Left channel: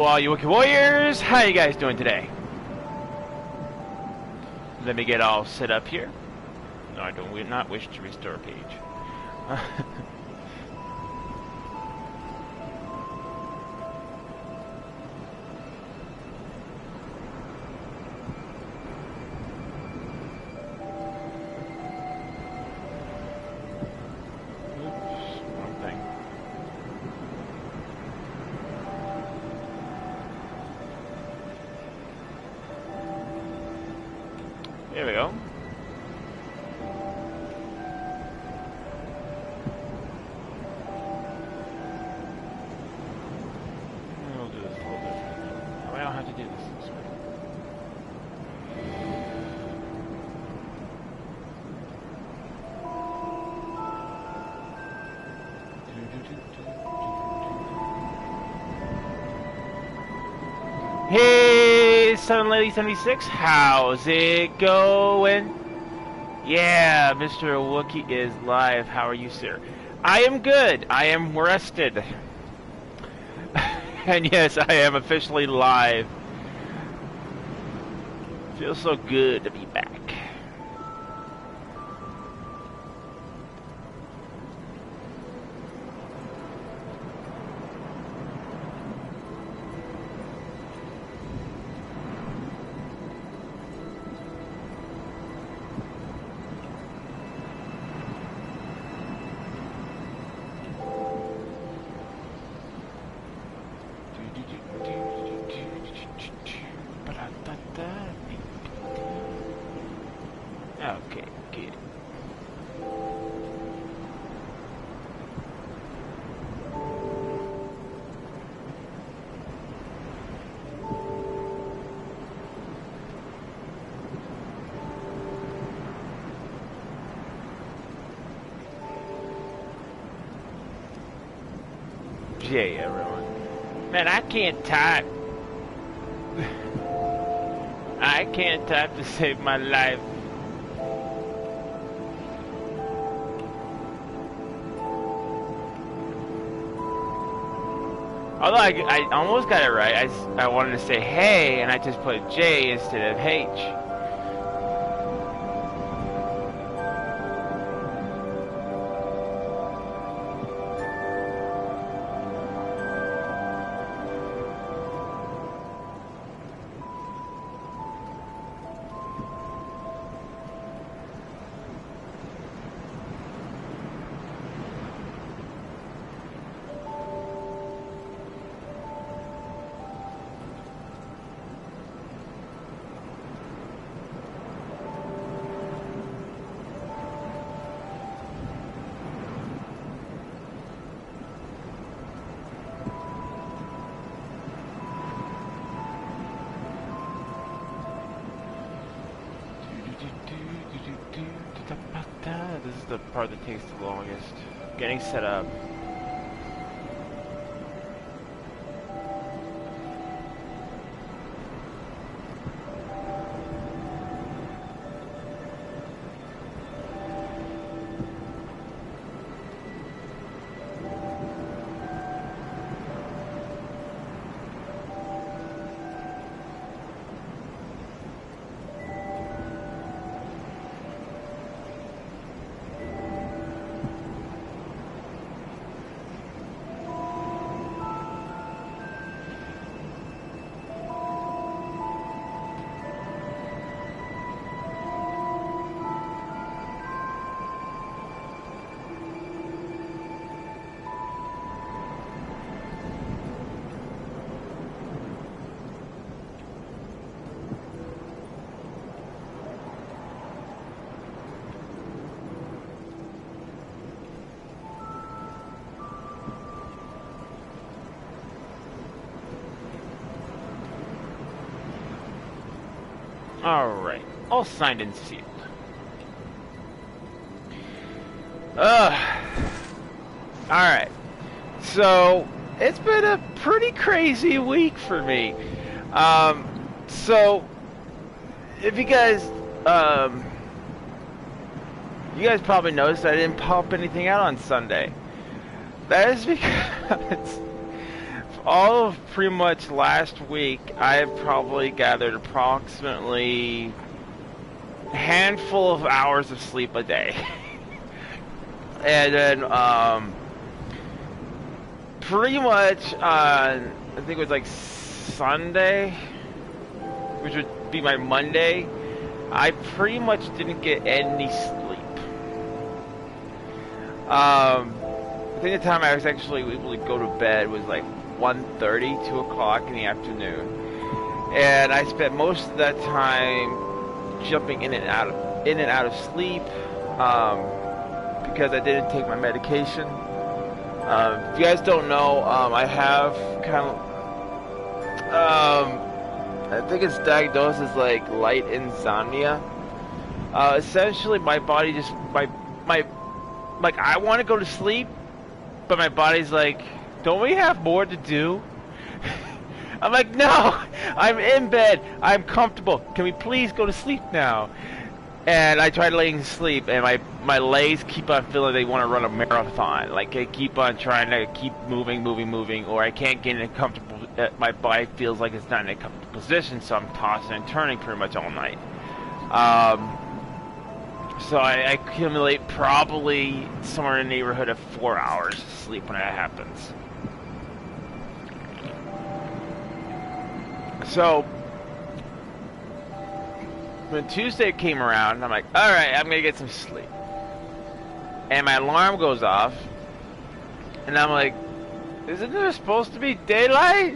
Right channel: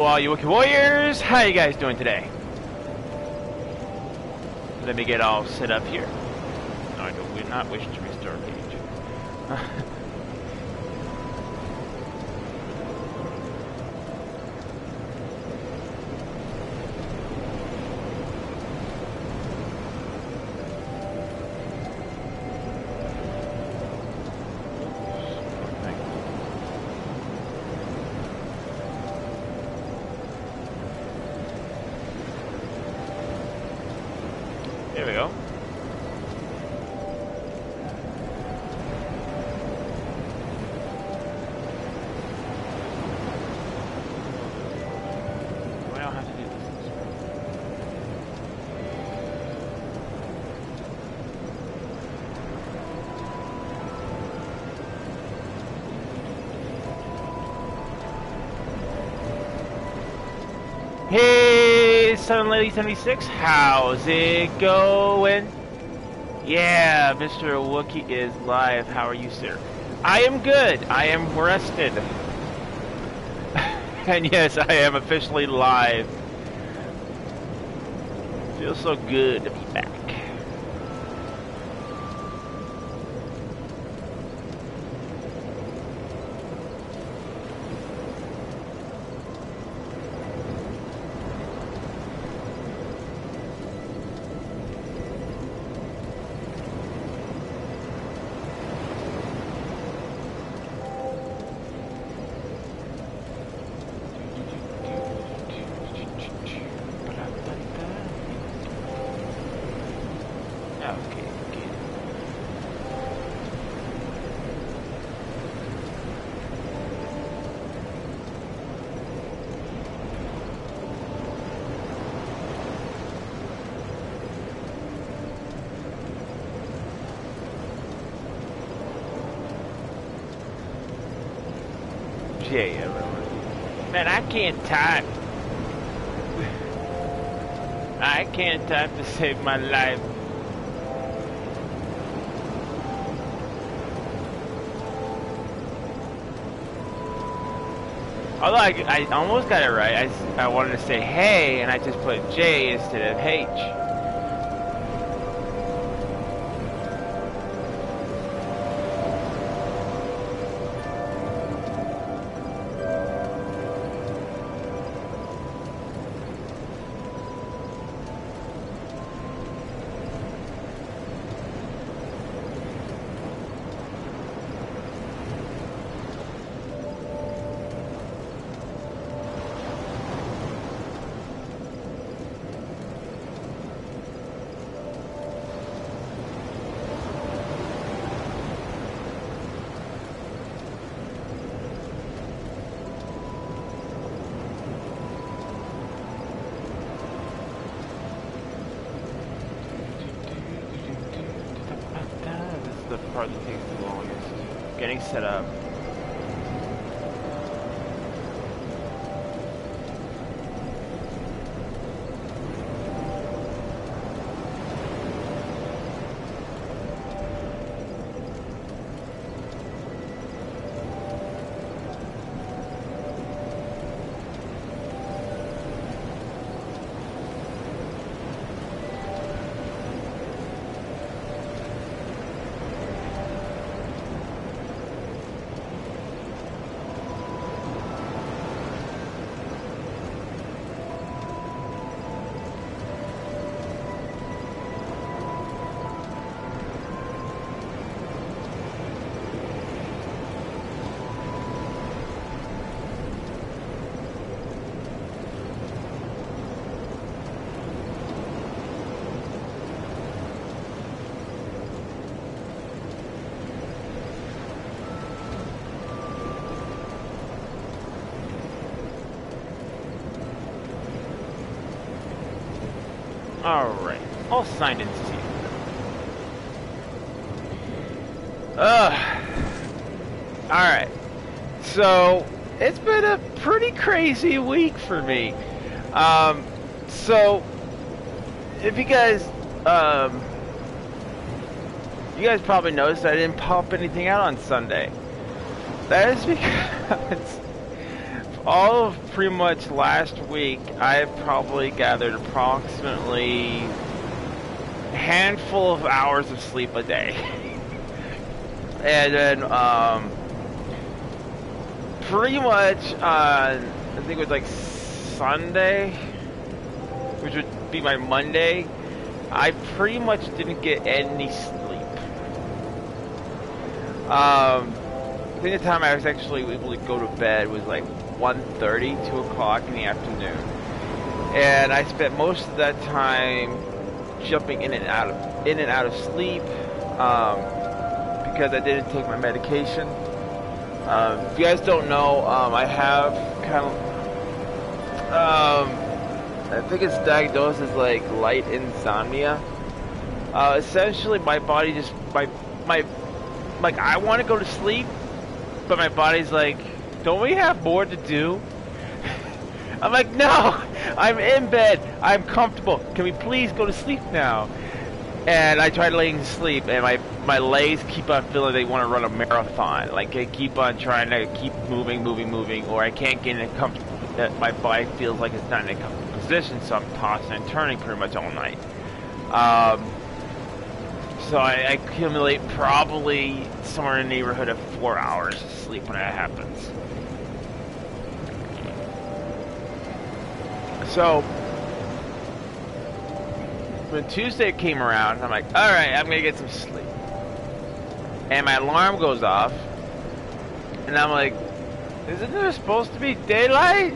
All you Wookiee Warriors, how you guys doing today? Let me get all set up here. No, I do not wish to restore page. There we go. We'll do this a little bit. I don't have to do this way. Hey, 7Lady76, how's it going? Yeah, Mr. Wookie is live. How are you, sir? I am good. I am rested. And yes, I am officially live. Feels so good to be back. Okay, good. Yay, everyone. Man, I can't type. I can't type to save my life. Although I almost got it right. I wanted to say hey, and I just put J instead of H. This is the part that takes the longest. Getting set up. Alright, all signed and sealed. Alright, so it's been a pretty crazy week for me. So if you guys probably noticed I didn't pop anything out on Sunday. That is because all of pretty much last week, I've probably gathered approximately a handful of hours of sleep a day. And then, pretty much, I think it was like Sunday, which would be my Monday, I pretty much didn't get any sleep. I think the time I was actually able to go to bed was like 1:30, 2 o'clock in the afternoon. And I spent most of that time jumping in and out of sleep, because I didn't take my medication. If you guys don't know, I have kind of, I think it's diagnosed as like light insomnia. Essentially, my body just, like, I want to go to sleep, but my body's like, don't we have more to do? I'm like, no, I'm in bed, I'm comfortable, can we please go to sleep now? And I tried laying to sleep, and my legs keep on feeling they want to run a marathon. Like, I keep on trying to keep moving, or I can't get in a comfortable, my body feels like it's not in a comfortable position, so I'm tossing and turning pretty much all night. So I accumulate probably somewhere in the neighborhood of 4 hours of sleep when that happens. So when Tuesday came around, I'm like, alright, I'm gonna get some sleep. And my alarm goes off, and I'm like, isn't there supposed to be daylight?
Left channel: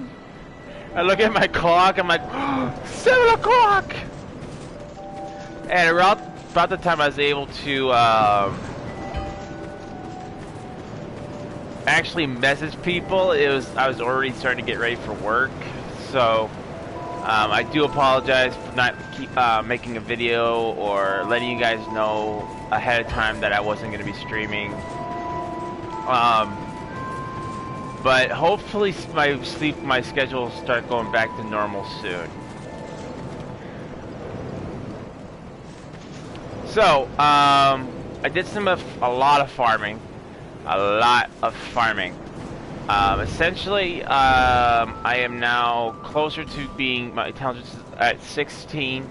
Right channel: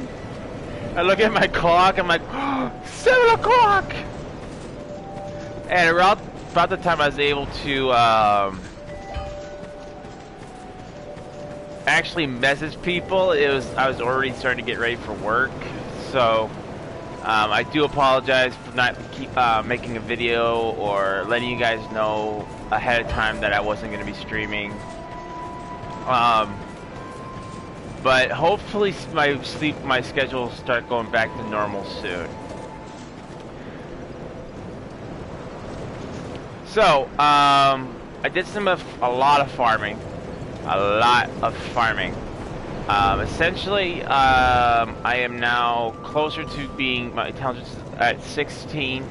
I look at my clock, I'm like, oh, 7 o'clock! And around about the time I was able to actually message people, I was already starting to get ready for work. So I do apologize for not making a video or letting you guys know ahead of time that I wasn't going to be streaming. But hopefully my schedule will start going back to normal soon. So, I did a lot of farming. Essentially, I am now closer to being, my intelligence at 16.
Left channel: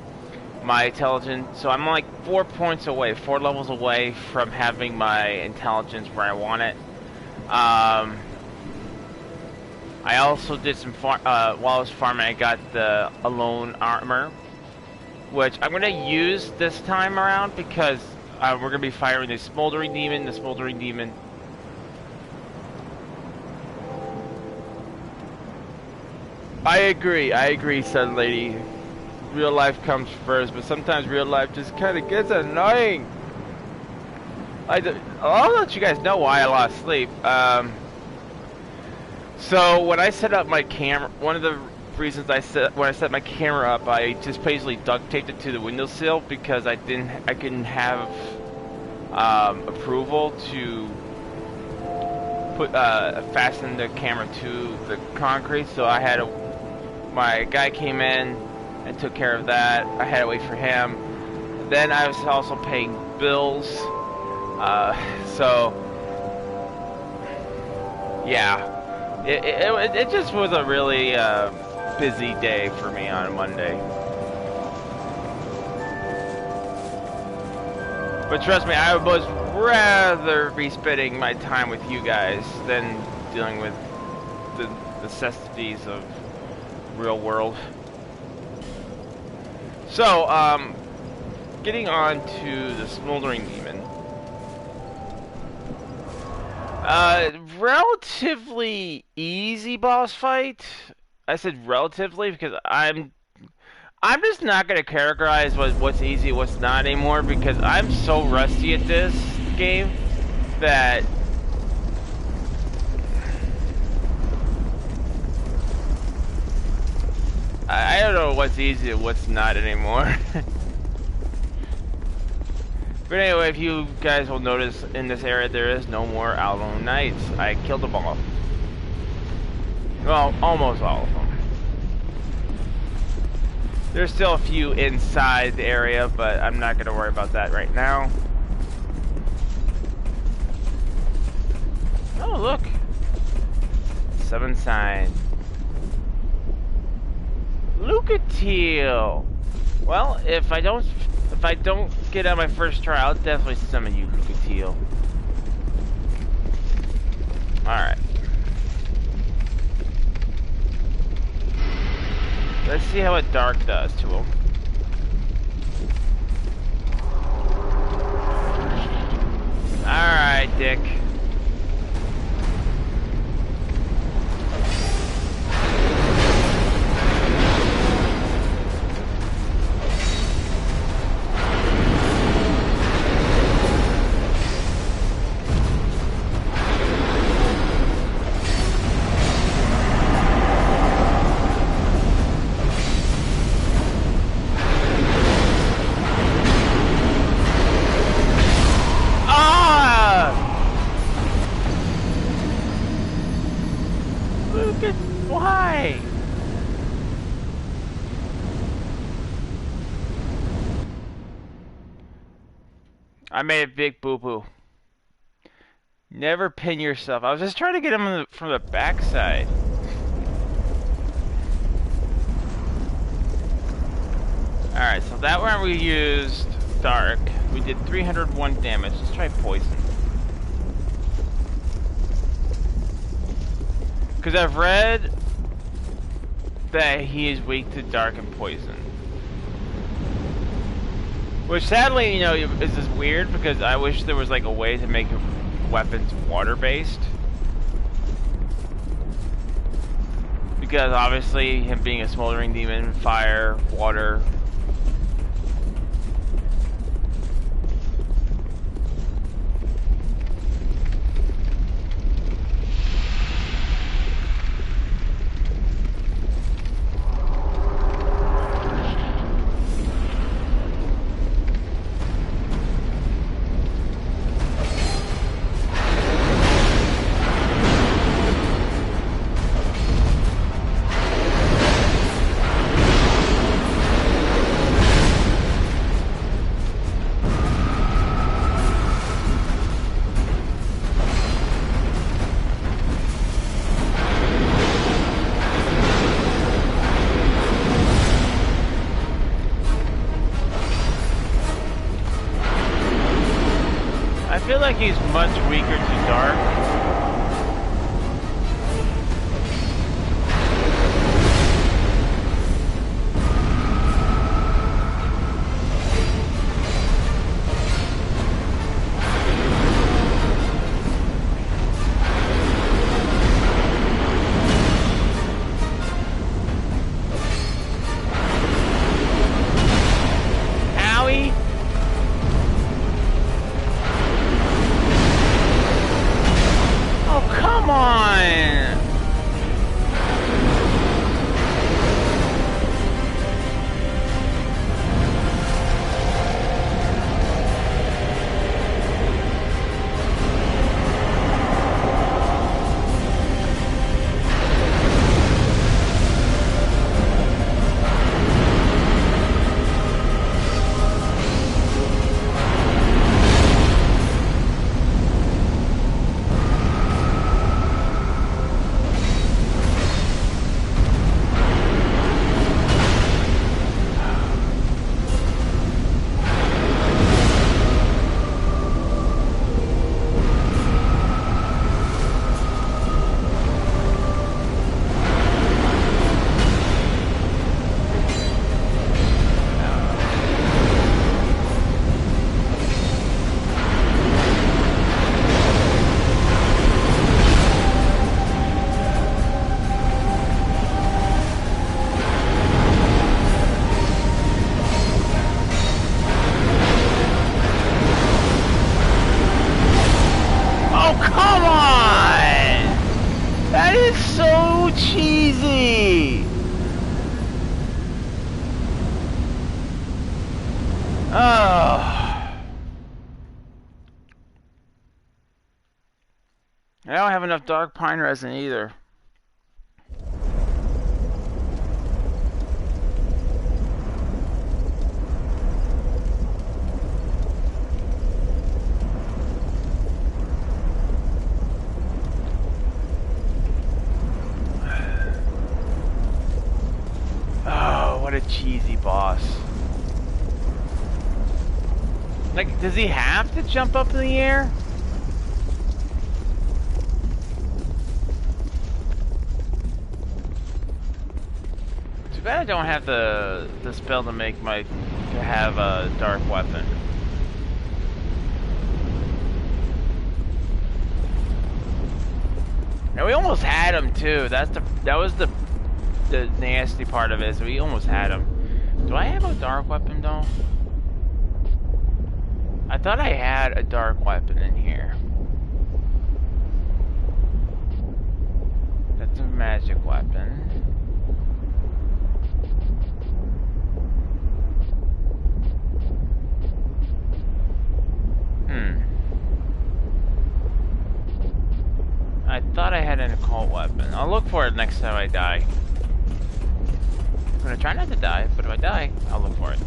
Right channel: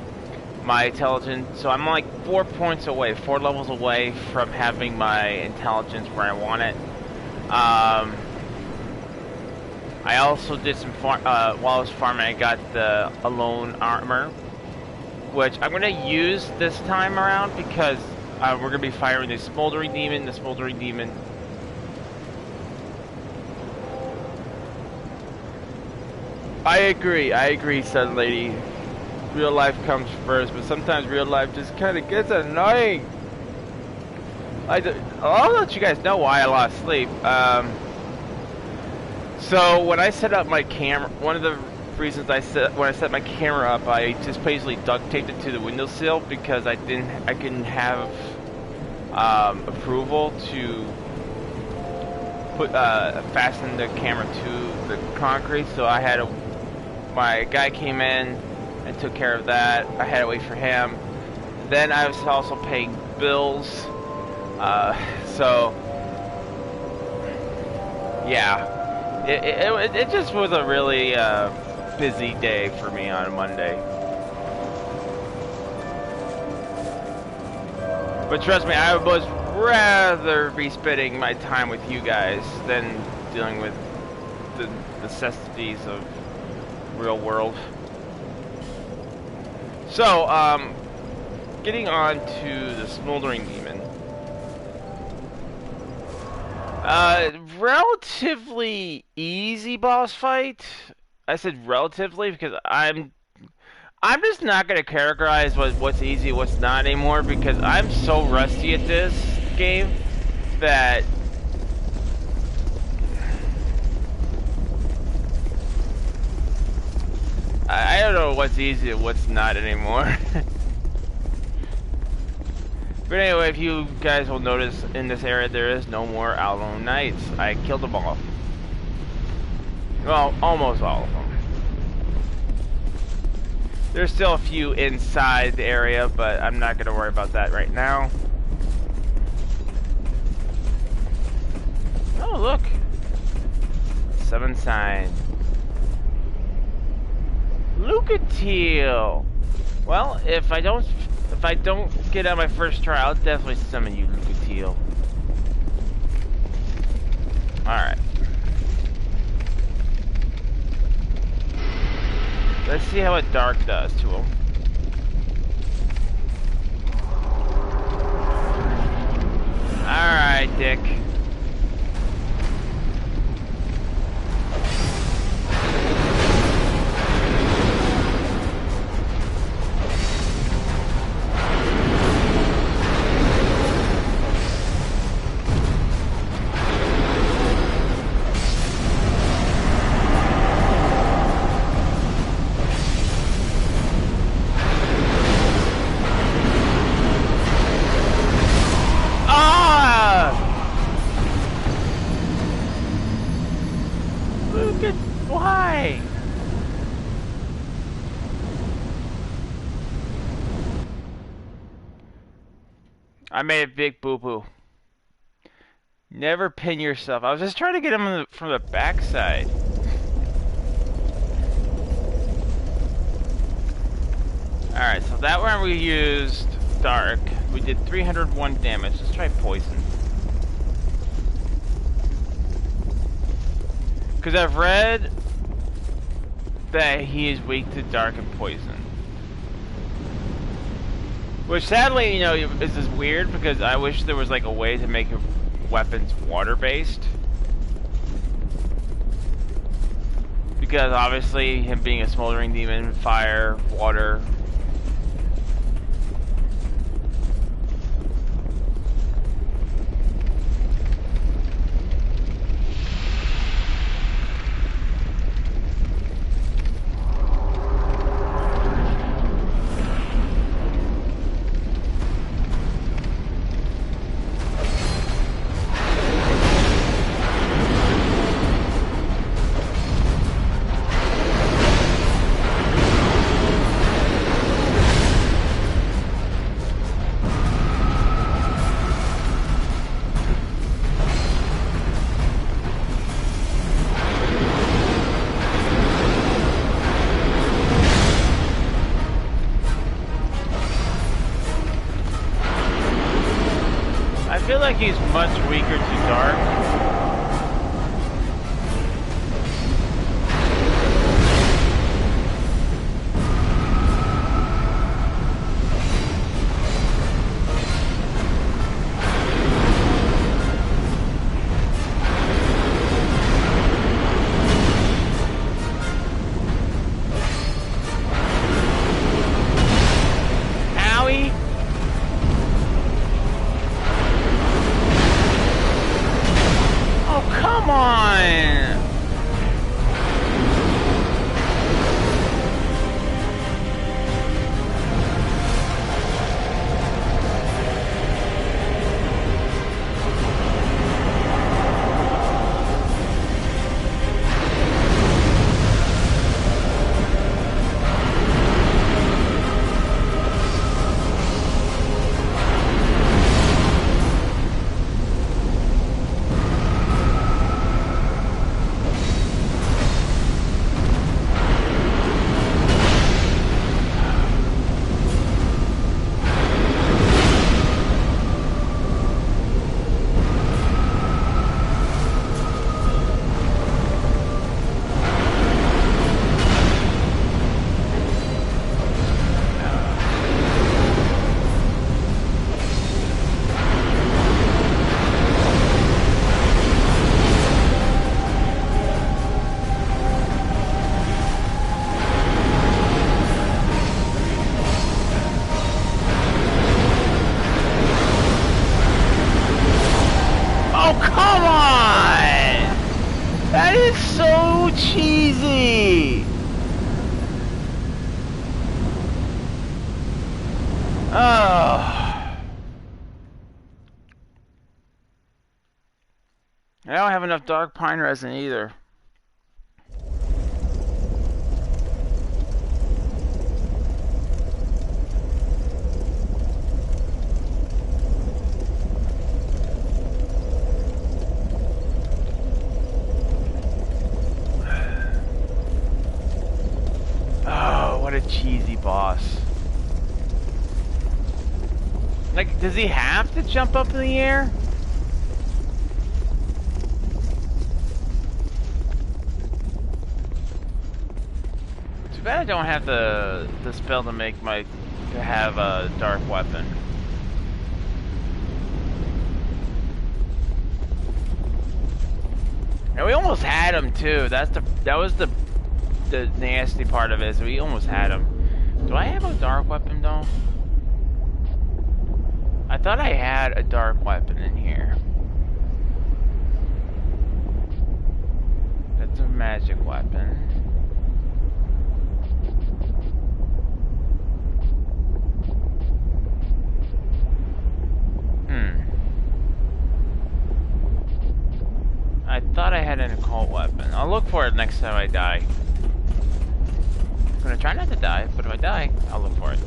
My intelligence, so I'm like 4 points away, 4 levels away from having my intelligence where I want it. I also did some while I was farming, I got the alone armor, which I'm going to use this time around because we're going to be firing the smoldering demon. The smoldering demon I agree, Sun Lady. Real life comes first, but sometimes real life just kind of gets annoying. I'll let you guys know why I lost sleep. So when I set up my camera, one of the reasons when I set my camera up, I just basically duct taped it to the windowsill because I couldn't have approval to fasten the camera to the concrete. So my guy came in and took care of that. I had to wait for him. Then I was also paying bills. So yeah, it just was a really busy day for me on Monday. But trust me, I would rather be spending my time with you guys than dealing with the necessities of real world. So, getting on to the smoldering demon. Relatively easy boss fight. I said relatively because I'm just not gonna categorize what's easy, what's not anymore, because I'm so rusty at this game that I don't know what's easy and what's not anymore. But anyway, if you guys will notice, in this area there is no more Alone Knights. I killed them all. Well, almost all of them. There's still a few inside the area, but I'm not going to worry about that right now. Oh, look. Summon sign. Wookiee'S. Well, if I don't get on my first try, I'll definitely summon you, Wookiee'S. Alright. Let's see how a dark does to him. Alright, Dick. Why? I made a big boo-boo. Never pin yourself. I was just trying to get him from the backside. Alright, so that one we used dark. We did 301 damage. Let's try poison. Because I've read that he is weak to dark and poison. Which sadly, you know, is just weird because I wish there was like a way to make weapons water-based. Because obviously him being a smoldering demon, fire, water. I feel like he's much weaker to dark. Owie! Oh, come on! Oh, come on! That is so cheesy! Oh. I don't have enough dark pine resin either. What a cheesy boss. Like, does he have to jump up in the air? Too bad I don't have the spell to make to have a dark weapon. And we almost had him too. That was the nasty part of it. Is we almost had him. Do I have a dark weapon though? I thought I had a dark weapon in here. That's a magic weapon. I thought I had an occult weapon. I'll look for it next time I die. I'm gonna try not to die, but if I die, I'll look for it.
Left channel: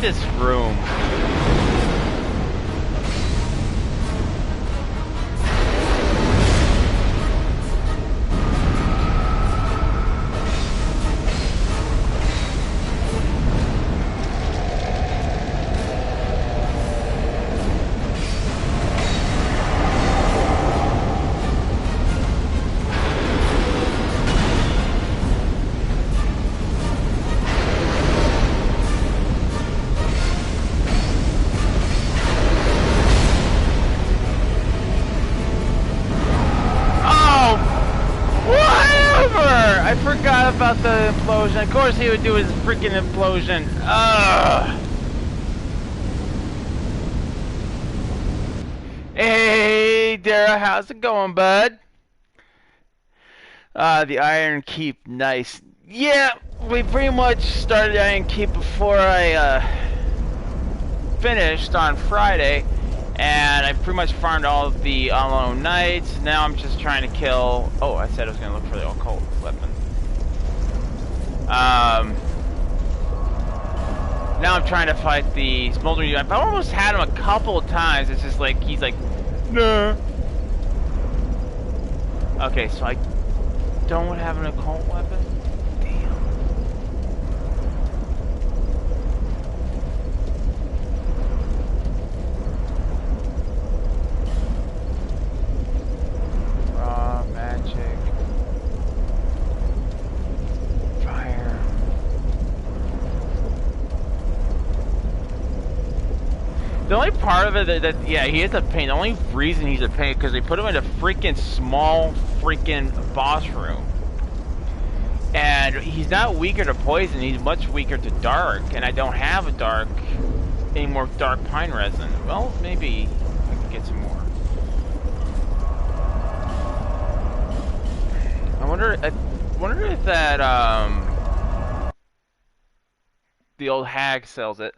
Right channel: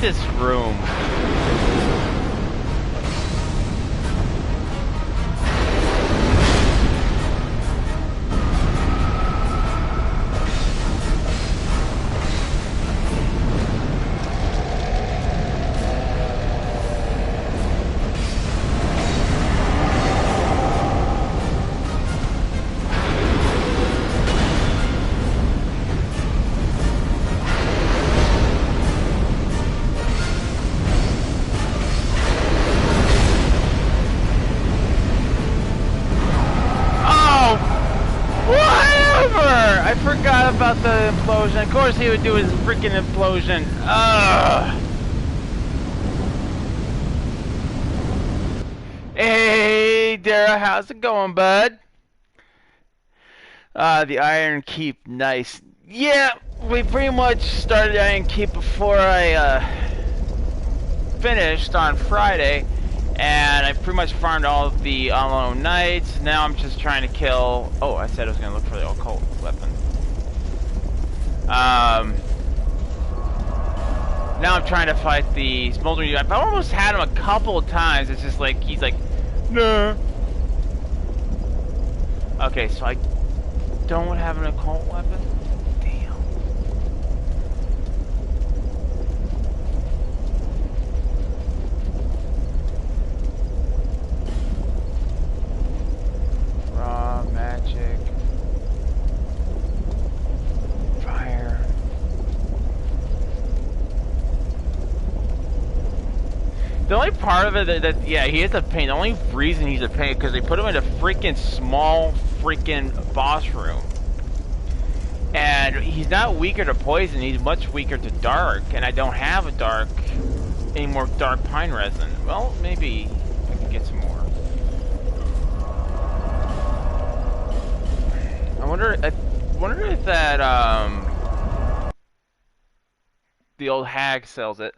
This room. About the implosion. Of course he would do his freaking implosion. Ugh. Hey, Dara, how's it going, bud? The Iron Keep, nice. Yeah, we pretty much started Iron Keep before I finished on Friday, and I pretty much farmed all of the unknown knights. Now I'm just trying to kill. Oh, I said I was gonna look for the occult weapon. Now I'm trying to fight the smoldering. I've almost had him a couple of times. It's just like he's like, no. Okay, so I don't have an occult weapon. Damn. Raw magic. Fire. The only part of it that yeah, he is a pain. The only reason he's a pain because they put him in a freaking small freaking boss room. And he's not weaker to poison, he's much weaker to dark, and I don't have any more dark pine resin. Well, maybe I can get some more. I wonder if that the old hag sells it.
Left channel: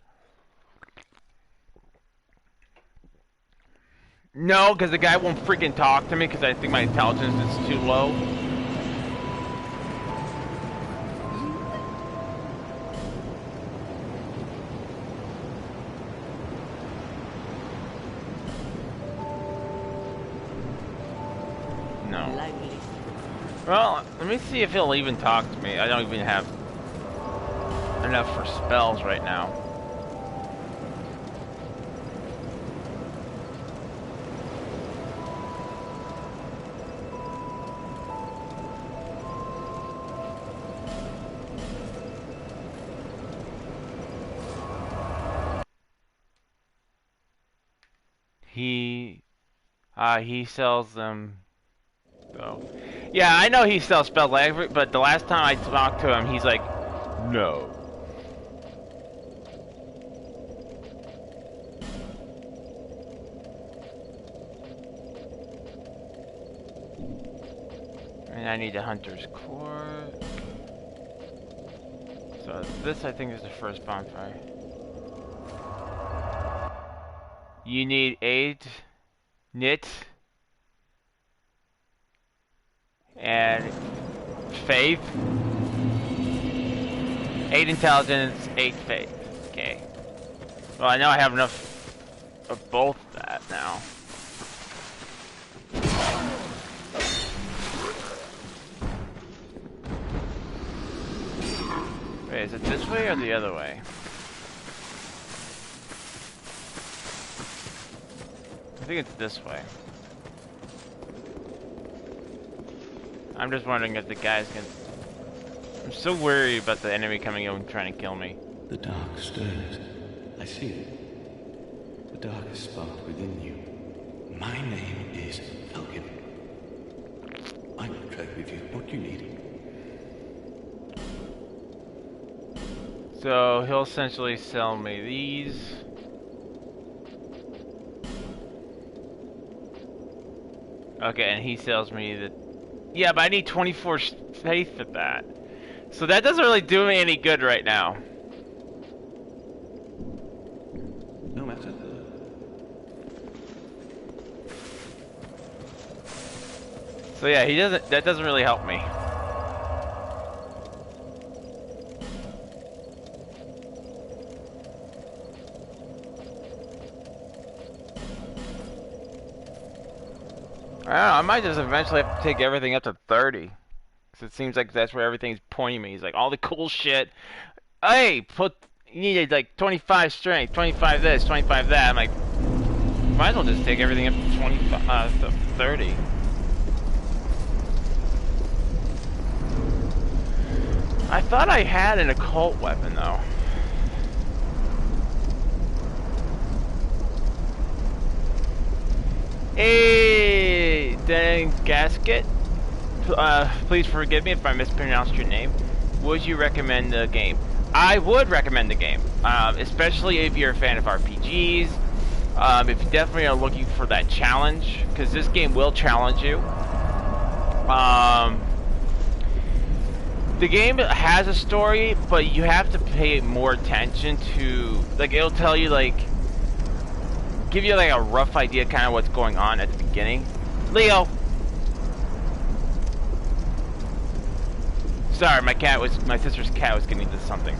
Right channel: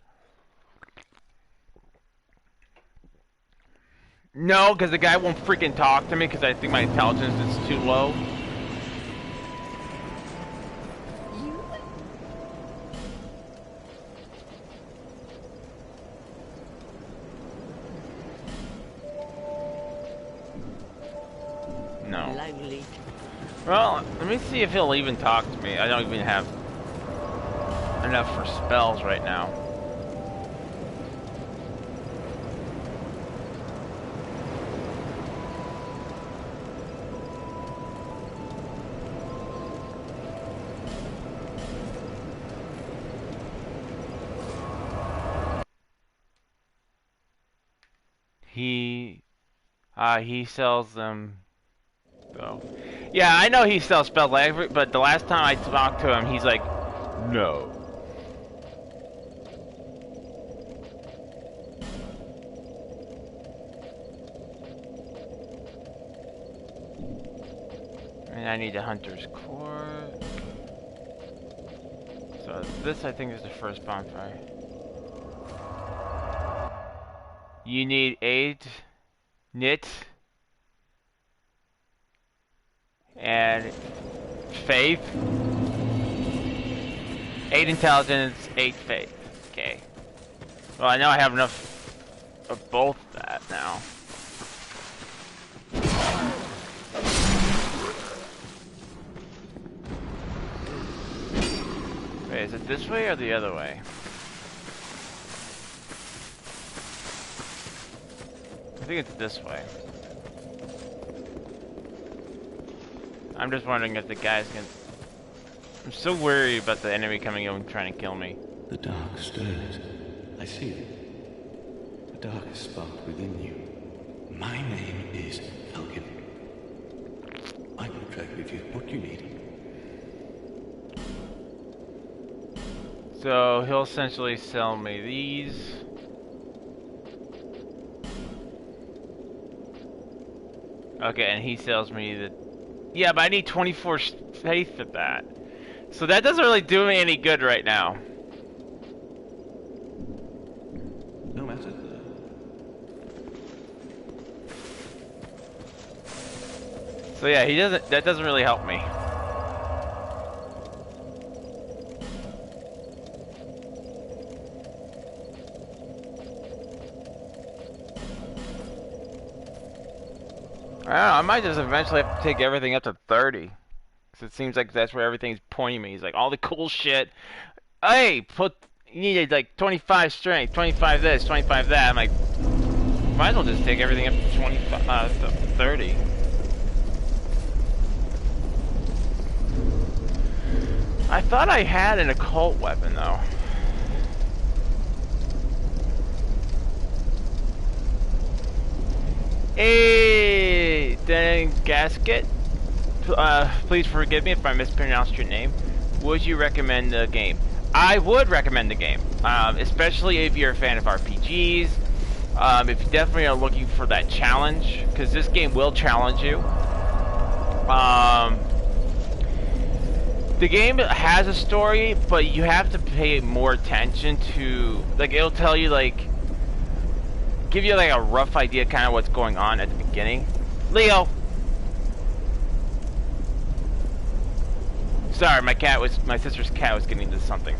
No, because the guy won't freaking talk to me because I think my intelligence is too low. No. Lively. Well, let me see if he'll even talk to me. I don't even have enough for spells right now. He sells them, though. Yeah, I know he sells spells, but the last time I talked to him, he's like, no. And I need a hunter's core. So this, I think, is the first bonfire. You need 8 knit and faith. 8 intelligence, 8 faith. Okay. Well, I know I have enough of both that now. Wait, is it this way or the other way? I think it's this way. I'm just wondering if the guys can... I'm so worried about the enemy coming in and trying to kill me. The dark stirs. I see it. The darkest spark within you. My name is Falcon. I will trade with you what you need. So he'll essentially sell me these. Okay, and he sells me the... Yeah, but I need 24 faith of that. So that doesn't really do me any good right now. No matter. So yeah, he doesn't... That doesn't really help me. I don't know, I might just eventually have to take everything up to 30. Because it seems like that's where everything's pointing me. He's like, all the cool shit. Hey, you needed like 25 strength, 25 this, 25 that. I'm like, might as well just take everything up to 25, to 30. I thought I had an occult weapon though. Hey, dang gasket. Please forgive me if I mispronounced your name. Would you recommend the game? I would recommend the game, especially if you're a fan of RPGs. If you definitely are looking for that challenge, because this game will challenge you. The game has a story, but you have to pay more attention to, like, it'll tell you, like, give you like a rough idea kind of what's going on at the beginning. Leo! Sorry, my sister's cat was getting into something.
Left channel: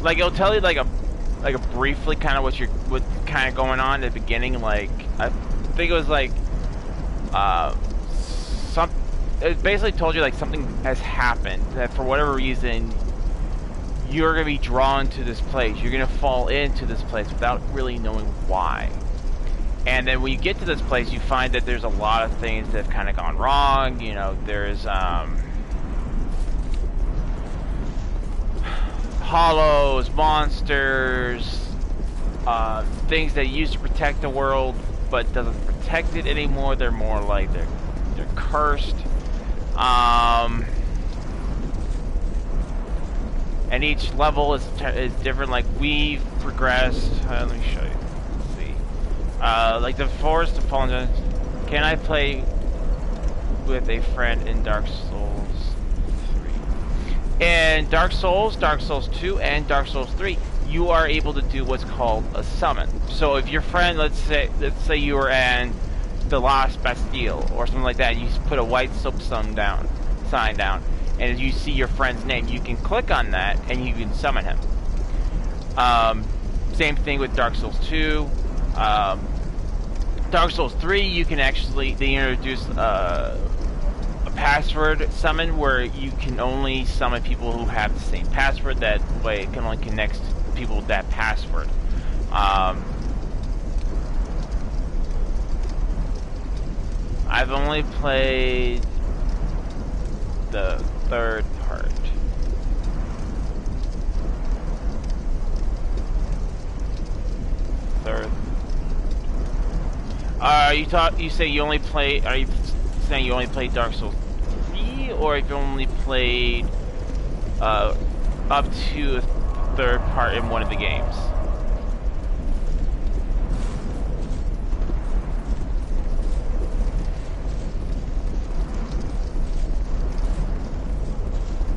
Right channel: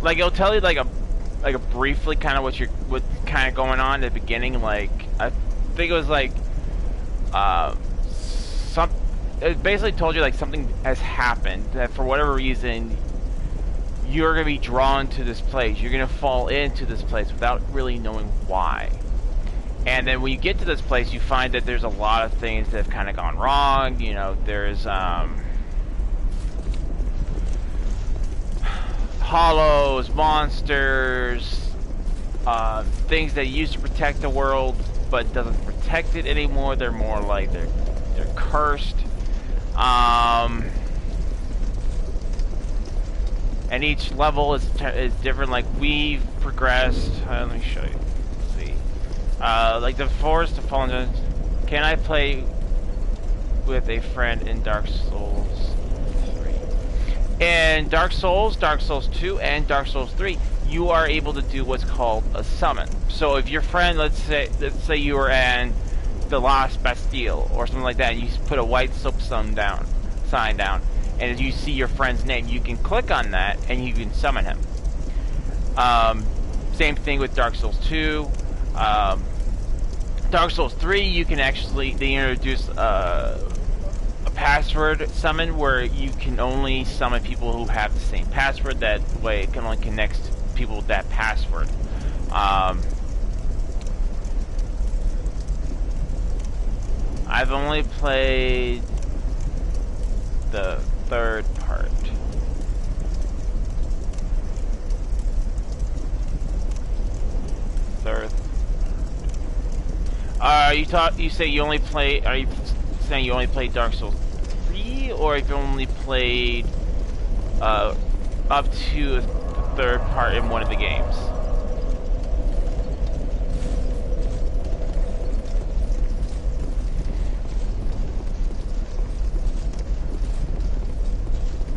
Like it'll tell you like a briefly kind of what's kind of going on at the beginning. Like I think it was like it basically told you like something has happened that for whatever reason you're gonna be drawn to this place. You're gonna fall into this place without really knowing why. And then when you get to this place, you find that there's a lot of things that have kind of gone wrong. You know, there's hollows, monsters, things that used to protect the world but doesn't protect it anymore. They're more like they're cursed. And each level is different. Like we've progressed. Let me show you. Let's see. Like the Forest of Fallen. Can I play with a friend in Dark Souls 3? In Dark Souls 2, and Dark Souls 3, you are able to do what's called a summon. So if your friend, let's say you were in the Lost Bastille or something like that, and you put a white soap sign down, and as you see your friend's name, you can click on that and you can summon him. Same thing with Dark Souls 2. Dark Souls 3, you can actually, they introduce a password summon where you can only summon people who have the same password. That way it can only connect to people with that password. I've only played the third part. You say you only play, are you saying you only played Dark Souls 3, or if you only played up to the third part in one of the games?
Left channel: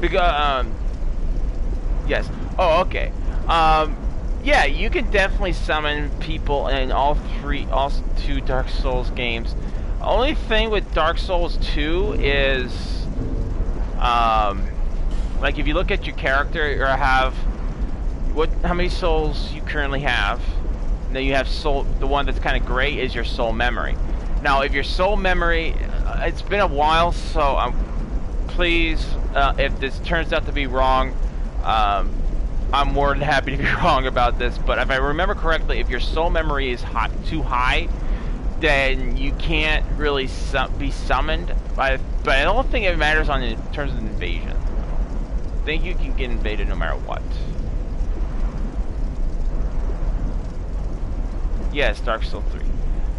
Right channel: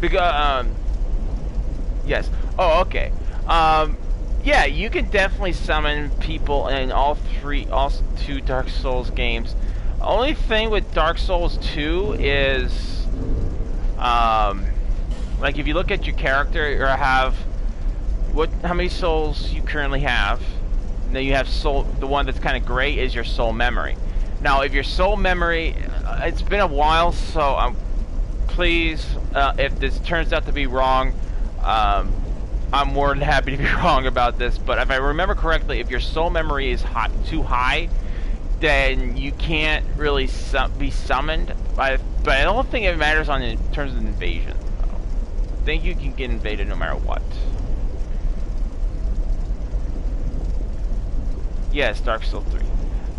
Because yes. Oh, okay. Yeah, you can definitely summon people in all two Dark Souls games. Only thing with Dark Souls 2 is, like if you look at your character, or have how many souls you currently have. And then you have soul. The one that's kind of gray is your soul memory. Now, if your soul memory, it's been a while, so please, if this turns out to be wrong, I'm more than happy to be wrong about this. But if I remember correctly, if your soul memory is too high, then you can't really be summoned. But I don't think it matters in terms of invasion. I think you can get invaded no matter what. Yes, Dark Souls 3.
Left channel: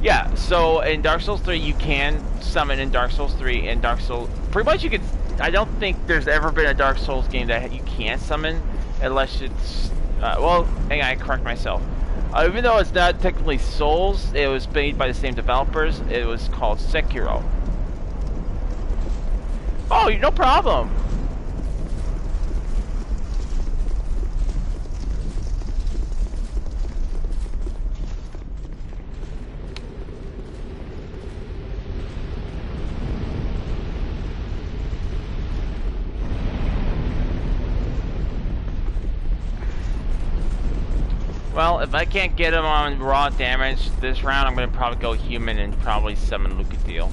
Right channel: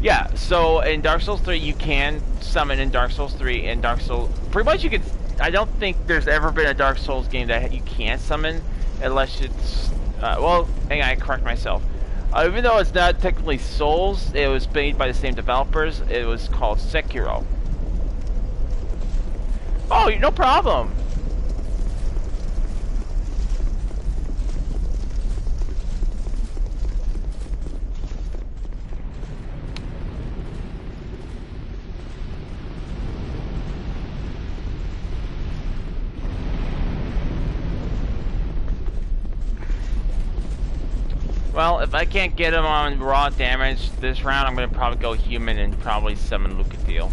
Yeah, so in Dark Souls 3 you can summon in Dark Souls 3 and Dark Souls... Pretty much you can... I don't think there's ever been a Dark Souls game that you can't summon unless it's... well, hang on, I correct myself. Even though it's not technically Souls, it was made by the same developers. It was called Sekiro. Oh, no problem. Well, if I can't get him on raw damage this round, I'm going to probably go human and probably summon Wookiee'S.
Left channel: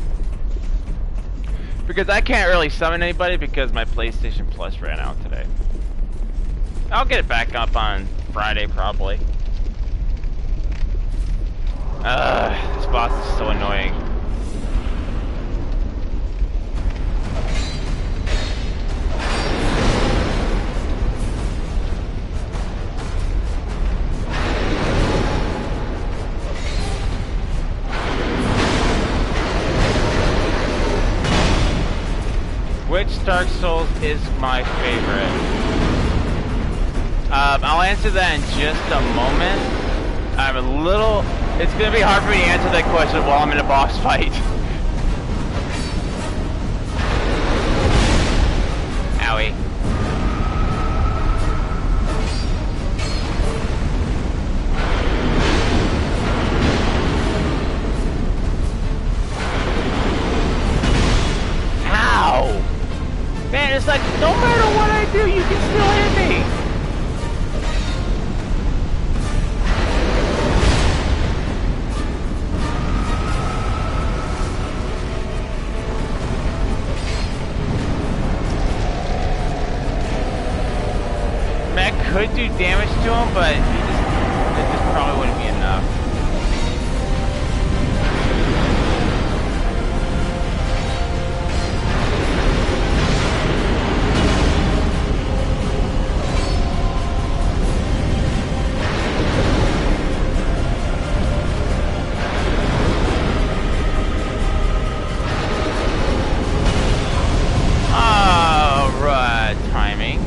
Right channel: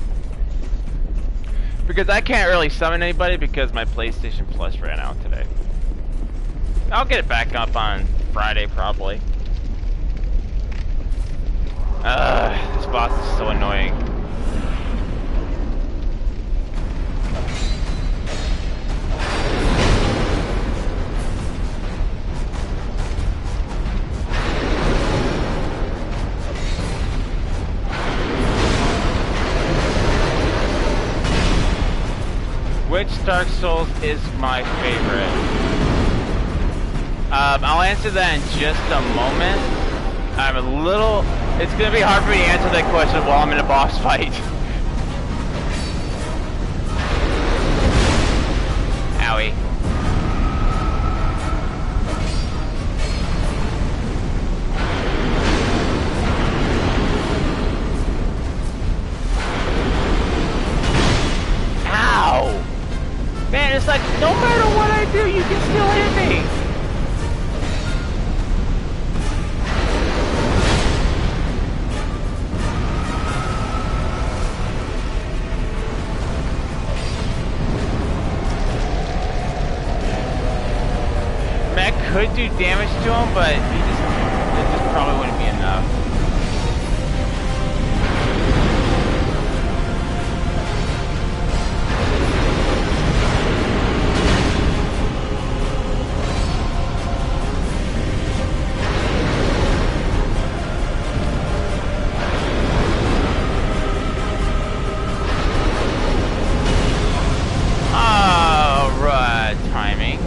Because I can't really summon anybody because my PlayStation Plus ran out today. I'll get it back up on Friday, probably. This boss is so annoying. Which Dark Souls is my favorite? I'll answer that in just a moment. It's gonna be hard for me to answer that question while I'm in a boss fight. Owie. Ow! Man, it's like, no matter what I do, you can still hit me! I mean, I could do damage to him, but it just probably wouldn't be enough. Timing.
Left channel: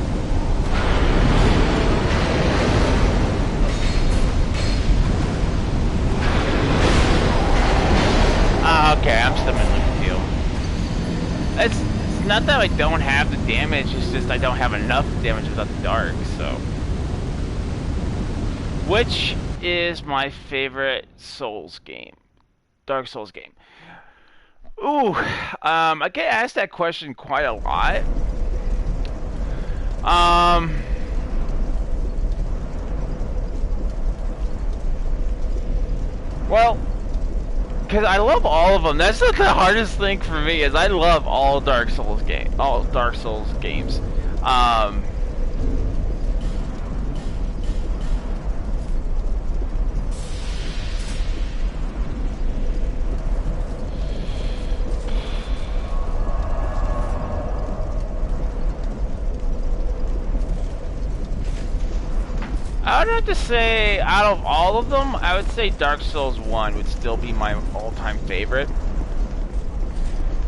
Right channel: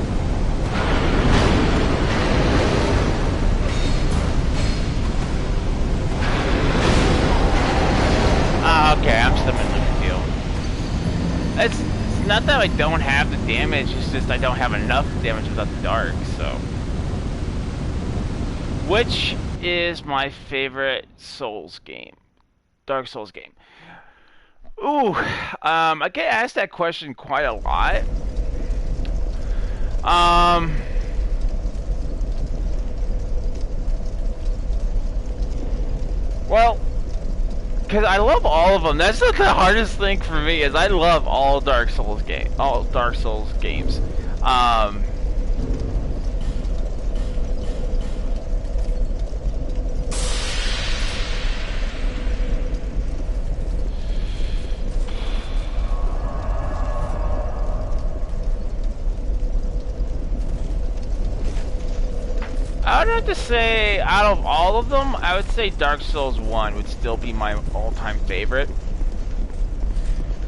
Okay, I'm summoning Wookiee'S. It's not that I don't have the damage, it's just I don't have enough damage without the dark, so. Which is my favorite Souls game? Dark Souls game. Ooh, I get asked that question quite a lot. Well, because I love all of them. That's the hardest thing for me, is I love all Dark Souls games. I would have to say, out of all of them, I would say Dark Souls 1 would still be my all-time favorite.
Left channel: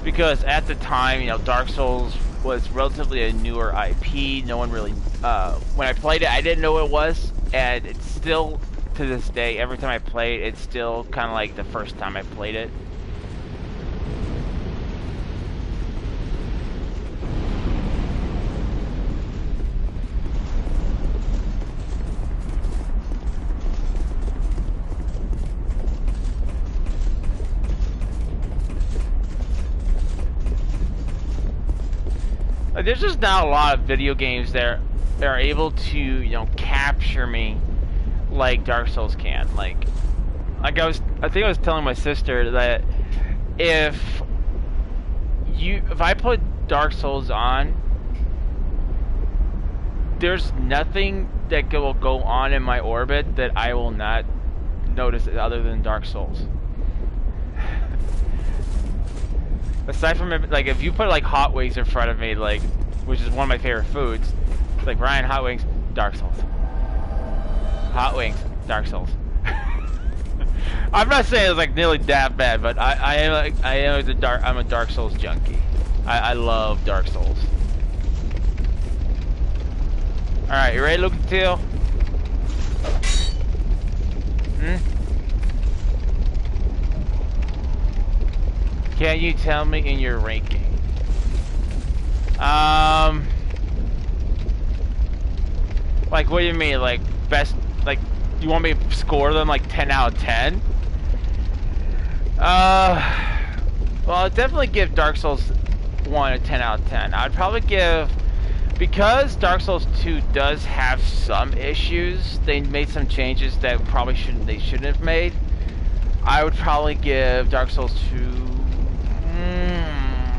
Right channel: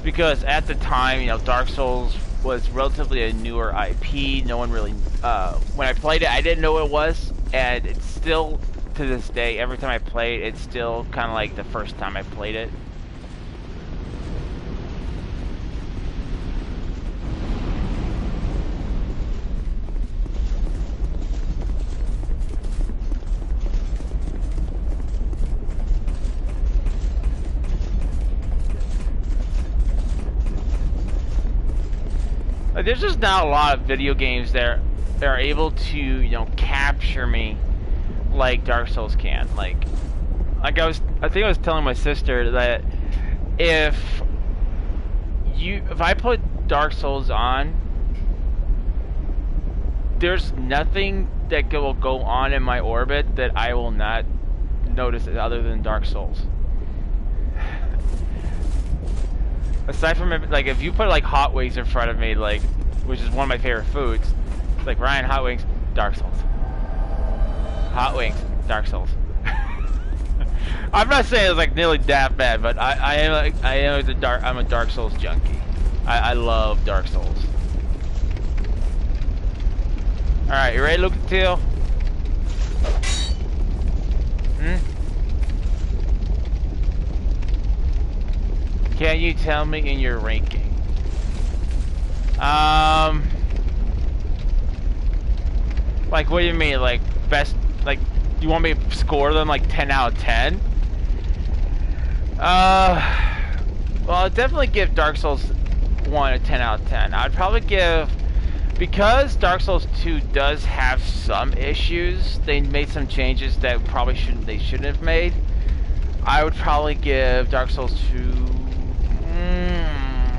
Because at the time, you know, Dark Souls was relatively a newer IP. No one really, when I played it, I didn't know what it was. And it's still, to this day, every time I play it, it's still kind of like the first time I played it. Like, there's just not a lot of video games that are able to, you know, capture me like Dark Souls can. Like I think I was telling my sister that if I put Dark Souls on, there's nothing that will go on in my orbit that I will not notice other than Dark Souls. Aside from, like, if you put like hot wings in front of me, like, which is one of my favorite foods, like Ryan, hot wings, Dark Souls. Hot wings, Dark Souls. I'm not saying it's like nearly that bad, but I'm a Dark Souls junkie. I love Dark Souls. All right, you ready, Lucatile? Can you tell me in your ranking? Like, what do you mean? Like, best, like, you want me to score them like 10 out of 10? Well, I'd definitely give Dark Souls 1 a 10 out of 10. I'd probably give, because Dark Souls 2 does have some issues, they made some changes that they shouldn't have made. I would probably give Dark Souls 2...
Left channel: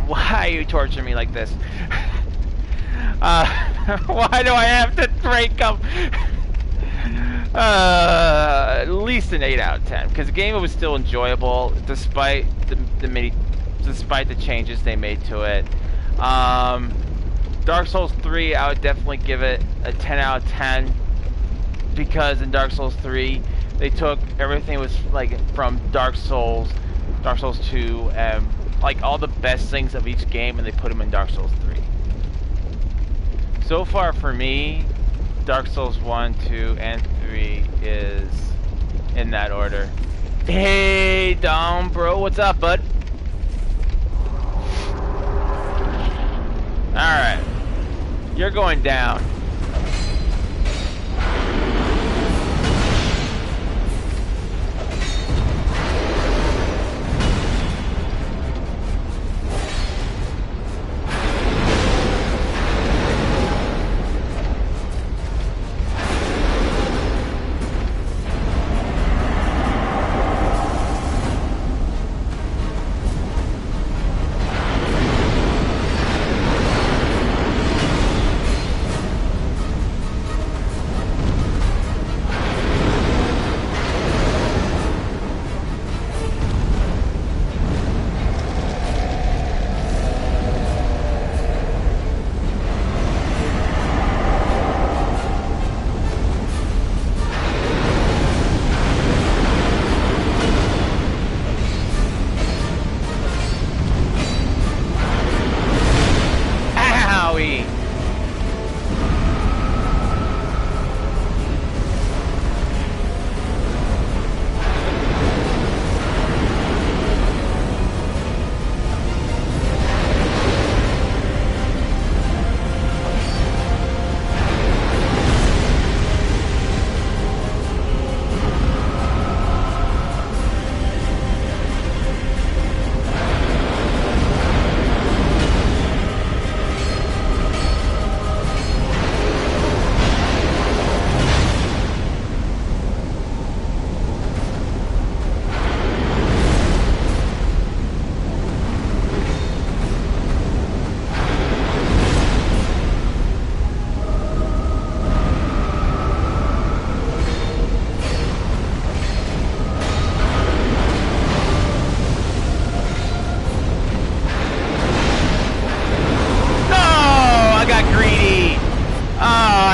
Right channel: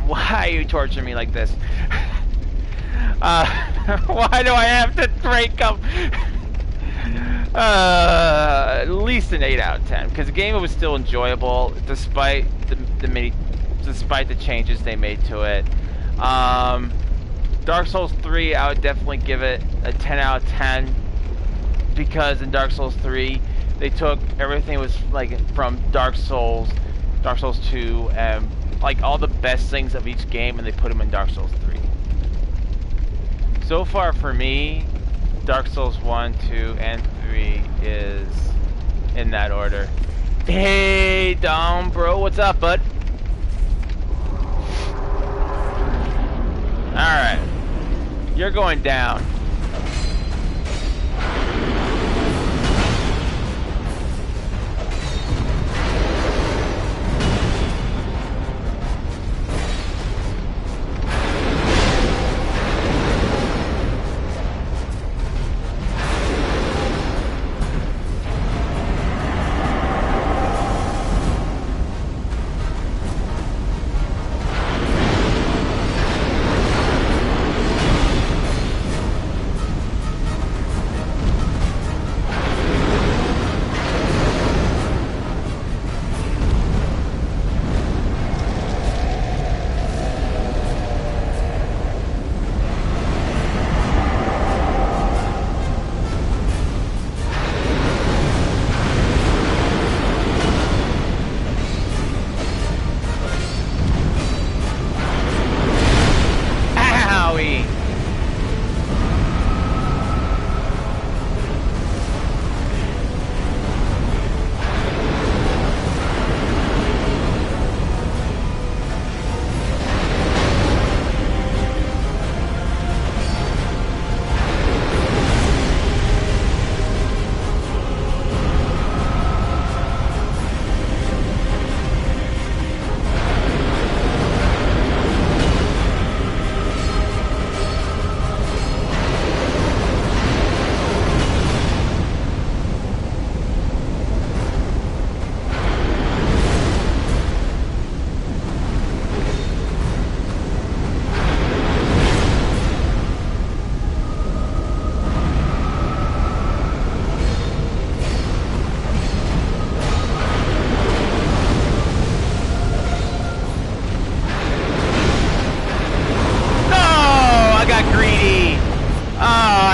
why are you torturing me like this? Why do I have to break up? At least an 8 out of 10, because the game was still enjoyable despite despite the changes they made to it. Dark Souls 3, I would definitely give it a 10 out of 10, because in Dark Souls 3 they took everything was like from Dark Souls 2, and like all the best things of each game, and they put them in Dark Souls 3. So far for me, Dark Souls 1, 2, and 3 is in that order. Hey, Dom, bro, what's up, bud? Alright. You're going down.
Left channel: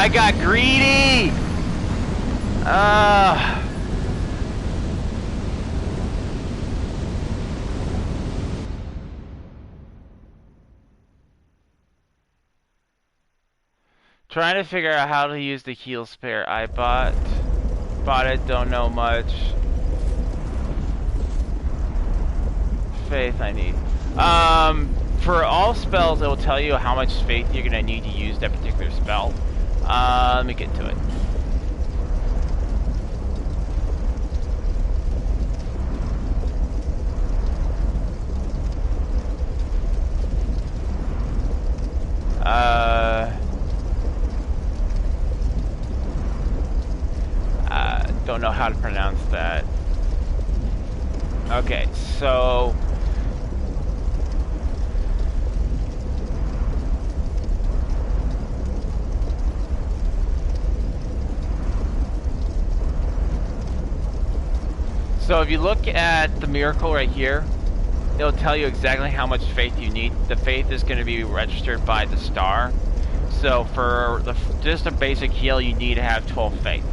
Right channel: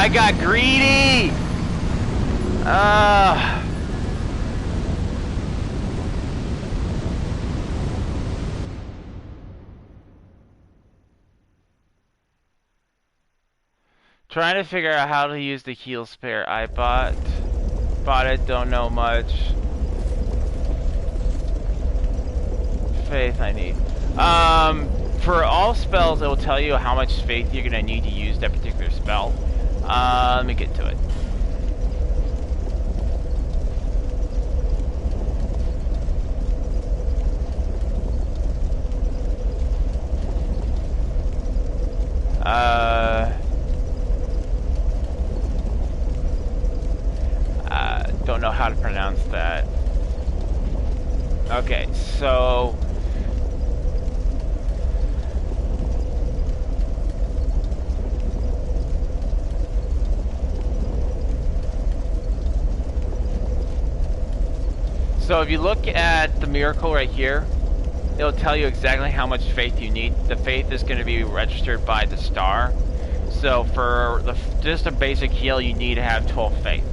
I got greedy! Trying to figure out how to use the heal spare I bought it, don't know much. Faith I need. For all spells, it will tell you how much faith you're gonna need to use that particular spell. Let me get to it. Don't know how to pronounce that. Okay, so if you look at the miracle right here, it'll tell you exactly how much faith you need. The faith is going to be registered by the star. So for just a basic heal, you need to have 12 faith.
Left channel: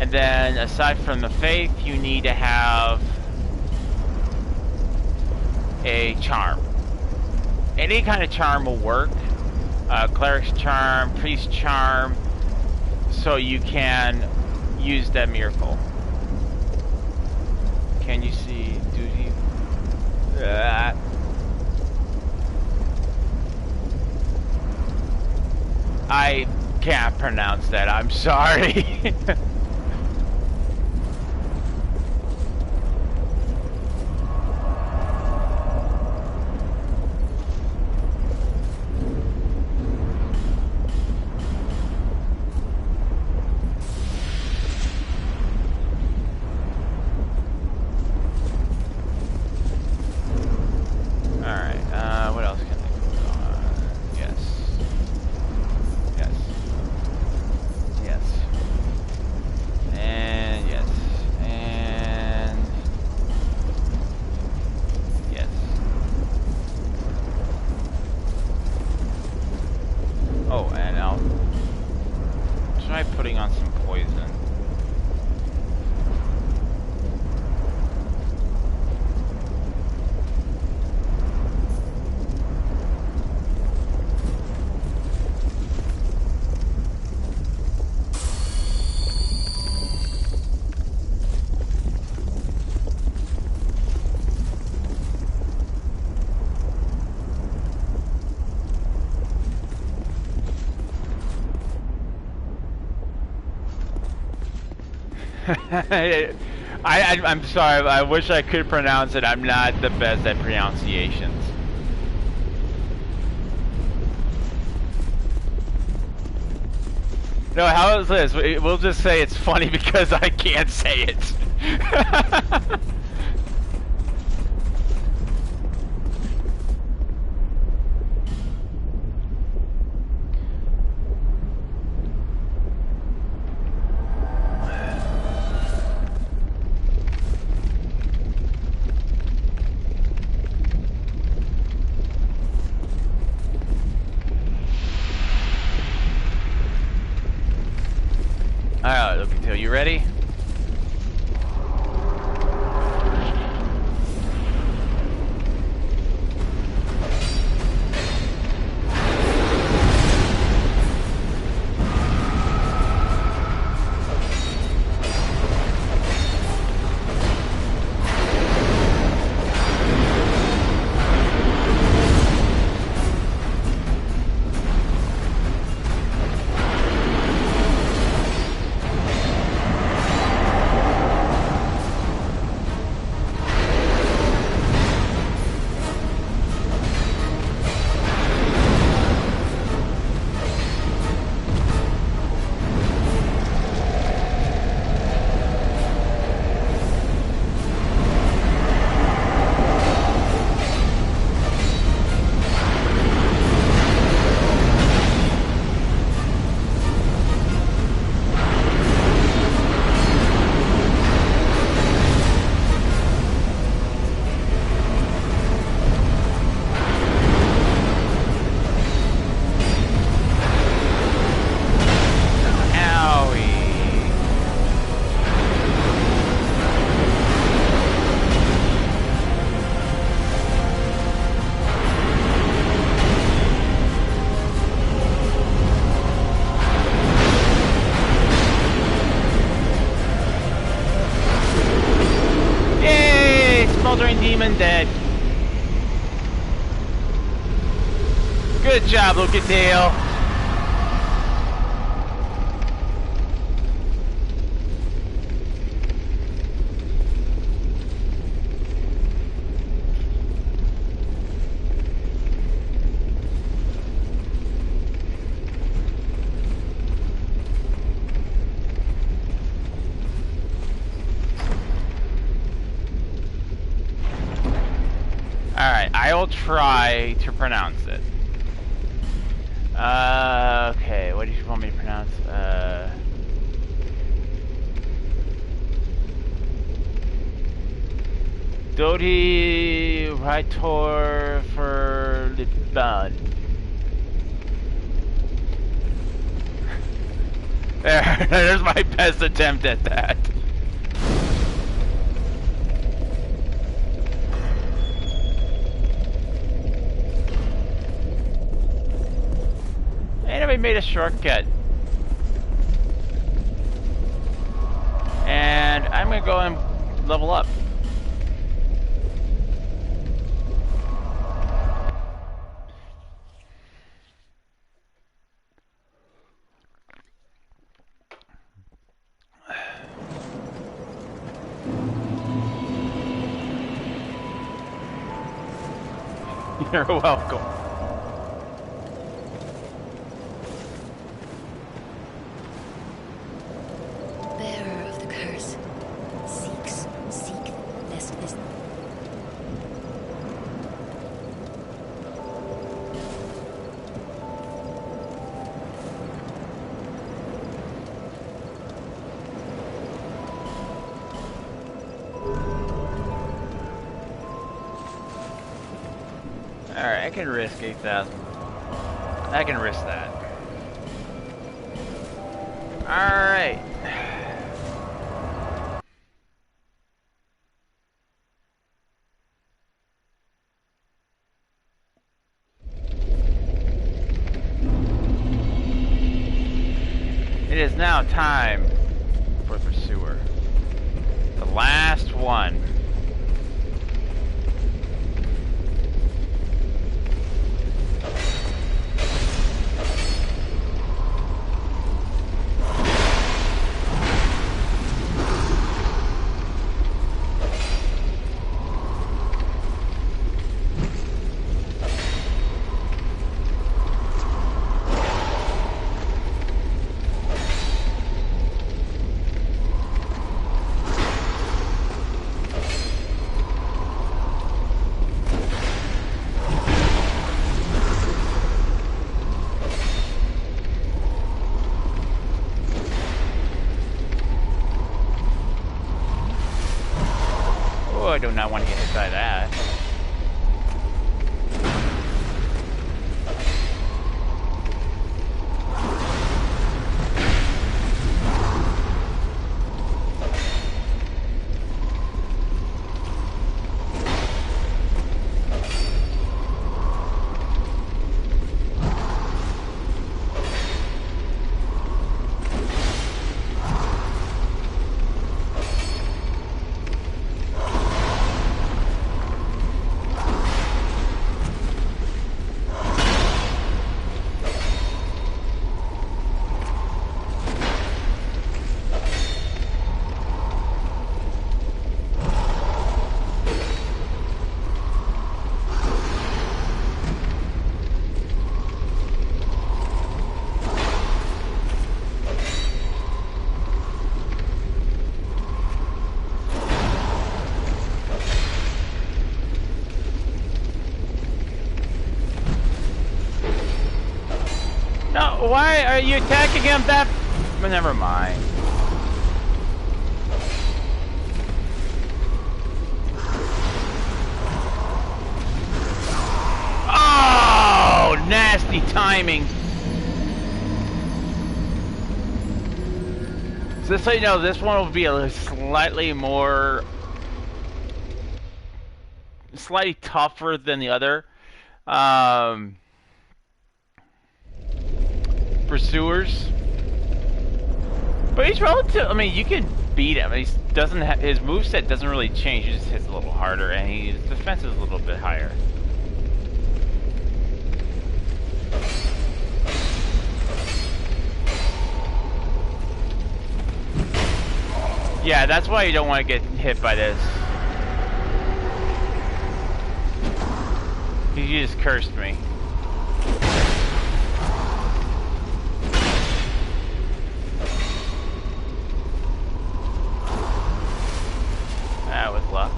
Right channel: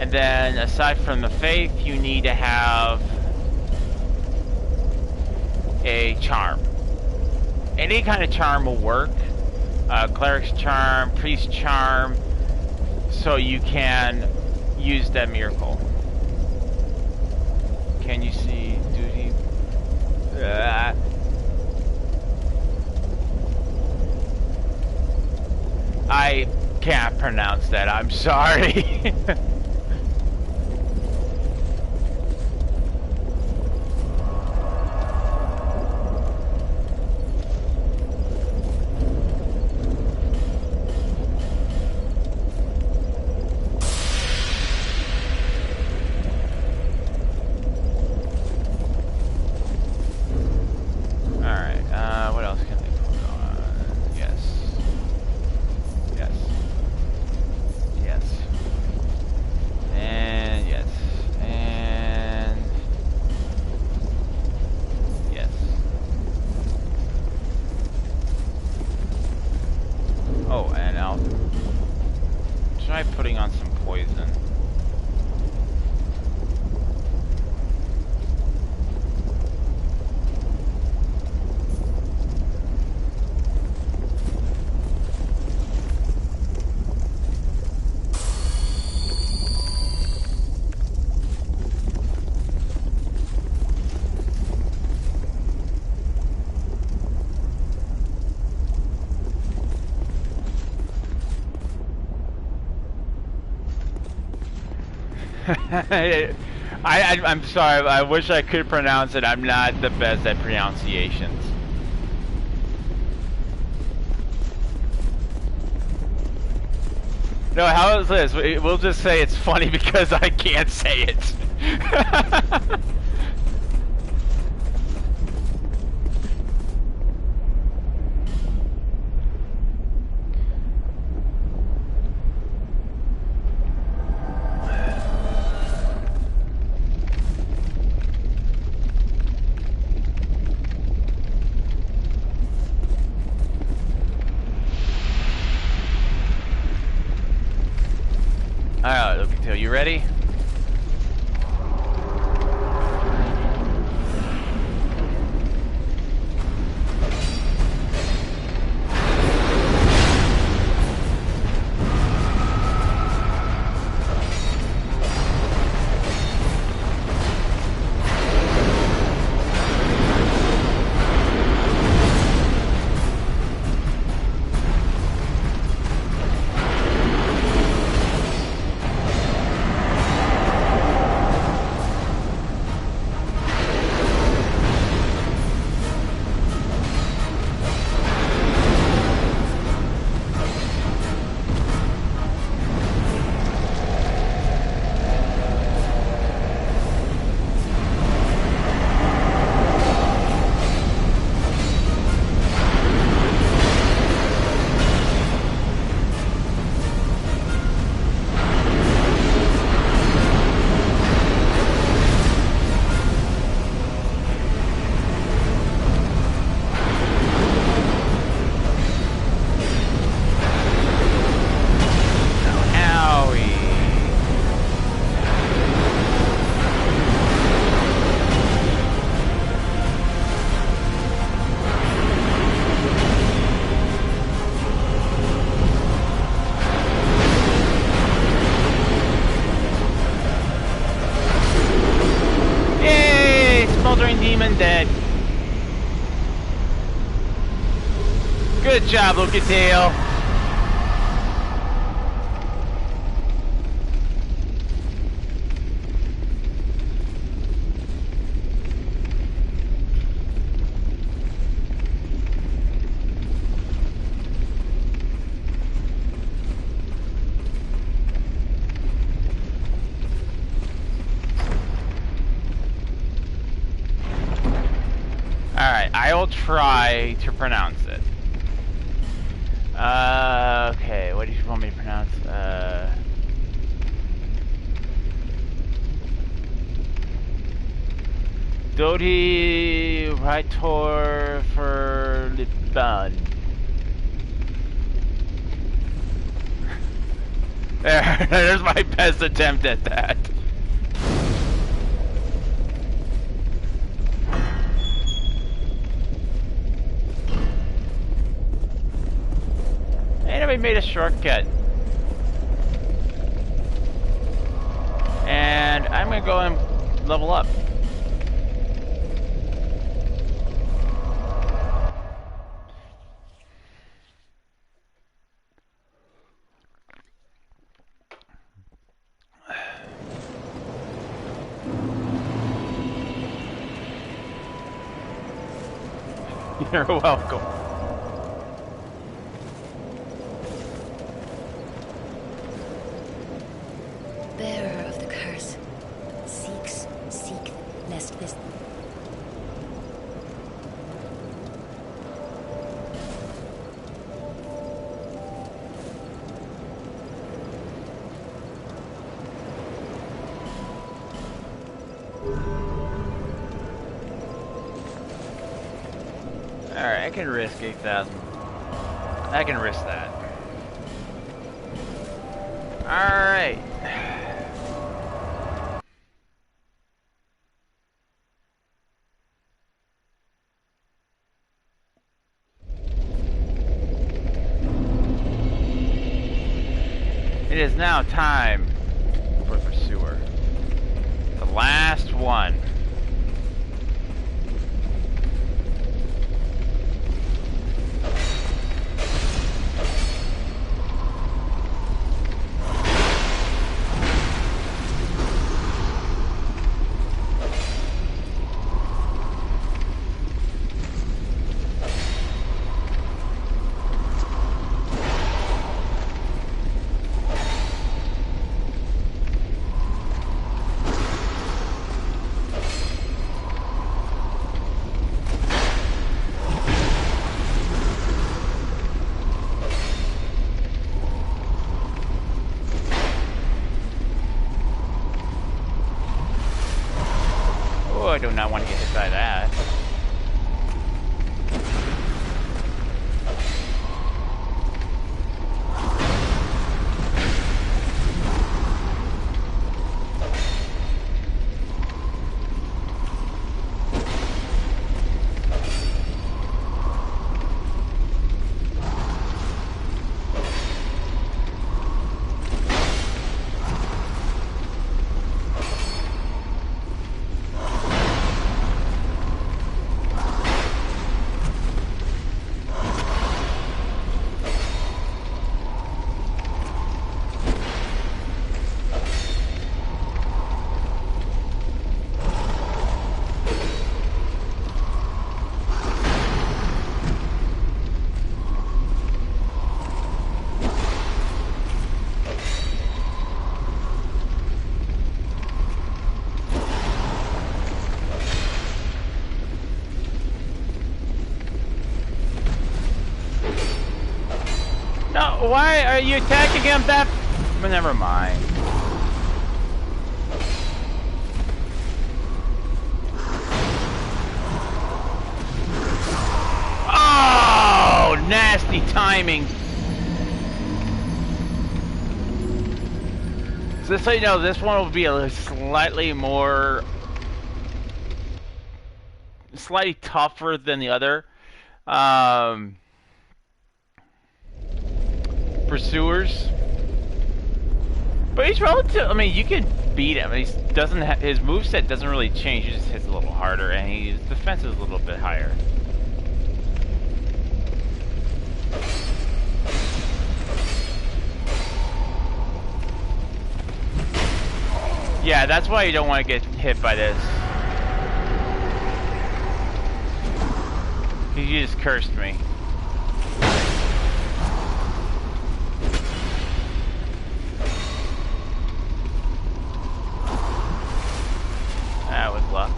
And then aside from the faith, you need to have a charm. Any kind of charm will work. Cleric's charm, priest charm, so you can use that miracle. Can you see duty? I can't pronounce that. I'm sorry. Putting on some poison. I'm sorry, I wish I could pronounce it. I'm not the best at pronunciations. No, how is this? We'll just say it's funny because I can't say it. Alright, Wookiee'S, are you ready? Smoldering demon dead. Good job, Wookiee'S. Alright, I will try to pronounce it. Okay, what did you want me to pronounce? Dodi Raitor for Liban. There's my best attempt at that. Anybody made a shortcut. And I'm gonna go and level up. You're welcome. Bearer of the curse, seek lest this. Alright, I can risk 8,000. I can risk that. Alright. It is now time for the pursuer. The last one. I do not want to get hit by that. No, why are you attacking him that? But never mind. Oh, nasty timing. So just so you know, this one will be a slightly tougher than the other. Pursuers, but he's relative. I mean, you can beat him. He doesn't. His moveset doesn't really change. He just hits a little harder, and his defense is a little bit higher. Yeah, that's why you don't want to get hit by this. You just cursed me. With luck.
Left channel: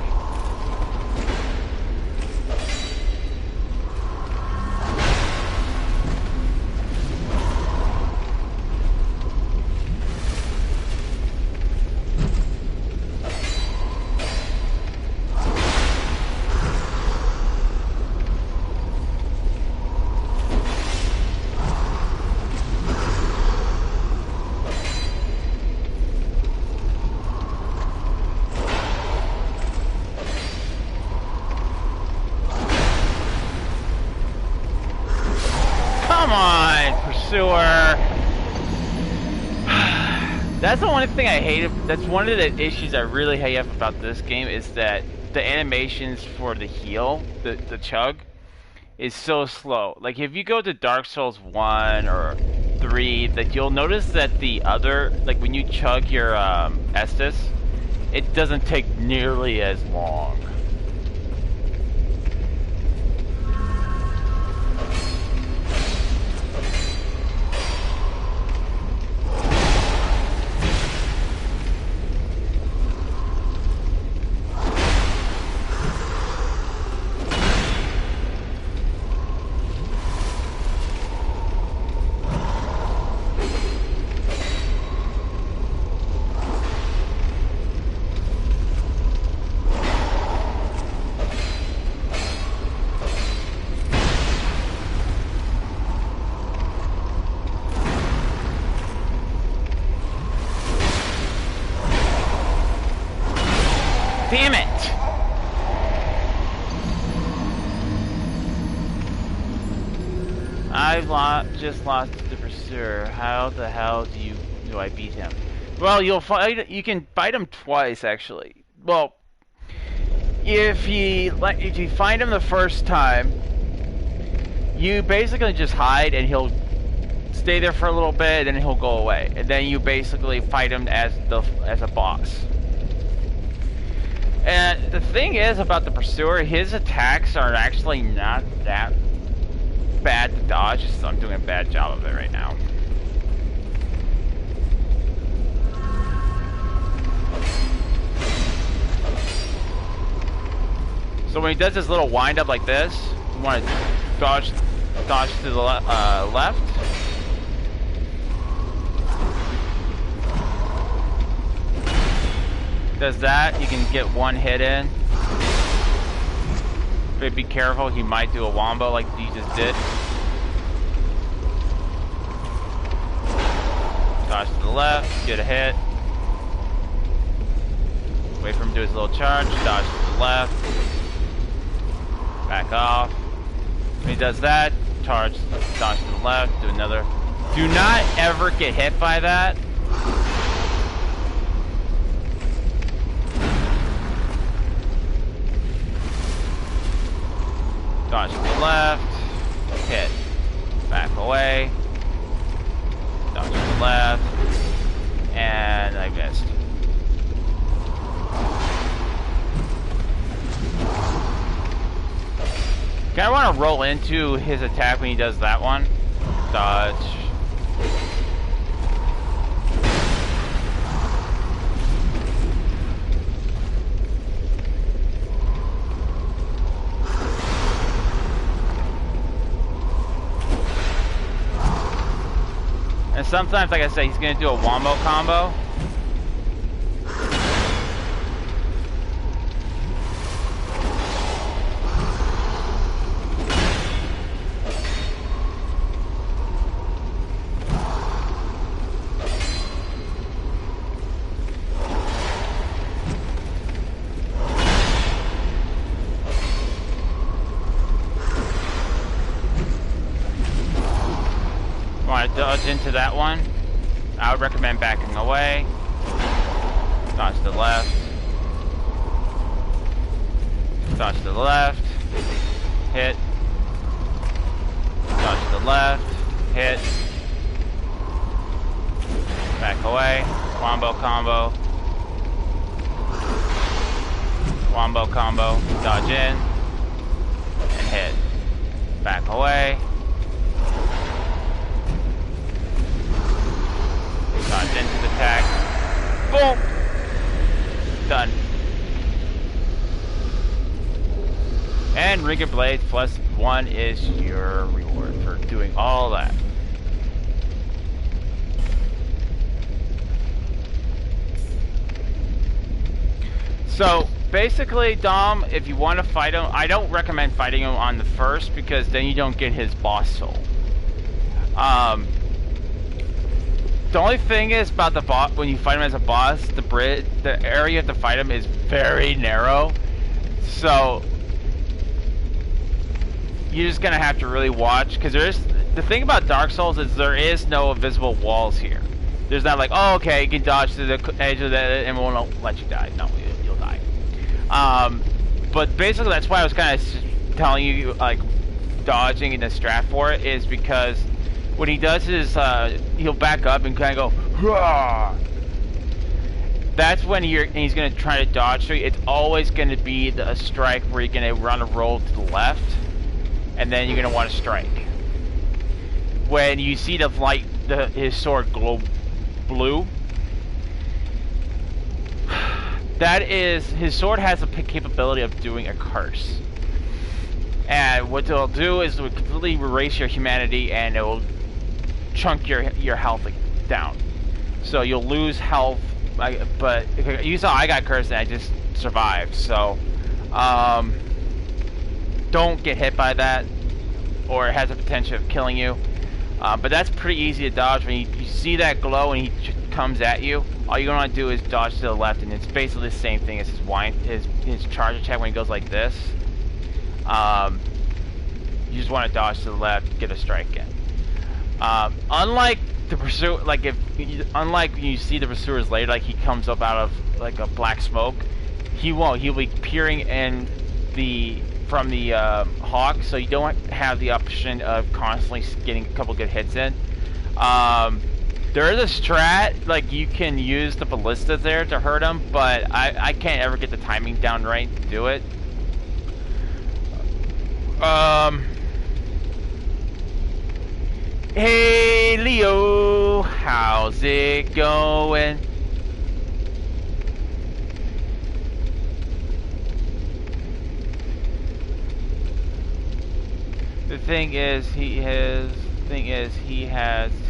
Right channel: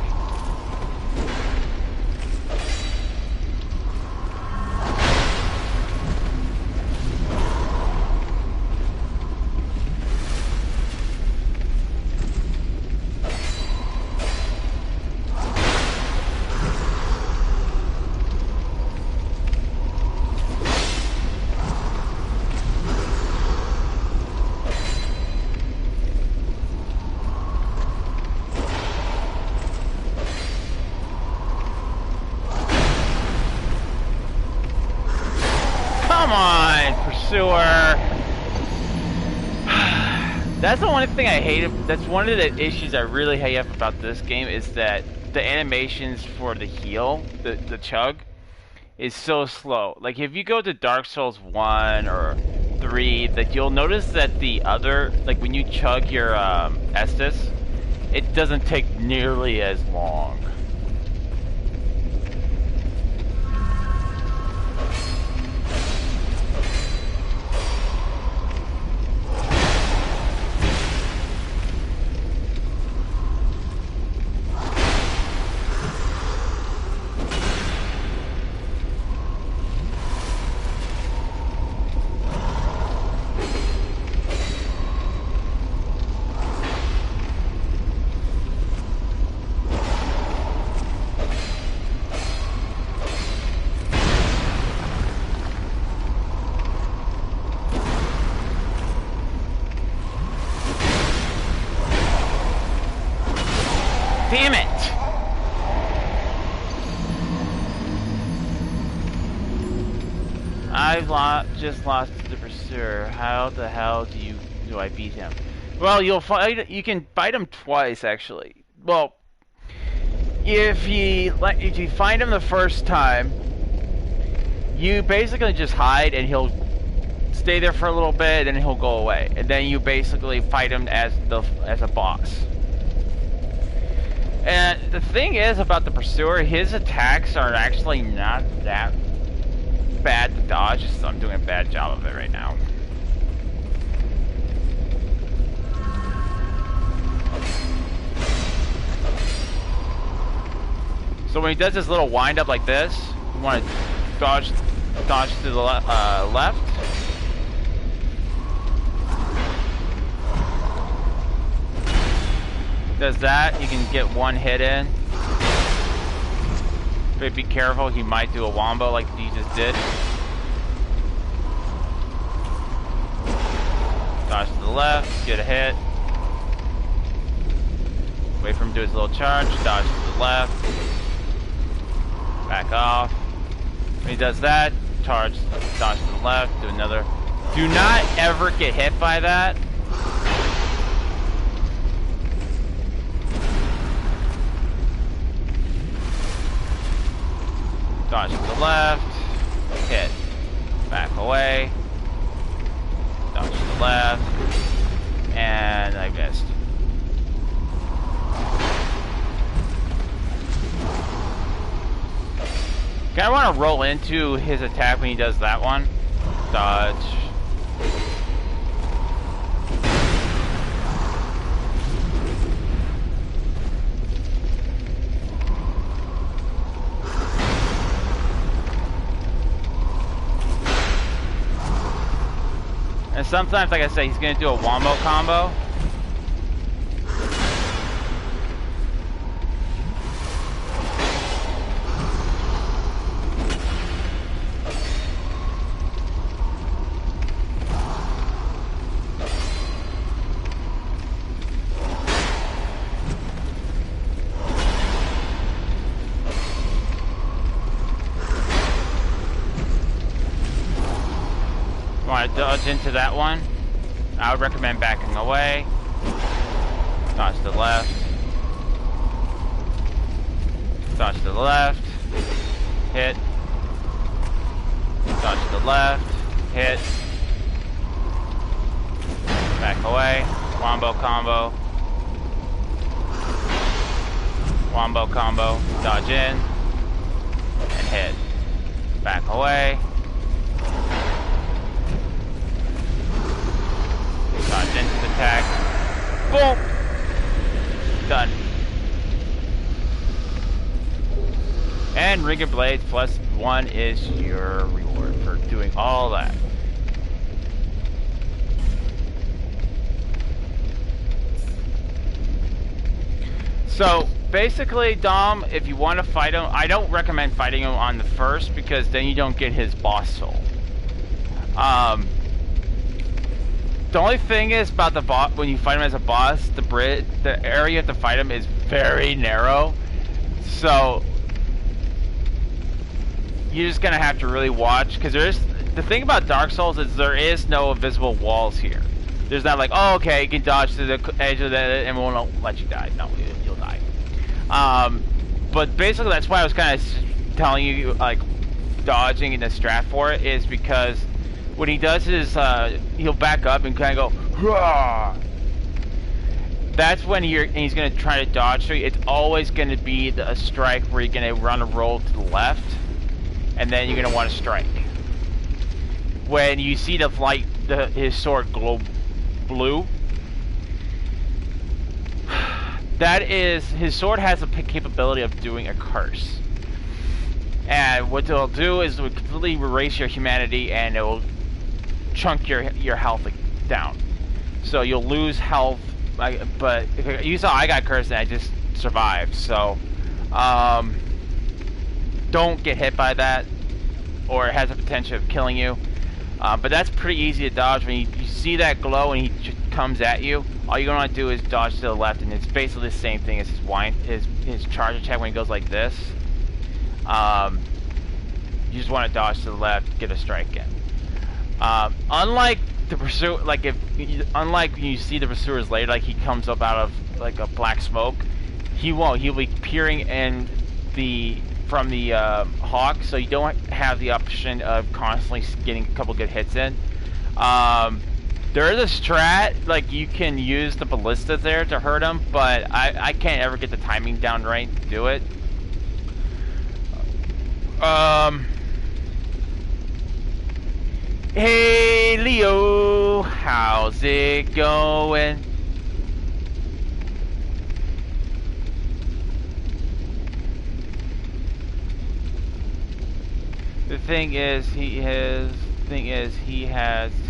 Come on, pursuer. That's the one thing I hate. That's one of the issues I really hate about this game is that the animations for the heal, the chug, is so slow. Like if you go to Dark Souls 1 or 3, like you'll notice that the other, like when you chug your Estus, it doesn't take nearly as long. Damn it! I've just lost the pursuer. How the hell do I beat him? Well, you can fight him twice actually. Well, if you find him the first time, you basically just hide and he'll stay there for a little bit and then he'll go away. And then you basically fight him as a boss. And the thing is about the pursuer, his attacks are actually not that bad to dodge. Just I'm doing a bad job of it right now. So when he does his little wind up like this, you want to dodge to the left. Does that, you can get one hit in. But be careful, he might do a wombo like he just did. Dodge to the left, get a hit. Wait for him to do his little charge, dodge to the left. Back off. When he does that, dodge to the left, do another. Do not ever get hit by that. Dodge to the left, hit, back away, dodge to the left, and I missed. Kinda wanna roll into his attack when he does that one. Dodge. And sometimes, like I said, he's gonna do a wombo combo. Want to dodge into that one? I would recommend backing away. Dodge to the left. Dodge to the left. Hit. Dodge to the left. Hit. Back away. Wombo combo. Wombo combo. Dodge in. And hit. Back away. Dodge into the attack. Boom! Done. And Ring of Blades +1 is your reward for doing all that. So, basically, Dom, if you want to fight him, I don't recommend fighting him on the first because then you don't get his boss soul. The only thing is about the boss, when you fight him as a boss, the area you have to fight him is very narrow. So you're just gonna have to really watch, because the thing about Dark Souls is there is no invisible walls here. There's not like, oh, okay, you can dodge to the edge of that and we won't let you die. No, you'll die. But basically that's why I was kind of telling you, like, dodging in the strat for it is because what he does is he'll back up and kind of go, hurrah! That's when he's going to try to dodge. So it's always going to be a strike where you're going to run a roll to the left, and then you're going to want to strike. When you see the light, his sword glow blue, that is, his sword has the capability of doing a curse. And what it'll do is it will completely erase your humanity, and it will chunk your health down. So you'll lose health. But you saw I got cursed and I just survived, so don't get hit by that, or it has the potential of killing you. But that's pretty easy to dodge. When you see that glow and he comes at you, all you're gonna do is dodge to the left, and it's basically the same thing as his charge attack when he goes like this. You just want to dodge to the left, get a strike in. Unlike the pursuer, like unlike when you see the pursuers later, like he comes up out of like a black smoke, he won't. He'll be peering in from the hawk, so you don't have the option of constantly getting a couple good hits in. There is a strat, like you can use the ballista there to hurt him, but I can't ever get the timing down right to do it. Hey Leo, how's it going? The thing is, he has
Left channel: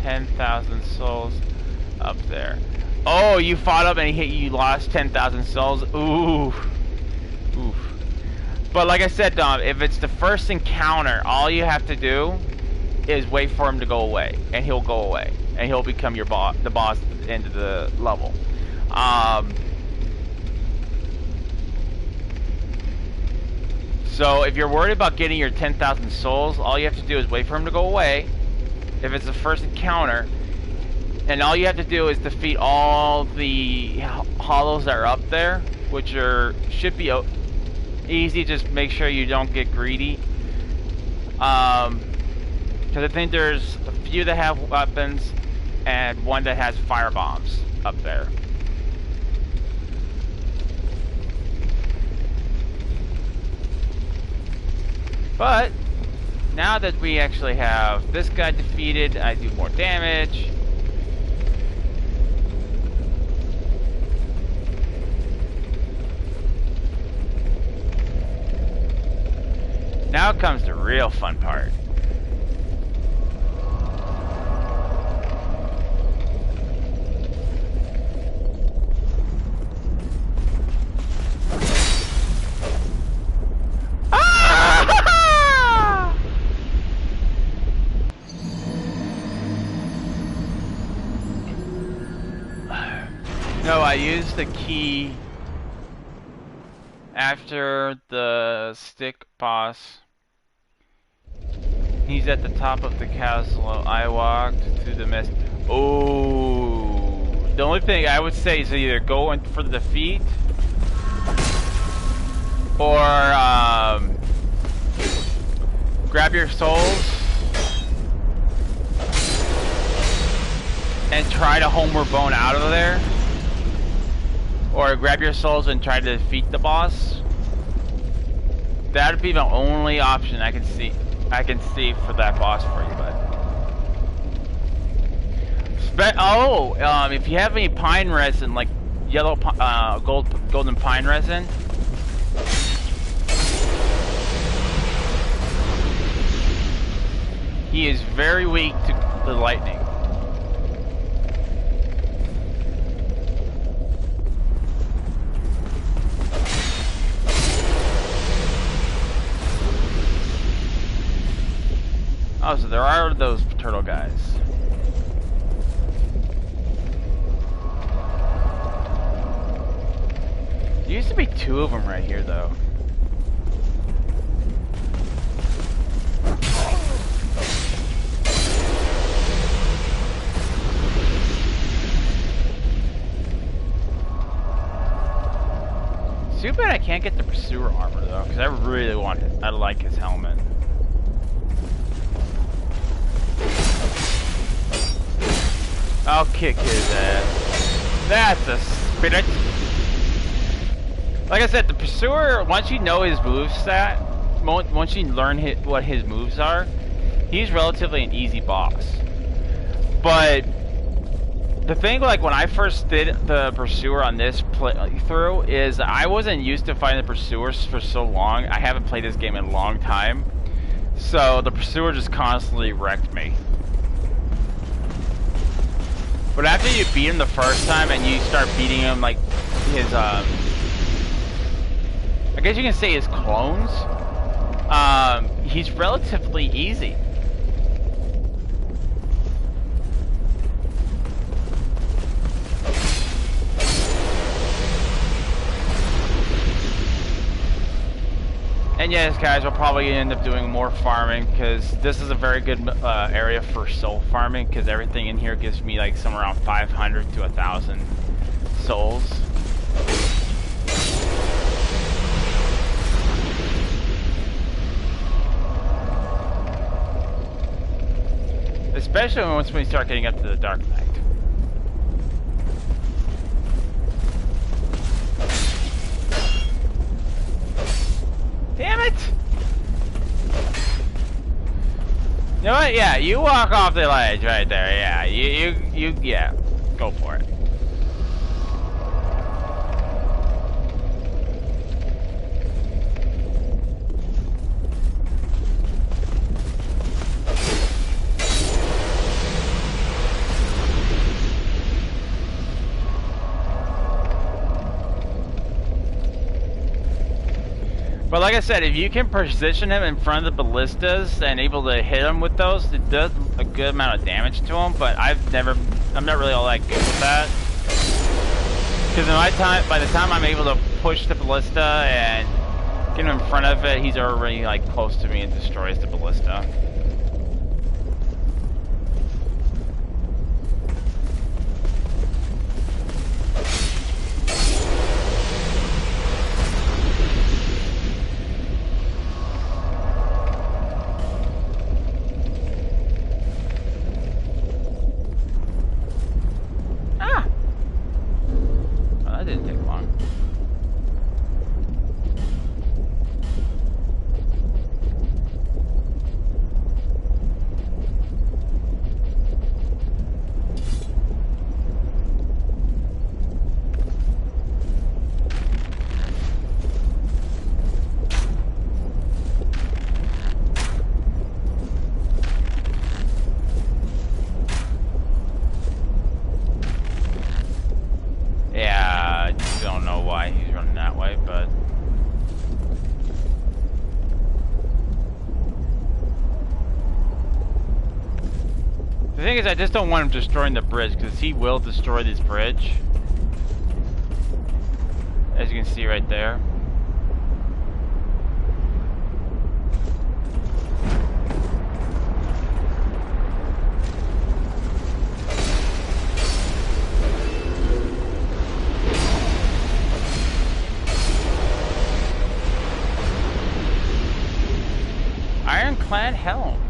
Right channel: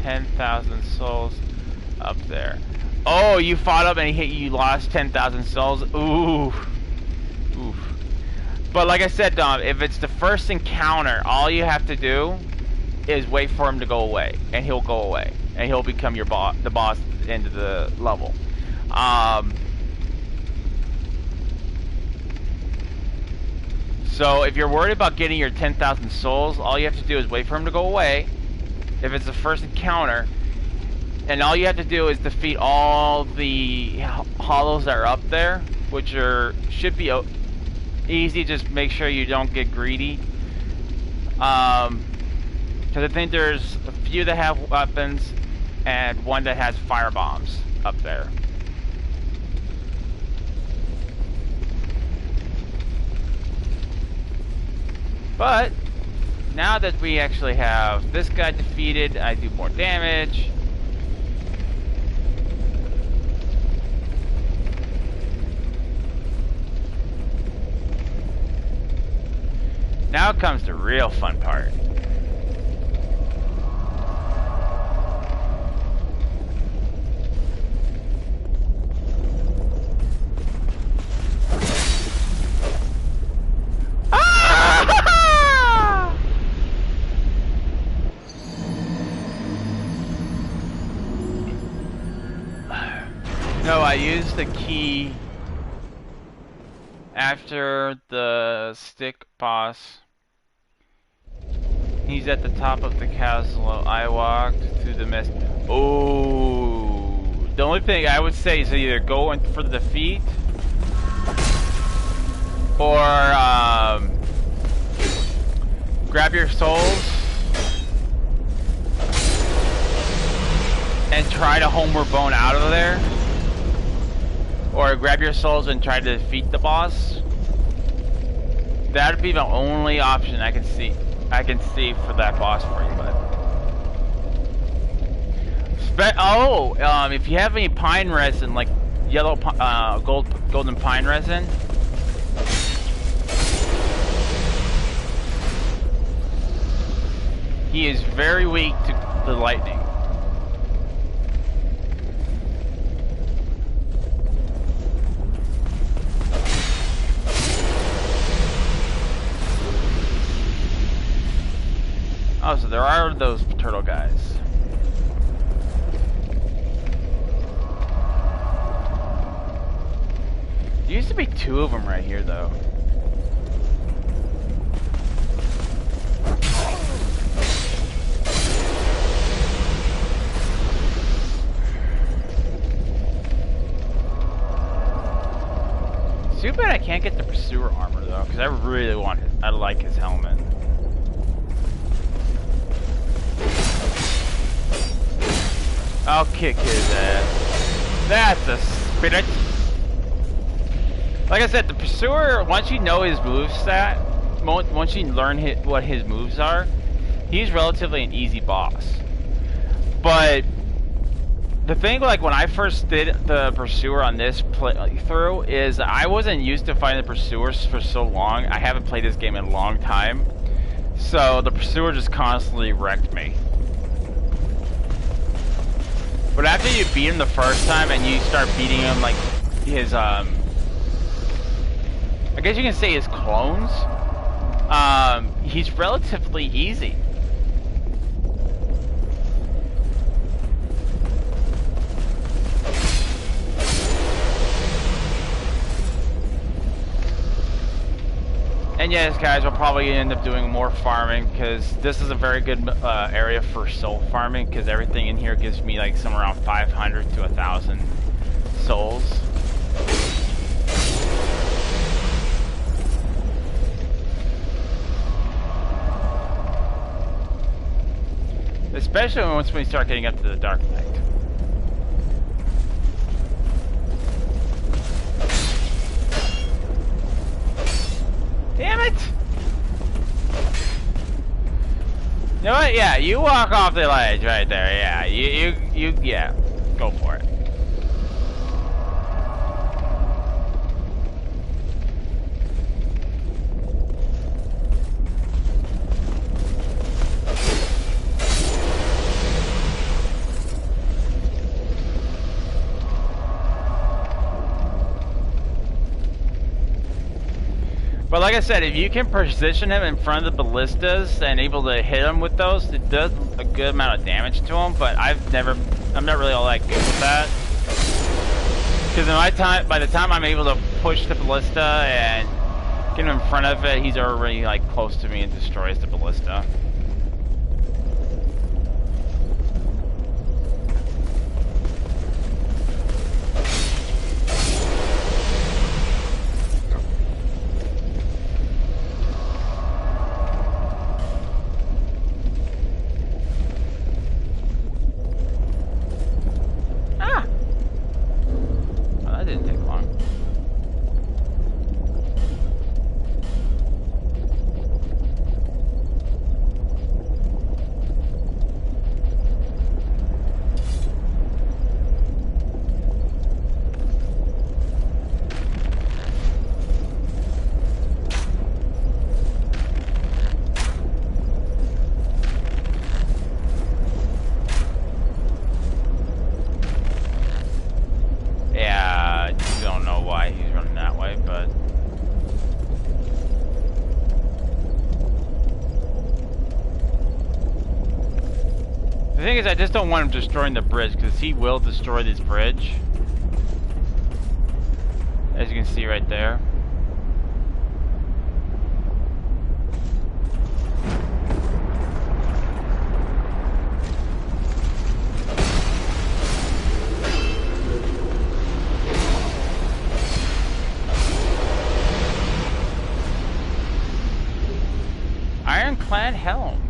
10,000 souls up there. Oh, you fought up and you lost 10,000 souls. Ooh, oof. But like I said, Dom, if it's the first encounter, all you have to do is wait for him to go away, and he'll go away, and he'll become the boss at the end of the level. So if you're worried about getting your 10,000 souls, all you have to do is wait for him to go away, if it's the first encounter, and all you have to do is defeat all the hollows that are up there, which should be easy. Just make sure you don't get greedy. Because I think there's a few that have weapons and one that has fire bombs up there. But now that we actually have this guy defeated, I do more damage. Now comes the real fun part. No, I used the key after the stick boss. He's at the top of the castle. I walked through the mist. Oh, the only thing I would say is either go in for the defeat or grab your souls and try to homeward bone out of there. Or grab your souls and try to defeat the boss. That'd be the only option I can see for that boss for you, bud. If you have any pine resin, like yellow golden pine resin, he is very weak to the lightning. Oh, so there are those turtle guys. There used to be 2 of them right here, though. Too bad I can't get the pursuer armor though, because I really want it. I like his helmet. I'll kick his ass. That's a spirit. Like I said, the pursuer, once you know his moveset, once you learn what his moves are, he's relatively an easy boss. But the thing, like when I first did the pursuer on this playthrough, is I wasn't used to fighting the pursuers for so long. I haven't played this game in a long time, so the pursuer just constantly wrecked me. But after you beat him the first time and you start beating him like his I guess you can say his clones, he's relatively easy. And yes, guys, we'll probably end up doing more farming because this is a very good area for soul farming because everything in here gives me like somewhere around 500 to 1,000 souls. Especially once we start getting up to the Dark Knight. Damn it! You know what? Yeah, you walk off the ledge right there. Yeah, yeah, go for it. But like I said, if you can position him in front of the ballistas and able to hit him with those, it does a good amount of damage to him. But I'm not really all that good with that. Because by the time I'm able to push the ballista and get him in front of it, he's already like close to me and destroys the ballista. The thing is, I just don't want him destroying the bridge, because he will destroy this bridge. As you can see right there. Ironclad helm.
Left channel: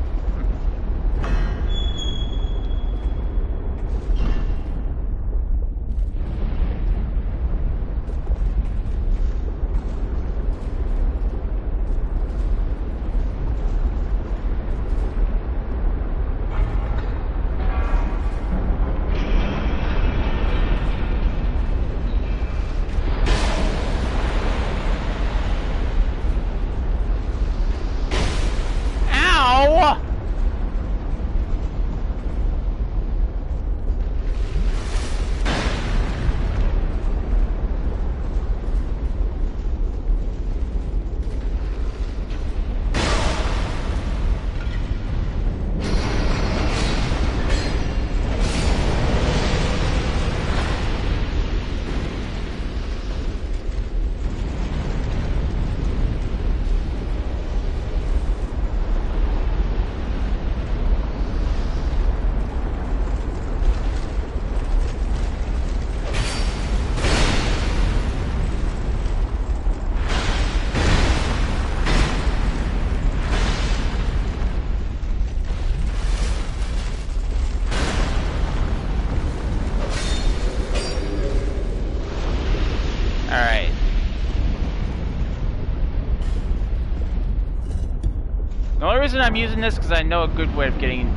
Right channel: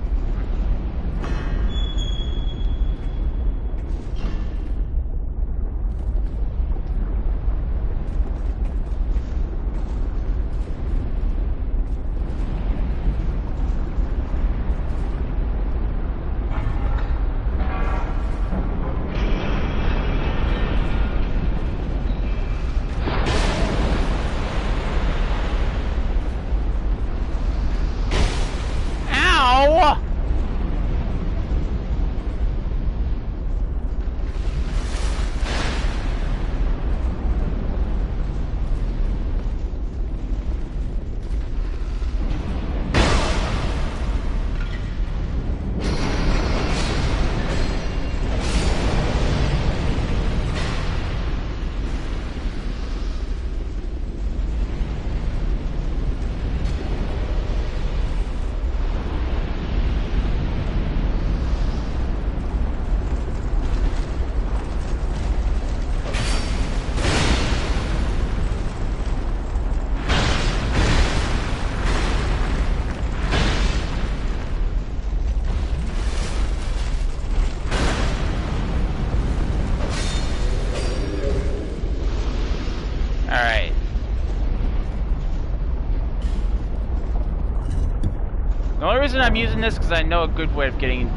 The only reason I'm using this is because I know a good way of getting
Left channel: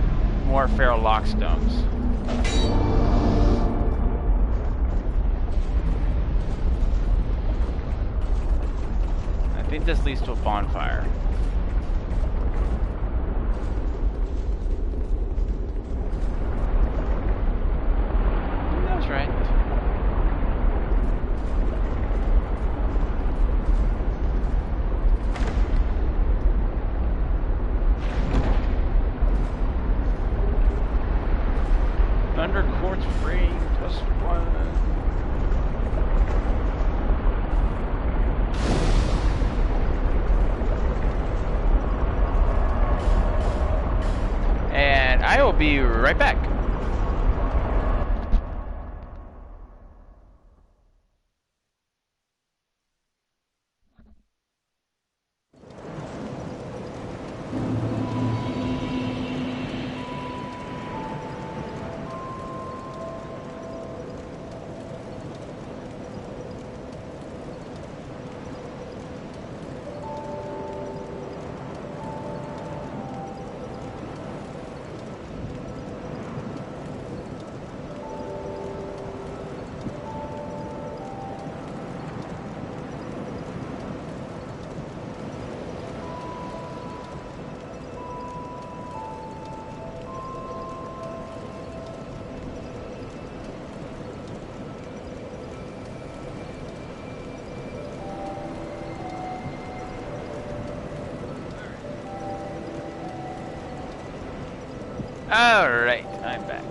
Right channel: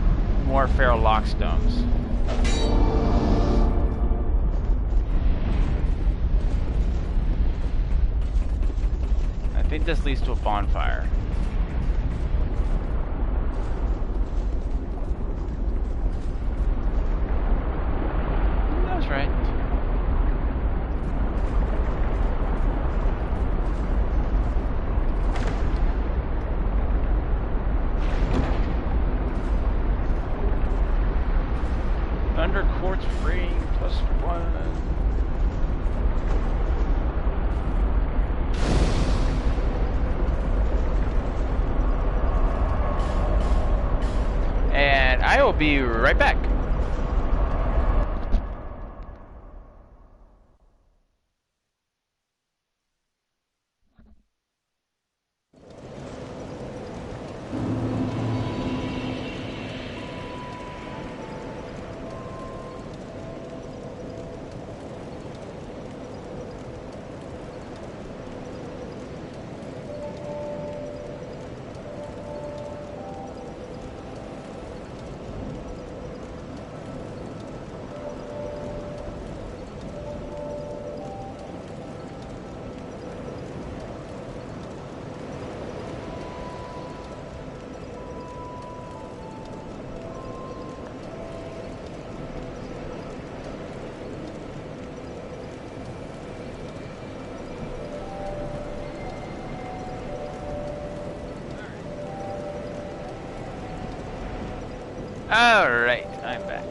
more feral lockstones. I think this leads to a bonfire. That was right. Thunder quartz free +1. And I will be right back. Alright, I'm back.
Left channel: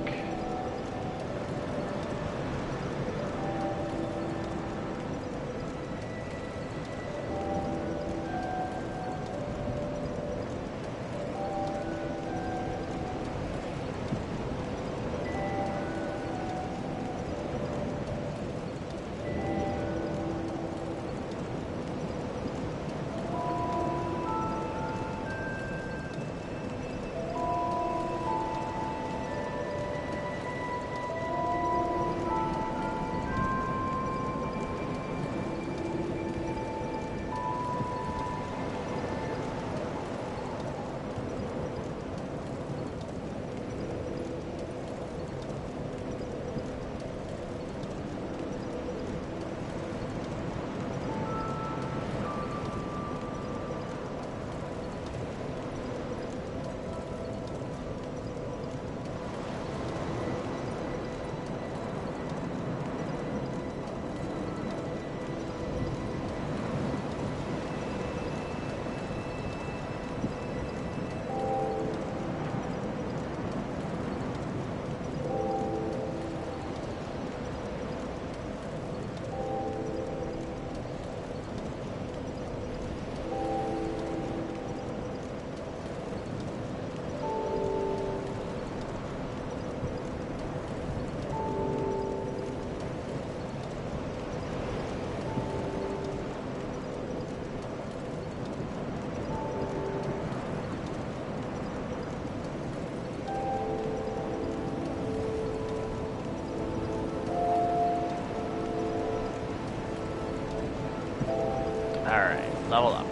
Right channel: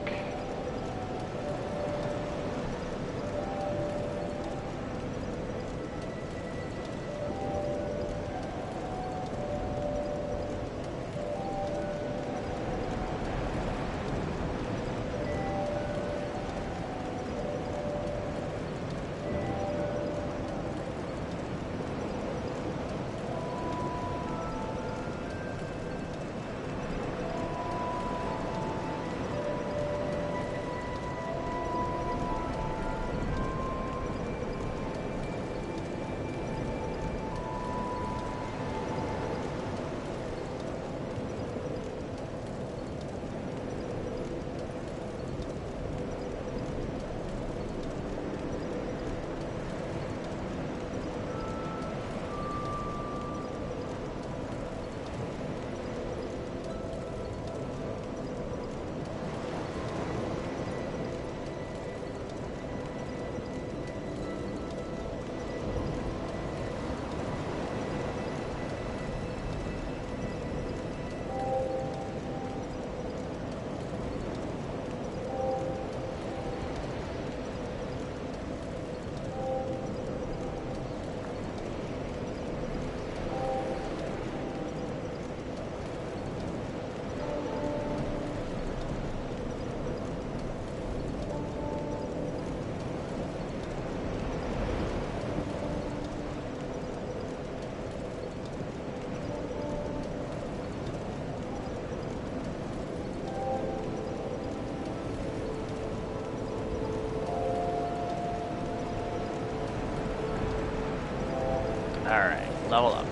Alright, level up.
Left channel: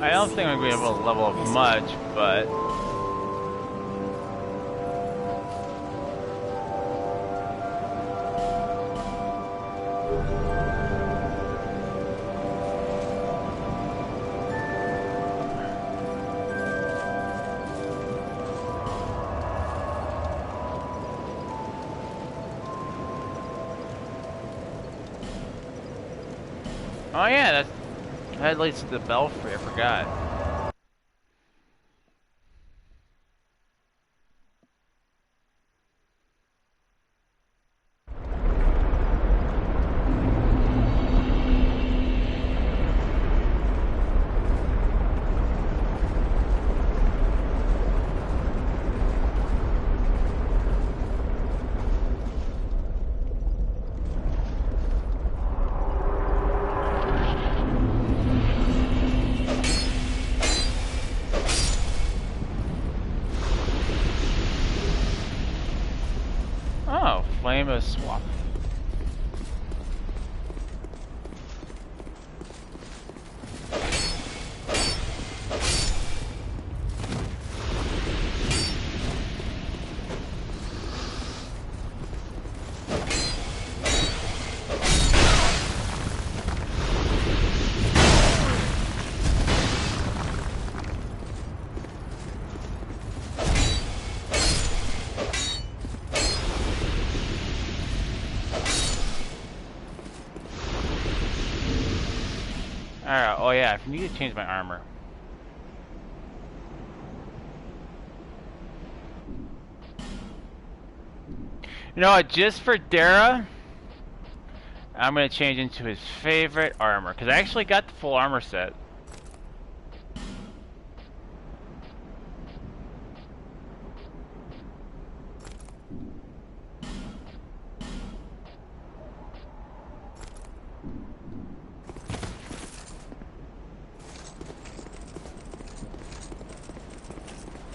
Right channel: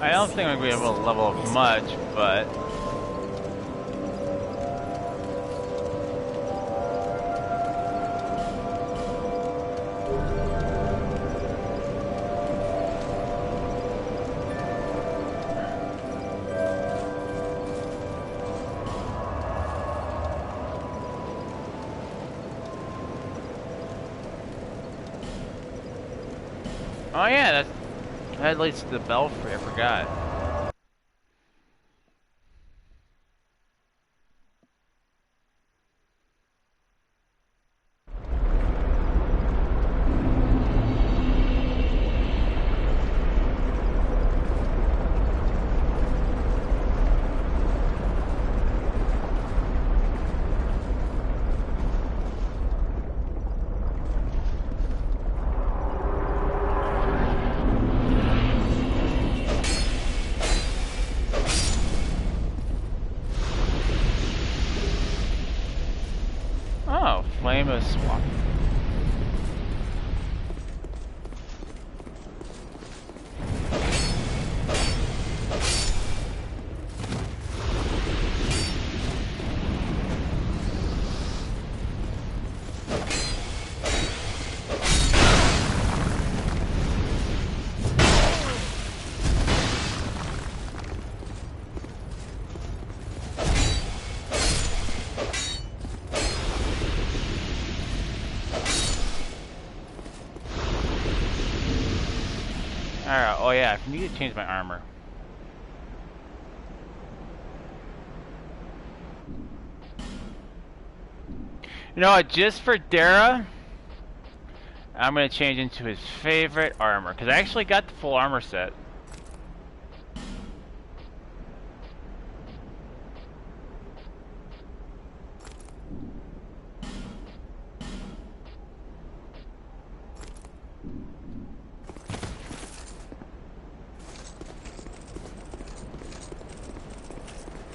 I don't think I'm going to be able to level up much, but... Oh yeah, that leads to the belfry, I forgot. Flame swap. Alright, oh yeah, I need to change my armor. You know what, just for Dara, I'm gonna change into his favorite armor, because I actually got the full armor set.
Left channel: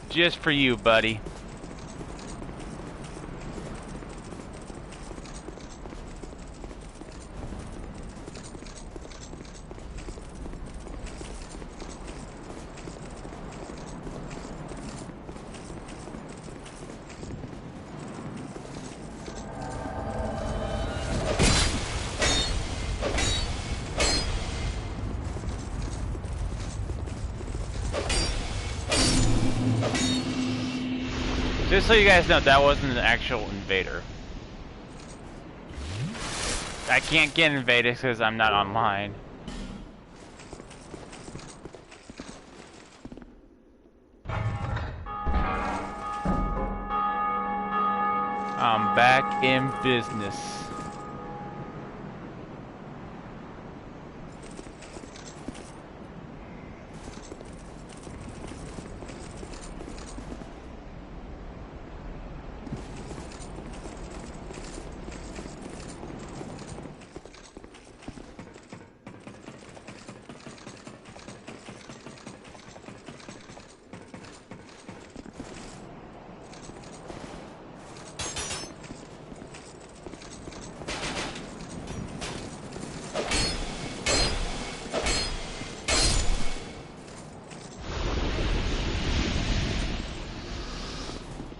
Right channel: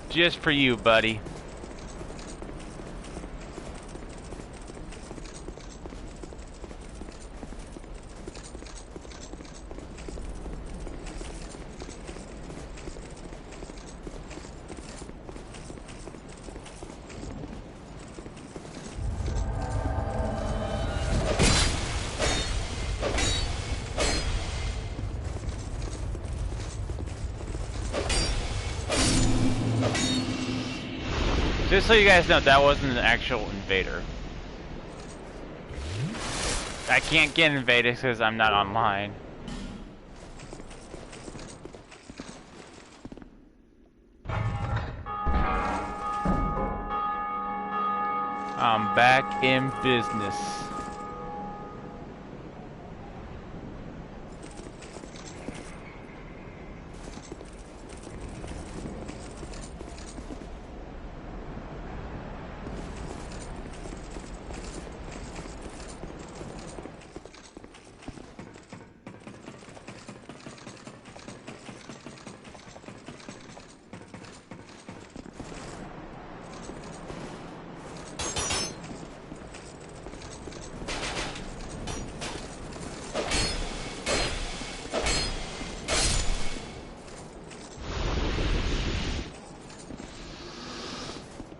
Just for you, buddy. Just so you guys know, that wasn't an actual invader. I can't get invaded because I'm not online. I'm back in business.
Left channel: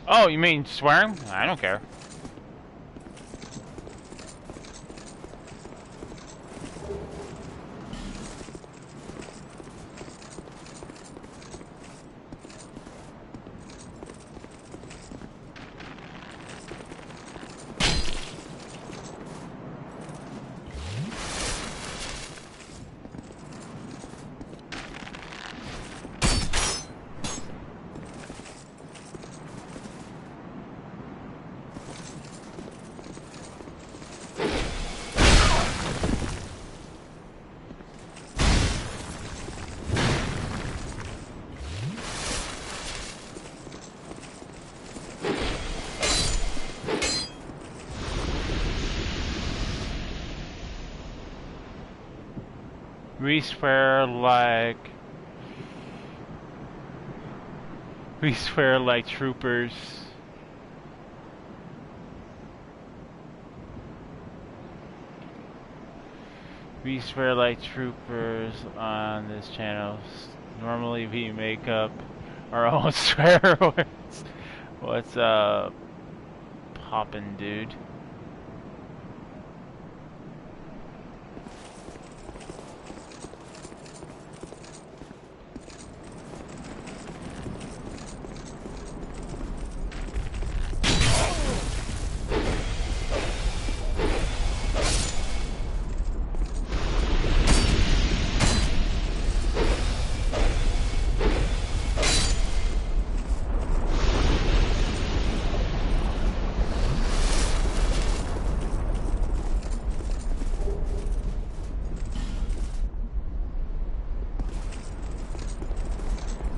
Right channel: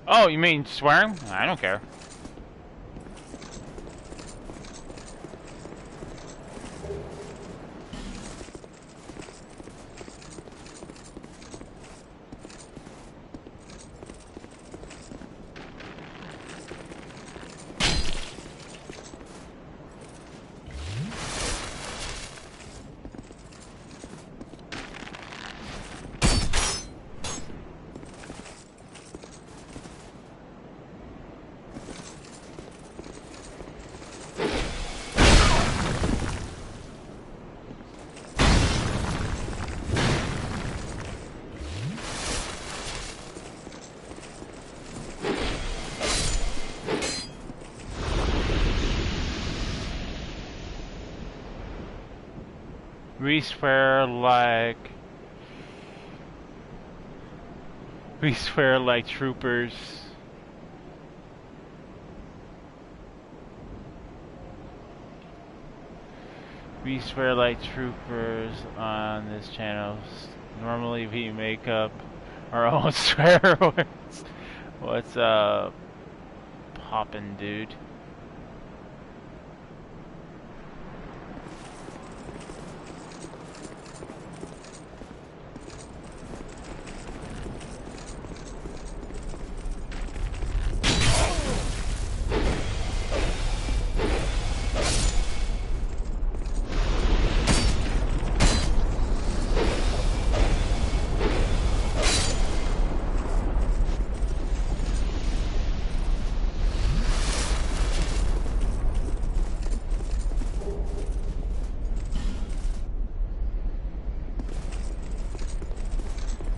Oh, you mean swearing? I don't care. We swear like troopers. We swear like troopers on this channel. Normally we make up our own swear words. What's up, poppin' dude?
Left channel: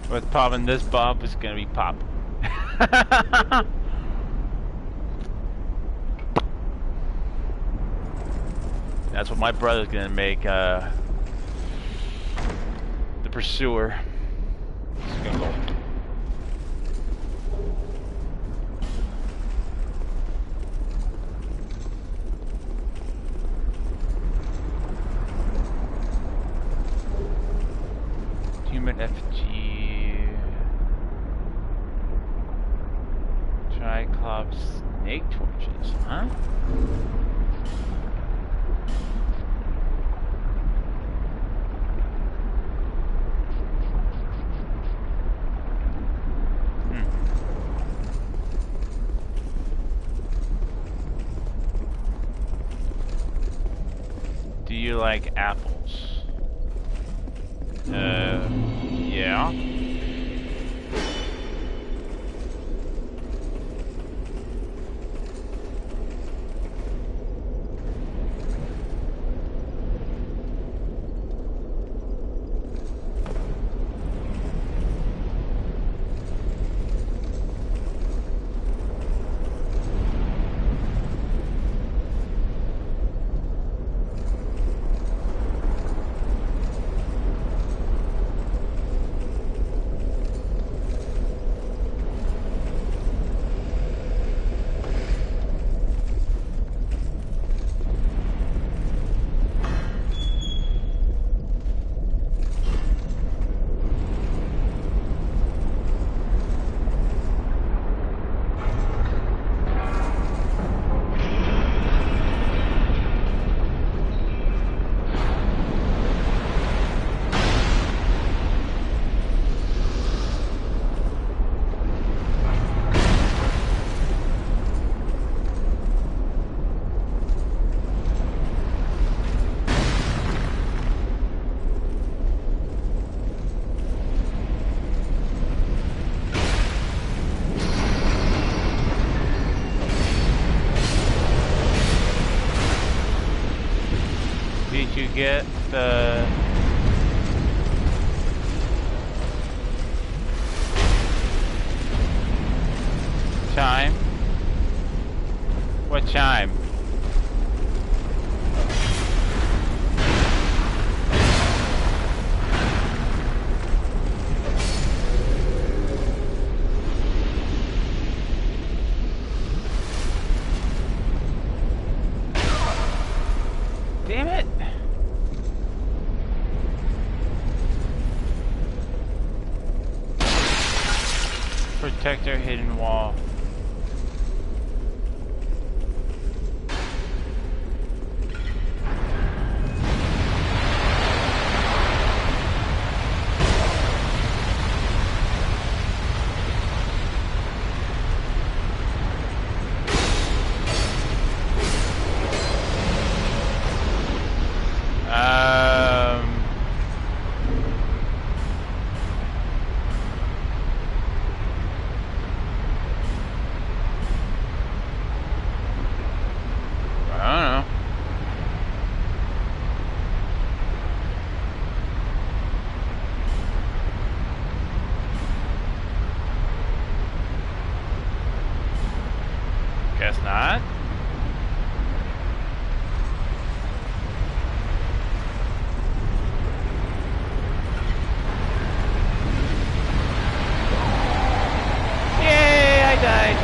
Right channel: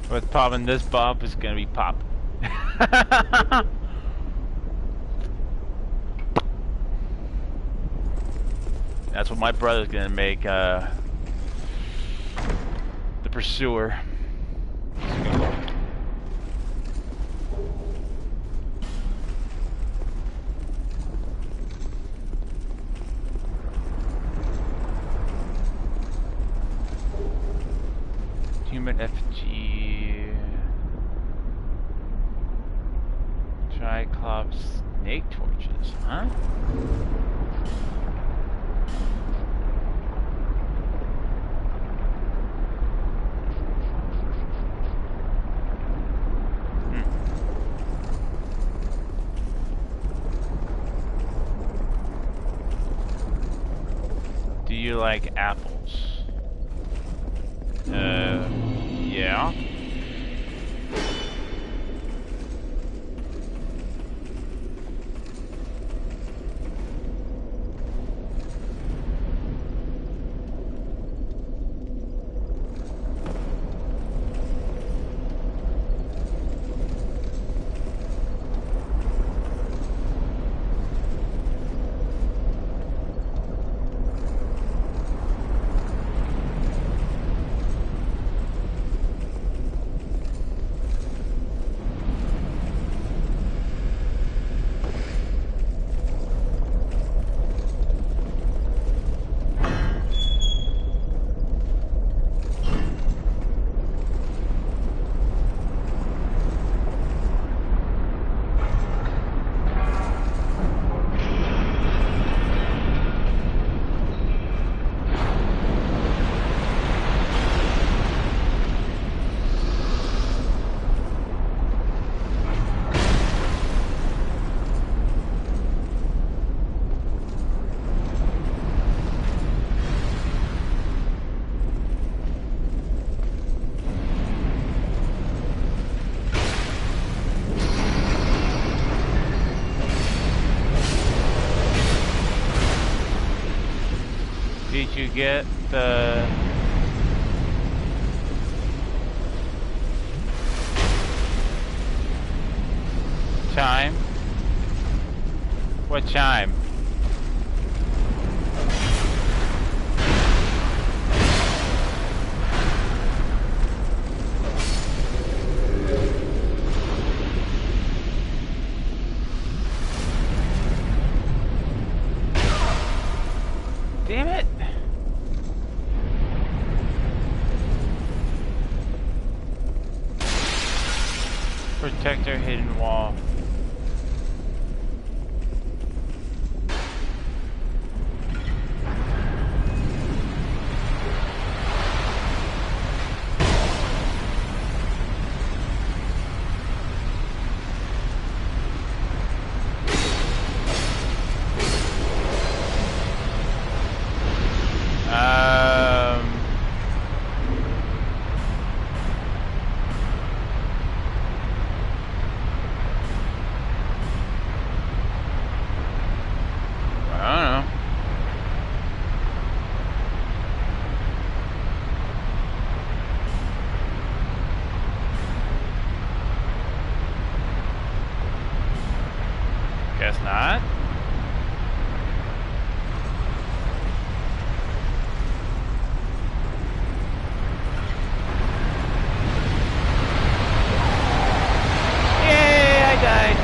What's poppin'? This Bob is gonna be pop. That's what my brother's gonna make, the pursuer. Human effigy. Triclops snake torches, huh? Do you like apples? you get the... chime? What chime? Damn it! Protector hidden wall. Guess not. Yay, I died.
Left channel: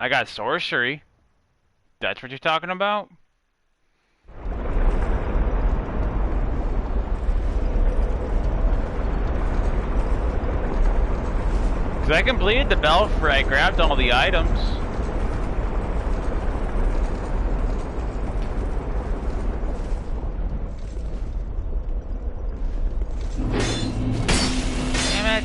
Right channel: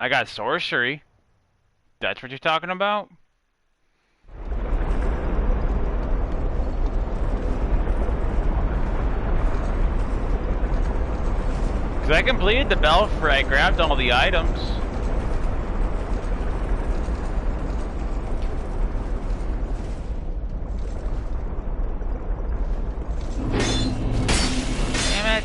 I got sorcery. That's what you're talking about? Because I completed the belfry, I grabbed all the items. Damn it.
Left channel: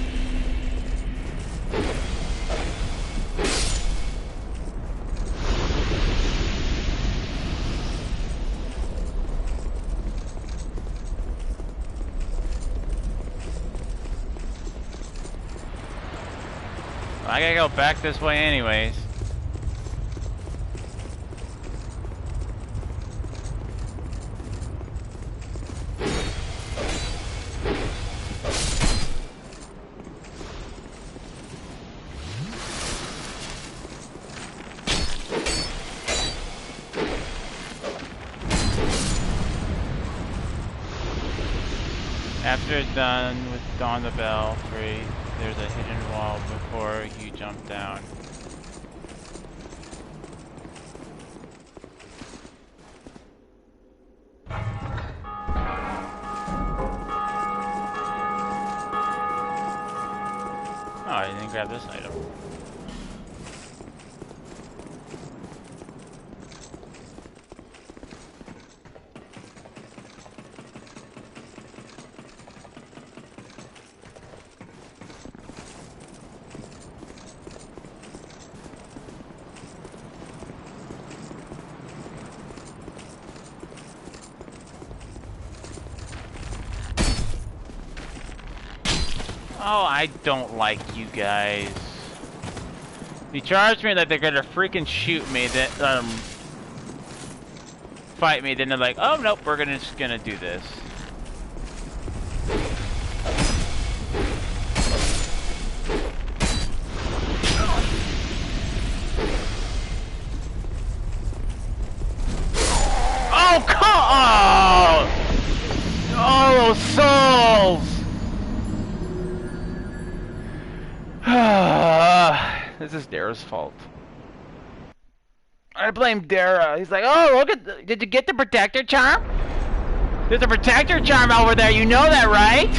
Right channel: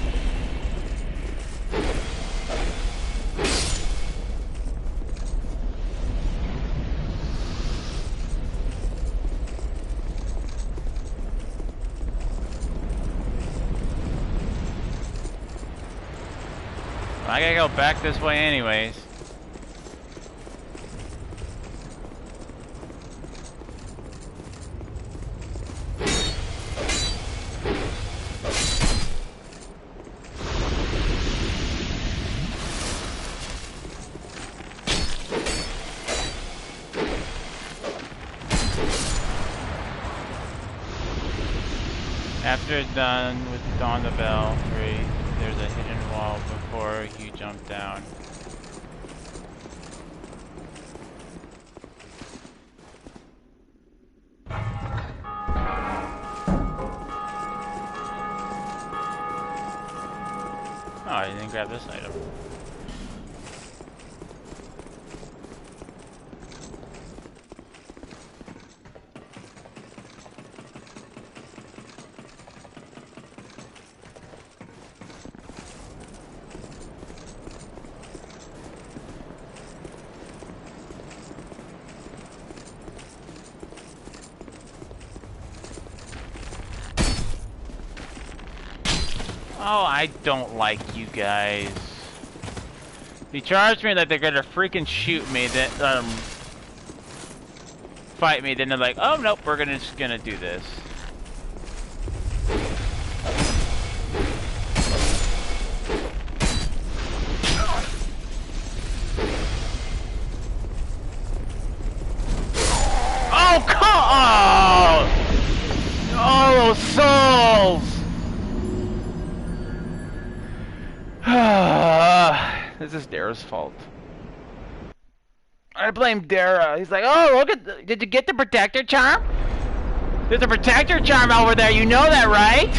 I gotta go back this way anyways. After done with Dawn the Belfry, there's a hidden wall before you jump down. Oh, I didn't grab this item. Oh, I don't like you guys. They charged me that they're gonna freaking shoot me, then fight me, then they're like, oh nope, we're just gonna do this. Oh, come on! Oh, those souls! This is Dara's fault. I blame Dara. He's like, oh, look at, did you get the protector charm? There's a protector charm over there, you know that, right?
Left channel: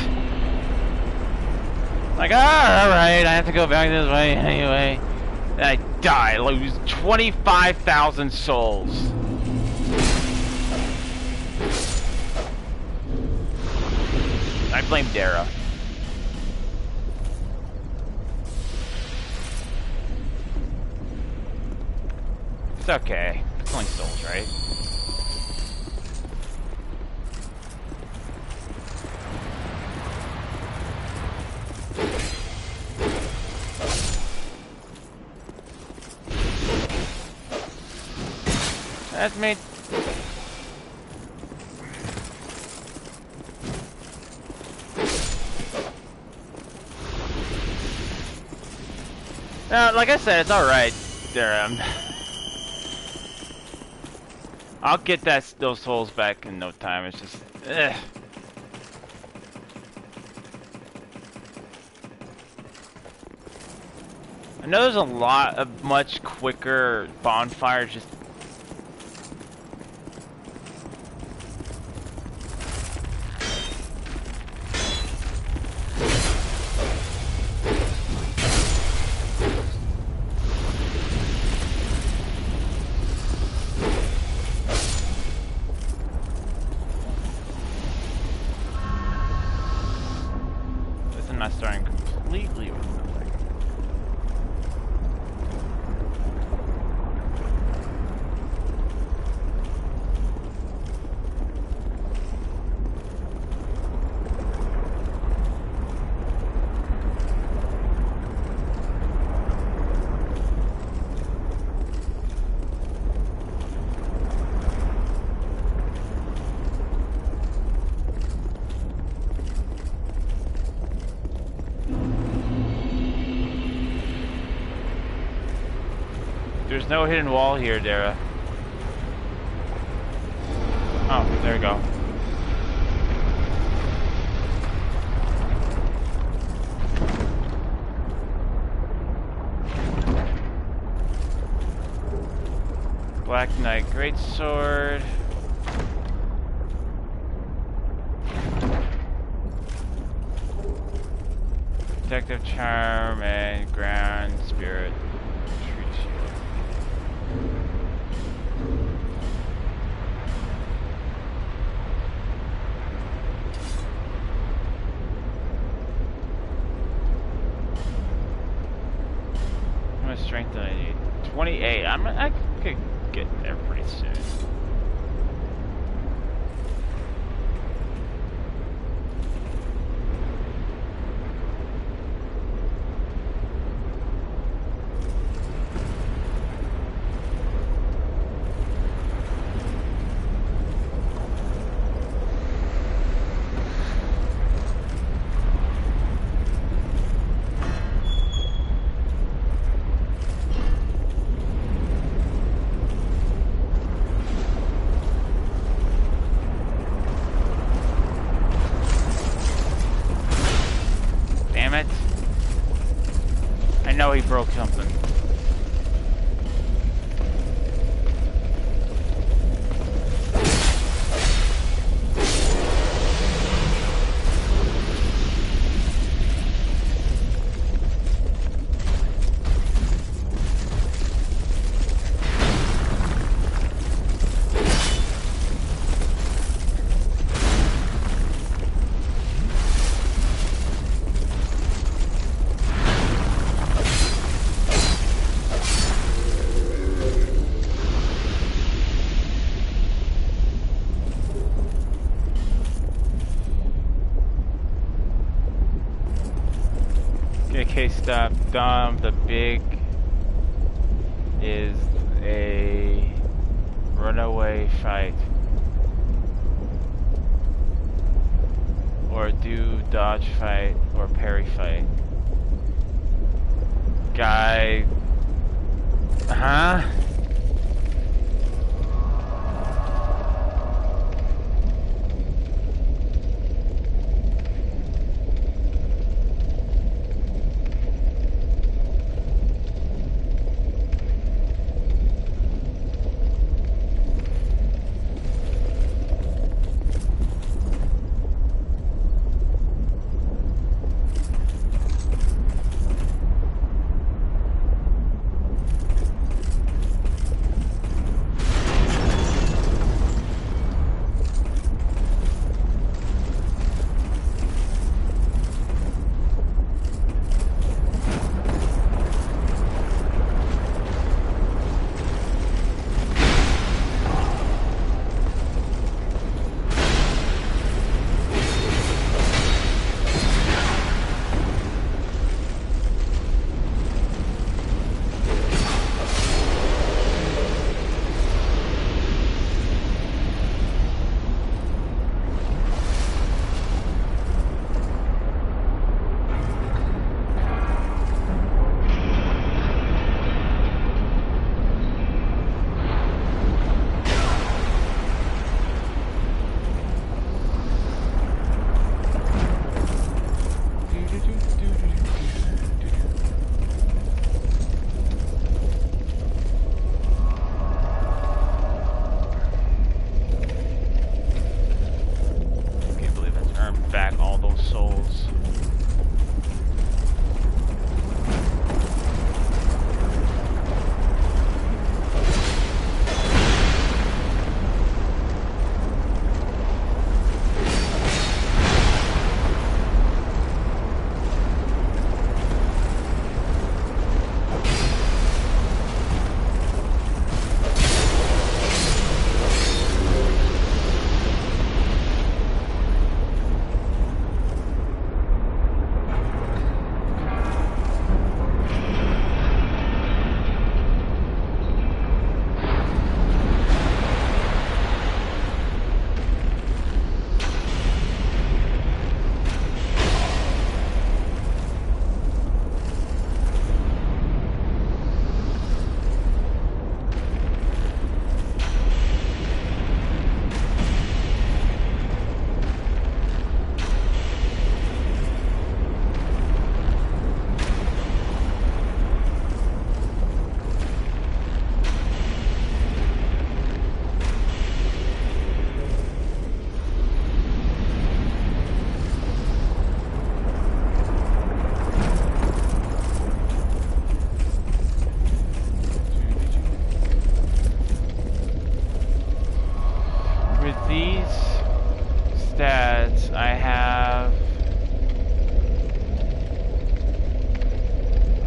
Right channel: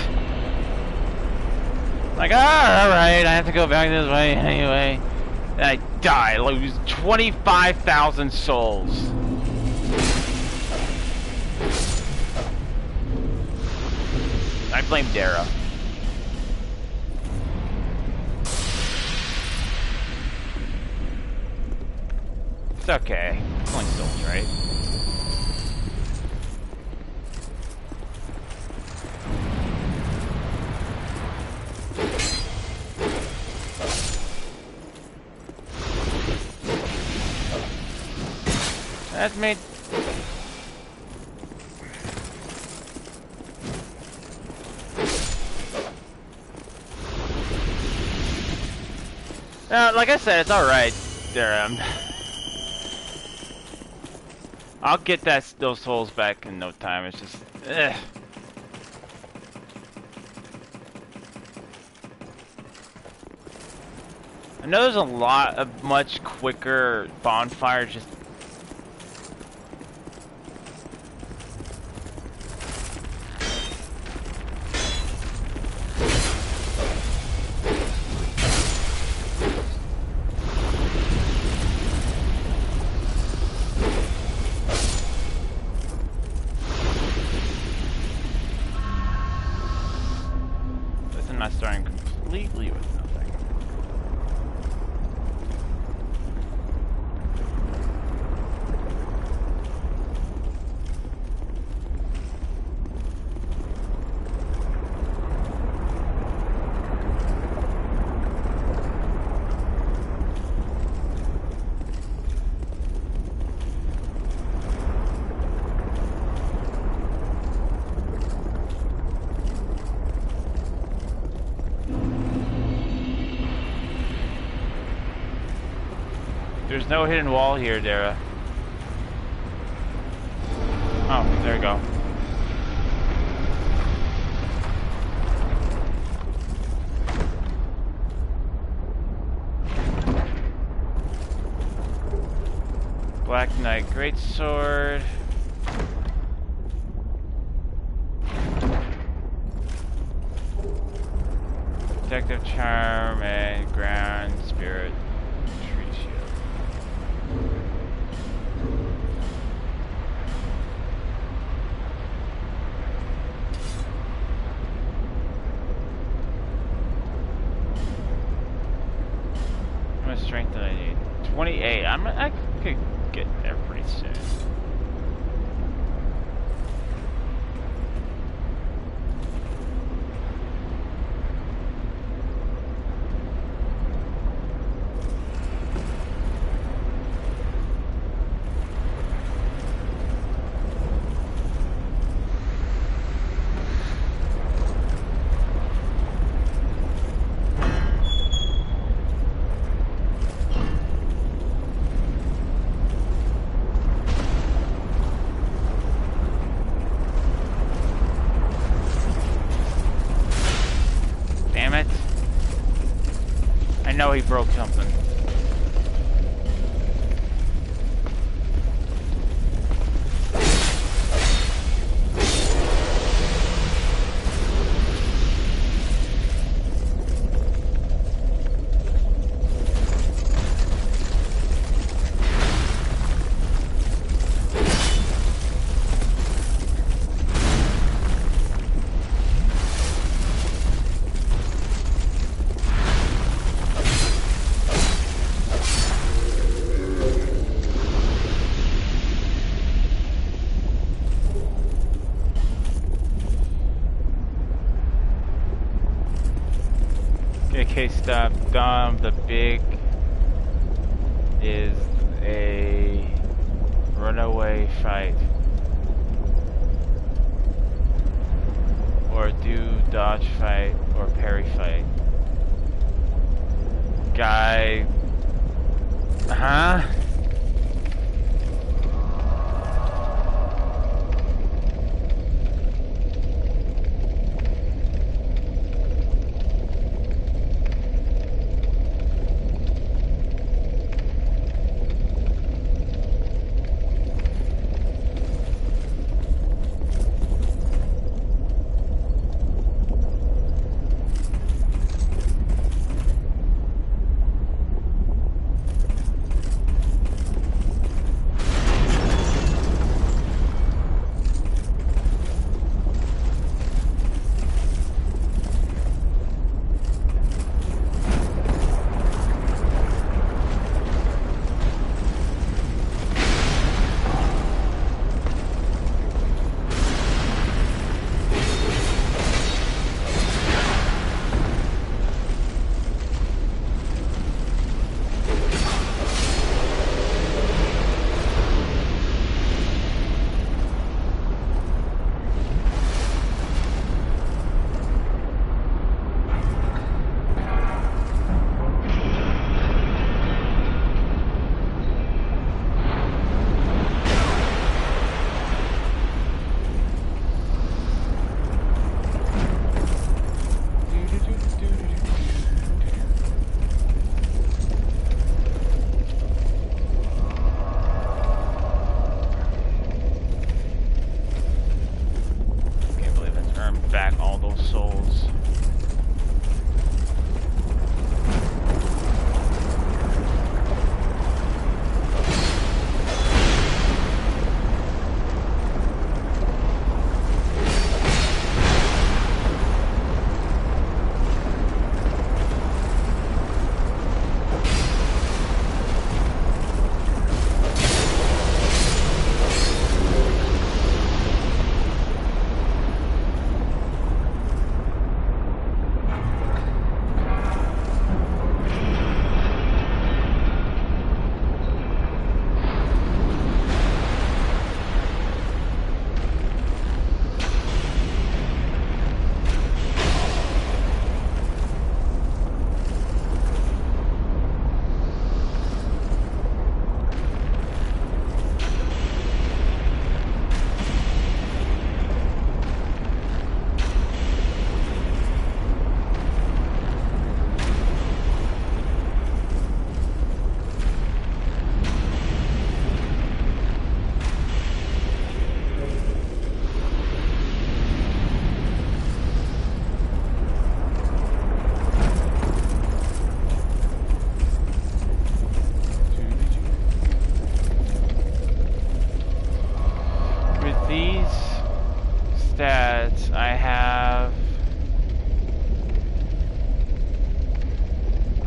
Like, oh, alright, I have to go back this way anyway. And I die, lose 25,000 souls. I blame Dara. It's okay. It's only souls, right? That's made. Like I said, it's alright there. I'll get those souls back in no time. It's just, ugh. I know there's a lot of much quicker bonfires. Just not starting completely with nothing. There's no hidden wall here, Dara. Oh, there we go. Black Knight Greatsword. Protective Charm and Ground Spirit. How much strength do I need? 28. I could get there pretty soon. I know he broke something. Okay, stop. Dom, the big is a runaway fight. Or do dodge fight or parry fight. Guy. Huh?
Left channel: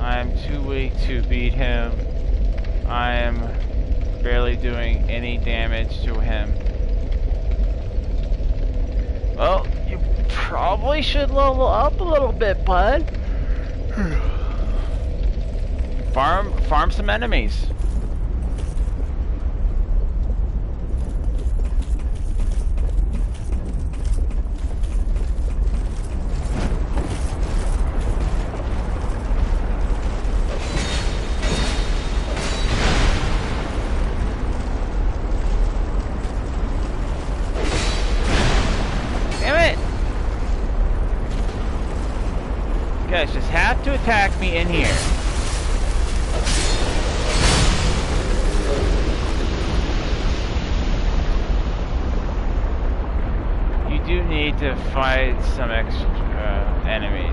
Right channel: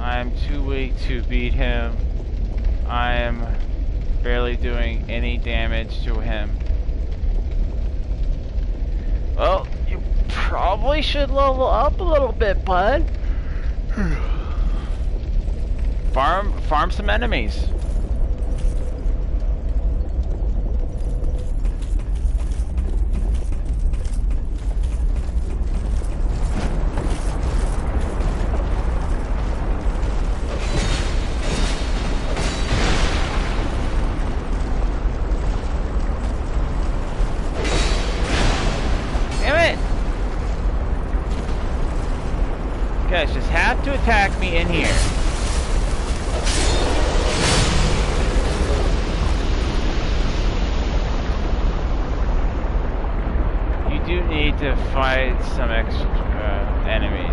I'm too weak to beat him. I am barely doing any damage to him. Well, you probably should level up a little bit, bud. Farm some enemies. You guys just have to attack me in here. You do need to fight some extra enemies.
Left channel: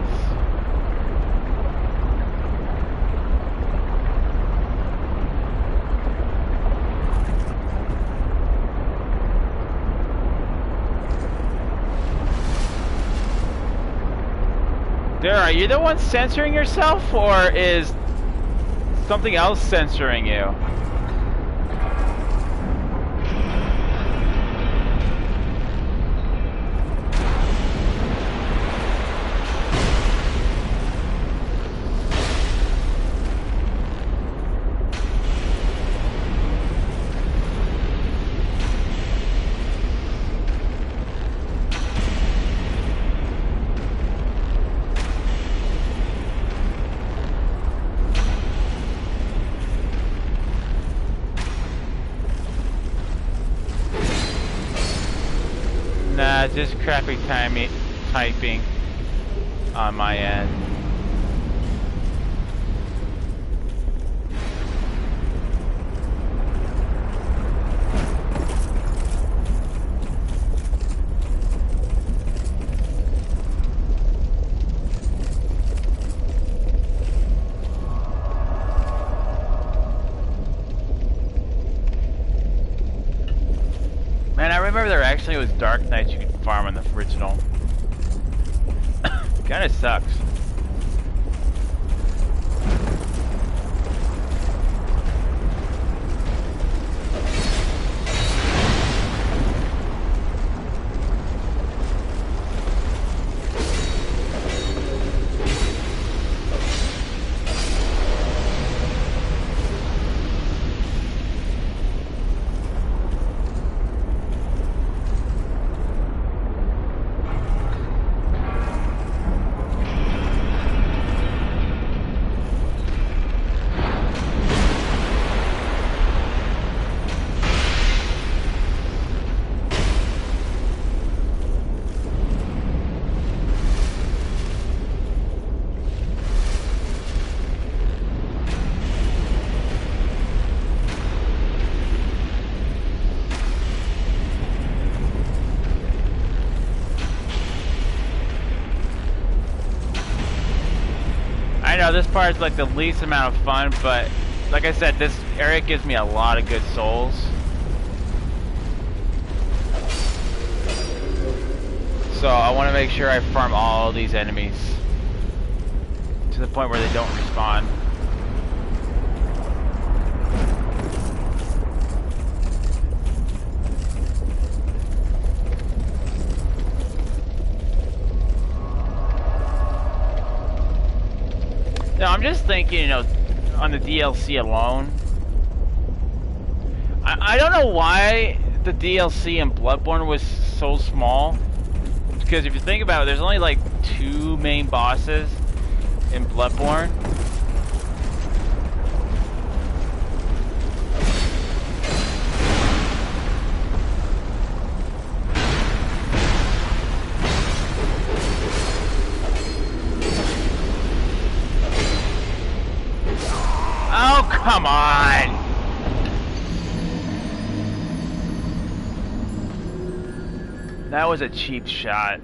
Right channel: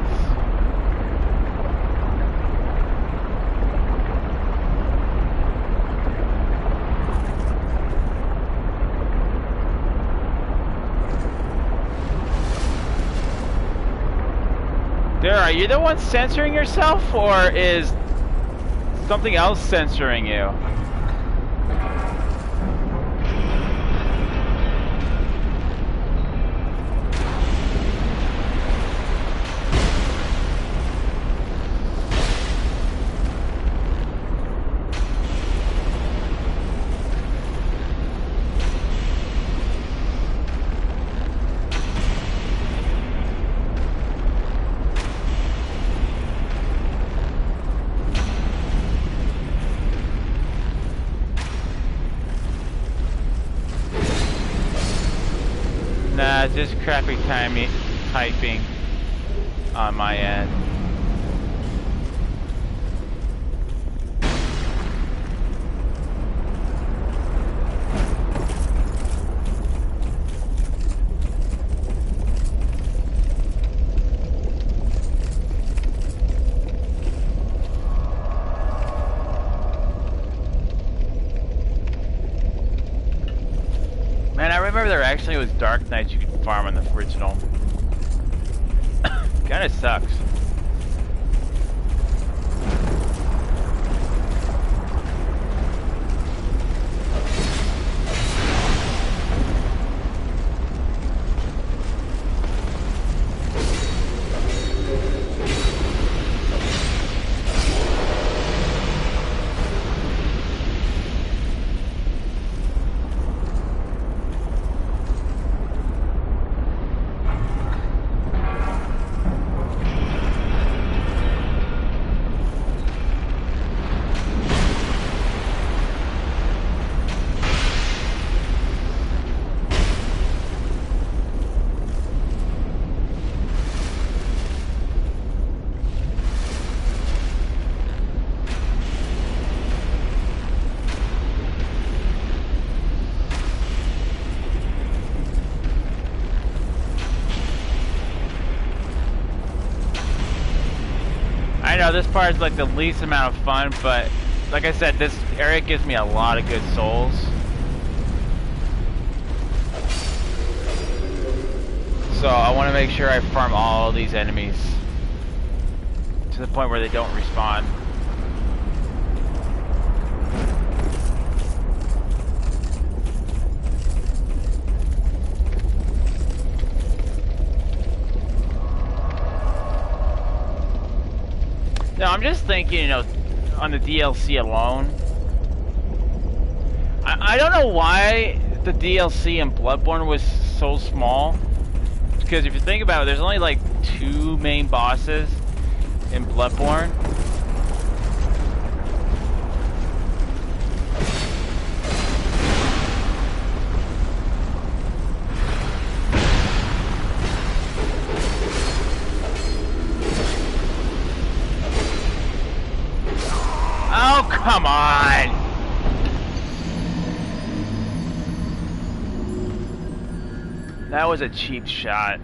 There, are you the one censoring yourself, or is something else censoring you? Nah, just crappy typing on my end. Man, I remember there actually was Dark Knights you could farm on the original. Kinda sucks. I know this part is like the least amount of fun, but like I said, this area gives me a lot of good souls. So I want to make sure I farm all these enemies to the point where they don't respawn. No, I'm just thinking, you know, on the DLC alone. I don't know why the DLC in Bloodborne was so small. Because if you think about it, there's only like 2 main bosses in Bloodborne. Oh, come on! That was a cheap shot.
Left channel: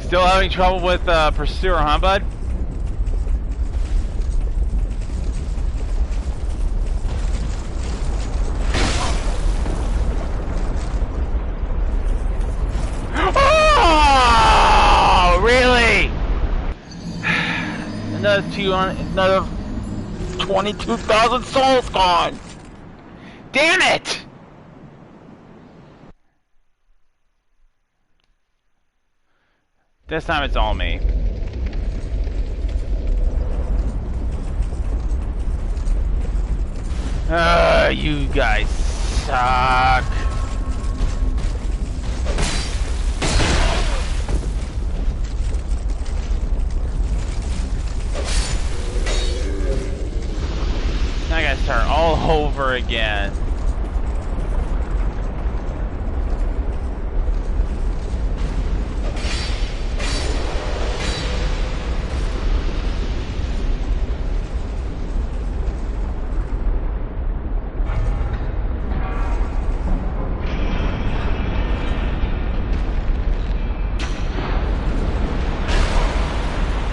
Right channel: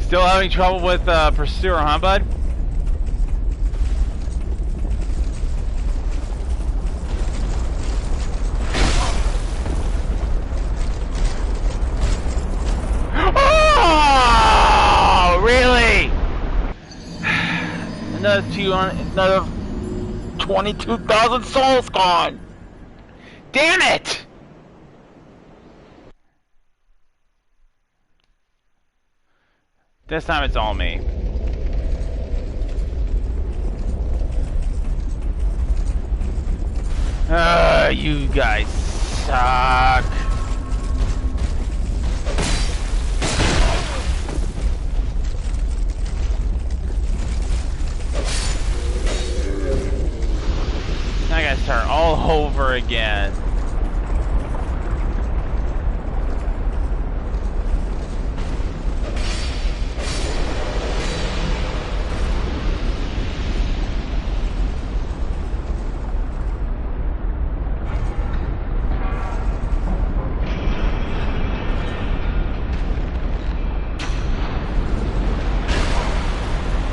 Still having trouble with Pursuer, huh, bud? another 22,000 souls gone. Damn it! This time it's all me. You guys suck. I gotta start all over again.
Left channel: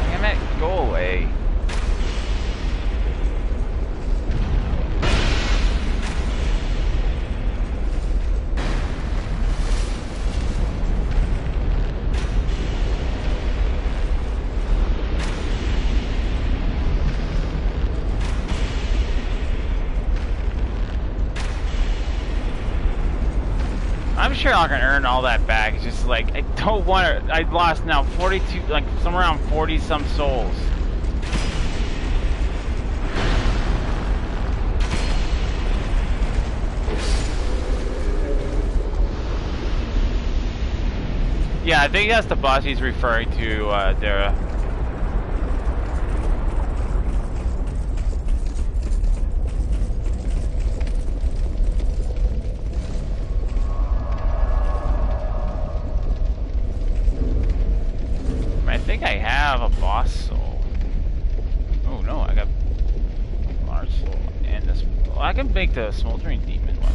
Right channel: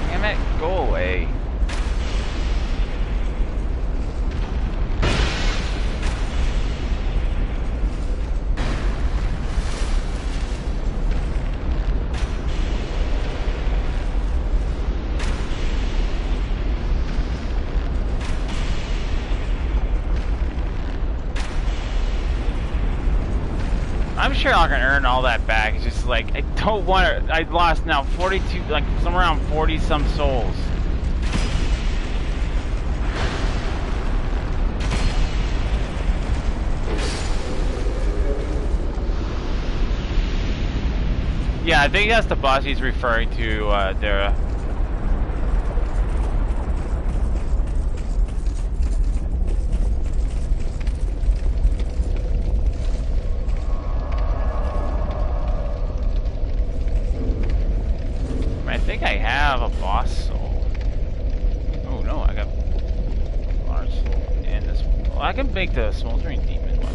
Damn it, go away. I'm sure I can earn all that back. It's just like I don't want to. I lost now 42, like somewhere around 40 some souls. Yeah, I think that's the boss he's referring to, Dara. I think I have a boss soul. Oh no, I got a large soul and this. Well, I can make the smoldering demon weapon.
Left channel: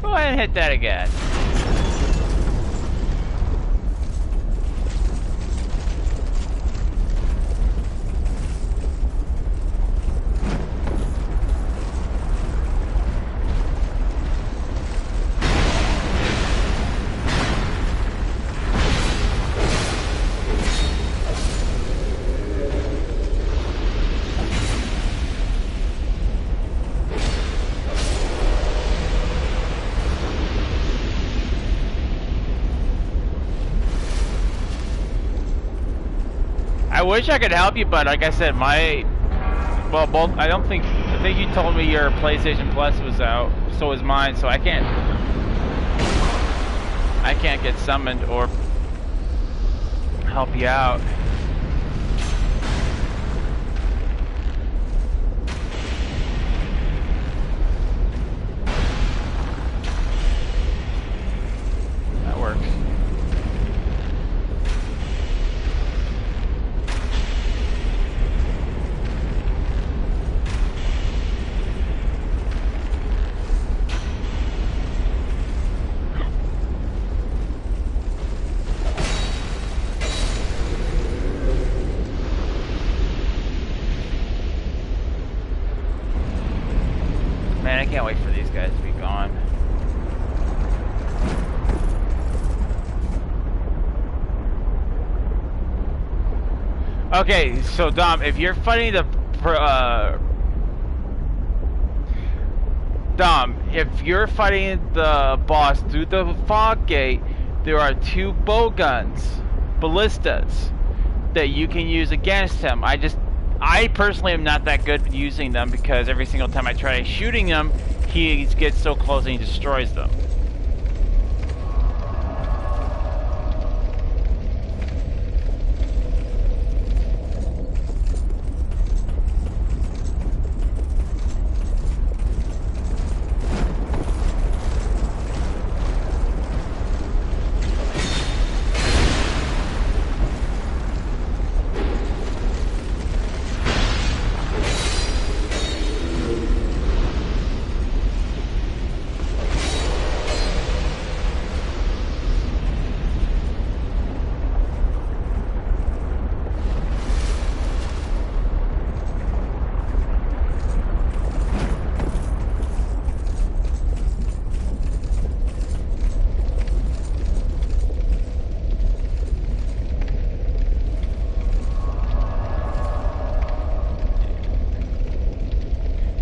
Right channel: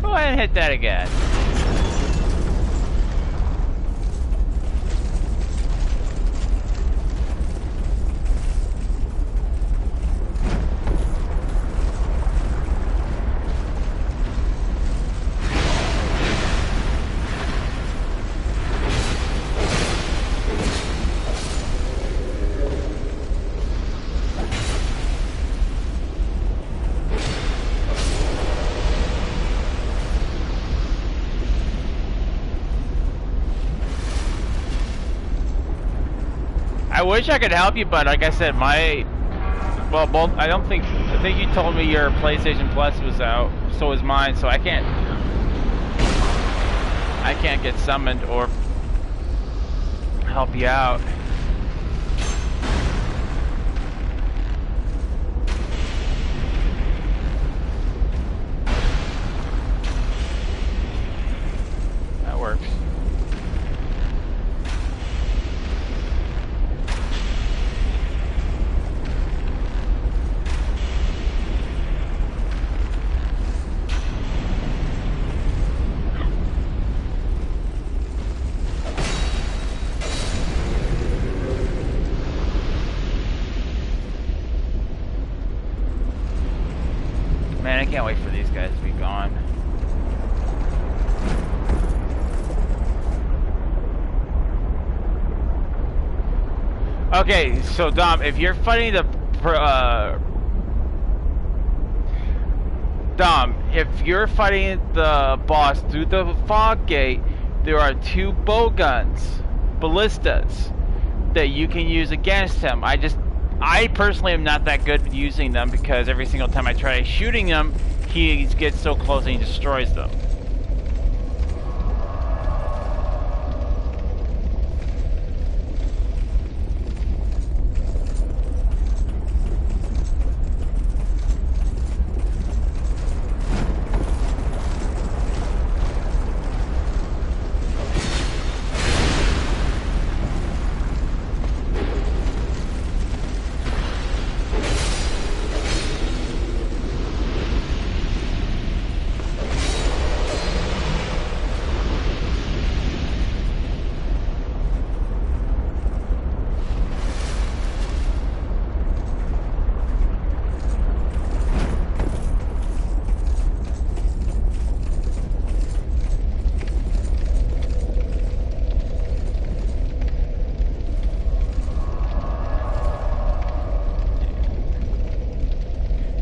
Go ahead and hit that again. I wish I could help you, but like I said, well, both, I think you told me your PlayStation Plus was out, so is mine, so I can't get summoned or help you out. That works. Man, I can't wait for these guys to be gone. Okay, so Dom, if you're fighting the boss through the fog gate, there are 2 bow guns, ballistas, that you can use against him. I personally am not that good at using them because every single time I try shooting them, he gets so close and he destroys them.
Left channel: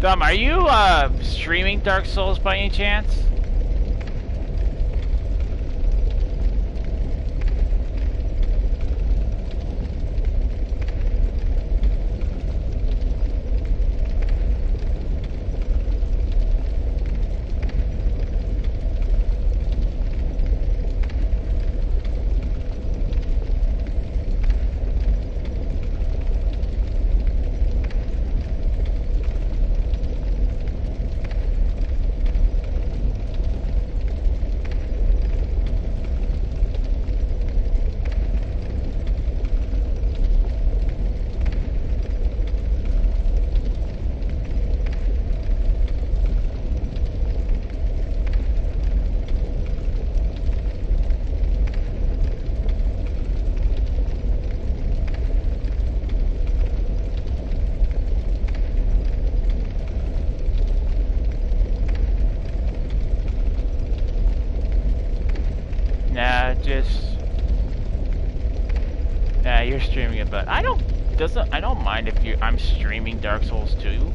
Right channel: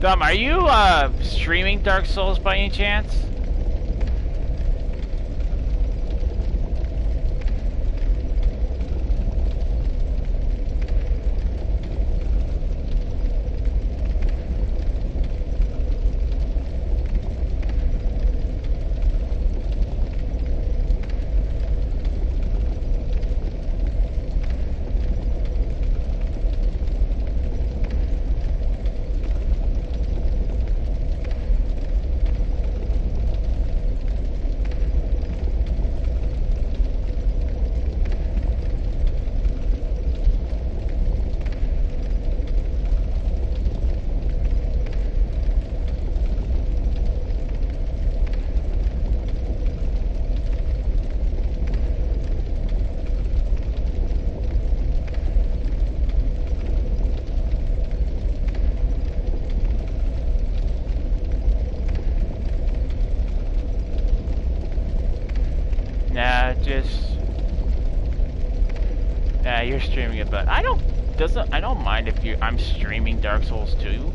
Dom, are you streaming Dark Souls by any chance? You're streaming it, but I don't mind if I'm streaming Dark Souls 2.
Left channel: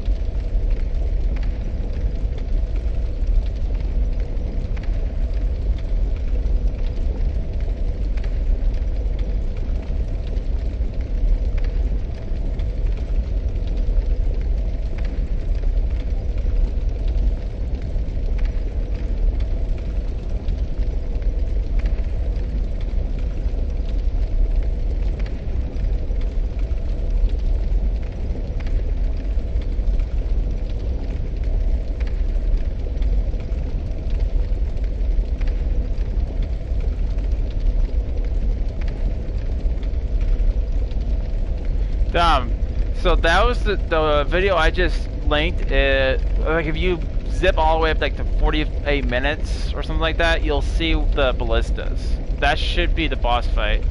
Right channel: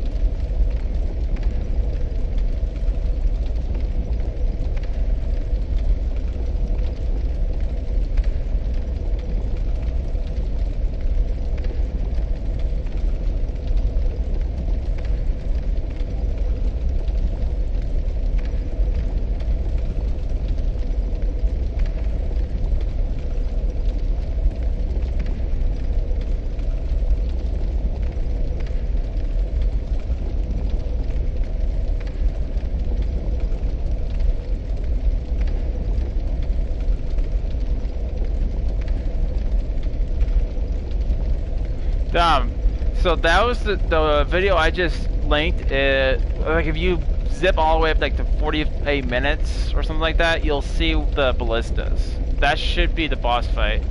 So that was the video I just linked. Like if you zip all the way up like to 48 minutes or something like that, you'll see the ballistas. That should be the boss fight.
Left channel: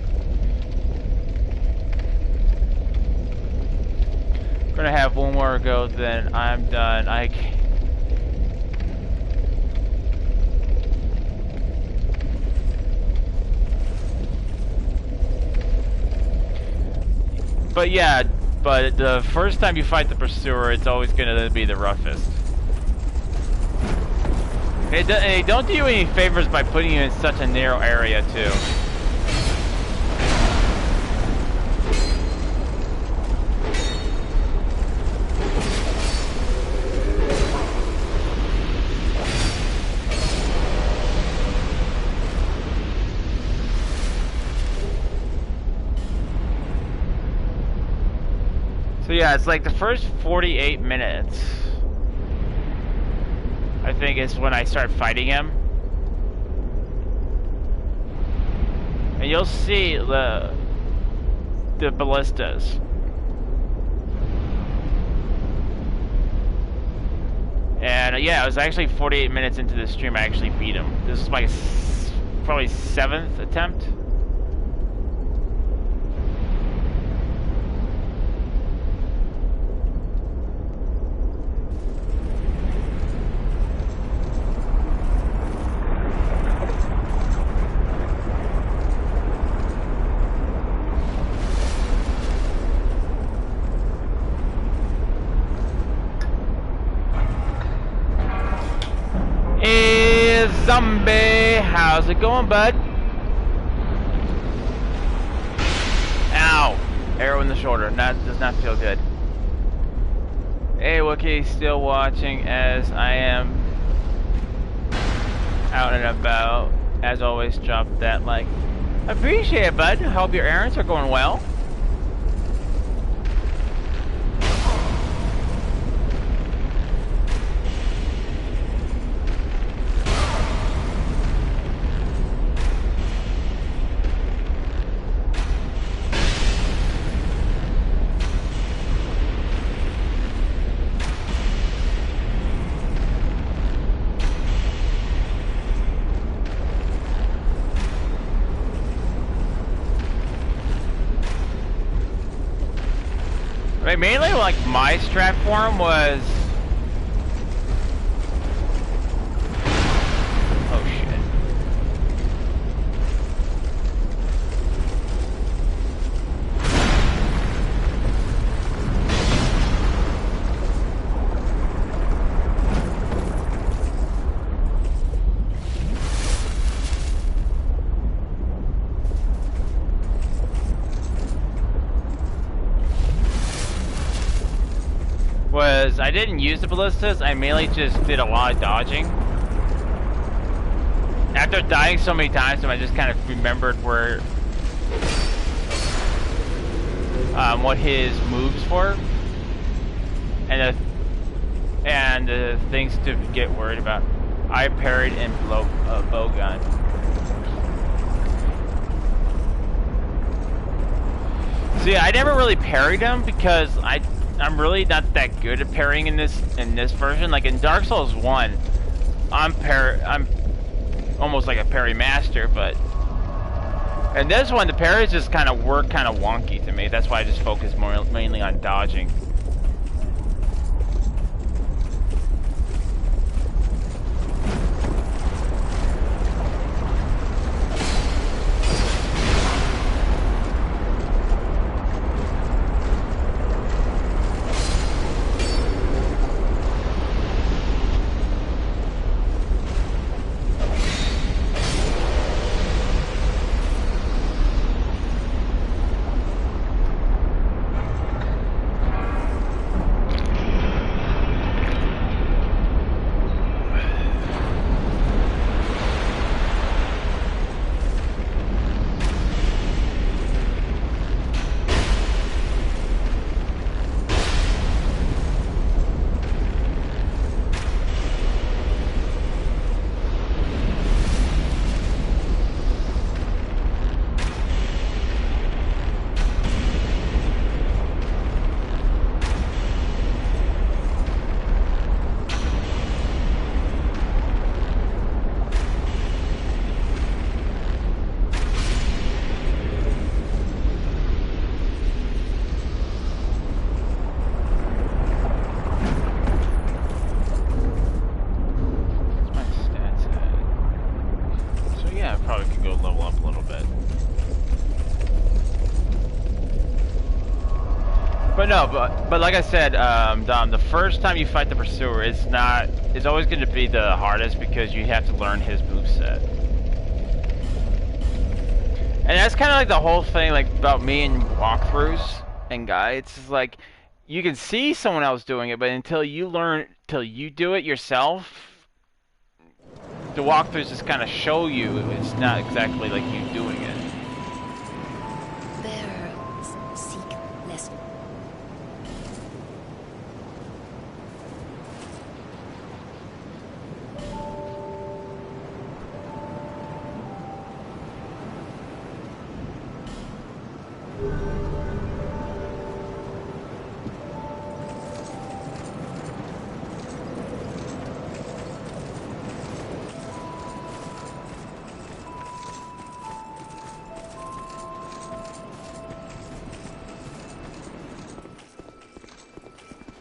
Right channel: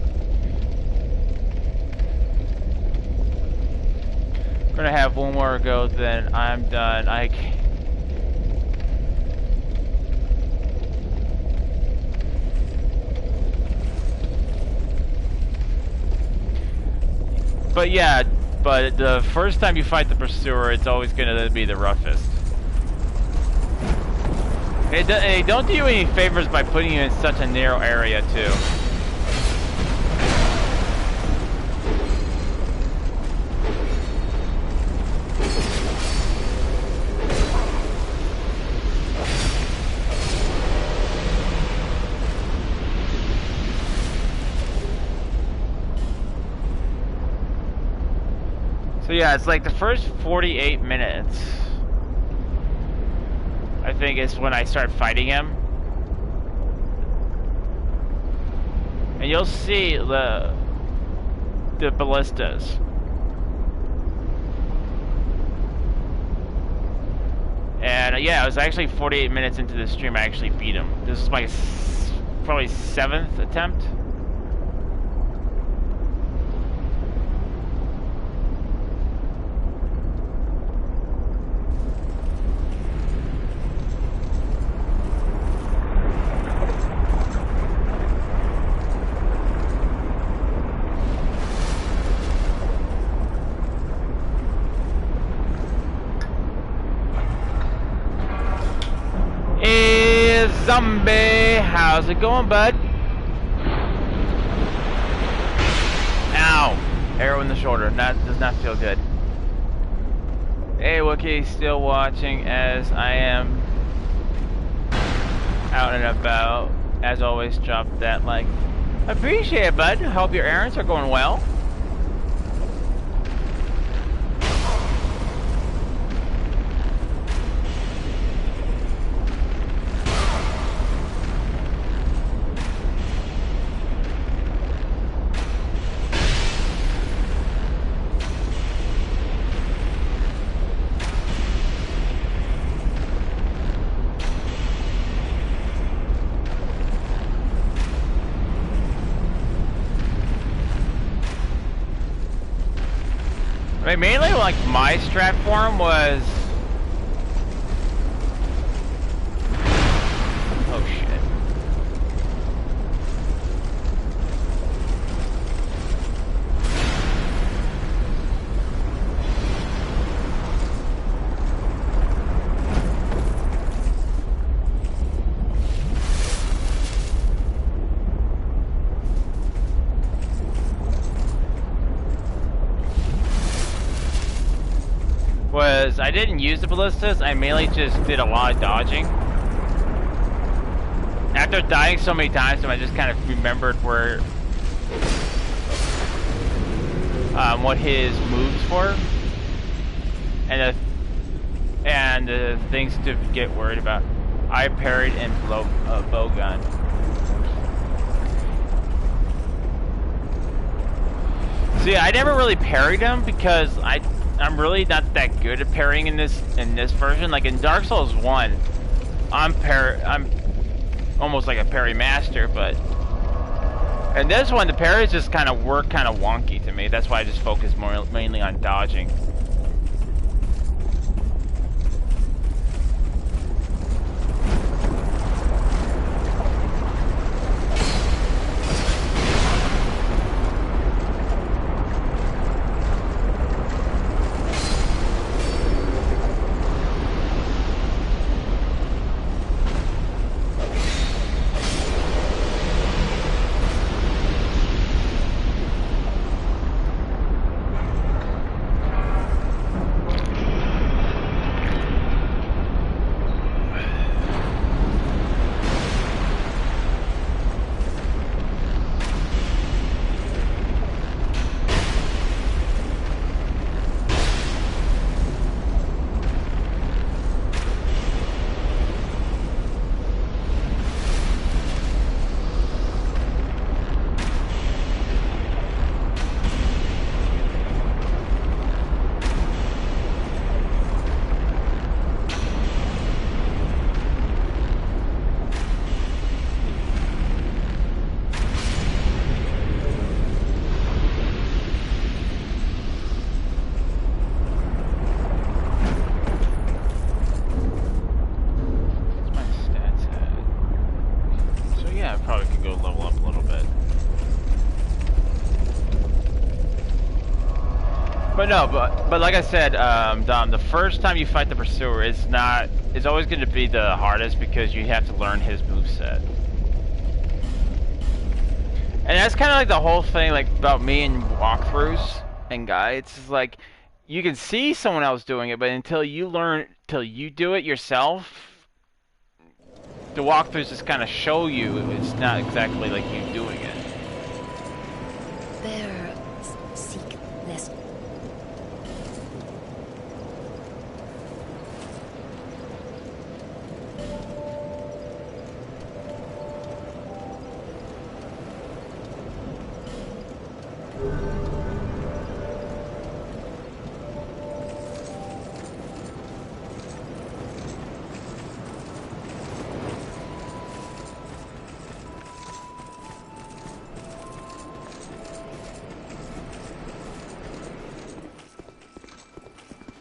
I'm gonna have one more go, then I'm done. But yeah, but the first time you fight the pursuer, it's always gonna be the roughest. They don't do you any favors by putting you in such a narrow area too. So yeah, it's like the first 48 minutes, I think, is when I start fighting him. And you'll see the ballistas. And yeah, it was actually 48 minutes into the stream I actually beat him. This is my probably 7th attempt. Zombie, how's it going, bud? Ow! Arrow in the shoulder. That does not feel good. Hey, Wookiee, still watching as I am out and about. As always, drop that like. Appreciate it, bud. Hope your errands are going well. Like, mainly, like, my strat for him was... Oh, shit. was I didn't use the ballistas. I mainly just did a lot of dodging. After dying so many times, I just kind of remembered where, what his moves were, and the things to get worried about. I parried and bow gun. See, I never really parried him because I'm really not that good at parrying in this version. Like in Dark Souls 1, I'm almost like a parry master, but in this one the parries just kind of work kind of wonky to me. That's why I just focus mainly on dodging. But like I said, Dom, the first time you fight the Pursuer is always going to be the hardest because you have to learn his moveset. And that's kind of like the whole thing, like about me and walkthroughs and guides. It's like you can see someone else doing it, but until you do it yourself, the walkthroughs just kind of show you it's not exactly like you doing it. Bearer, seek less.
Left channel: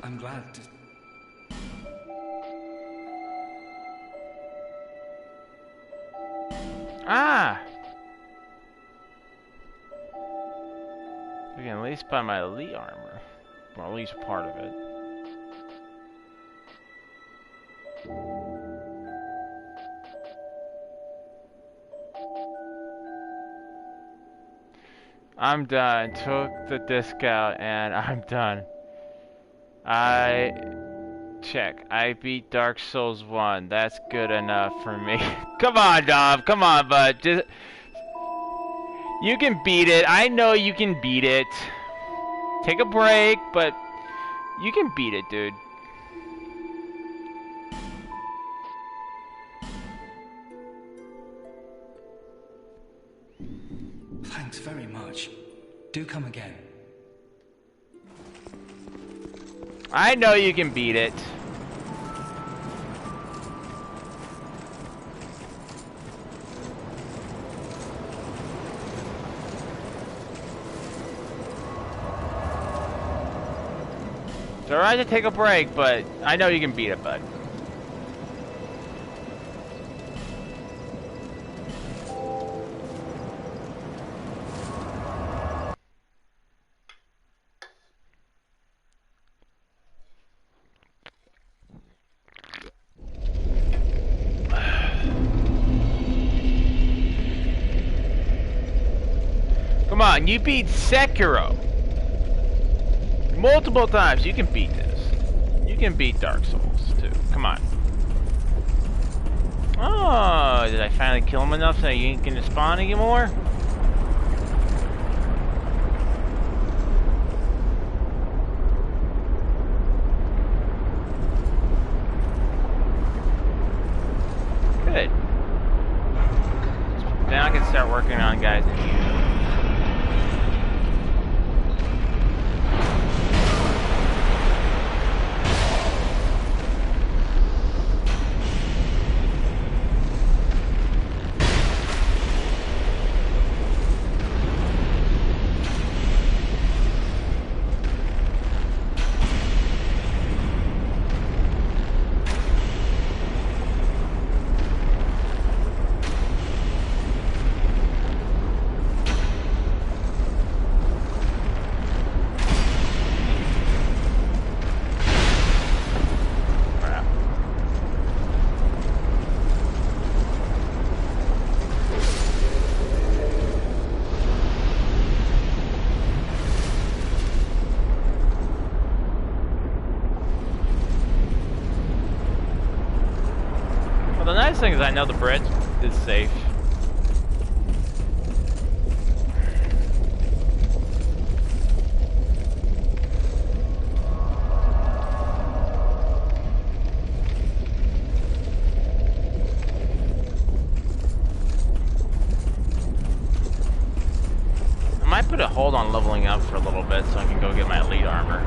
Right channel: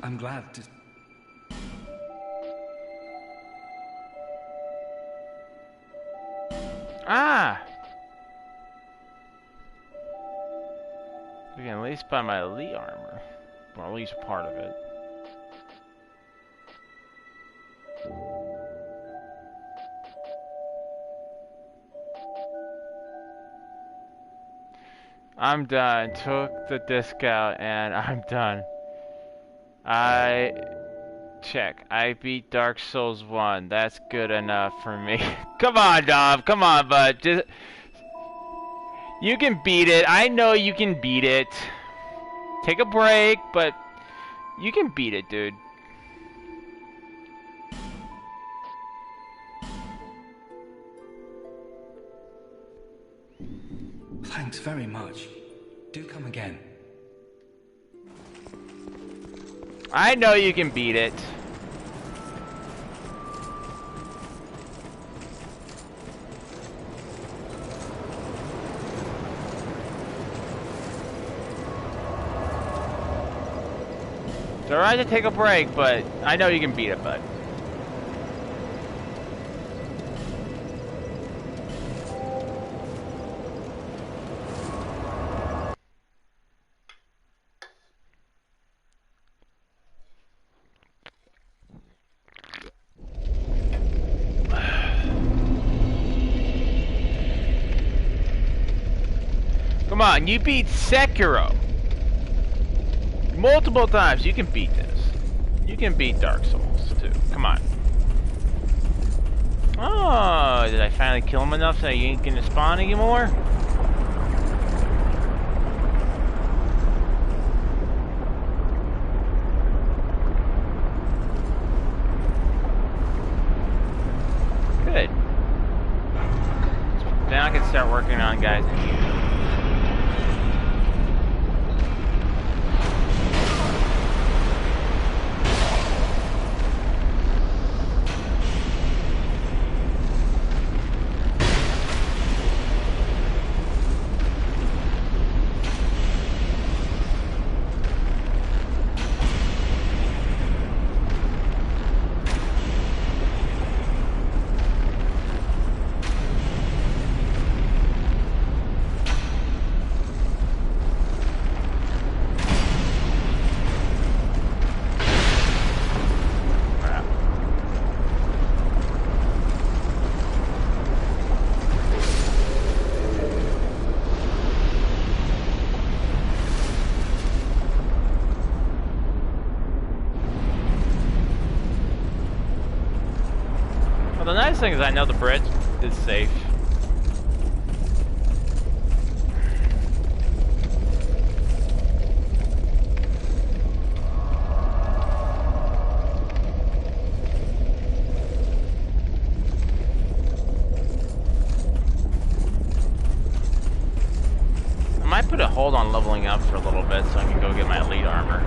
I'm glad to... Ah! You can at least buy my elite armor. Or at least part of it. I'm done. Took the disc out and I'm done. Check. I beat Dark Souls 1. That's good enough for me. Come on, Dom. Come on, bud. You can beat it. I know you can beat it. Take a break, but you can beat it, dude. Thanks very much. Do come again. I know you can beat it. It's alright to take a break, but I know you can beat it, bud. Come on, you beat Sekiro multiple times. You can beat this. You can beat Dark Souls too. Come on. Oh, did I finally kill him enough so you ain't gonna spawn anymore? Good. Then I can start working on guys in here. The nice thing is I know the bridge is safe. I might put a hold on leveling up for a little bit so I can go get my elite armor.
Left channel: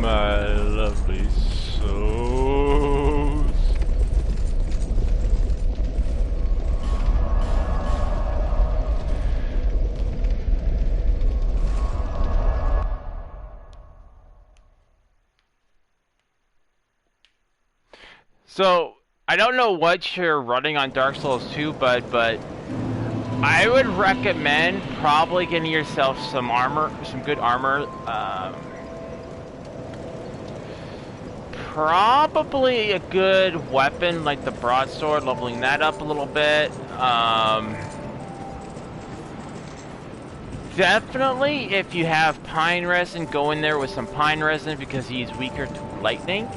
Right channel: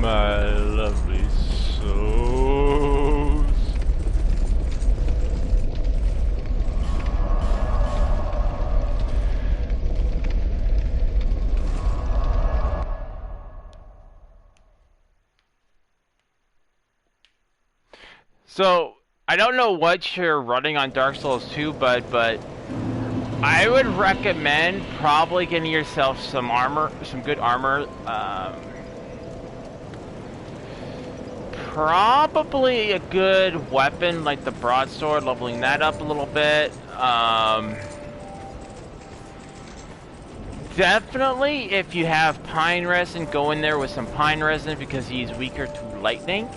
My lovely souls. So, I don't know what you're running on Dark Souls 2, but I would recommend probably getting yourself some armor, some good armor. Probably a good weapon like the broadsword, leveling that up a little bit. Definitely, if you have pine resin, go in there with some pine resin because he's weaker to lightning.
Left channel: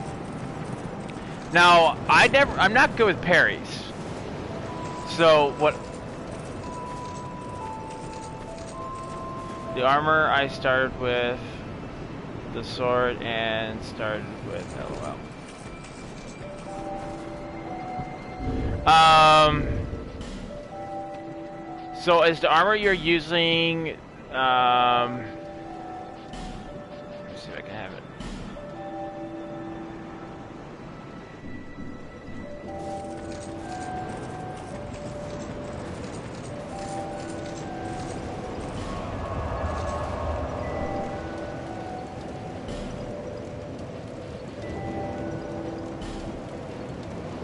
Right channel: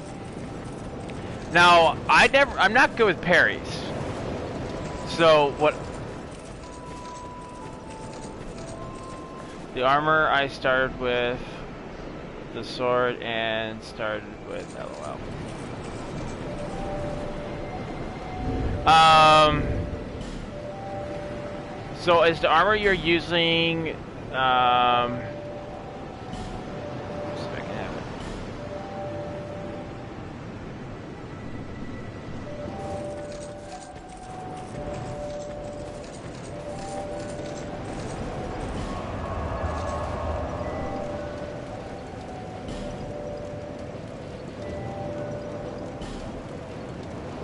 Now, I'm not good with parries. So what? The armor I started with. The sword and started with LOL. So is the armor you're using? See if I can have it.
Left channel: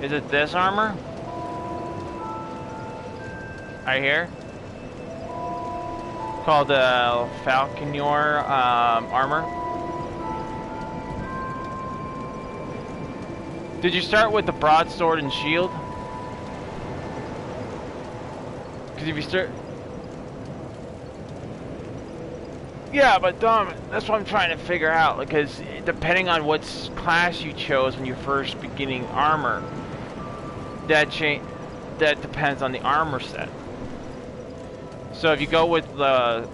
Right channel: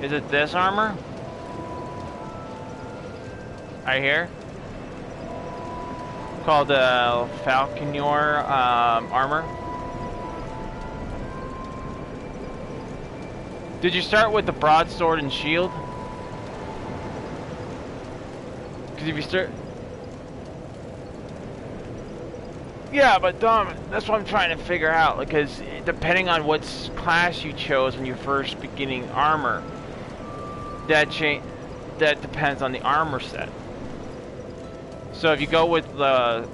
Is it this armor? Right here? Called the Falconer armor. Did you start with the broadsword and shield? Because if you start... Yeah, but that's what I'm trying to figure out. Because depending on what class you chose when you're first beginning armor, that depends on the armor set. So if you go with the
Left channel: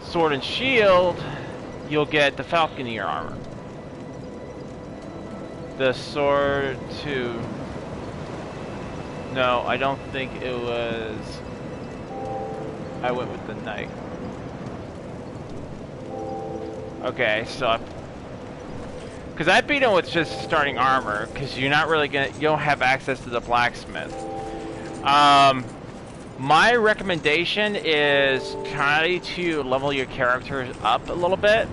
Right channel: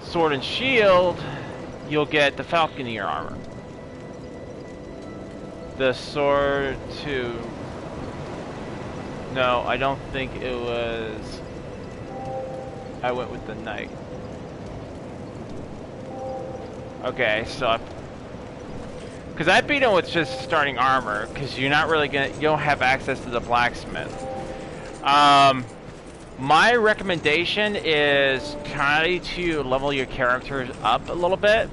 sword and shield, you'll get the Falconer armor. the sword to... No, I don't think it was... I went with the knight. Okay, so because I beat him with just starting armor, because you're not really gonna, you don't have access to the blacksmith. My recommendation is try to level your characters up a little bit.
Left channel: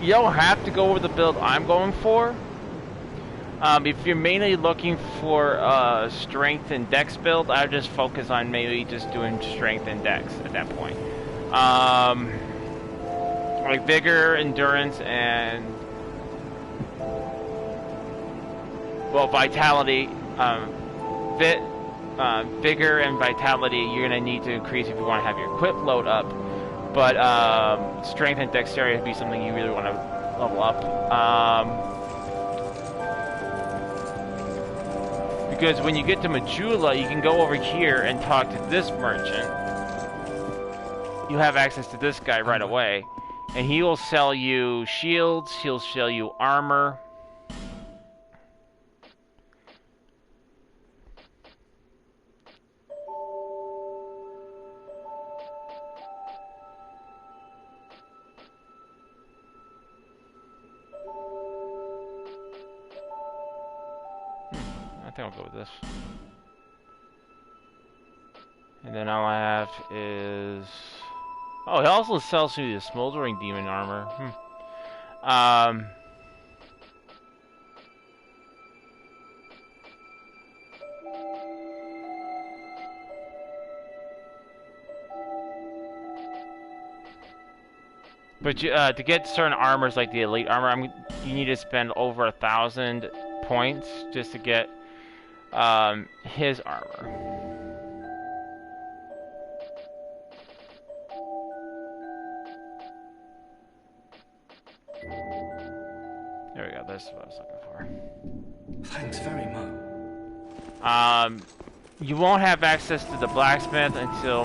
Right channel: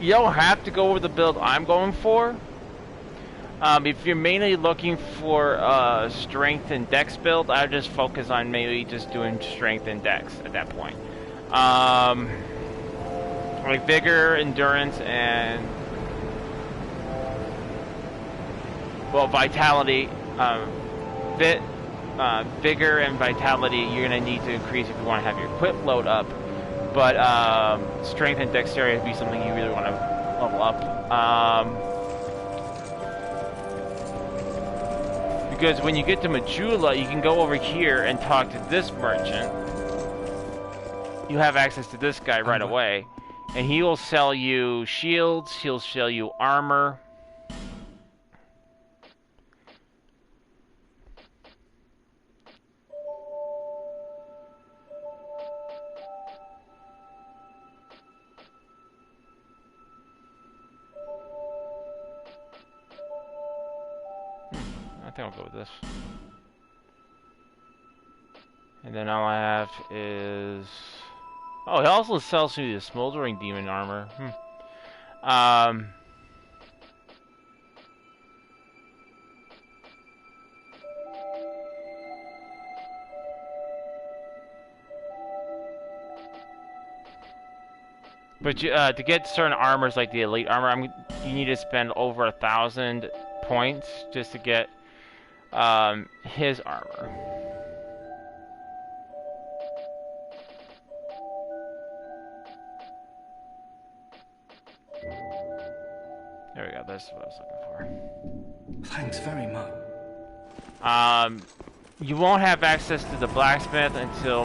You don't have to go over the build I'm going for. If you're mainly looking for strength and dex build, I would just focus on maybe just doing strength and dex at that point. Like vigor, endurance, and well, vitality. Vigor and vitality you're gonna need to increase if you want to have your equip load up. But strength and dexterity would be something you really want to level up. Because when you get to Majula, you can go over here and talk to this merchant. You have access to this guy right away. And he will sell you shields, he'll sell you armor. I think I'll go with this. And then all I have is... Oh, he also sells you the smoldering demon armor. But you, to get certain armors like the elite armor, you need to spend over 1,000 points just to get his armor. There we go, that's what I was looking for. Thanks very much. You won't have access to the blacksmith until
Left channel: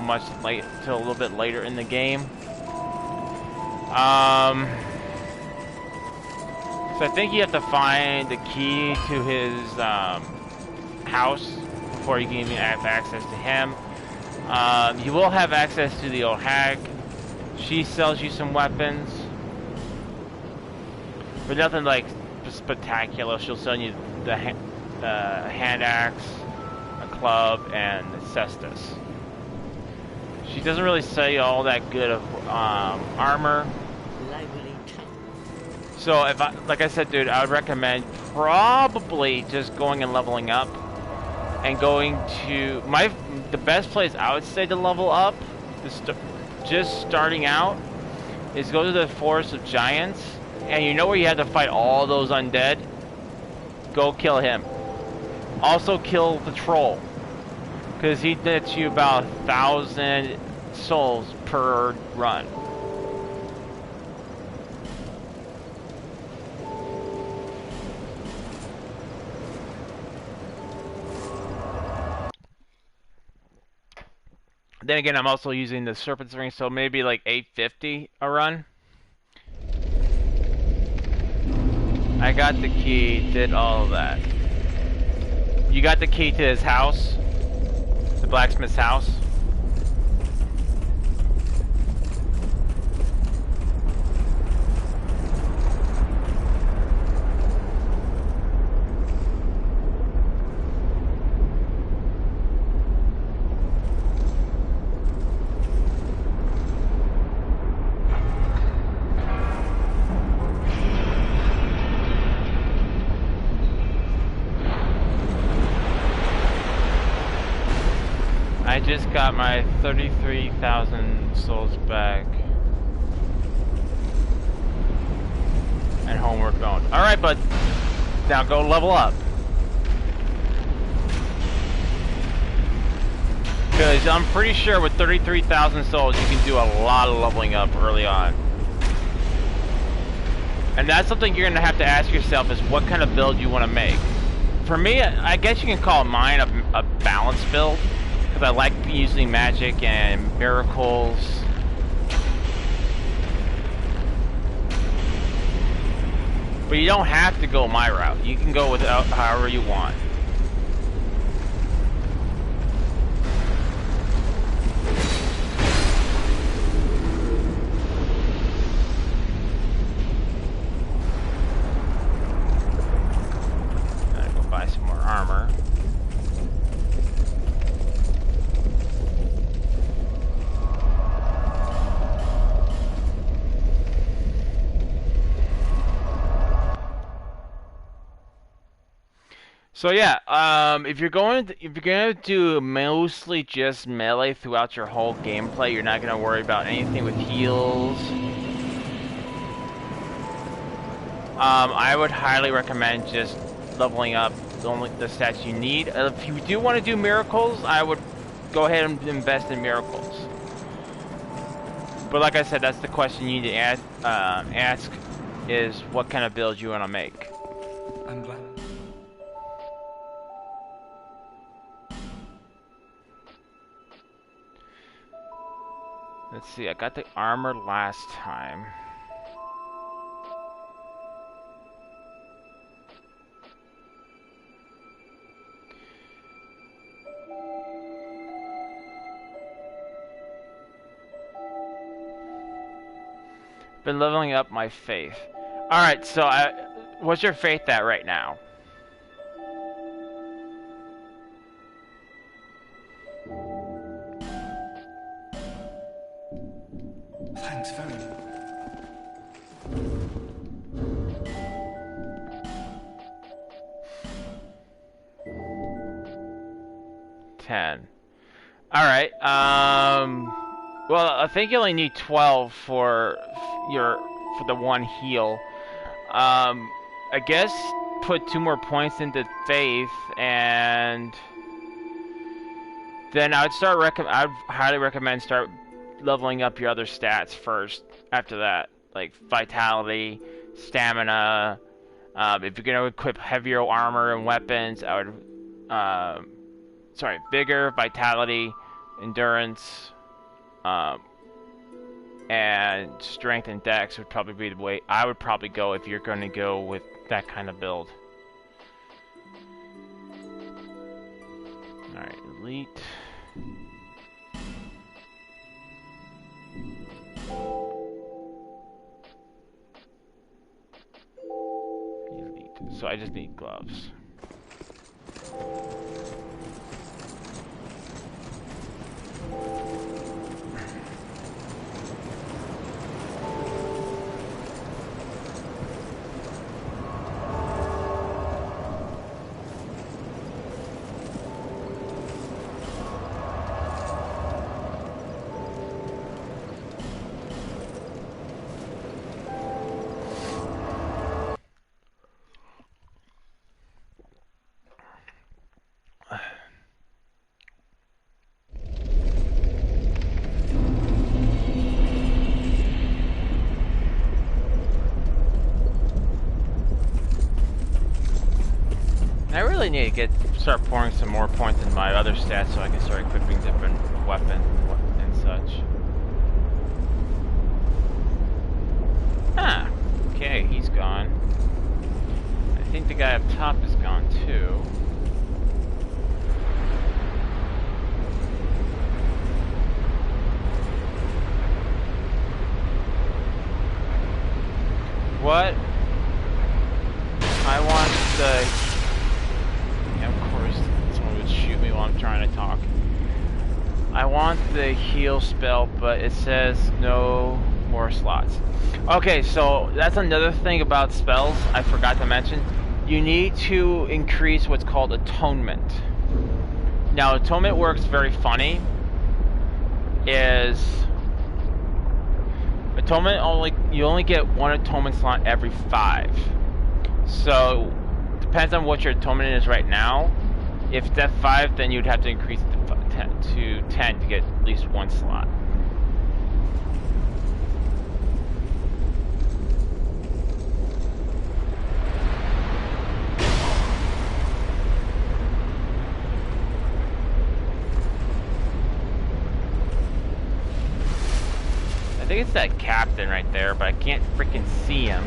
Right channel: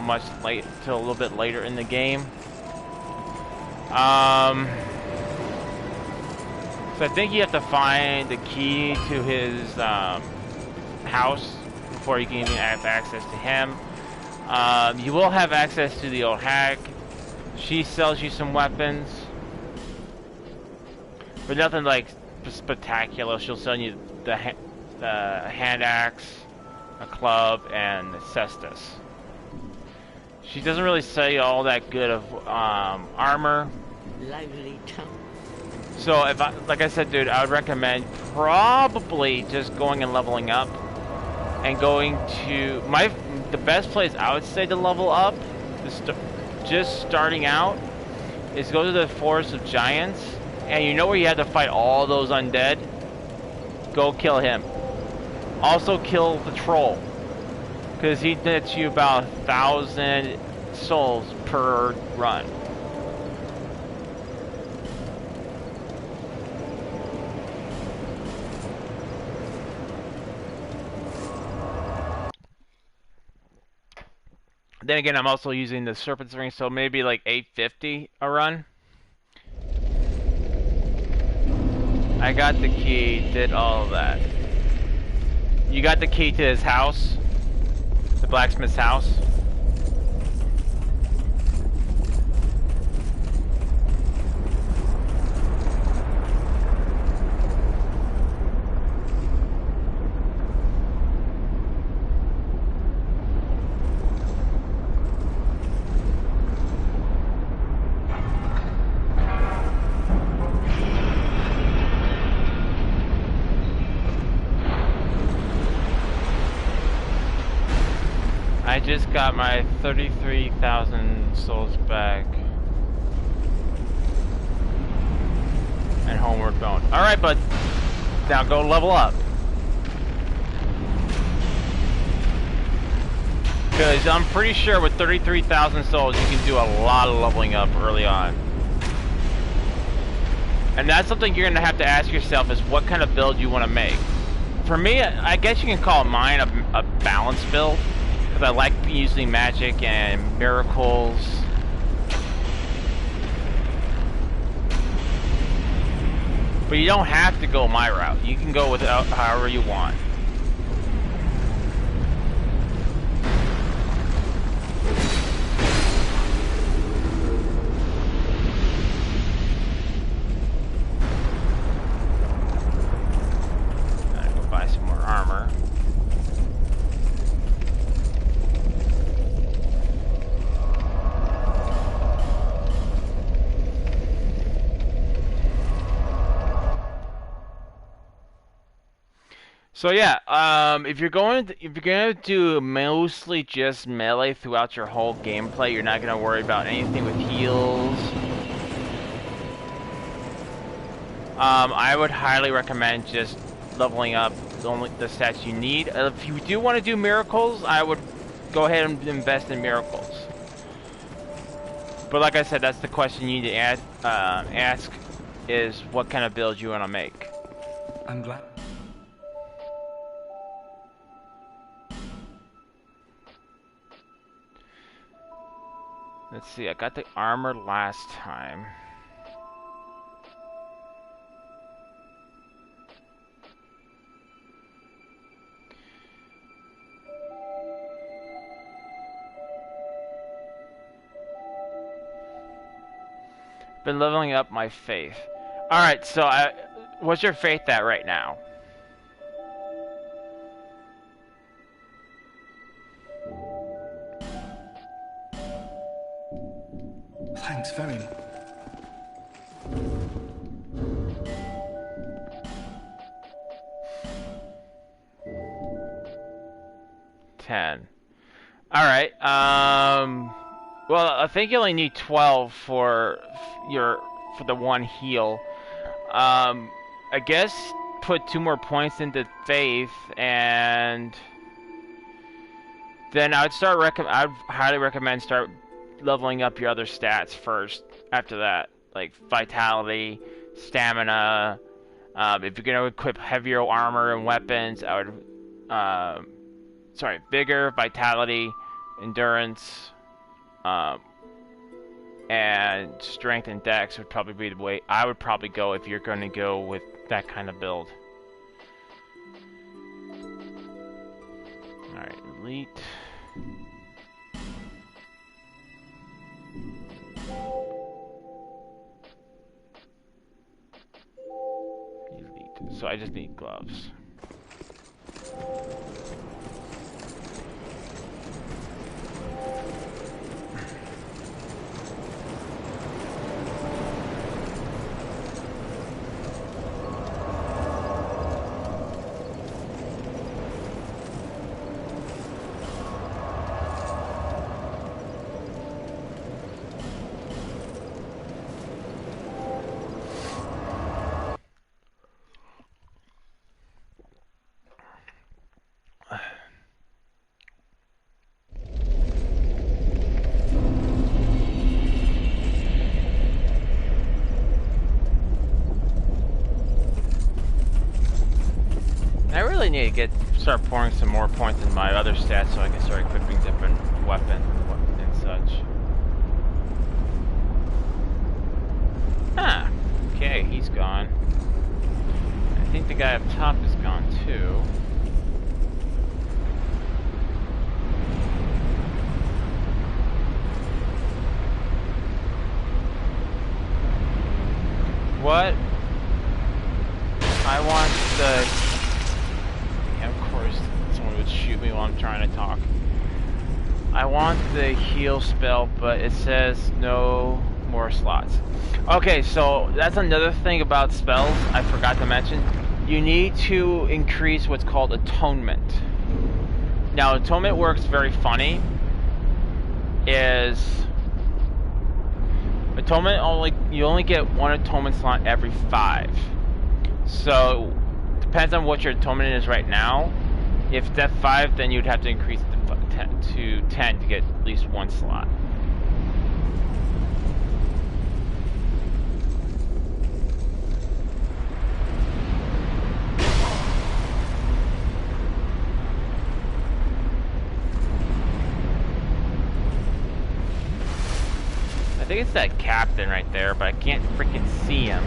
till a little bit later in the game. So I think you have to find the key to his house before you can even have access to him. You will have access to the old hag. She sells you some weapons. But nothing like spectacular. She'll sell you the hand axe, a club, and cestus. She doesn't really sell you all that good of armor. Lively town. So if like I said, dude, I would recommend probably just going and leveling up, and going to the best place I would say to level up, just starting out, is go to the Forest of Giants. And you know where you have to fight all those undead? Go kill him. Also kill the troll, because he nets you about 1,000 souls per run. Then again, I'm also using the Serpent's Ring, so maybe like 850 a run. I got the key, did all of that. You got the key to his house? The blacksmith's house? I just got my 33,000 souls back. And homeward bound. Alright, bud. Now go level up. Because I'm pretty sure with 33,000 souls you can do a lot of leveling up early on. And that's something you're going to have to ask yourself, is what kind of build you want to make. For me, I guess you can call mine a balanced build. Because I like using magic and miracles. But you don't have to go my route. You can go without however you want. Gotta go buy some more armor. So yeah, if you're gonna do mostly just melee throughout your whole gameplay, you're not gonna worry about anything with heals. I would highly recommend just leveling up the stats you need. If you do want to do miracles, I would go ahead and invest in miracles. But like I said, that's the question you need to ask is what kind of build you want to make. I'm glad. Let's see, I got the armor last time. Been leveling up my faith. Alright, so what's your faith at right now? Thanks very much. $10. Alright, well, I think you only need 12 for the one heal. I guess put 2 more points into faith, and then I'd highly recommend start leveling up your other stats first after that, like vitality, stamina. If you're gonna equip heavier armor and weapons, I would vigor, vitality, endurance, and strength and dex would probably be the way I would probably go if you're going to go with that kind of build. Alright, elite. Elite. So I just need gloves. I really need to start pouring some more points in my other stats so I can start equipping different weapons and such. Ah, okay, he's gone. I think the guy up top is gone too. What? I want the... Of course, someone would shoot me while I'm trying to talk. I want the heal spell, but it says no more slots. Okay, so that's another thing about spells I forgot to mention. You need to increase what's called atonement. Now, atonement works very funny. You only get 1 atonement slot every 5. So depends on what your atonement is right now. If it's at 5, then you'd have to increase it to 10 to get at least 1 slot. I think it's that captain right there, but I can't freaking see him.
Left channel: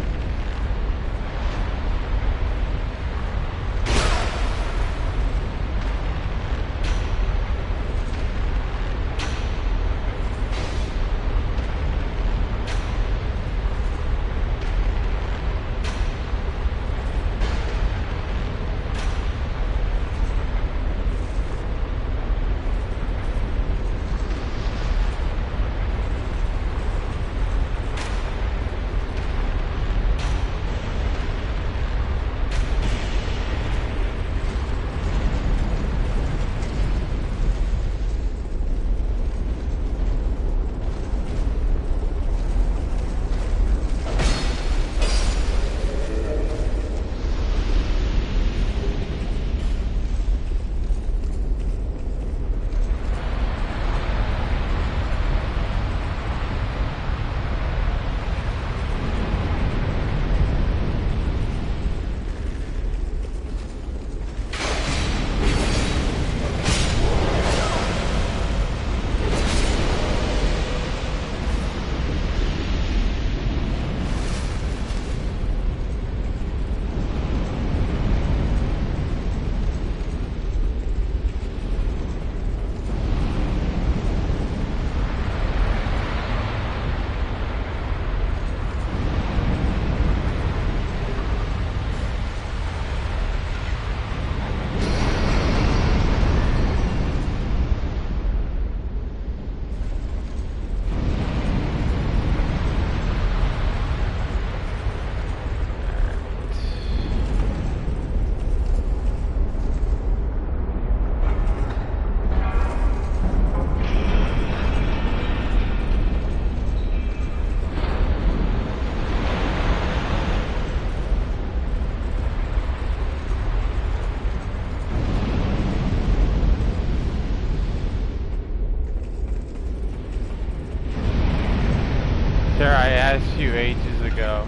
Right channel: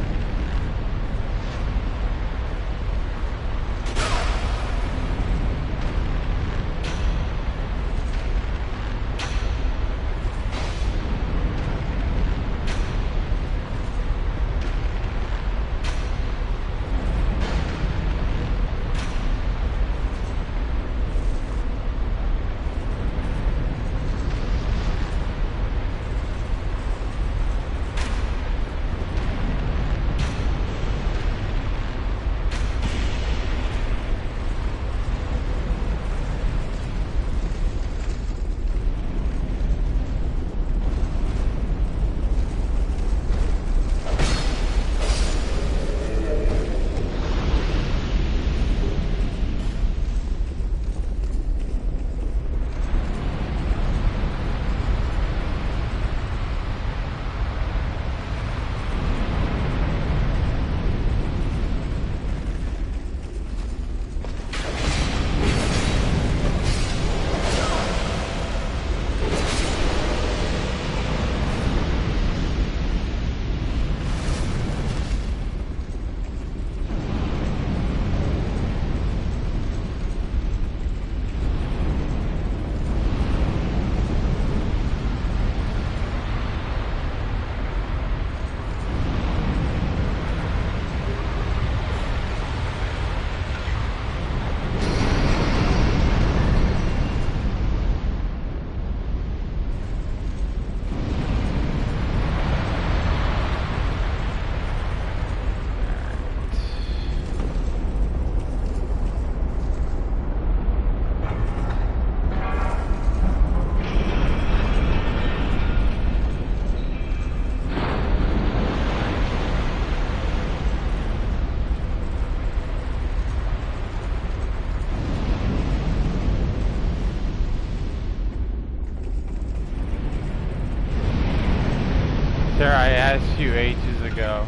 Sir, I asked you ages ago.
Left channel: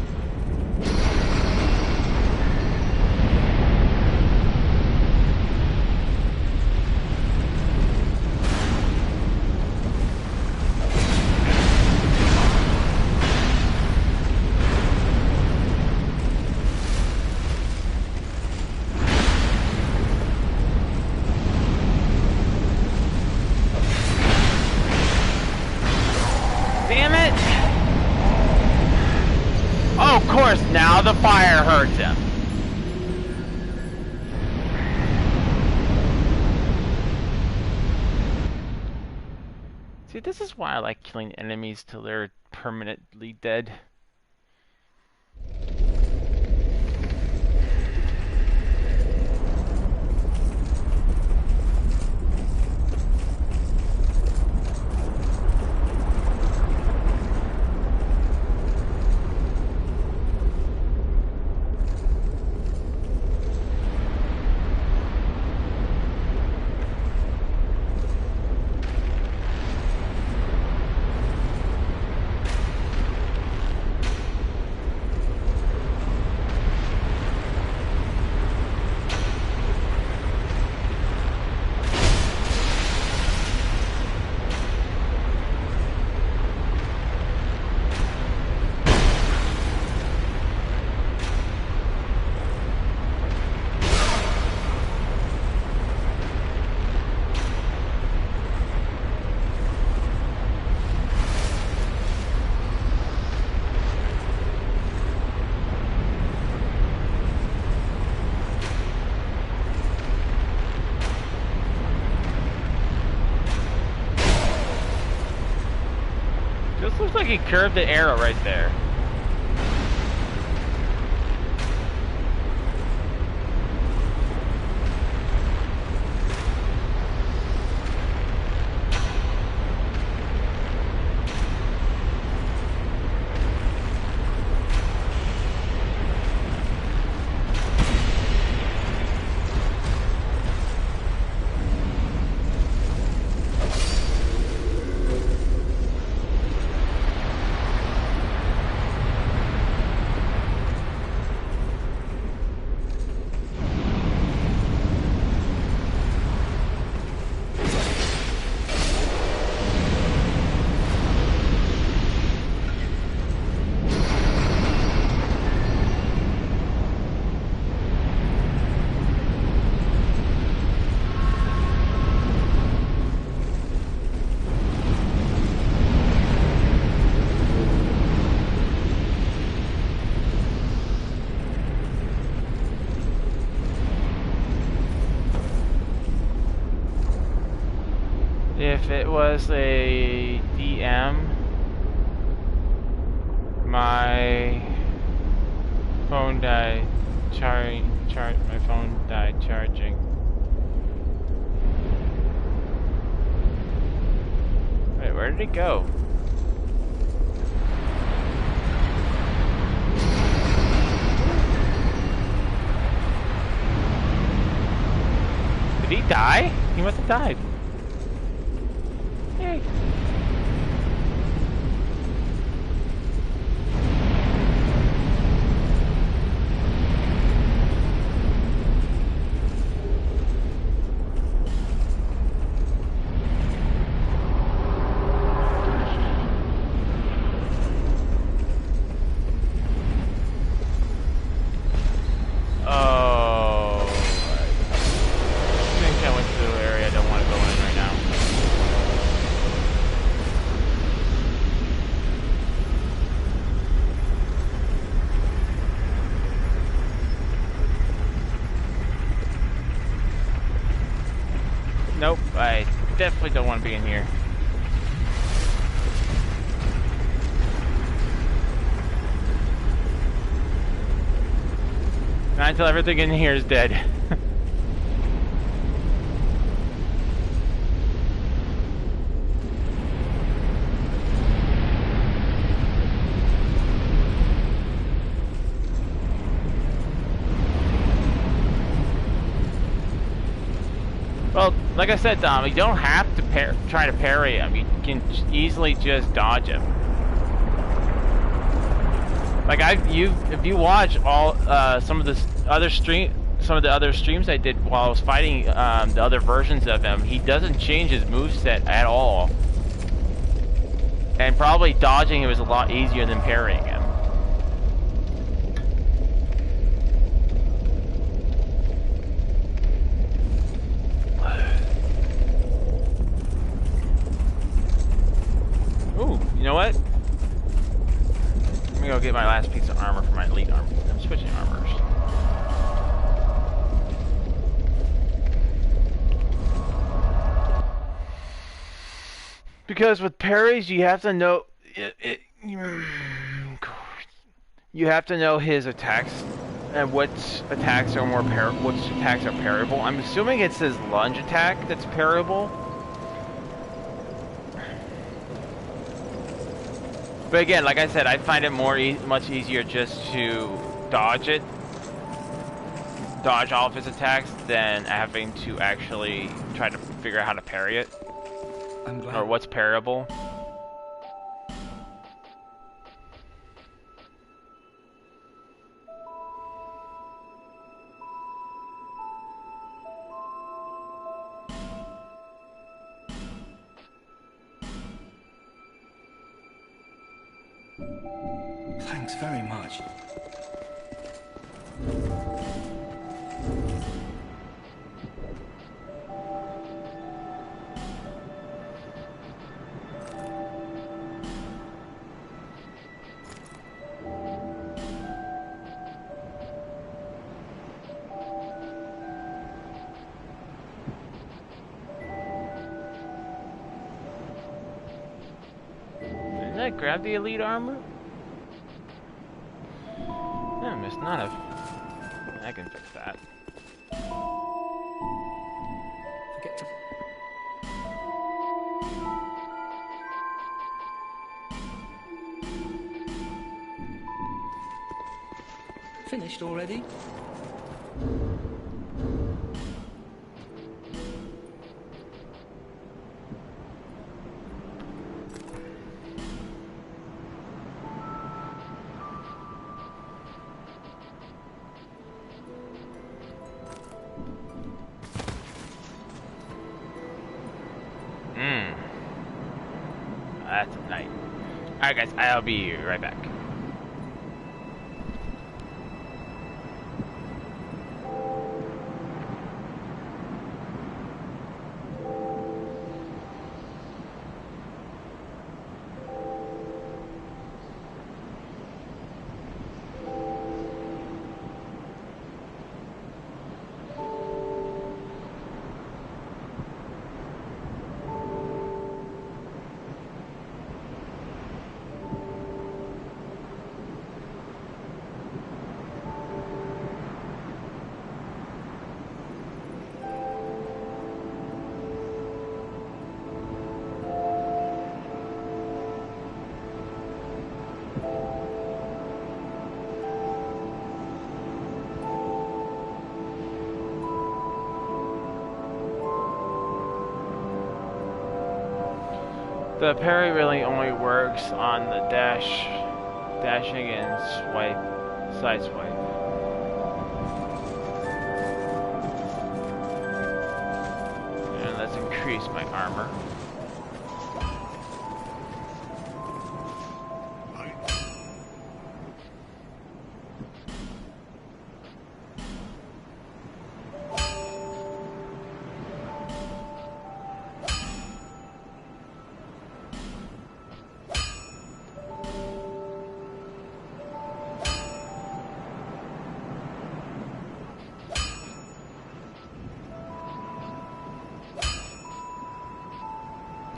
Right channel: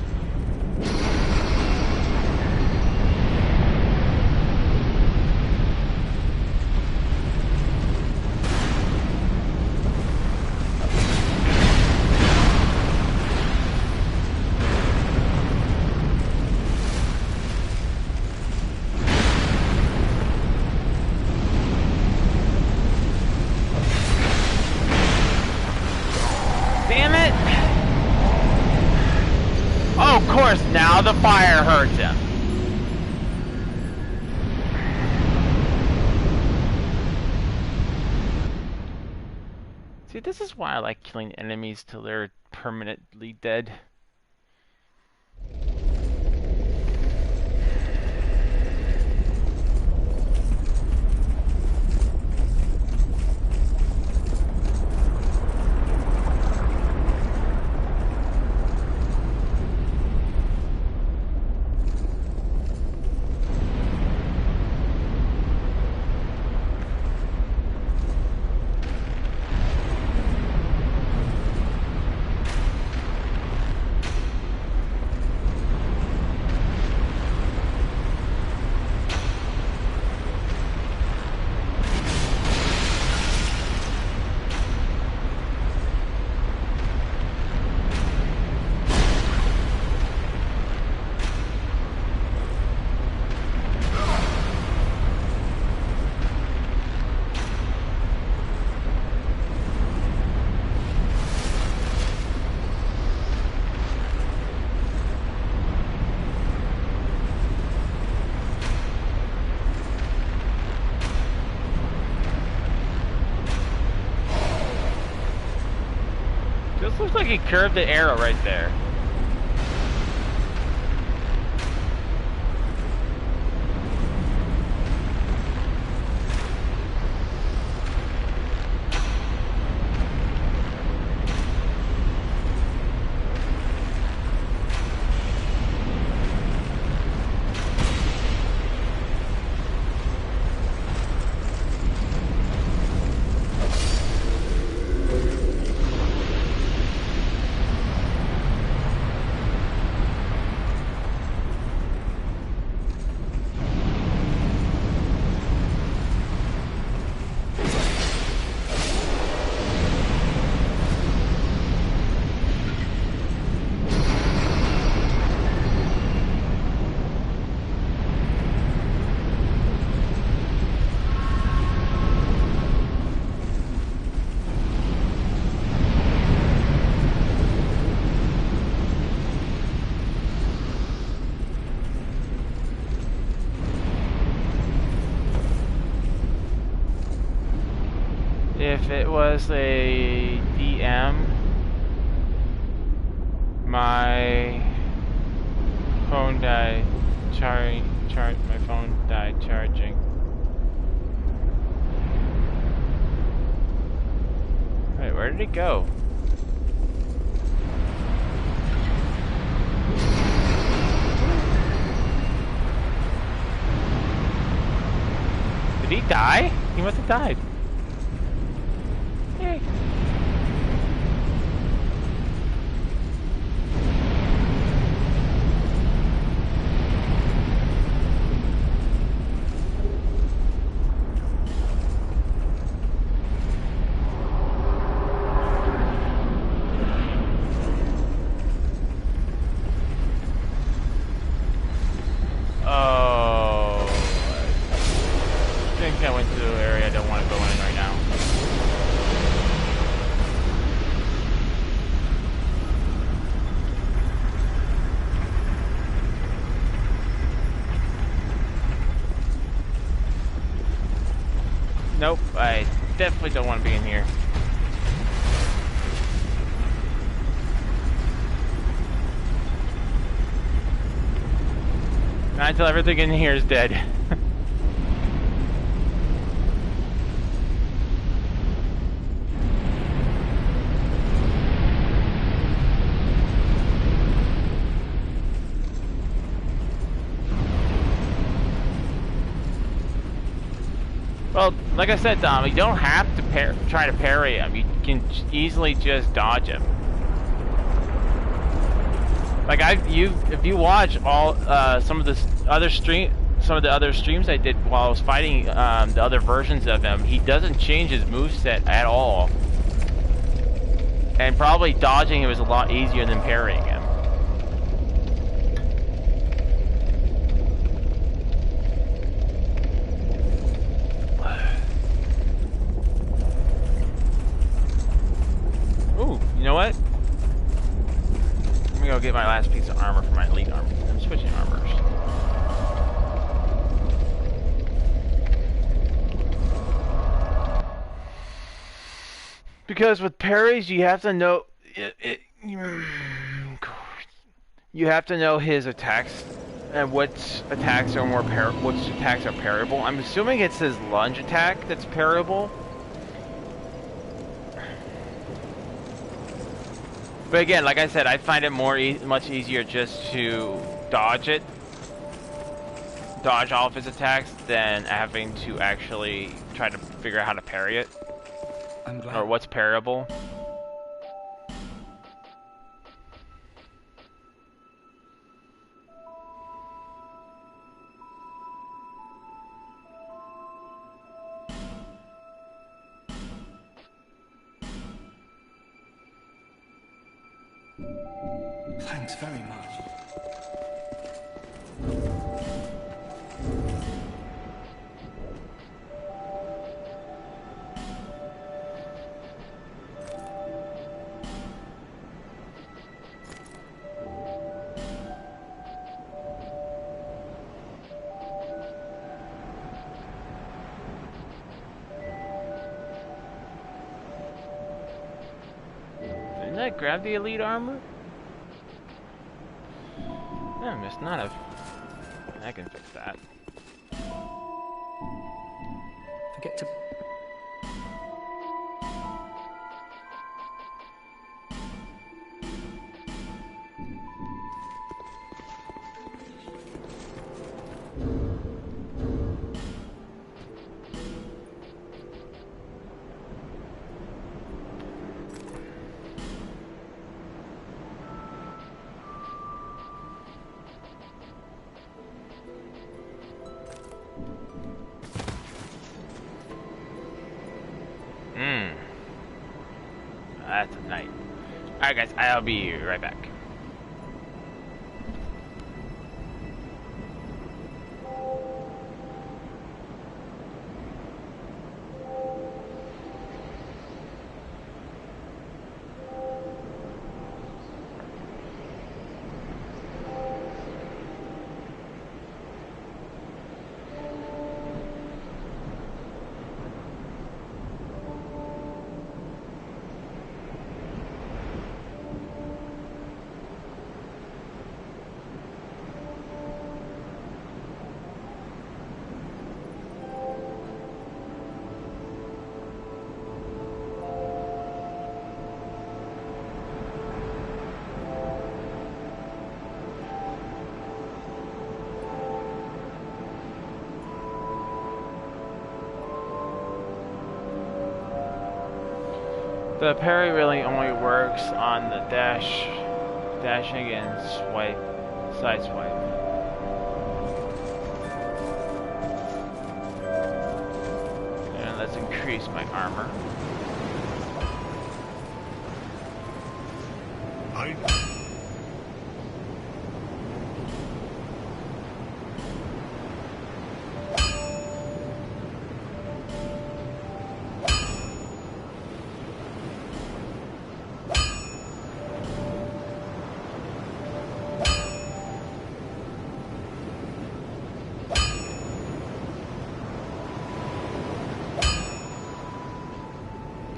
Damn it! Oh, of course, now the fire hurts him. See, this is why I like killing enemies till they're permanently dead. This looks like he curved the arrow right there. If it was a DM, my phone died my phone died charging. Wait, where did it go? Did he die? He must have died. Yay. Oh, I think I went to an area I don't want to go in right now. Nope, I definitely don't want to be in here. Not until everything in here is dead. Well, like I said, Dom, you don't have to try to parry him. You can easily just dodge him. Like if you watch all some of the other streams I did while I was fighting the other versions of him, he doesn't change his moveset at all. And probably dodging him is a lot easier than parrying him. Ooh, you know what? Let me go get my last piece of armor for my elite armor. I'm switching armors. Because with parries, you have to know you have to know his attacks and which attacks are parryable. I'm assuming it's his lunge attack that's parryable. But again, like I said, I find it much easier just to dodge all of his attacks than having to actually try to figure out how to parry it. I'm glad. Or what's parryable. Thanks very much. Didn't I grab the elite armor? No, I must not have. I can fix that. Forget to... Finished already? That's a night. Alright guys, I'll be right back. The parry really only works on the dashing and side swipe. And let's increase my armor.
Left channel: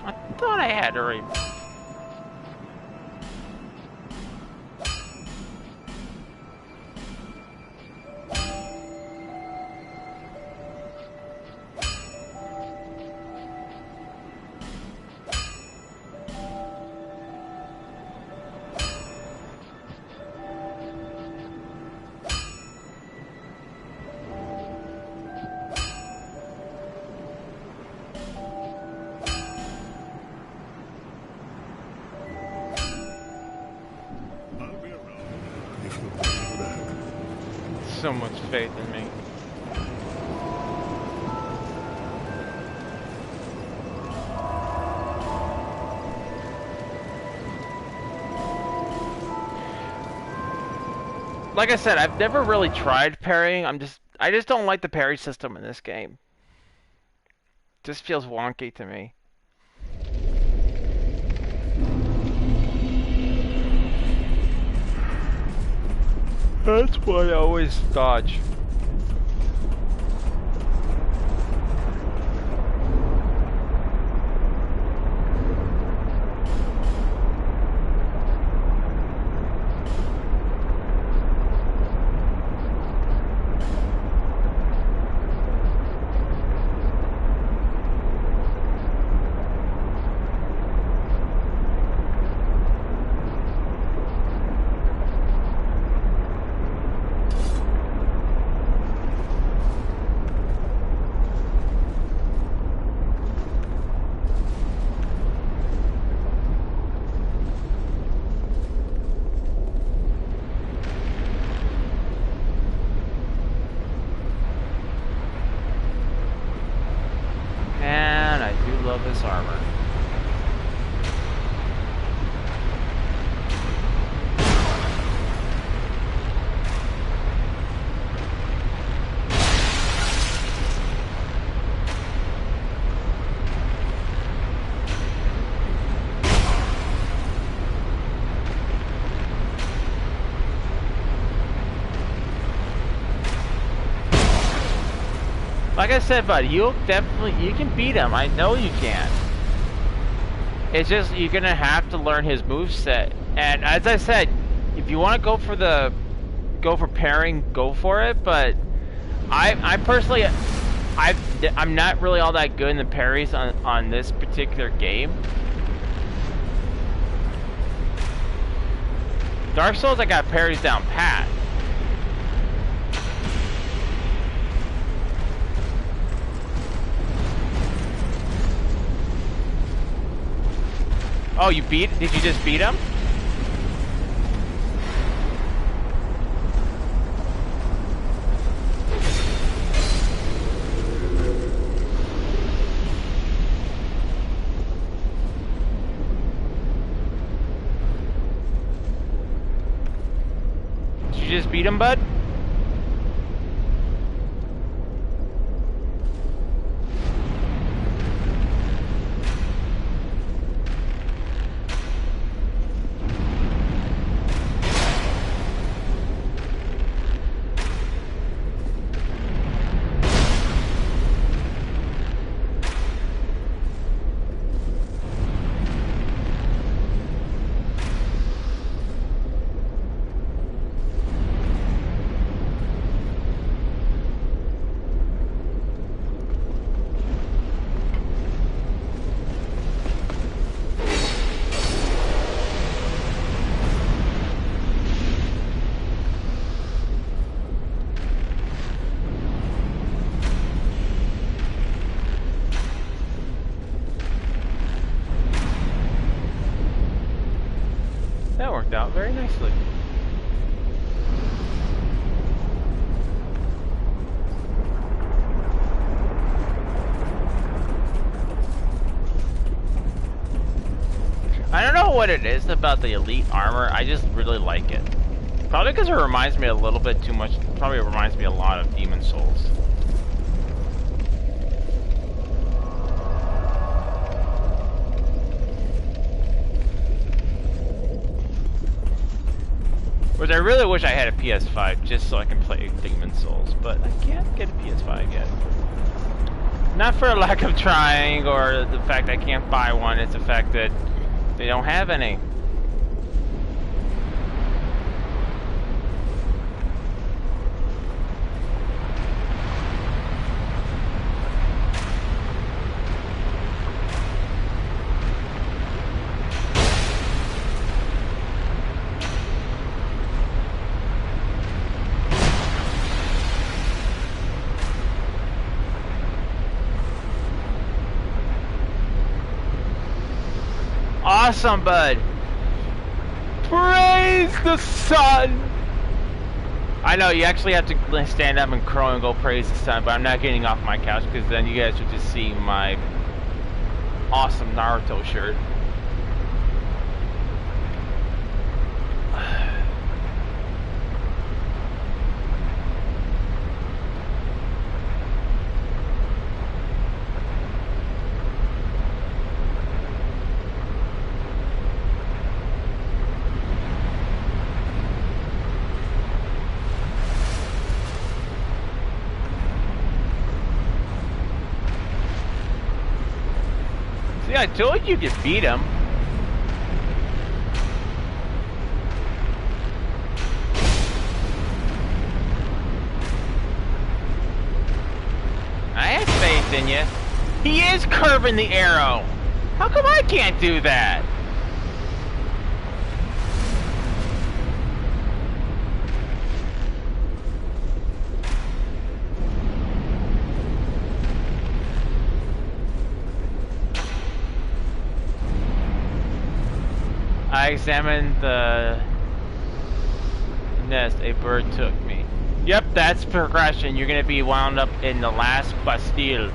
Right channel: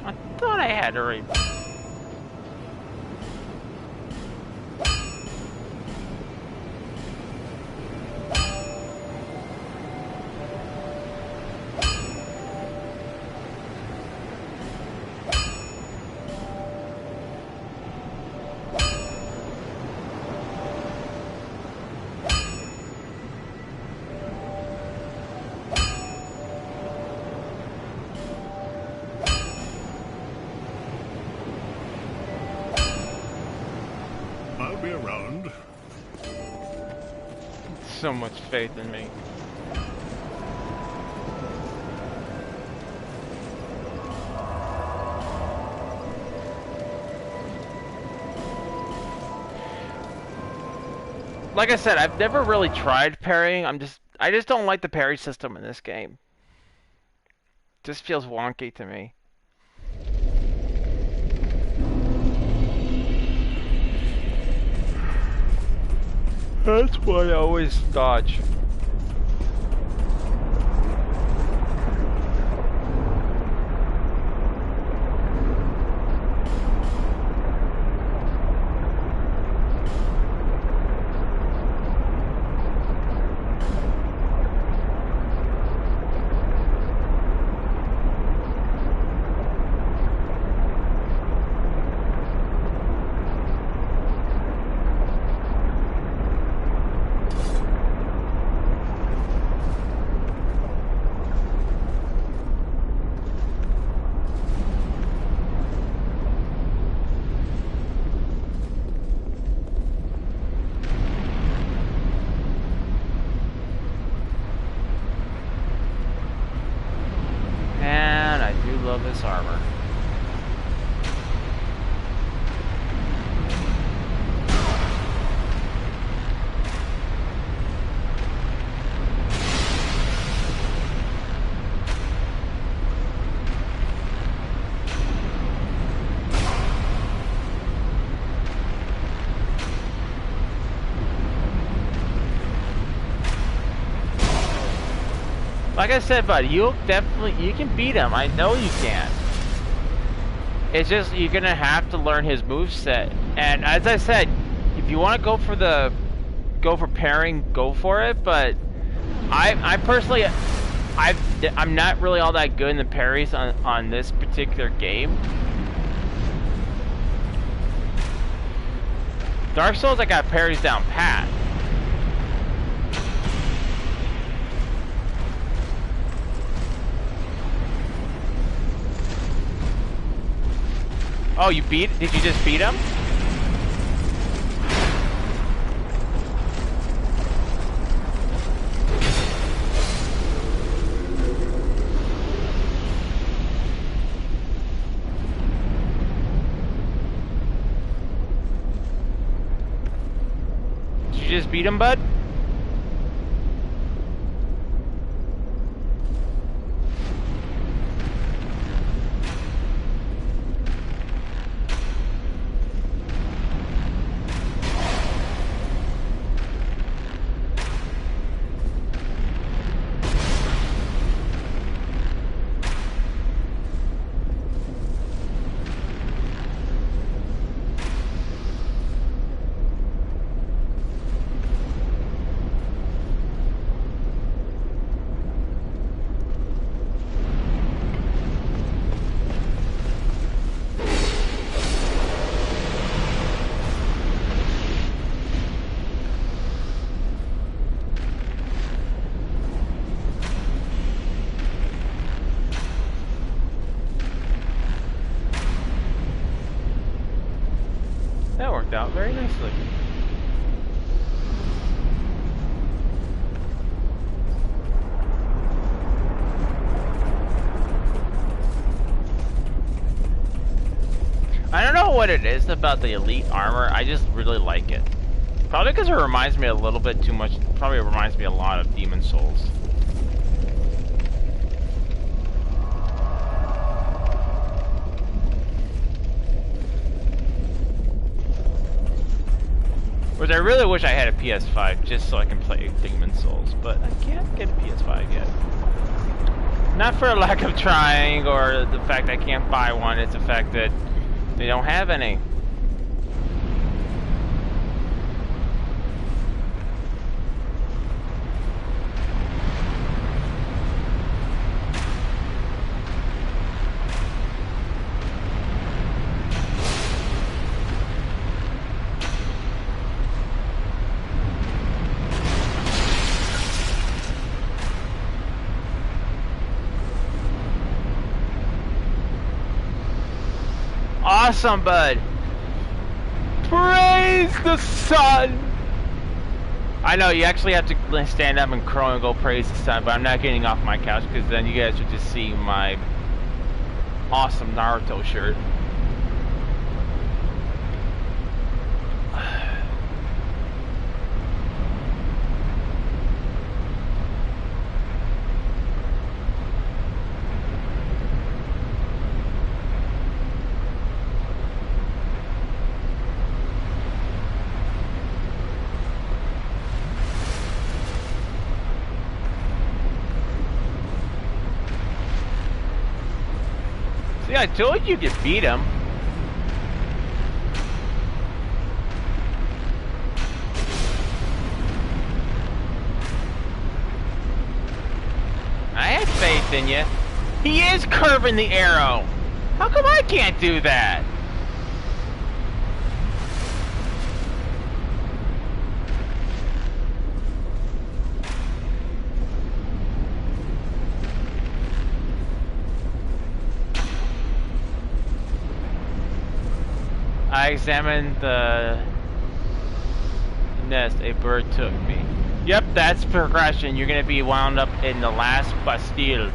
I thought I had already. be around if you come back. So much faith in me. Like I said, I've never really tried parrying. I just don't like the parry system in this game. Just feels wonky to me. That's why I always dodge. Man, I do love this armor. Like I said, bud, you can beat him. I know you can. It's just you're gonna have to learn his moveset. And as I said, if you want to go for parrying, go for it. But I personally, I'm not really all that good in the parries on this particular game. Dark Souls, I got parries down pat. Oh, did you just beat him? Did you just beat him, bud? That worked out very nicely. I don't know what it is about the elite armor, I just really like it. Probably because it reminds me a little bit too much, probably reminds me a lot of Demon Souls. Which I really wish I had a PS5 just so I can play Demon Souls, but I can't get a PS5 yet. Not for a lack of trying or the fact I can't buy one, it's the fact that they don't have any. Awesome, bud. Praise Praise the sun! I know, you actually have to stand up and crow and go praise the sun, but I'm not getting off my couch because then you guys would just see my awesome Naruto shirt. See, I told you could beat him. I have faith in you. He is curving the arrow. How come I can't do that? I examined the nest. A bird took me. Yep, that's progression. You're gonna be wound up in the last Bastille.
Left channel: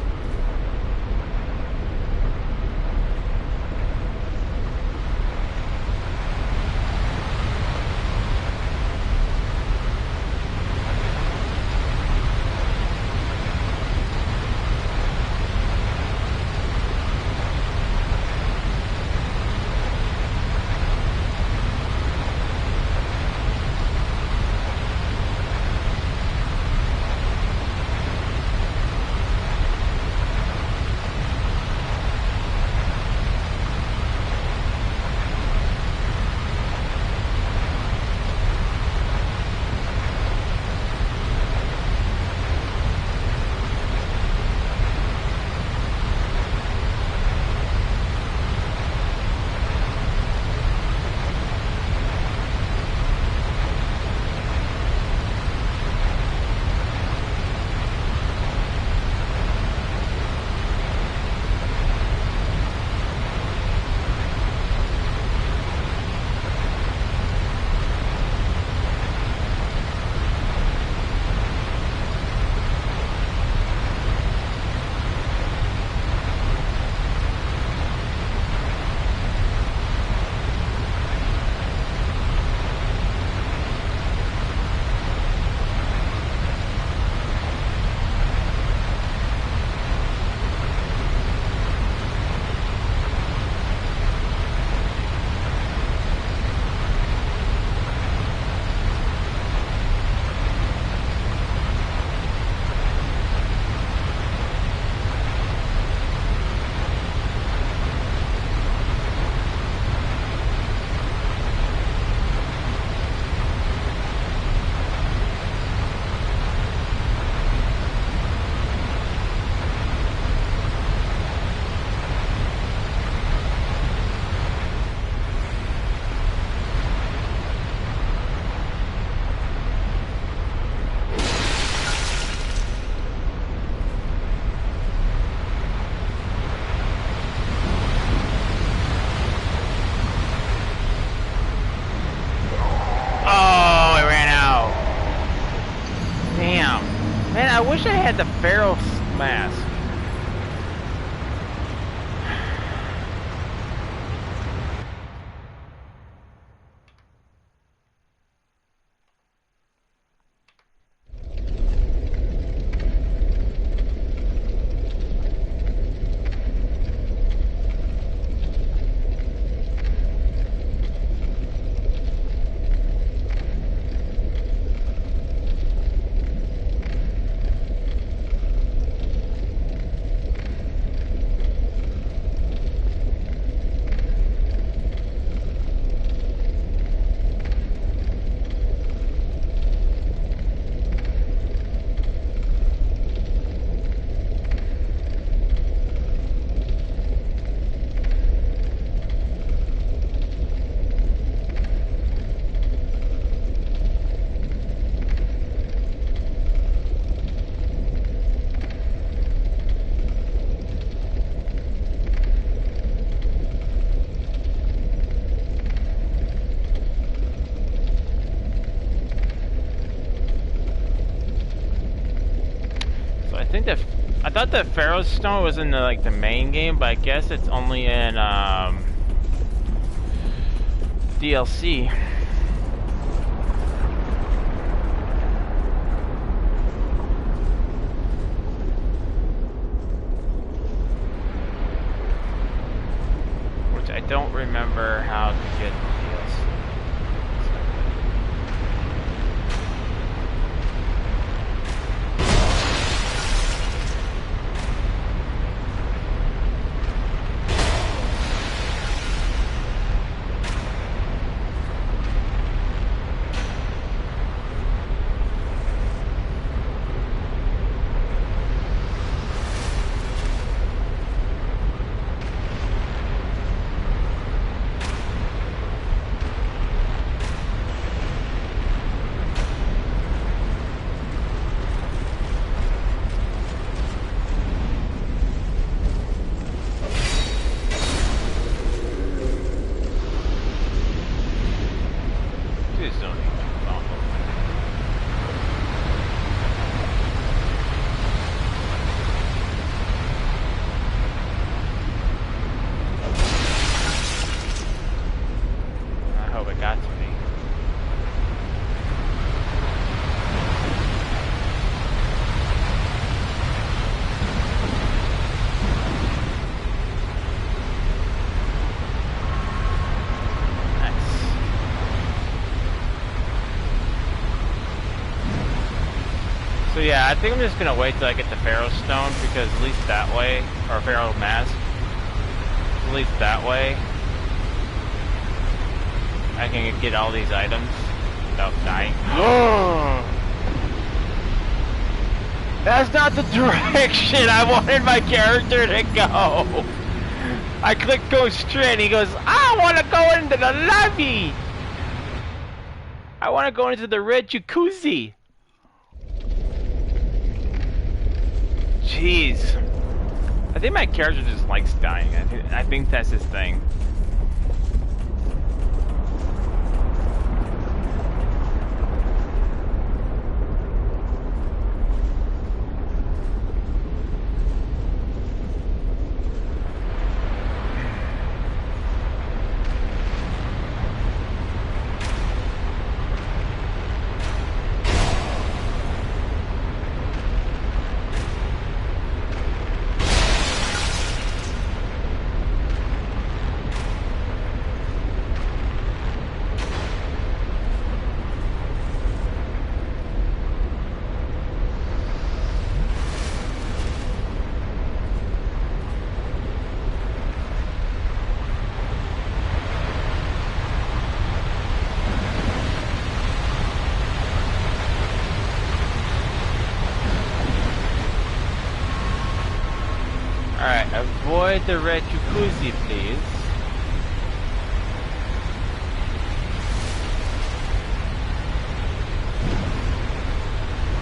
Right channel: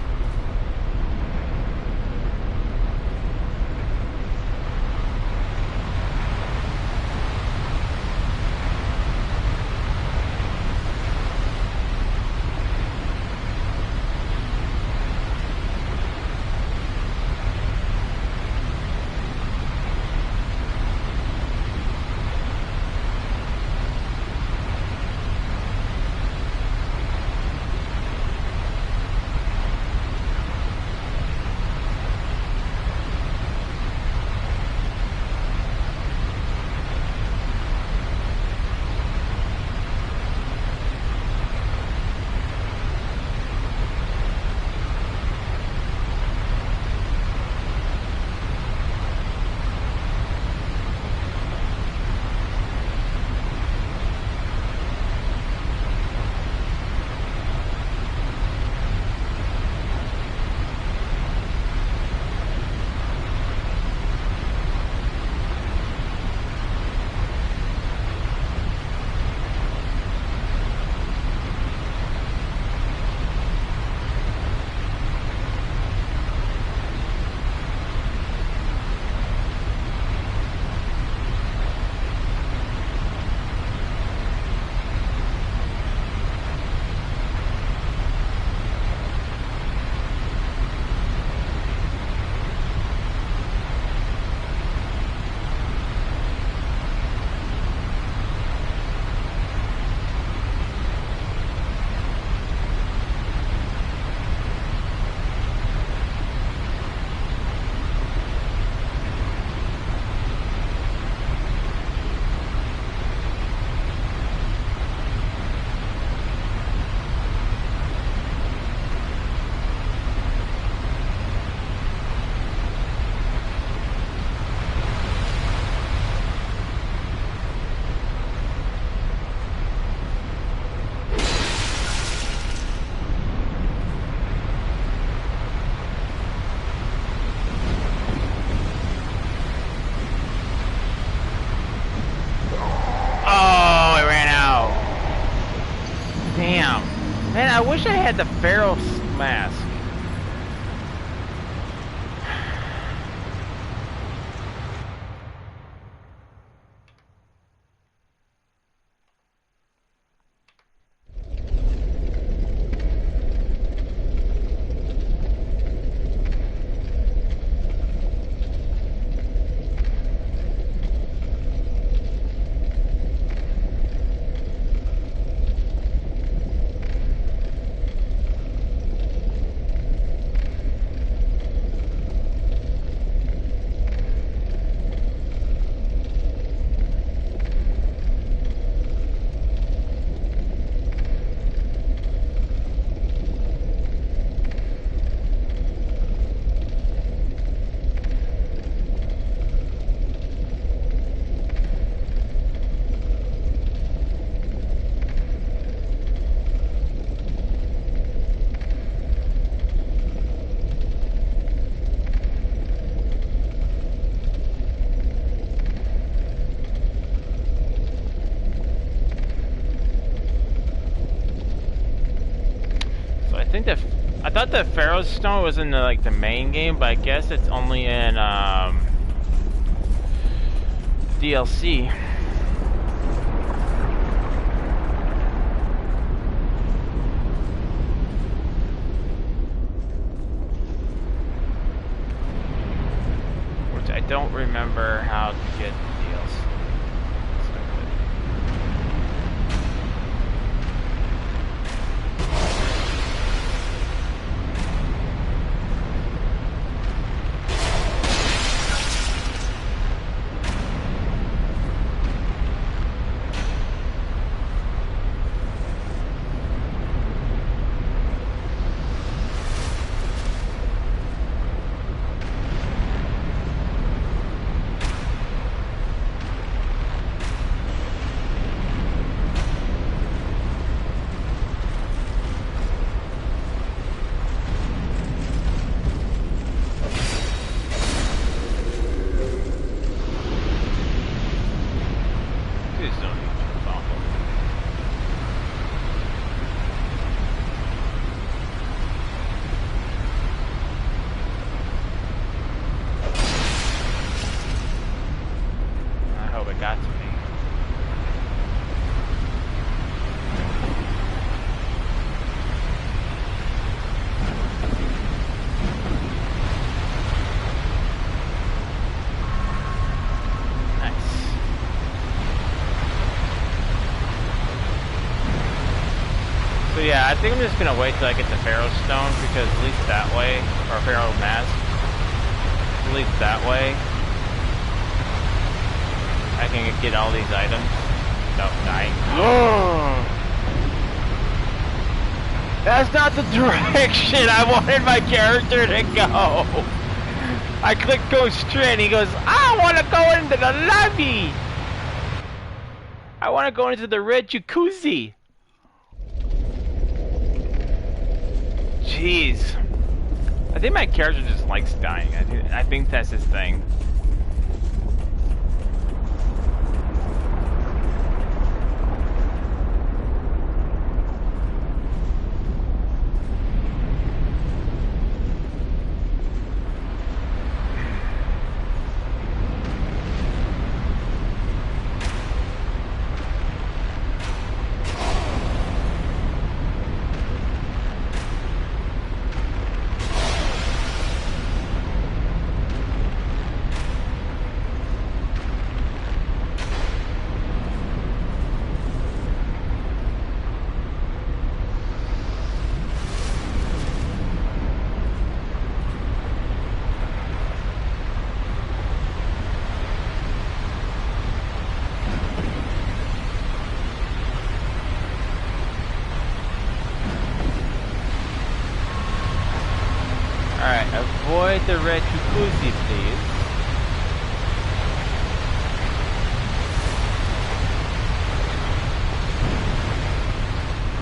Man, I wish I had the Pharaoh's mask. I thought the Pharaoh's Stone was in the, like the main game, but I guess it's only in DLC. Which I don't remember how to get the DLC. So yeah, I think I'm just gonna wait till I get the Pharaoh Stone, because at least that way, or Pharaoh Mask, at least that way, I can get all these items without dying. That's not the direction I wanted my character to go. I clicked go straight and he goes, I want to go into the lobby. I want to go into the red jacuzzi. Jeez. I think my character just likes dying. I think that's his thing. Alright, avoid the red jacuzzi, please.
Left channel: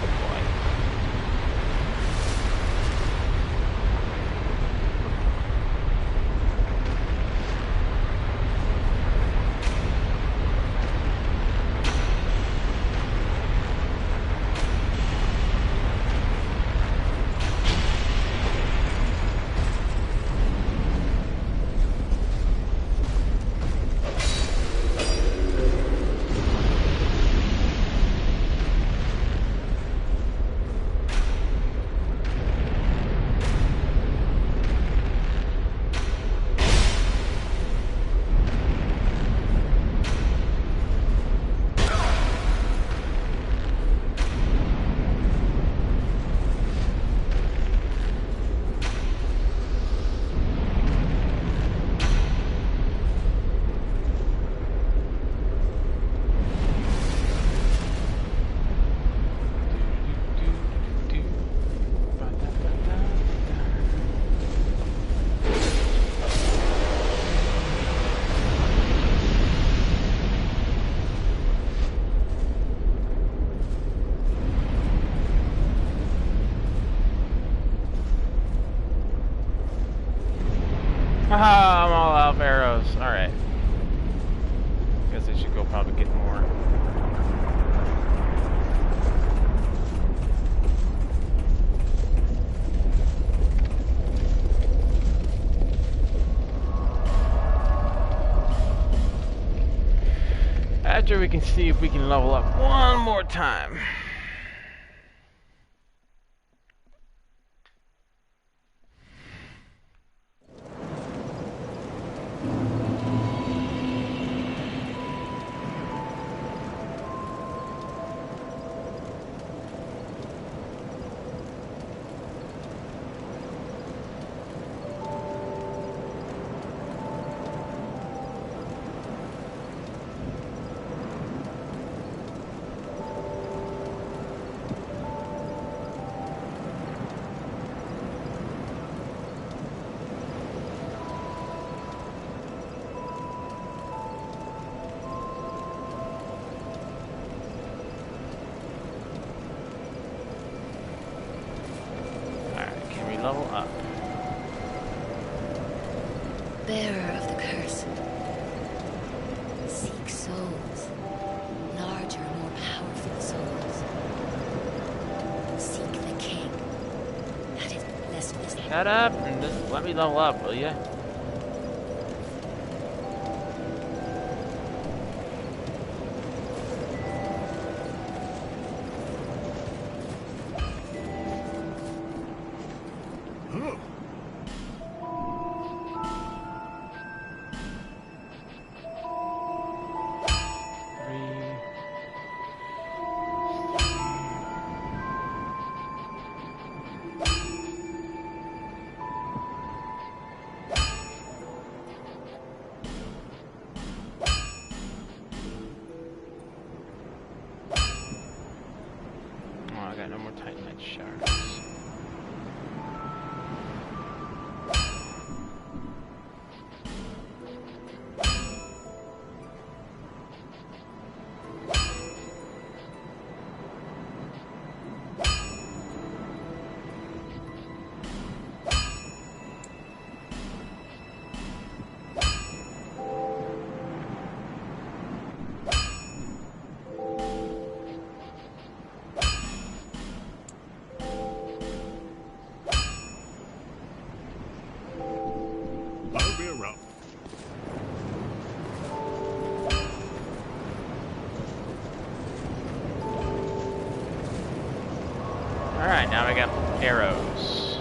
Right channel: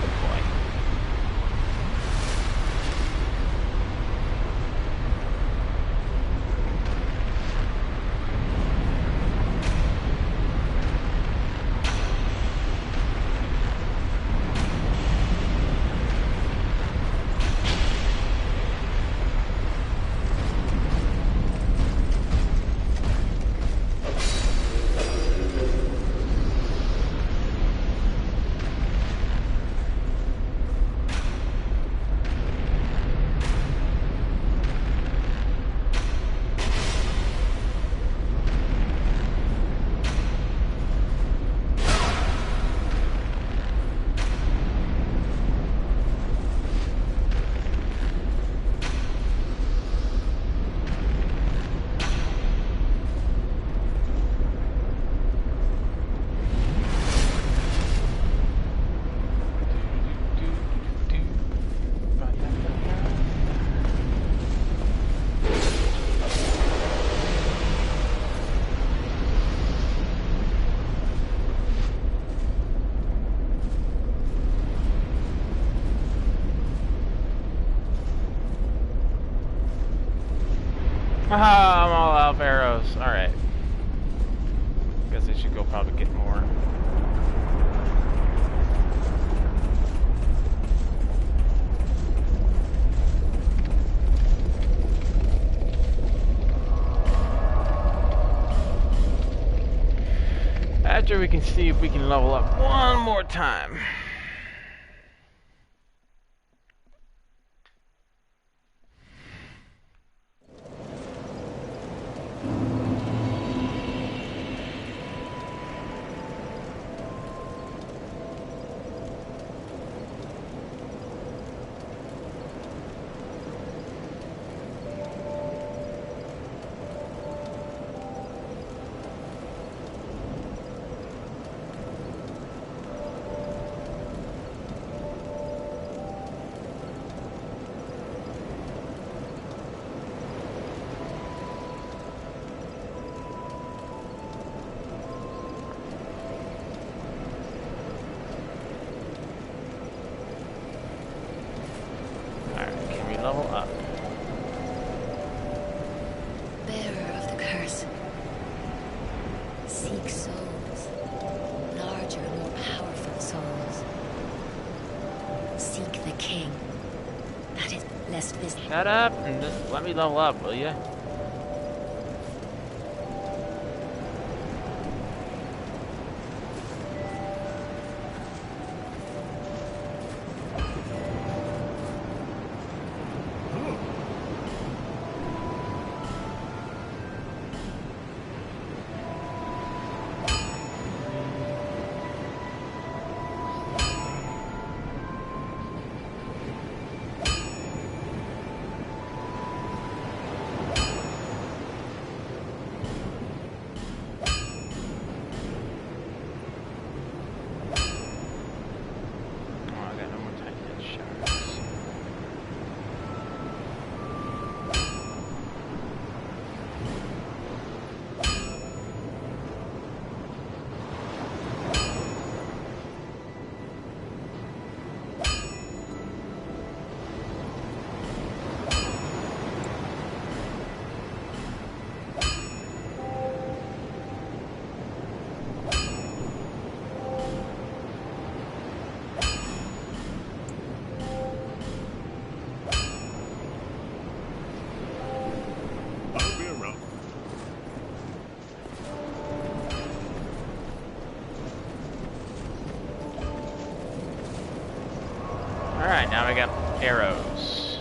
Oh boy. Haha, I'm all out of arrows. Alright. Guess I should go probably get more. After we can see if we can level up one more time. Level up. Bearer of the curse. Seek souls. Larger, more powerful souls. Seek the king. That is, lest this... Shut up and just let me level up, will ya? Alright, now I got arrows.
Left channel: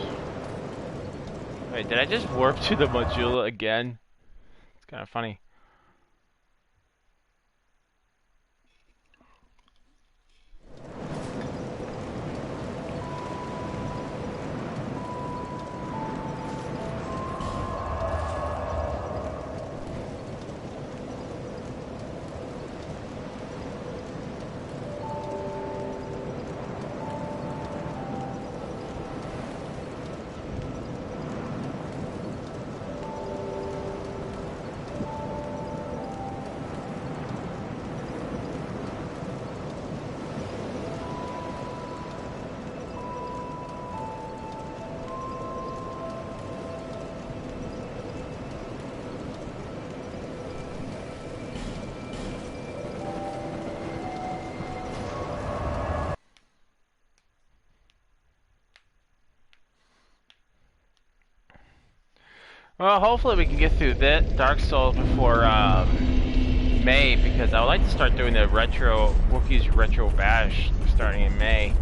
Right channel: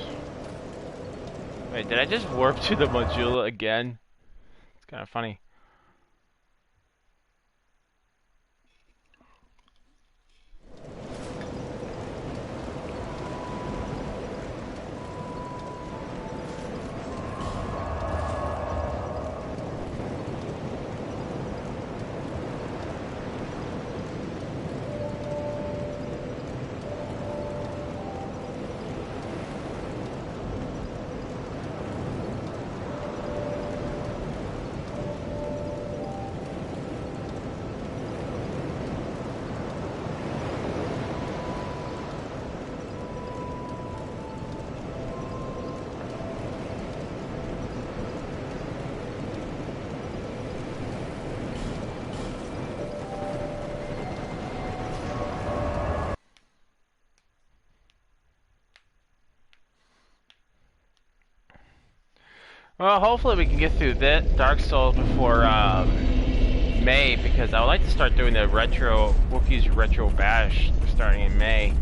Wait, did I just warp to the Majula again? It's kind of funny. Well, hopefully we can get through that Dark Souls before May, because I would like to start doing the retro Wookiee's Retro Bash starting in May.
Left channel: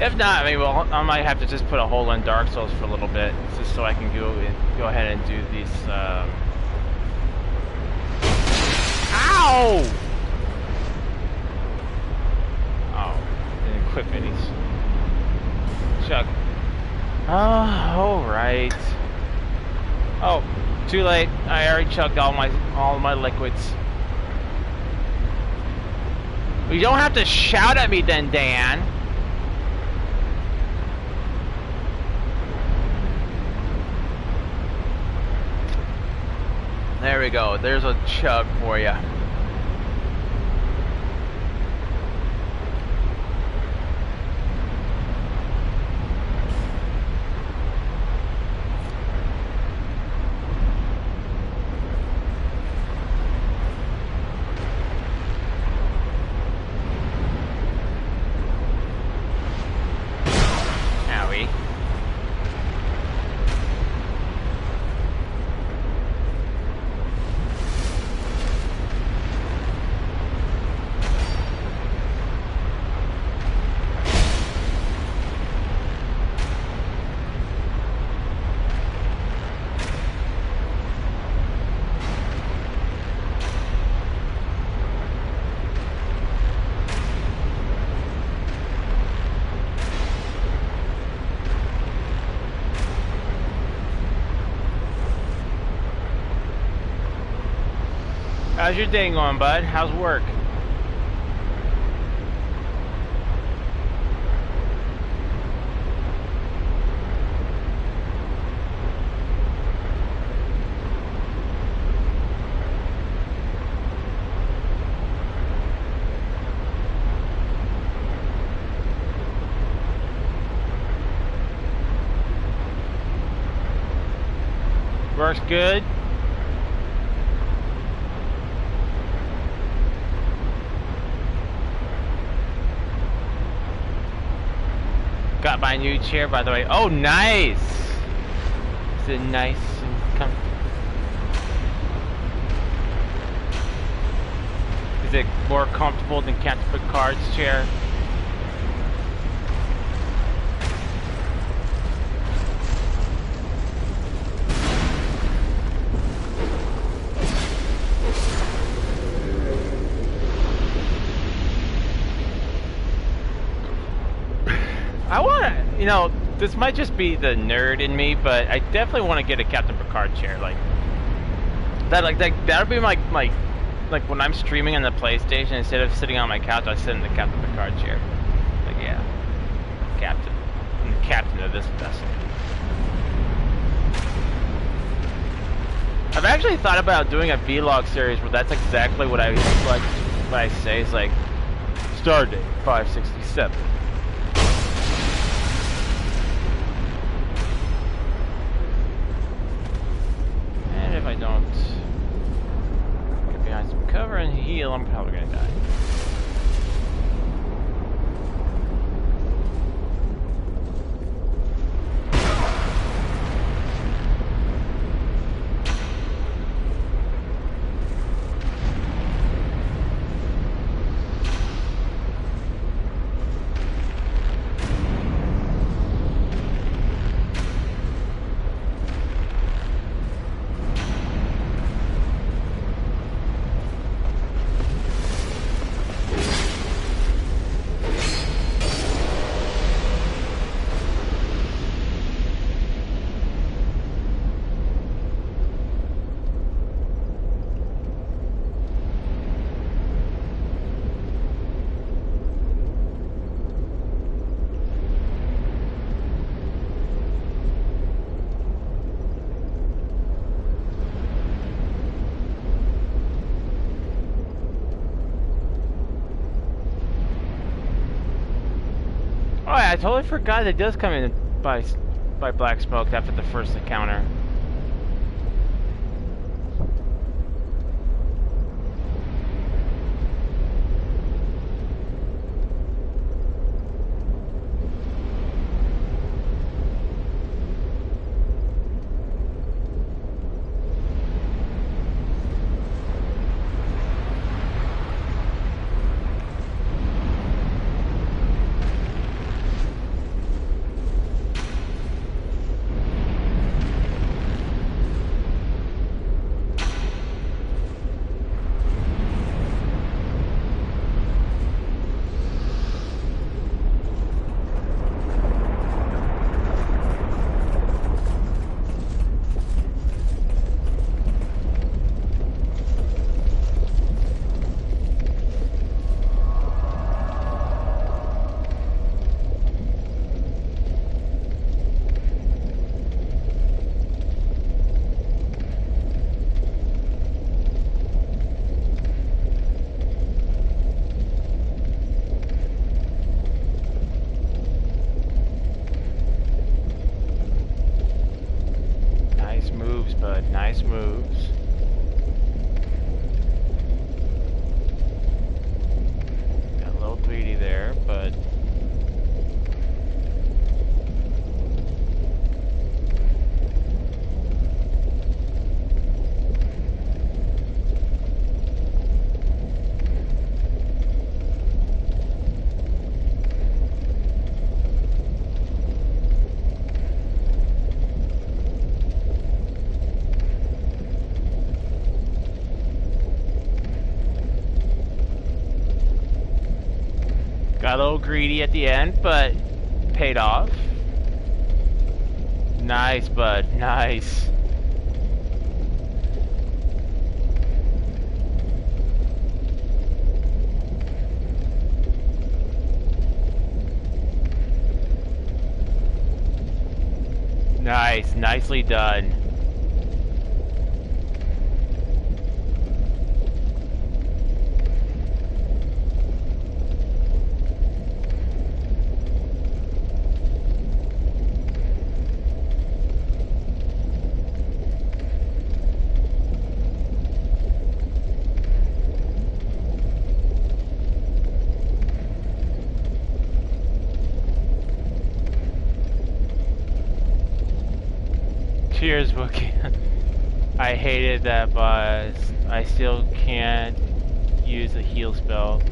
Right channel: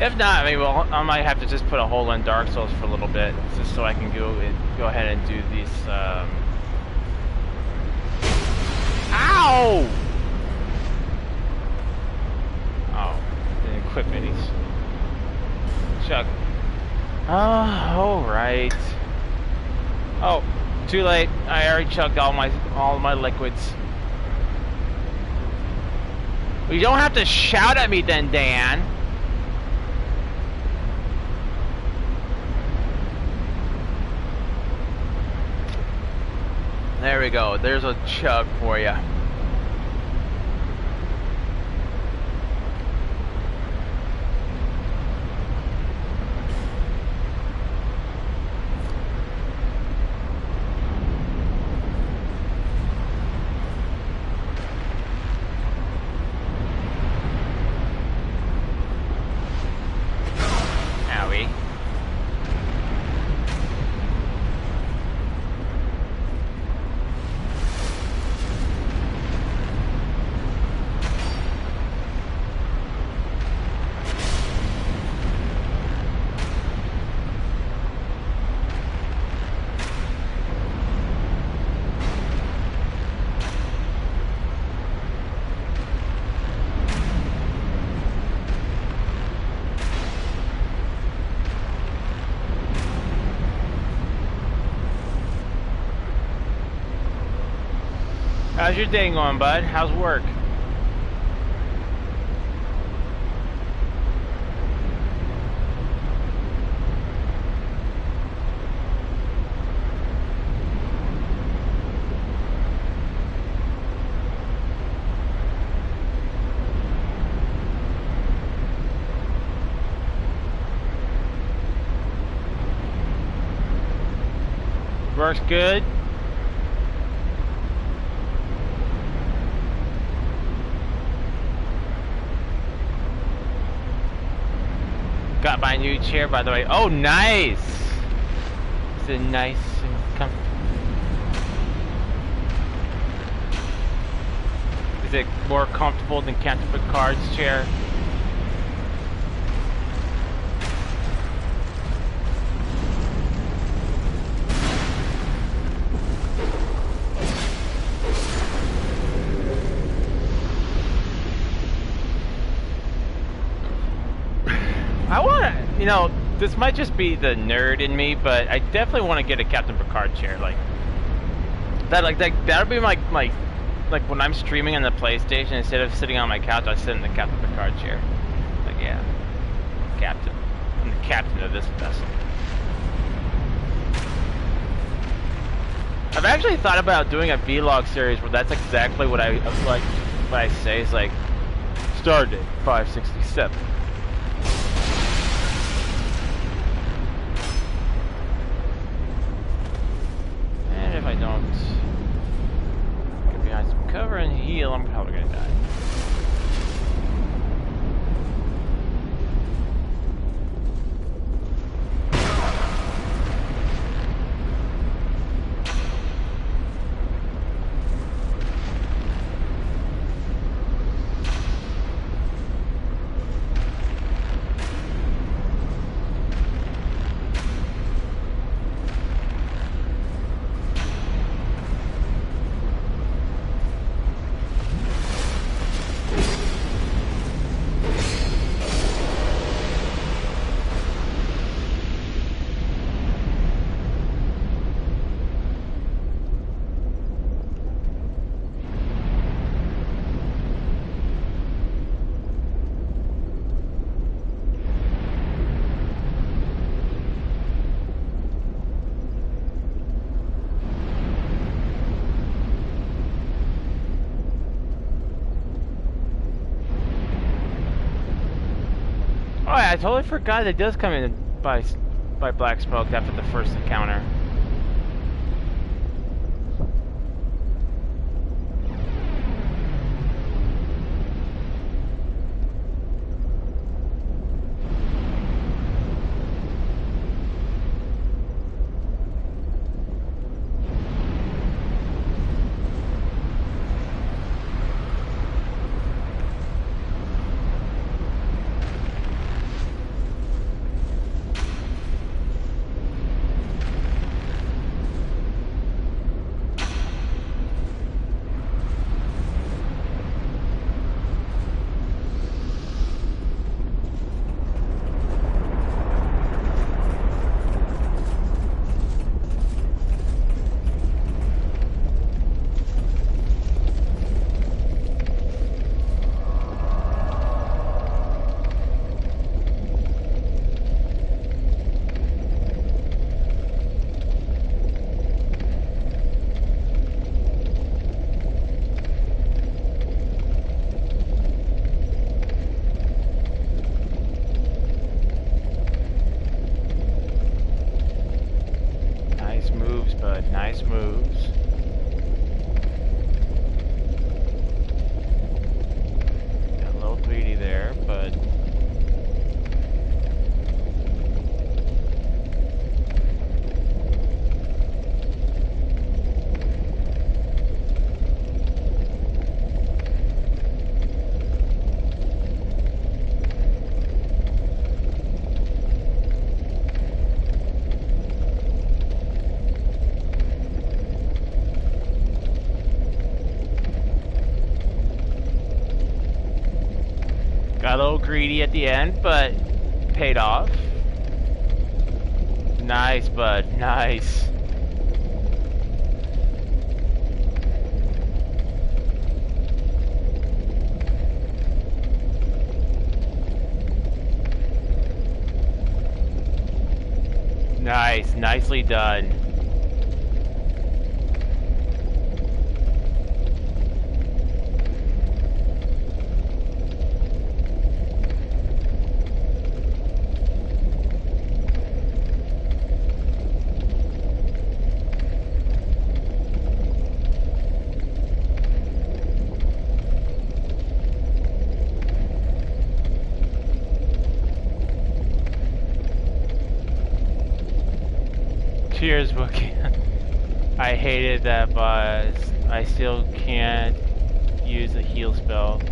If not, I mean, well, I might have to just put a hole in Dark Souls for a little bit, just so I can go ahead and do these. Ow! Equip minis. Chug. Alright. Oh, too late. I already chugged all my liquids. Well, you don't have to shout at me then, Dan. There we go. There's a chug for you. shall we? How's your day going, bud? How's work? Work's good. Got my new chair, by the way. Oh, nice! Is it nice and comfortable? Is it more comfortable than Captain Picard's chair? I want to, you know, this might just be the nerd in me, but I definitely want to get a Captain Picard chair, like that'll be my like when I'm streaming on the PlayStation, instead of sitting on my couch, I sit in the Captain Picard chair. Like, yeah, Captain, I'm the captain of this vessel. I've actually thought about doing a vlog series where that's exactly what I say. It's like Stardate 567. If I don't get behind some cover and heal, I'm probably gonna die. Oh, I totally forgot it does come in by black smoke after the first encounter. Nice moves. Got a little greedy there, but Got a little greedy at the end, but paid off. Nice, bud. Nice. Nice. Nicely done. Cheers, Wookie. I hated that boss. I still can't use a heal spell.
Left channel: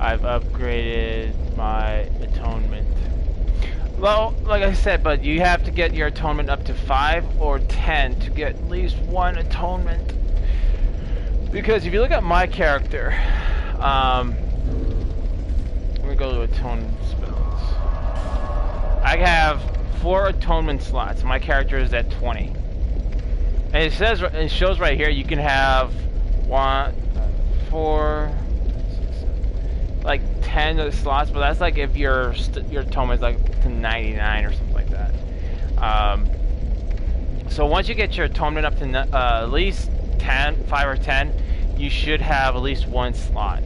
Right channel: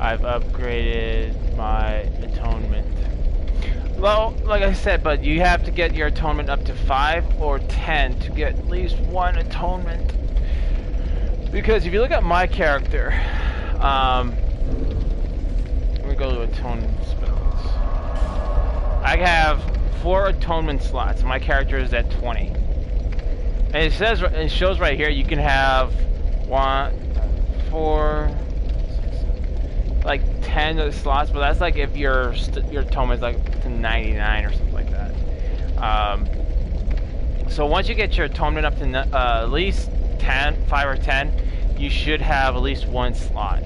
I've upgraded my atonement. Well, like I said, but you have to get your atonement up to 5 or 10 to get at least 1 atonement. Because if you look at my character, let me go to atonement spells. I have 4 atonement slots. My character is at 20. And it says, it shows right here, you can have 1, 4, 6, 7, like 10 slots, but that's like if your atonement is like to 99 or something like that. So once you get your atonement up to at least 5 or 10, you should have at least 1 slot.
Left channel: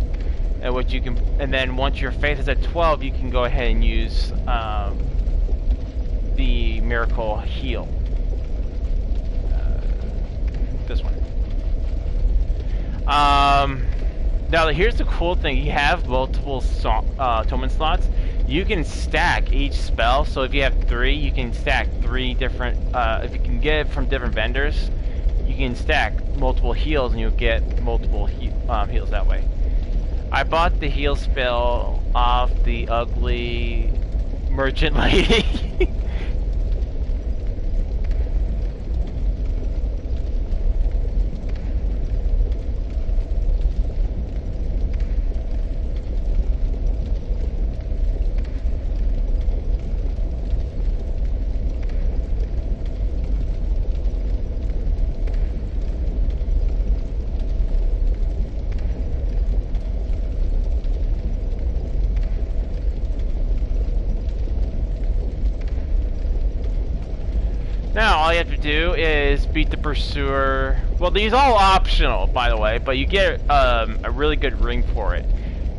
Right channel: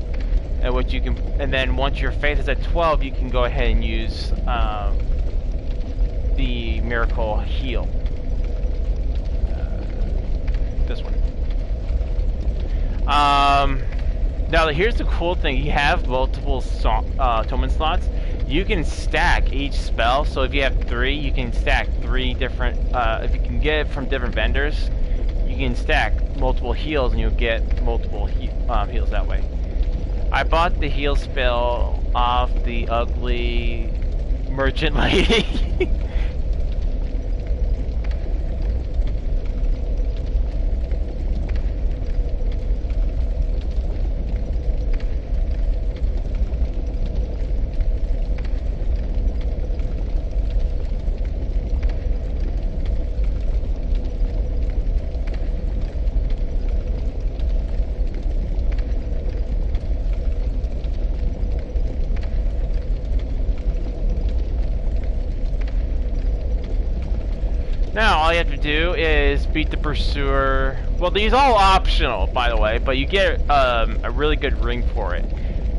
And what you can, and then once your faith is at 12, you can go ahead and use the miracle heal. This one. Now here's the cool thing: you have multiple atonement slots. You can stack each spell. So if you have 3, you can stack 3 different. If you can get it from different vendors, you can stack multiple heals, and you'll get multiple heals that way. I bought the heal spell off the ugly merchant lady. Now, all you have to do is beat the pursuer. Well, these are all optional, by the way, but you get a really good ring for it.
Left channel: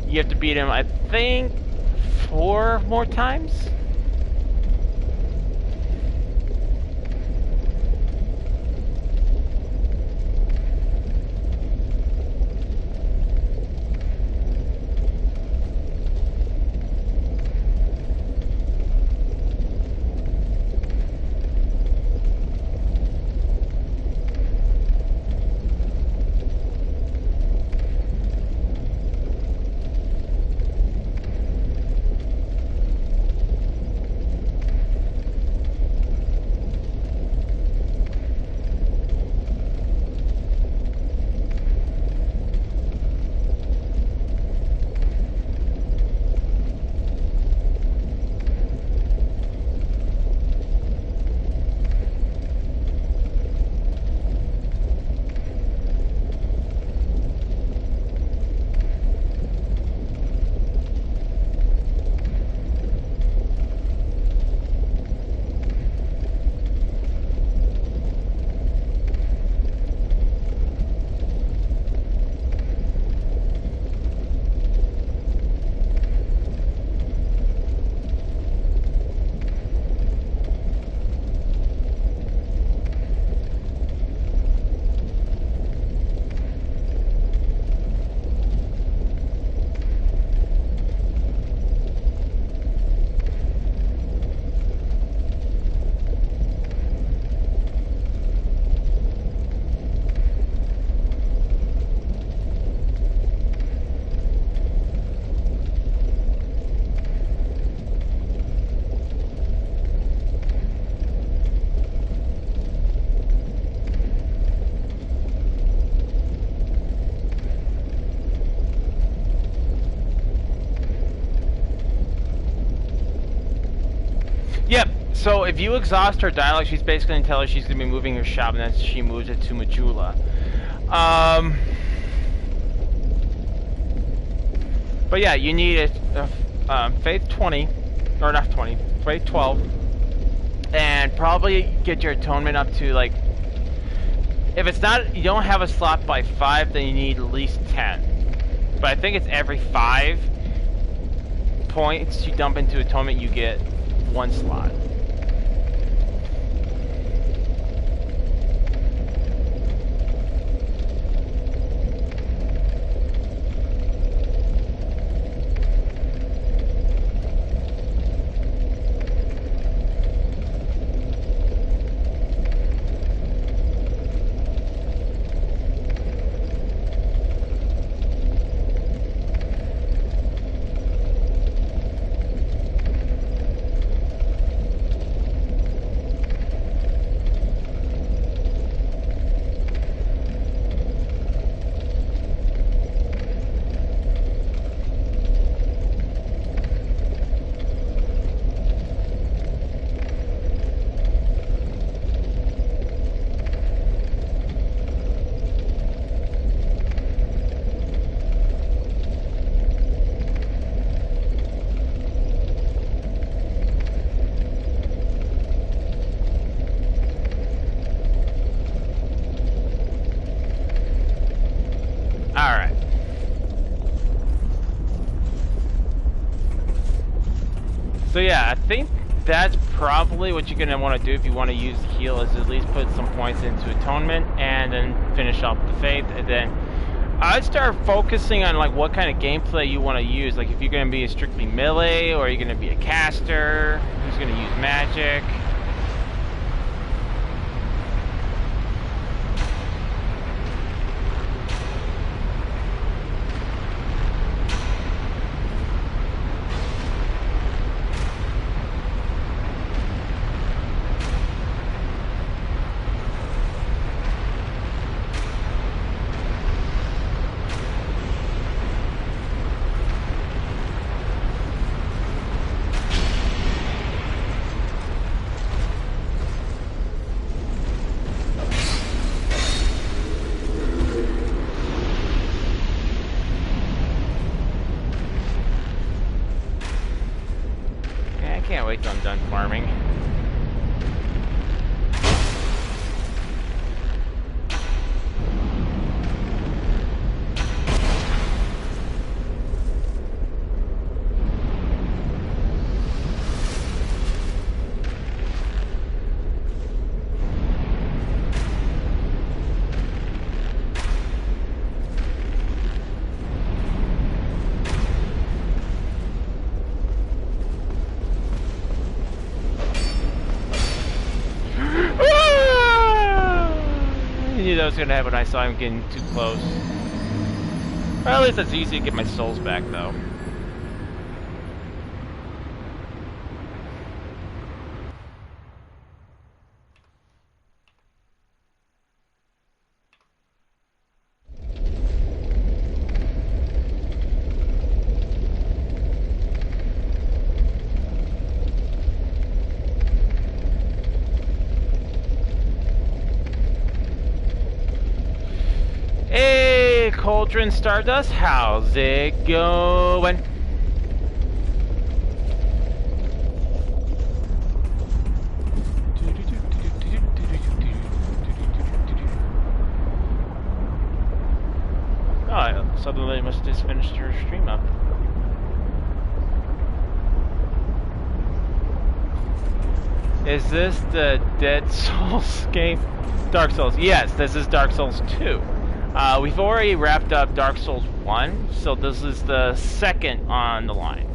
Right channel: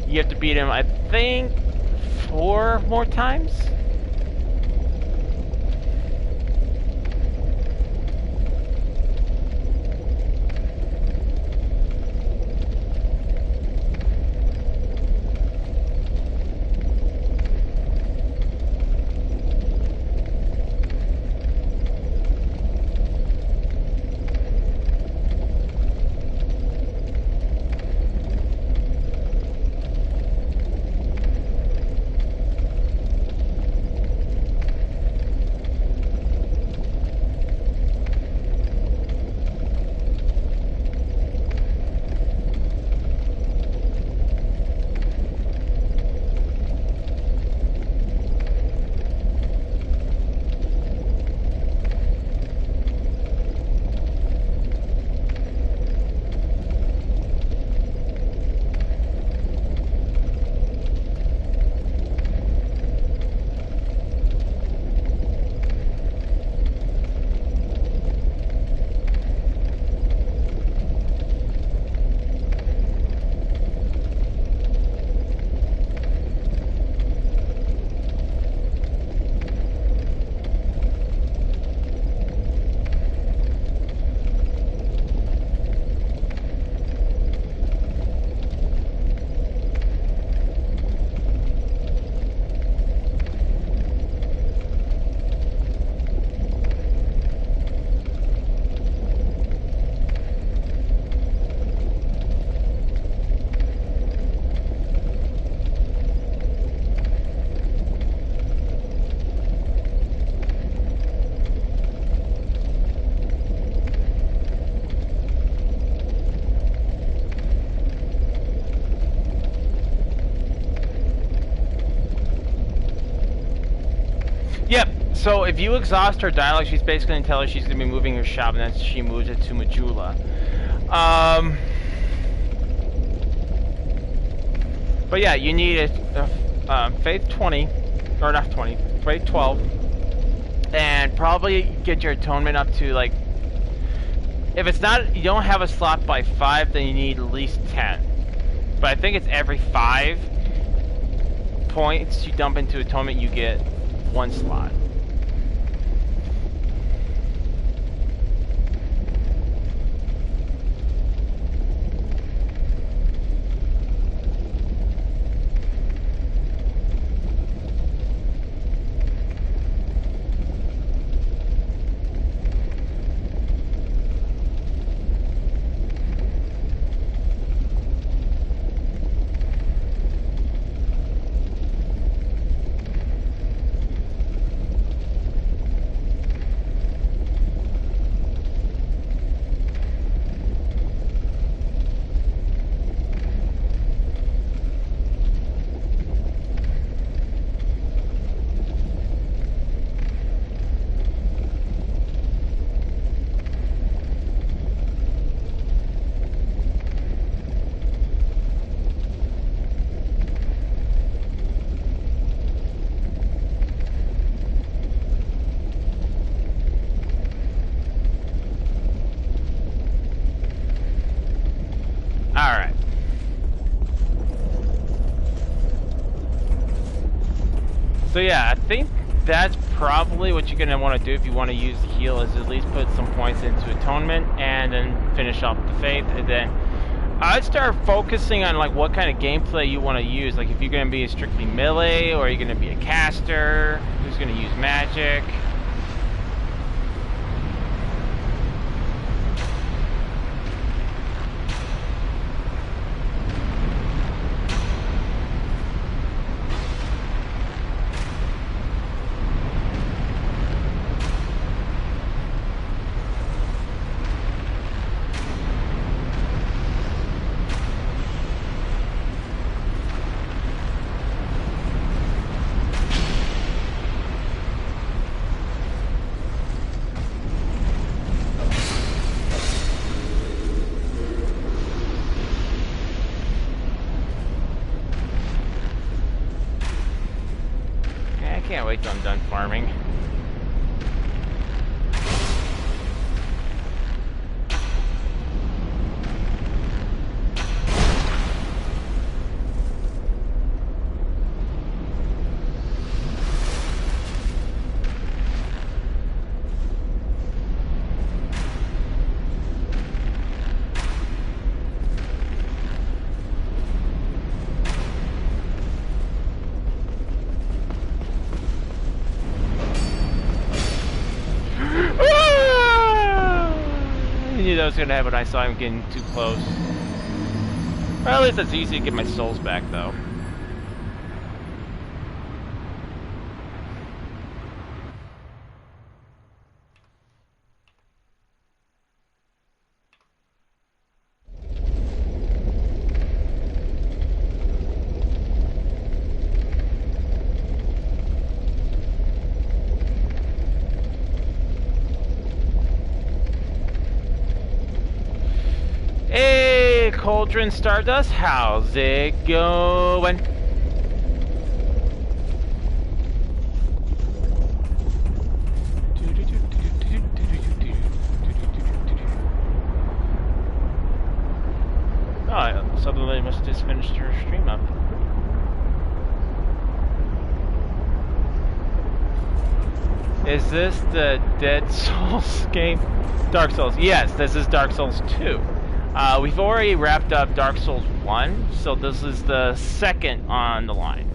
You have to beat him, I think, 4 more times? Yep. So if you exhaust her dialogue, she's basically going to tell her she's going to be moving her shop, and then she moves it to Majula. But yeah, you need a Faith 20, or not 20, Faith 12, and probably get your atonement up to like. If it's not, you don't have a slot by 5, then you need at least 10. But I think it's every 5 points you dump into atonement, you get 1 slot. Alright. So yeah, I think that's probably what you're going to want to do if you want to use heal, is at least put some points into atonement and then finish off the faith. And then I'd start focusing on like what kind of gameplay you want to use. Like if you're going to be strictly melee, or you're going to be a caster who's going to use magic. I can't wait till I'm done farming. That was gonna happen. I saw him getting too close. Well, at least it's easy to get my souls back, though. Cauldron Stardust, how's it going? Oh, suddenly I must just finished her stream up. Is this the Dead Souls game? Dark Souls. Yes, this is Dark Souls 2. We've already wrapped up Dark Souls 1, so this is the second on the line.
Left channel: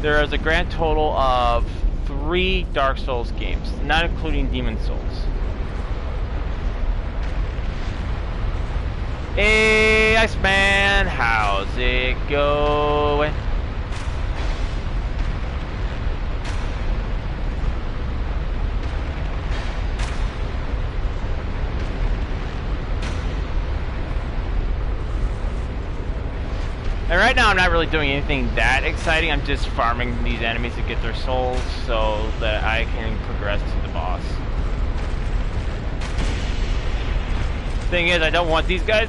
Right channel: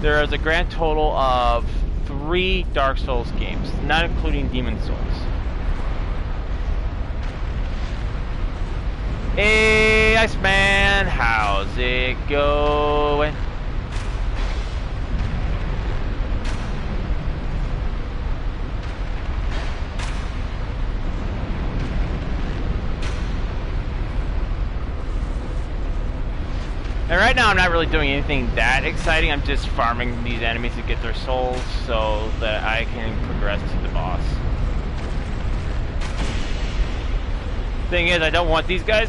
There is a grand total of 3 Dark Souls games, not including Demon Souls. Hey, Iceman, how's it going? And right now I'm not really doing anything that exciting. I'm just farming these enemies to get their souls so that I can progress to the boss. Thing is, I don't want these guys.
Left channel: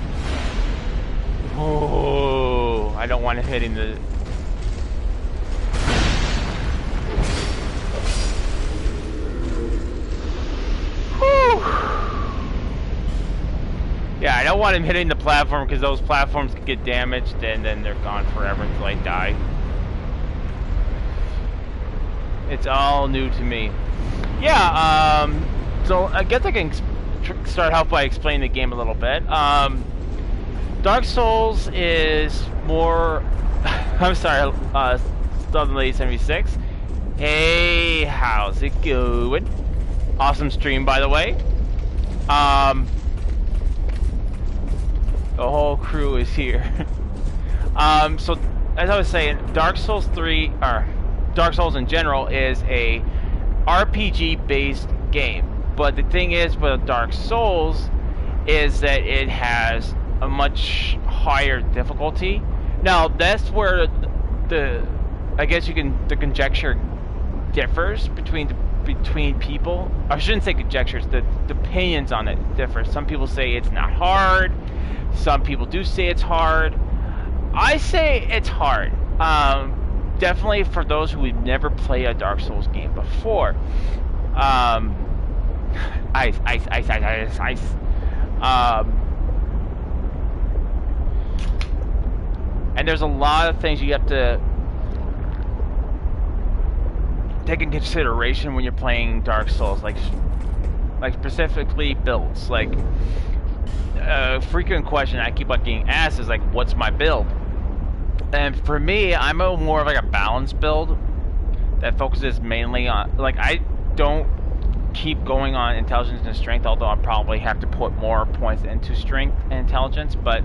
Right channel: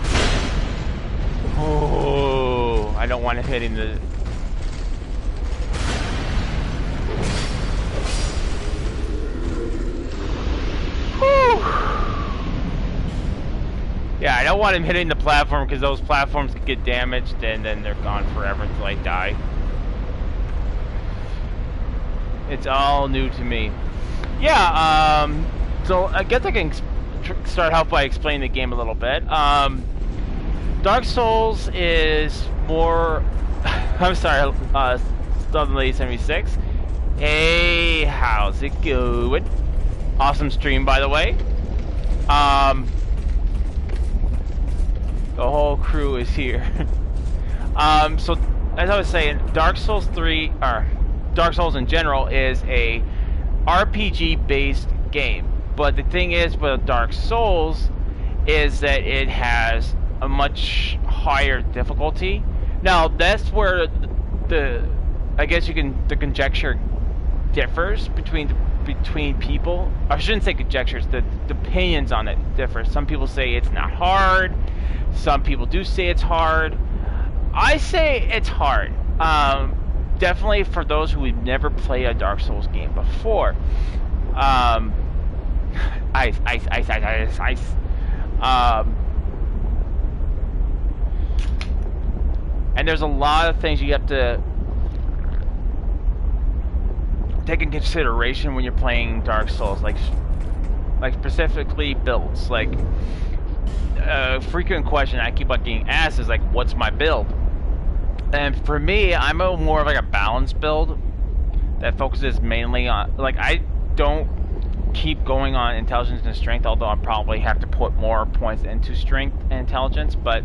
Oh, I don't want it hitting the. Whew. Yeah, I don't want him hitting the platform because those platforms could get damaged and then they're gone forever until I die. It's all new to me. Yeah, so I guess I can start out by explaining the game a little bit. Dark Souls is more... I'm sorry, Southern Lady 76. Hey, how's it going? Awesome stream, by the way. The whole crew is here. So, as I was saying, Dark Souls 3, or Dark Souls in general, is a RPG-based game. But the thing is with Dark Souls is that it has a much higher difficulty. Now, that's where the conjecture differs between people. I shouldn't say conjectures, the opinions on it differ. Some people say it's not hard. Some people do say it's hard. I say it's hard. Definitely for those who have never played a Dark Souls game before. Ice. And there's a lot of things you have to take in consideration when you're playing Dark Souls, like specifically builds. Like a frequent question I keep on getting asked is like, what's my build? And for me, I'm more of like a balanced build that focuses mainly on, like, I don't keep going on intelligence and strength, although I probably have to put more points into strength and intelligence, but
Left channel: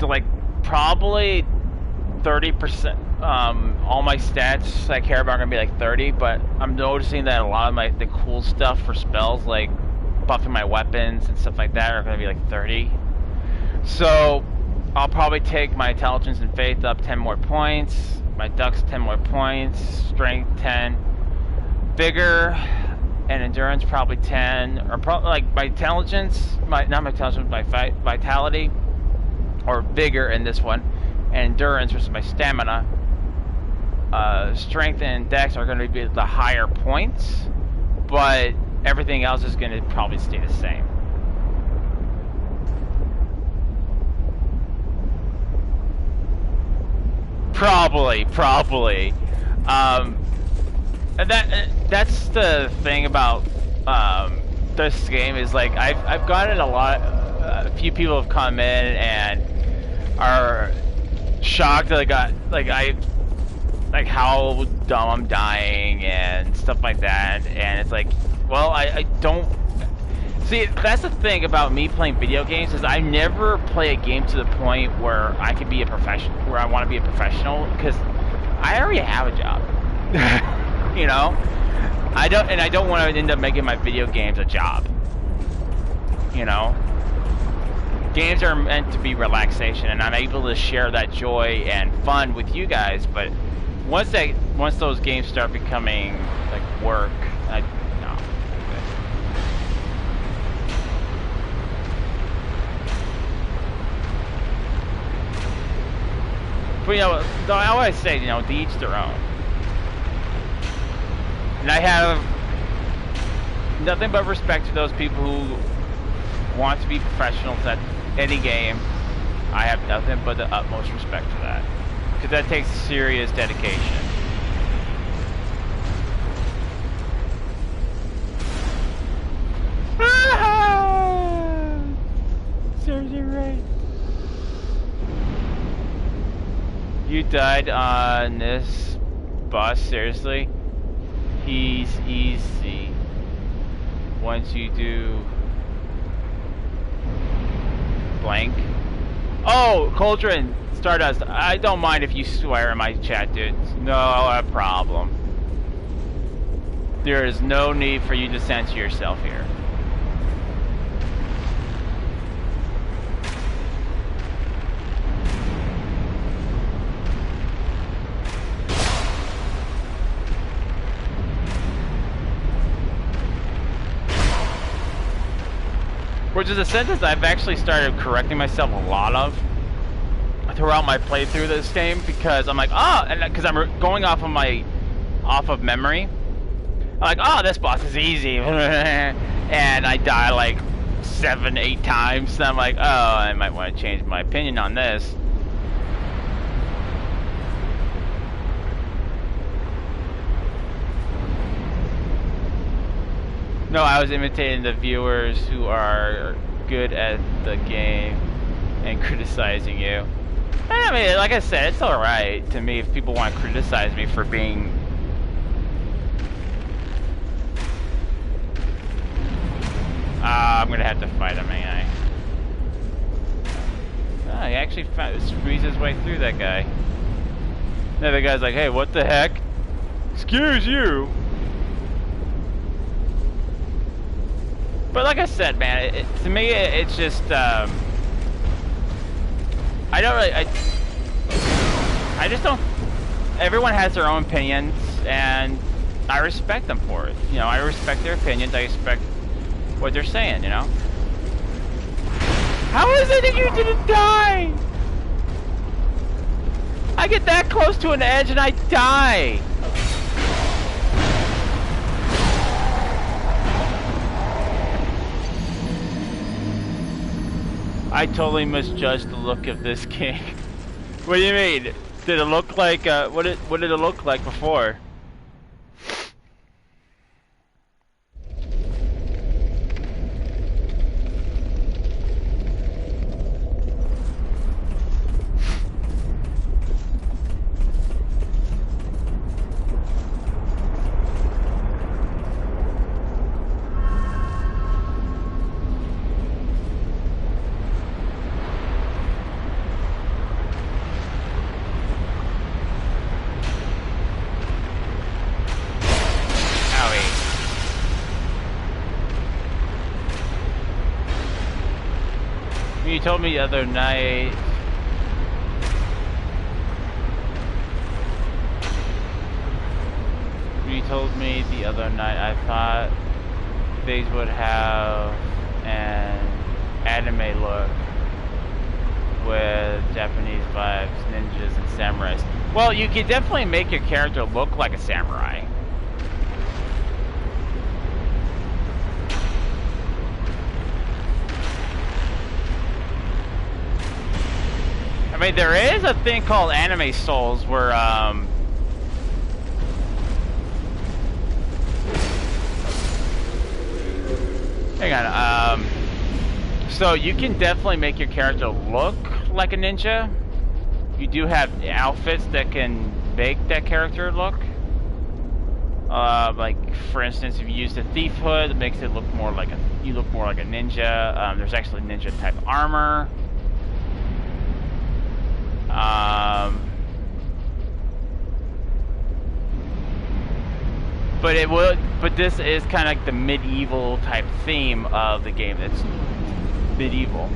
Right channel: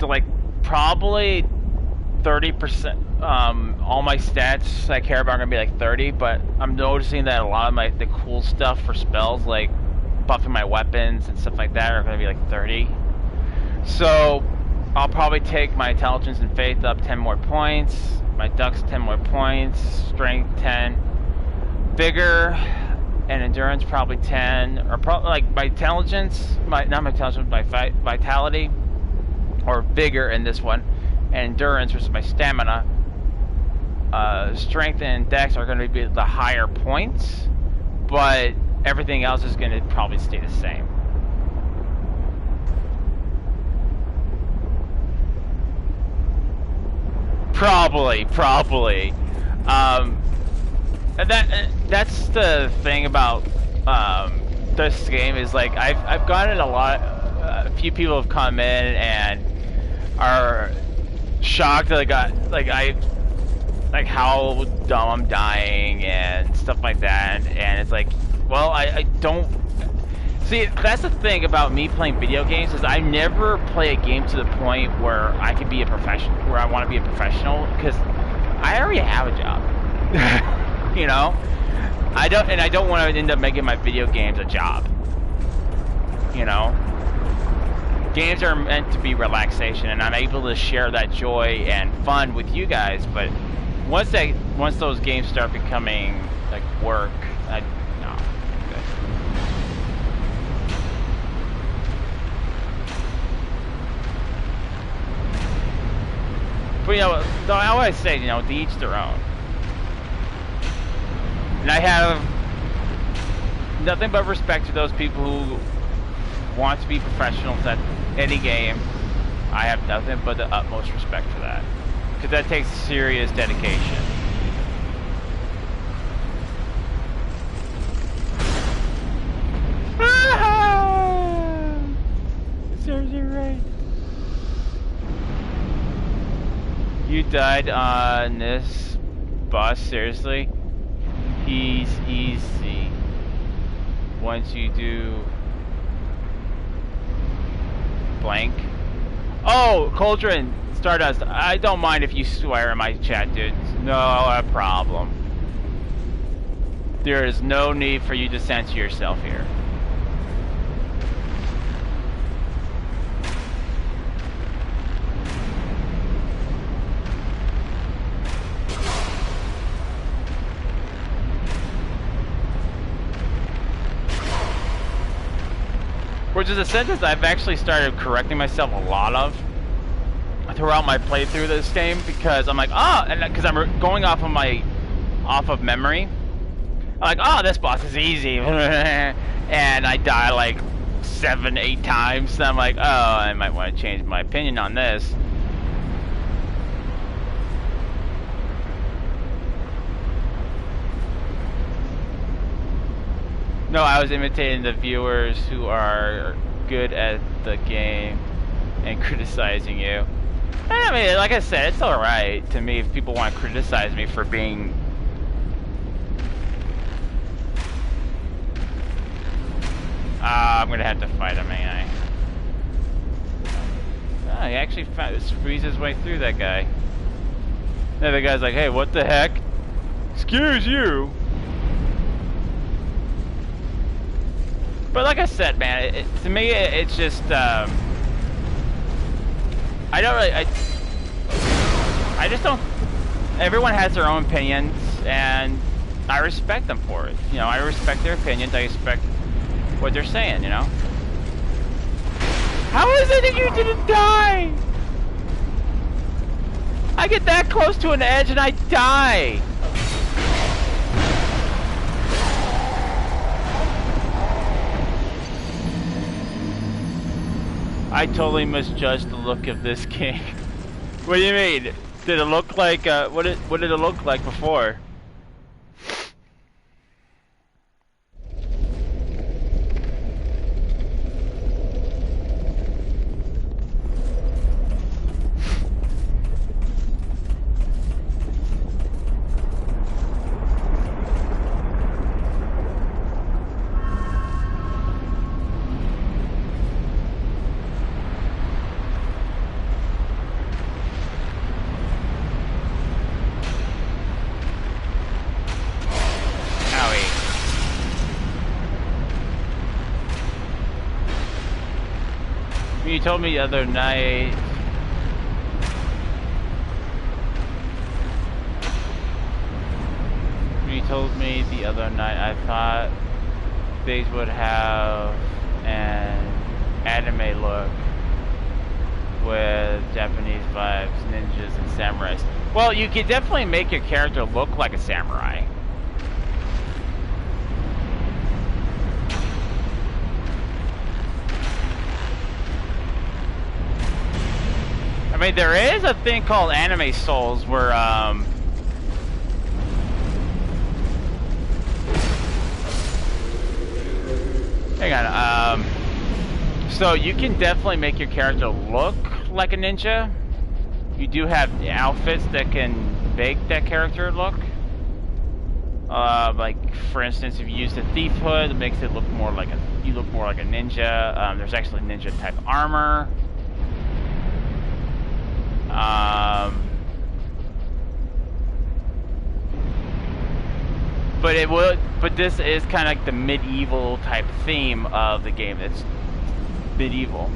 like probably 30%, all my stats I care about are gonna be like 30, but I'm noticing that a lot of the cool stuff for spells, like buffing my weapons and stuff like that, are gonna be like 30. So I'll probably take my intelligence and faith up 10 more points, my dex 10 more points, strength 10, vigor and endurance probably 10, or like my intelligence, my vitality or vigor in this one, and endurance, which is my stamina. Strength and dex are going to be the higher points, but everything else is going to probably stay the same. Probably. And that's the thing about this game, is like I've gotten a few people have come in and are shocked that how dumb I'm dying and stuff like that, and it's like, well, I don't see. That's the thing about me playing video games, is I never play a game to the point where I can be a professional, where I want to be a professional, because I already have a job. You know, I don't want to end up making my video games a job. You know, games are meant to be relaxation, and I'm able to share that joy and fun with you guys. But once those games start becoming like work, no. But you know, I always say, you know, to each their own. And I have nothing but respect to those people who want to be professionals at any game. I have nothing but the utmost respect for that, because that takes serious dedication. Serves you right. You died on this boss, seriously? He's easy once you do blank. Oh, Cauldron, Stardust, I don't mind if you swear in my chat, dude. No problem. There is no need for you to censor yourself here. Which is a sentence I've actually started correcting myself a lot of throughout my playthrough of this game, because I'm like, oh, and because I'm going off of memory. I'm like, oh, this boss is easy, and I die like 7-8 times. And I'm like, oh, I might want to change my opinion on this. No, I was imitating the viewers who are good at the game and criticizing you. I mean, like I said, it's alright to me if people want to criticize me for being... I'm gonna have to fight him, ain't I? Oh, he actually squeezed his way through that guy. The other guy's like, hey, what the heck? Excuse you! But like I said, man, to me, it's just, I don't really, I just don't, everyone has their own opinions, and I respect them for it. You know, I respect their opinions, I respect what they're saying, you know? How is it that you didn't die? I get that close to an edge and I die! I totally misjudged the look of this game. What do you mean? Did it look like, what did it look like before? You told me the other night. You told me the other night I thought these would have an anime look with Japanese vibes, ninjas, and samurais. Well, you could definitely make your character look like a samurai. I mean, there is a thing called anime souls where, hang on, so you can definitely make your character look like a ninja. You do have outfits that can make that character look. Like, for instance, if you use the thief hood, it makes it look more like you look more like a ninja. There's actually ninja type armor. But this is kind of like the medieval type theme of the game. It's medieval.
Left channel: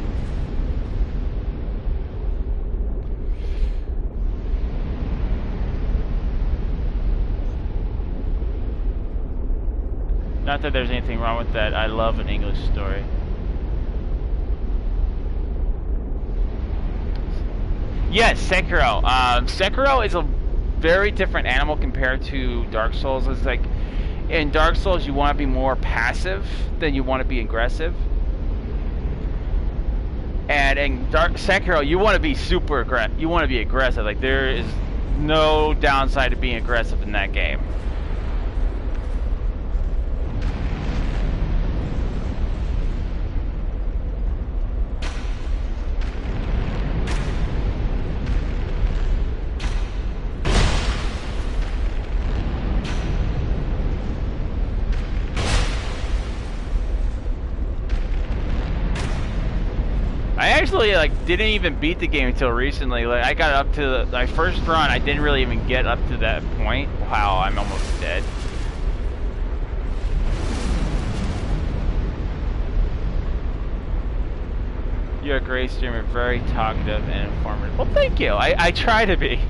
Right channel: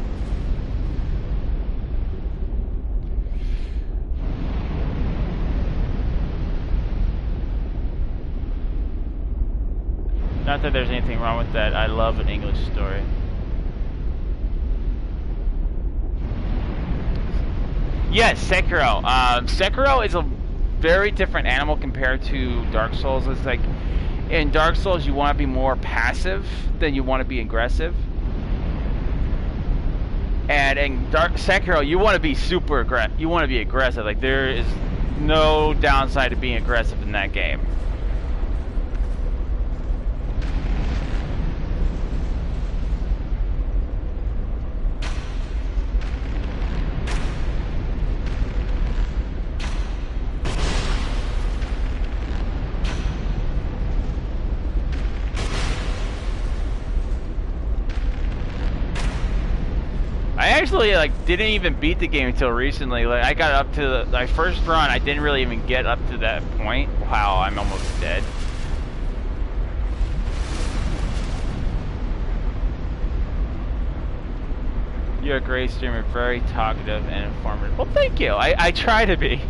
Not that there's anything wrong with that. I love an English story. Yes, Sekiro. Sekiro is a very different animal compared to Dark Souls. It's like, in Dark Souls, you want to be more passive than you want to be aggressive. And in Sekiro, you want to be super aggressive. You want to be aggressive. Like, there is no downside to being aggressive in that game. I actually didn't even beat the game until recently. Like, I got up to my first run, I didn't really even get up to that point. Wow, I'm almost dead. You're a great streamer, very talkative and informative. Well, thank you. I try to be.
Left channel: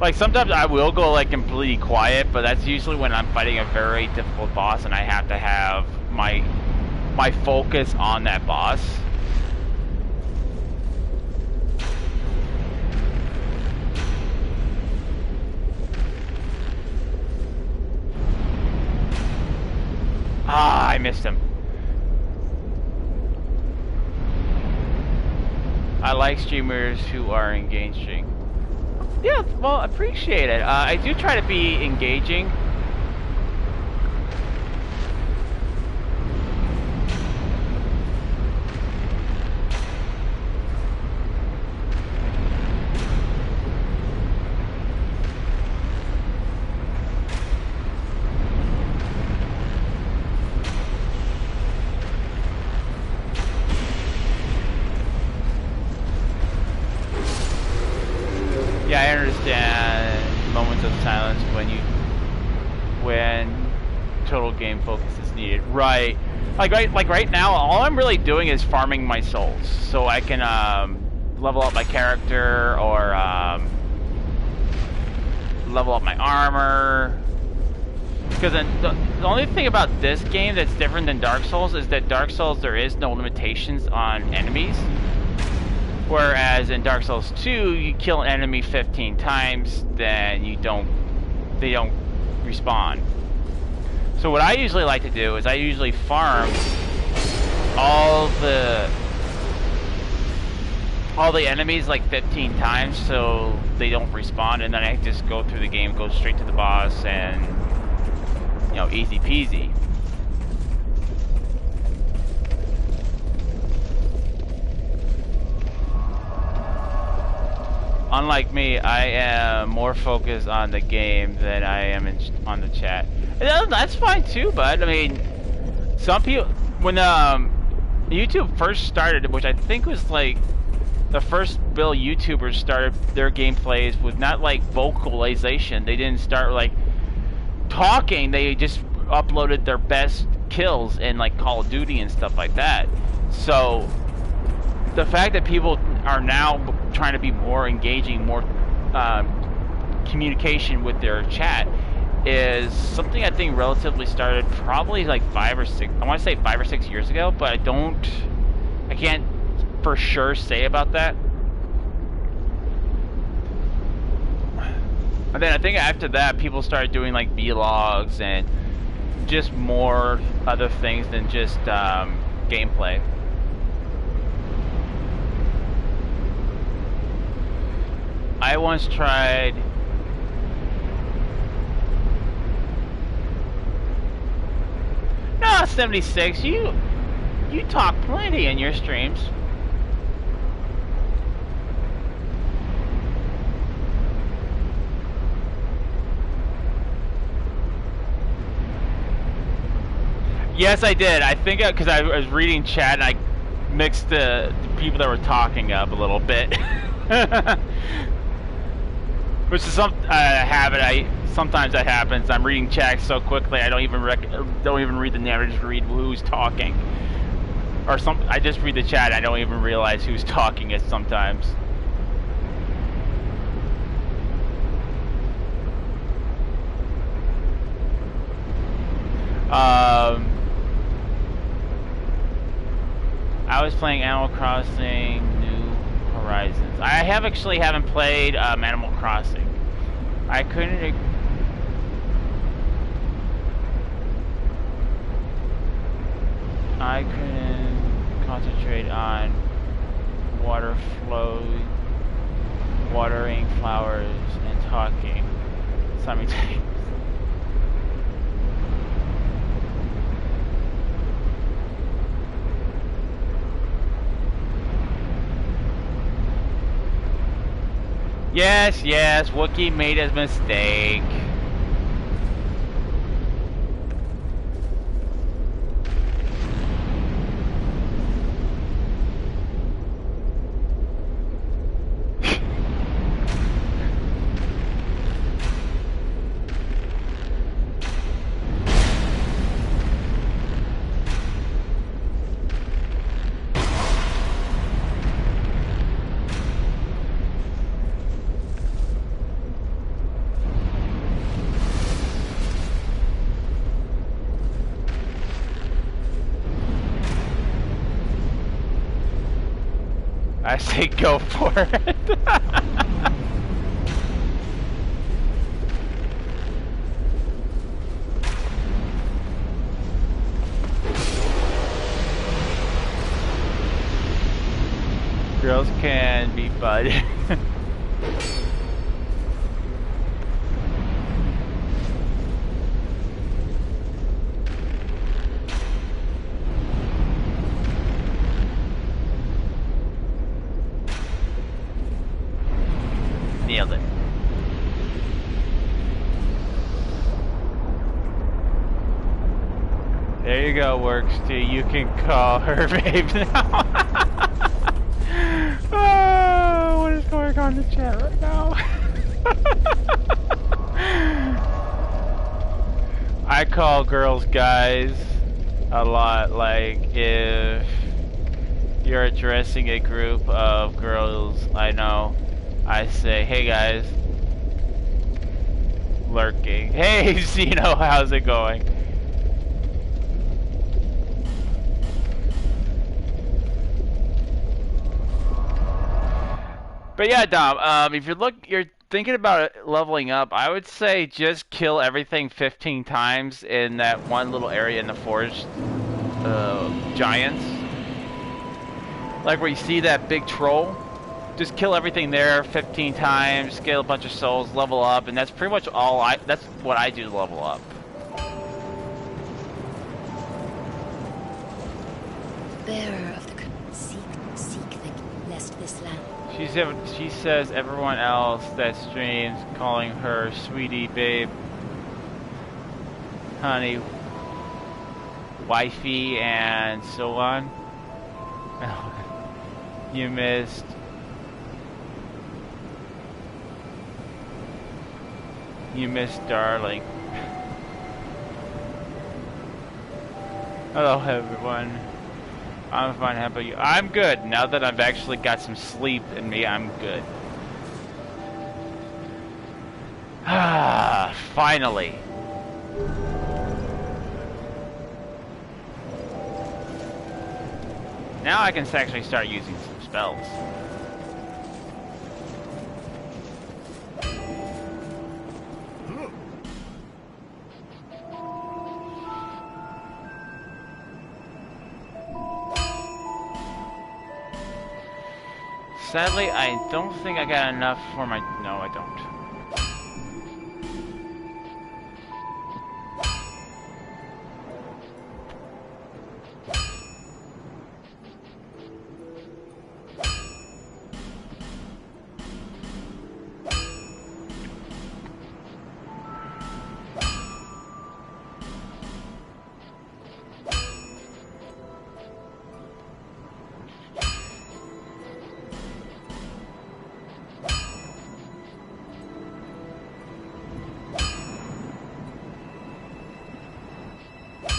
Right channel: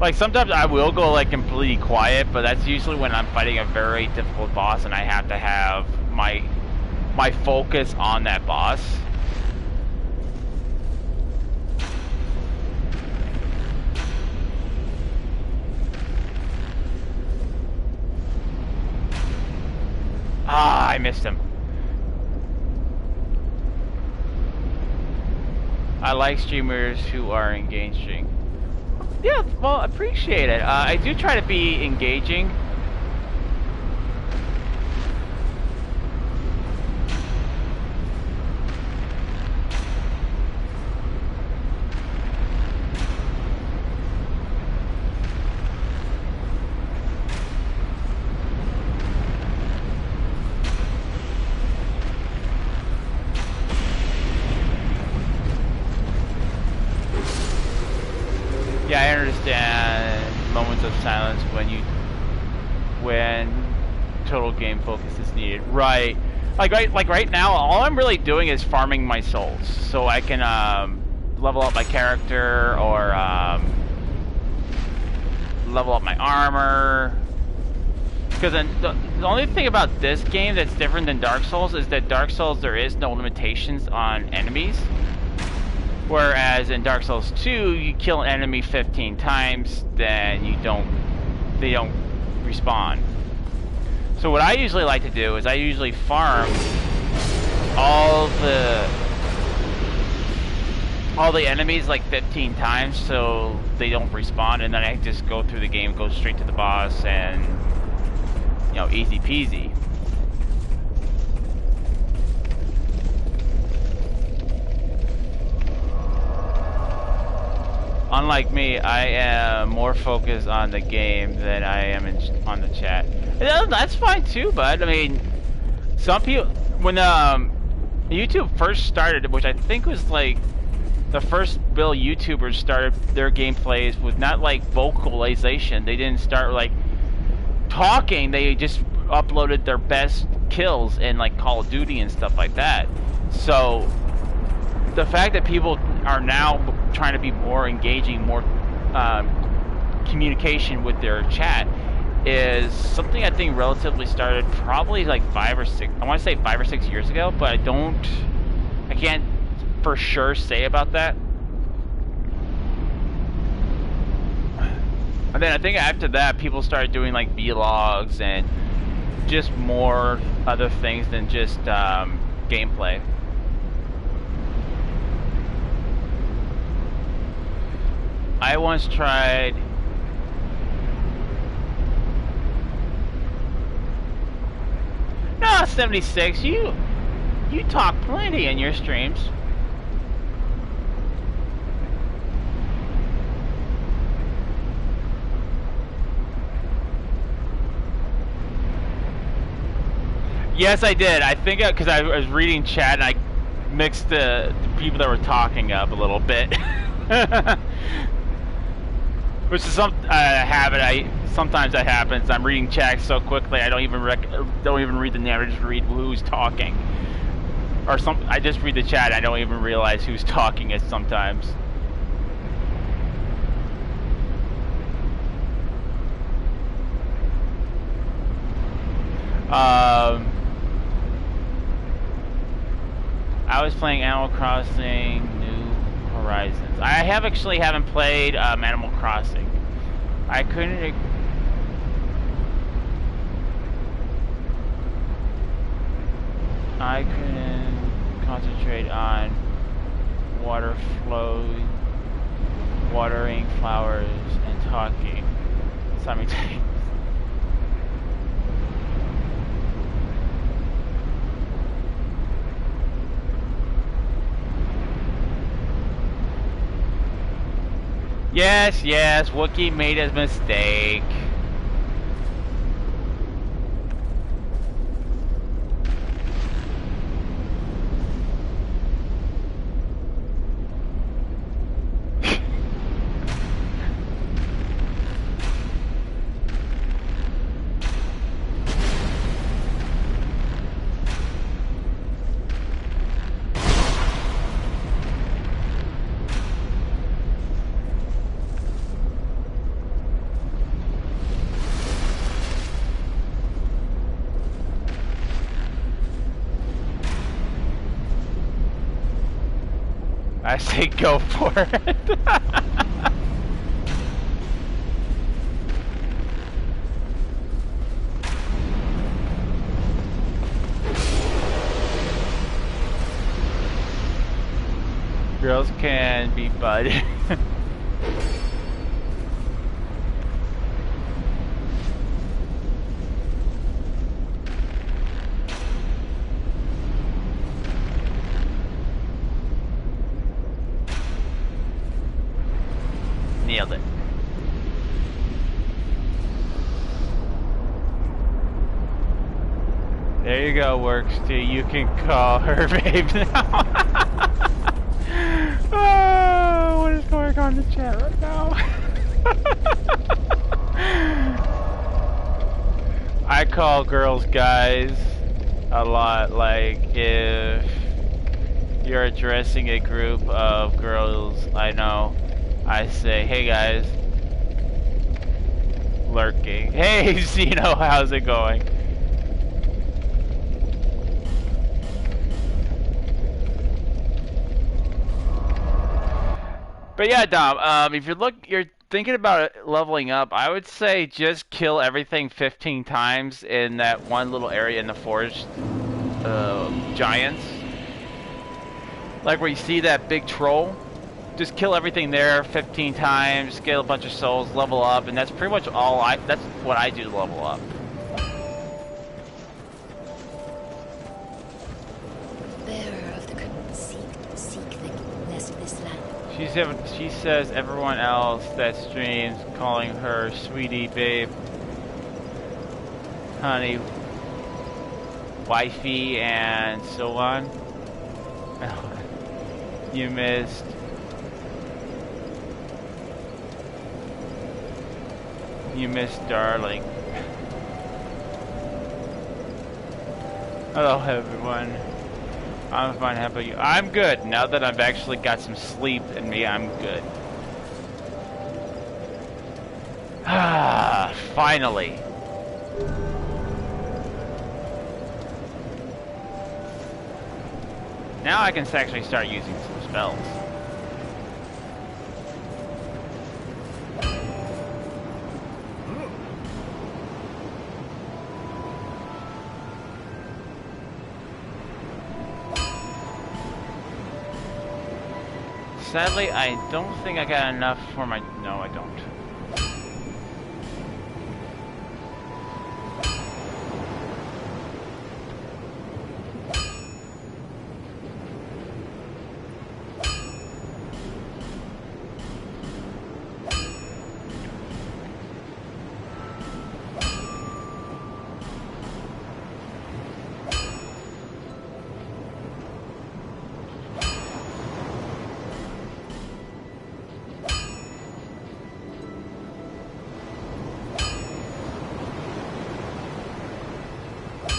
Like, sometimes I will go completely quiet, but that's usually when I'm fighting a very difficult boss and I have to have my my focus on that boss. Ah, I missed him. I like streamers who are engaging. Yeah, well, appreciate it. I do try to be engaging. Yeah, I understand moments of silence when total game focus is needed. Right. Like right now, all I'm really doing is farming my souls, so I can level up my character or level up my armor. Because the only thing about this game that's different than Dark Souls is that Dark Souls there is no limitations on enemies. Whereas in Dark Souls 2, you kill an enemy 15 times, then they don't respawn. So what I usually like to do is I usually farm all the enemies like 15 times so they don't respawn, and then I just go through the game, go straight to the boss, and you know, easy peasy. Unlike me, I am more focused on the game than I am on the chat. And that's fine too, bud. I mean, some people, when YouTube first started, which I think was like the first Bill YouTubers started their gameplays with not like vocalization. They didn't start like talking. They just uploaded their best kills in like Call of Duty and stuff like that. So the fact that people are now trying to be more engaging, more communication with their chat is something I think relatively started probably like 5 or 6, I want to say 5 or 6 years ago, but I can't for sure say about that. And then I think after that, people started doing like vlogs and just more other things than just gameplay. I once tried No, 76, you talk plenty in your streams. Yes, I did. I think because I was reading chat and I mixed the people that were talking up a little bit. Which is a habit. Sometimes that happens. I'm reading chat so quickly I don't even read the name. I just read who's talking. Or I just read the chat. I don't even realize who's talking it sometimes. I was playing Animal Crossing New Horizons. I haven't played Animal Crossing. I couldn't concentrate on water flow, watering flowers, and talking simultaneously. Yes, Wookiee made a mistake. I say go for it. Girls can be bud. Nailed it. There you go, Works too. You can call her babe now. Oh, what is going on in the chat right now? I call girls guys a lot. Like if you're addressing a group of girls I know, I say, hey guys, lurking. Hey Zeno, how's it going? But yeah, Dom, if you're thinking about leveling up, I would say just kill everything 15 times in that one little area in the forest, giants. Like where you see that big troll. Just kill everything there 15 times, get a bunch of souls, level up, and that's pretty much all that's what I do to level up. Bearer of the seek the lest this land. She says everyone else that streams calling her sweetie, babe, honey, wifey, and so on. You missed. You missed, darling. Hello, everyone. I'm fine. How about you? I'm good. Now that I've actually got some sleep in me, I'm good. Ah, finally. Now I can actually start using some spells. Sadly, I don't think I got enough for my... No, I don't.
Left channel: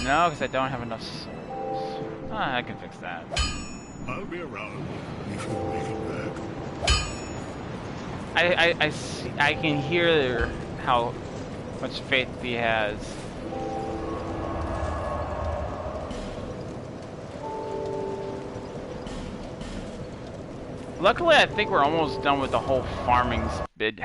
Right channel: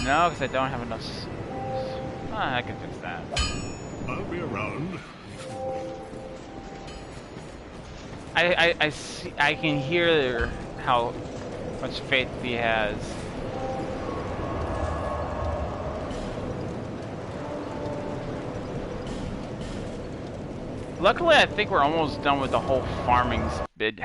No, because I don't have enough souls. Ah, I can fix that. I'll be around if you wait back. I see, I can hear how much faith he has. Luckily, I think we're almost done with the whole farming bit.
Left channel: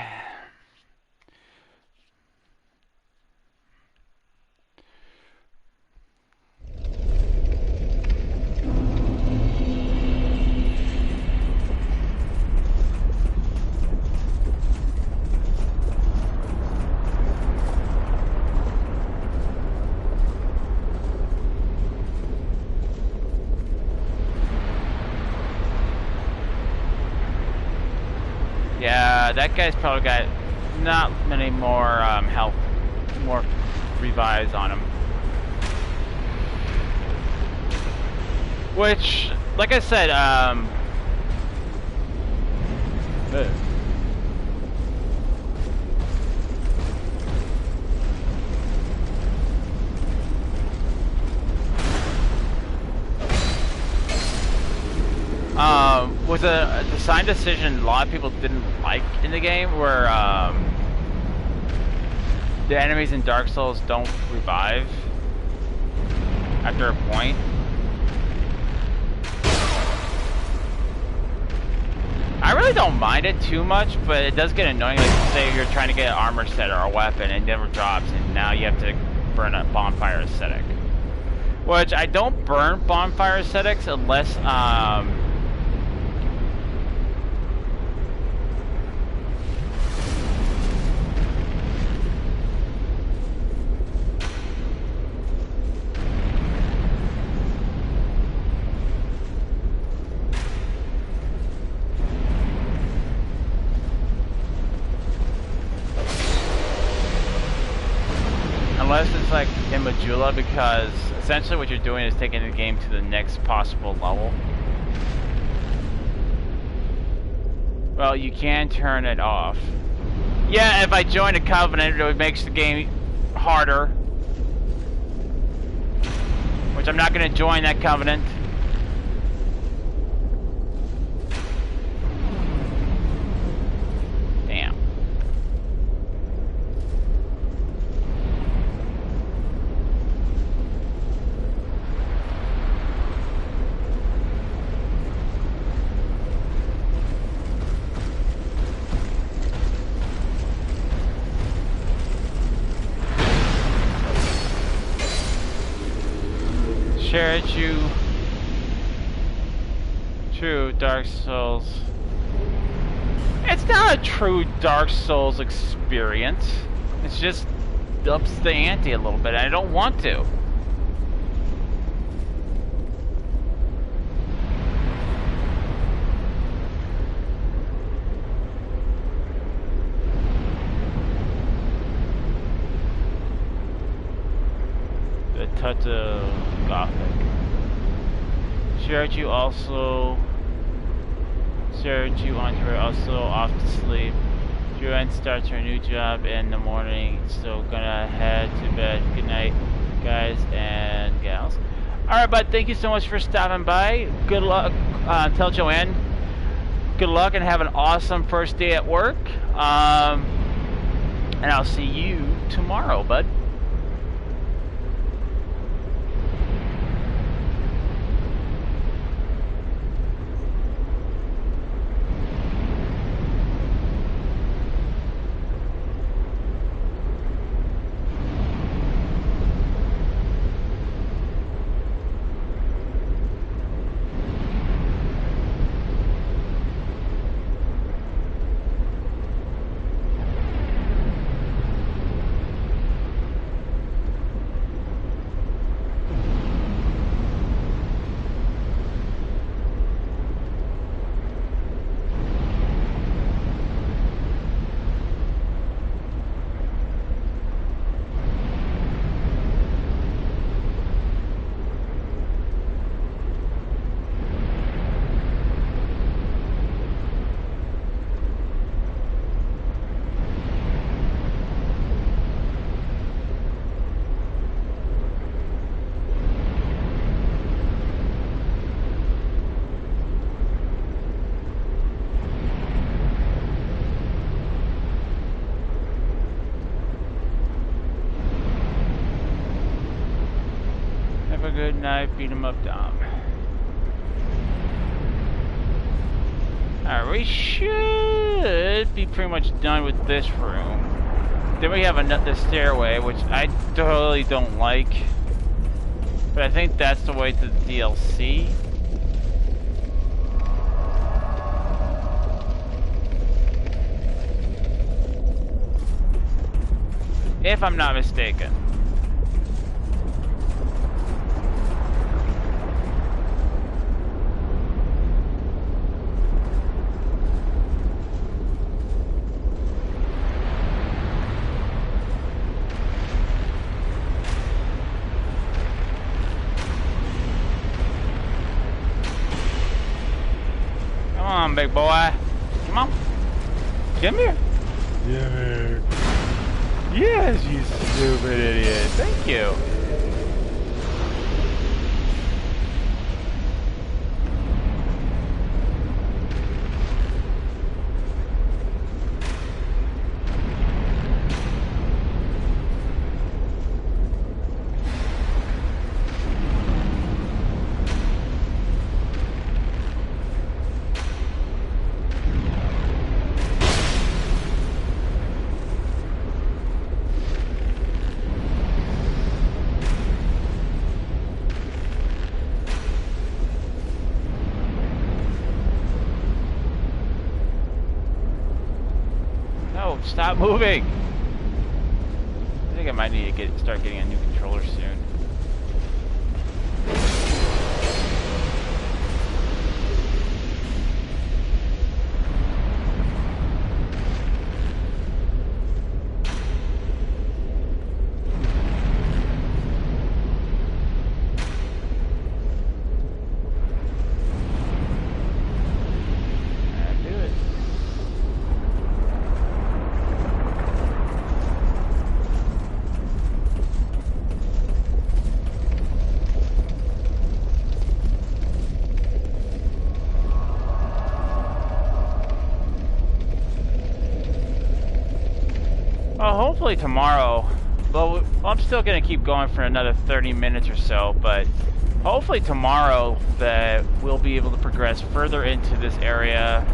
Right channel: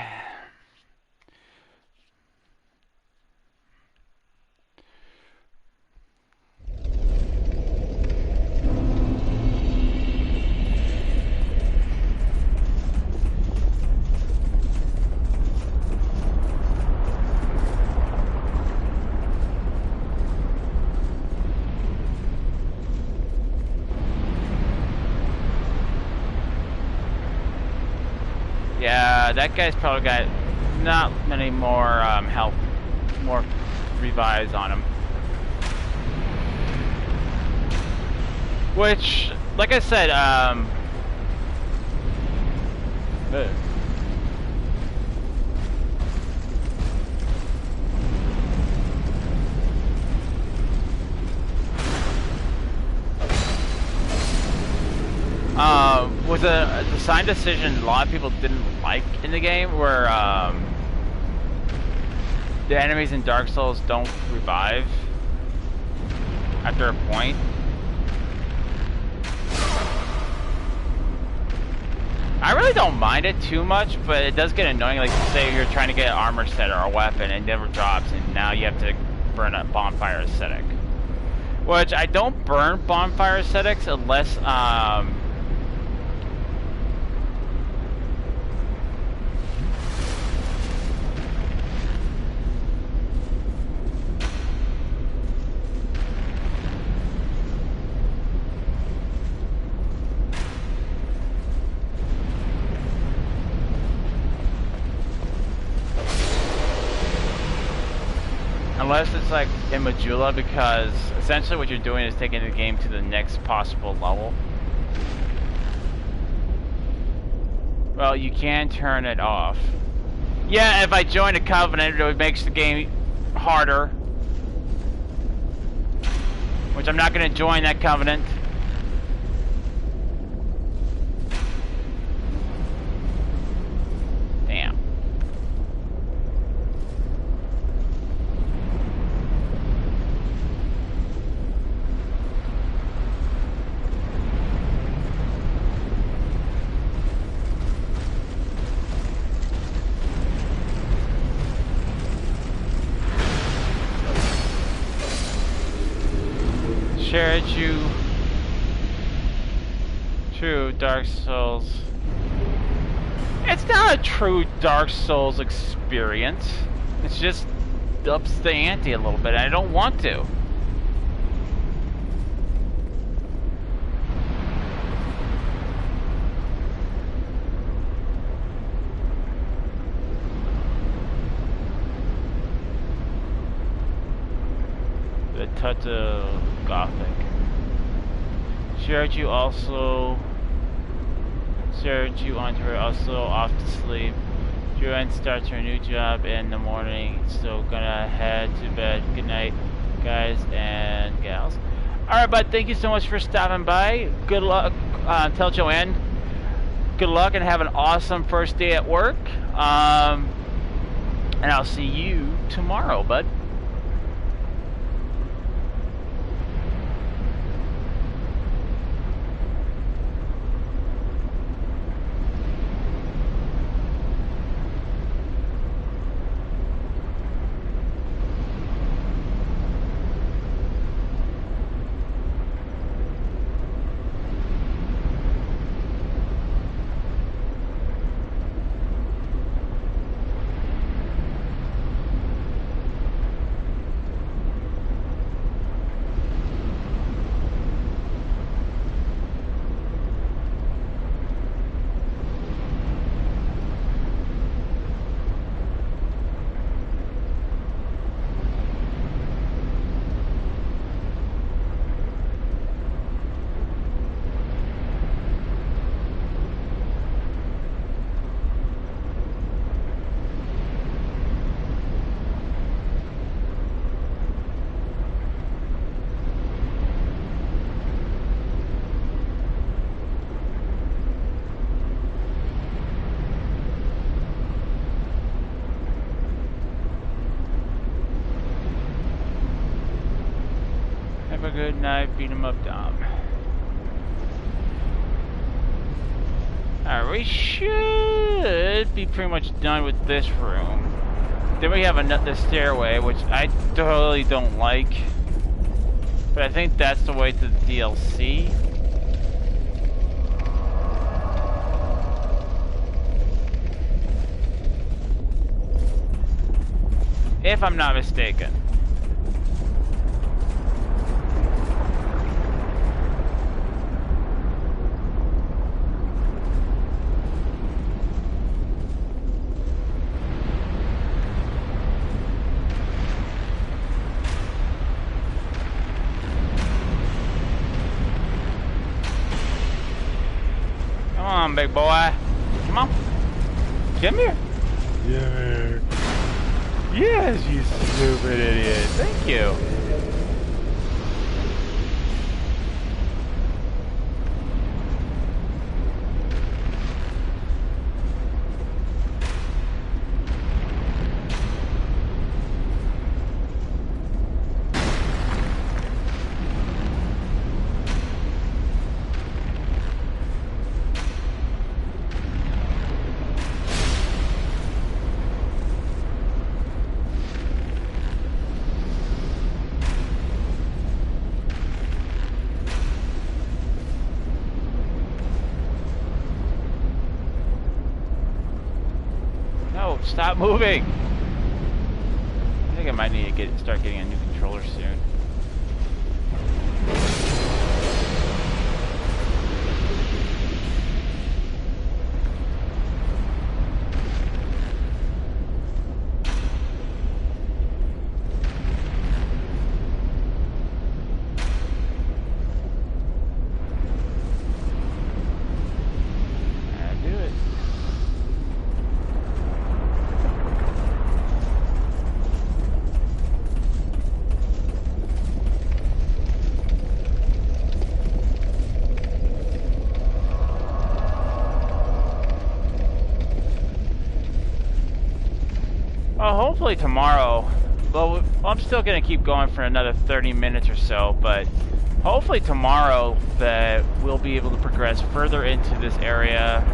Yeah, that guy's probably got not many more health, more revives on him. Which, like I said, was a design decision a lot of people didn't like in the game, where the enemies in Dark Souls don't revive after a point. I really don't mind it too much, but it does get annoying. Like, say you're trying to get an armor set or a weapon and it never drops, and now you have to burn a bonfire aesthetic. Which, I don't burn bonfire aesthetics unless, unless it's like in Majula, because essentially what you're doing is taking the game to the next possible level. Well, you can turn it off. Yeah, if I join a covenant, it makes the game harder. Which I'm not going to join that covenant. Damn. Share true Dark Souls. It's not a true Dark Souls experience. It's just ups the ante a little bit. I don't want to. The touch of Gothic. Shiraju onto her also off to sleep. Joanne starts her new job in the morning, so gonna head to bed. Good night, guys and gals. Alright, bud, thank you so much for stopping by. Good luck. Tell Joanne good luck and have an awesome first day at work. And I'll see you tomorrow, bud. Have a good night, beat 'em up, Dom. Alright, we should be pretty much done with this room. Then we have another stairway, which I totally don't like. But I think that's the way to the DLC. If I'm not mistaken. Come on, big boy. Come on. Come here. Yeah. Yes, you stupid idiot. Thank you. No, stop moving! I think I might need to start getting a new controller soon. Well, hopefully tomorrow, well, I'm still going to keep going for another 30 minutes or so, but hopefully tomorrow that we'll be able to progress further into this area.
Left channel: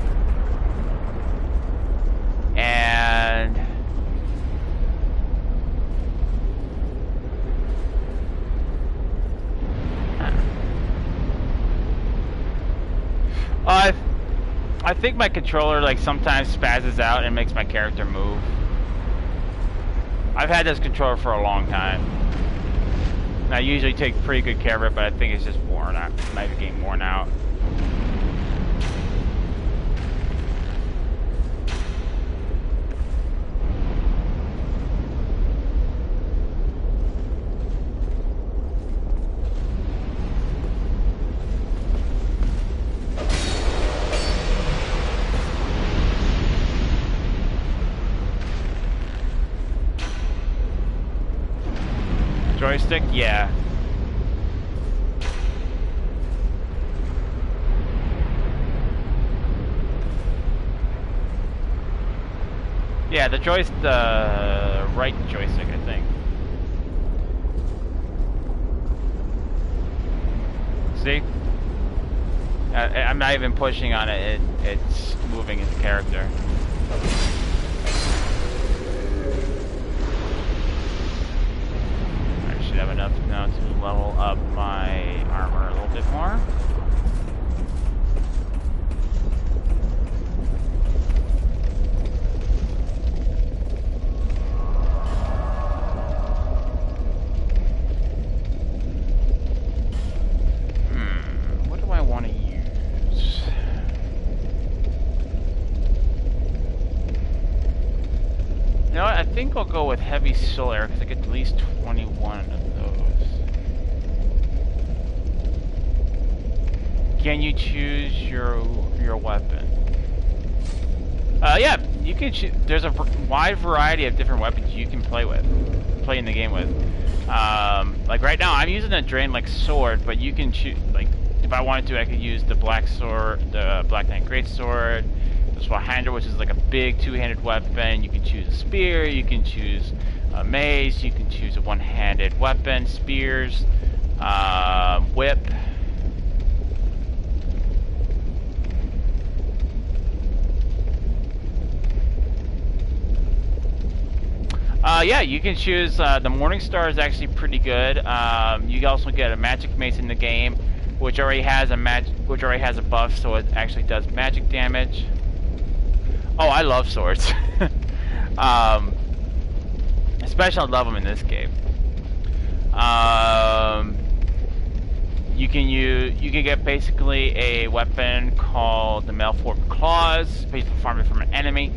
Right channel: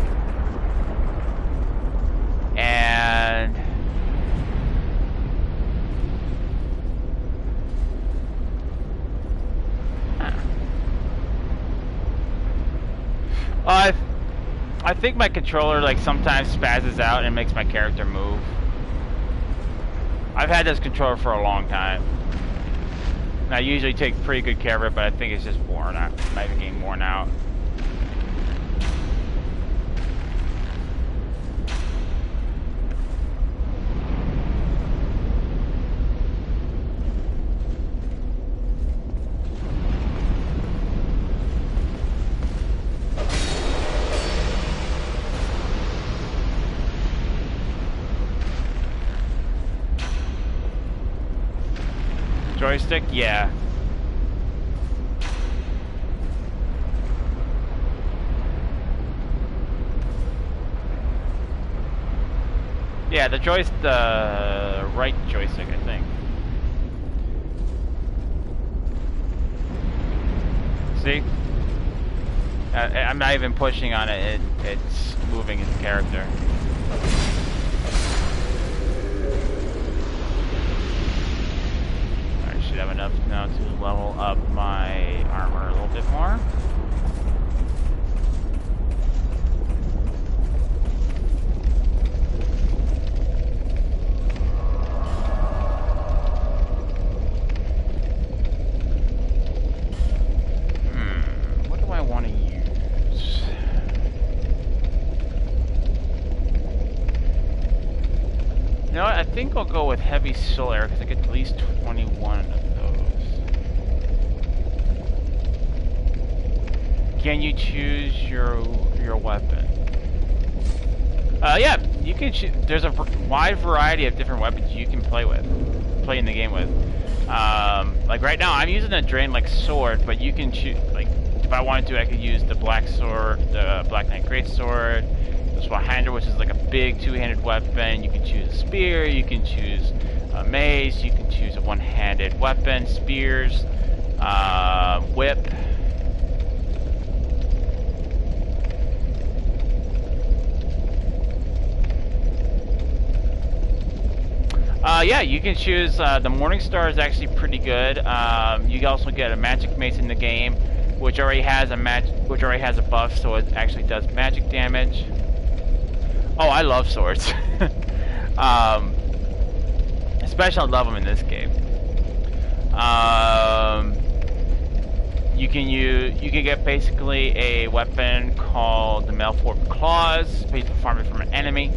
And I think my controller like sometimes spazzes out and makes my character move. I've had this controller for a long time. And I usually take pretty good care of it, but I think it's just worn out. Might be getting worn out. Joystick? Yeah. Yeah, the right joystick, I think. See? I'm not even pushing on it, it's moving its character. Should have enough now to level up my armor a little bit more. What do I want to use? You know what? I think I'll go with heavy soul arrow because I get at least 21 of those. Can you choose your weapon? Yeah, you can choose. There's a wide variety of different weapons you can play in the game with. Like right now, I'm using a drain like sword, but you can choose. Like if I wanted to, I could use the black sword, the Black Knight Greatsword. The Swahander, which is like a big two-handed weapon. You can choose a spear, you can choose a mace, you can choose a one-handed weapon, spears, whip. Yeah, you can choose, the Morning Star is actually pretty good. You can also get a magic mace in the game, which already has a buff, so it actually does magic damage. Oh, I love swords. Especially I love them in this game. You can get basically a weapon called the Malformed Claws, based on farming from an enemy.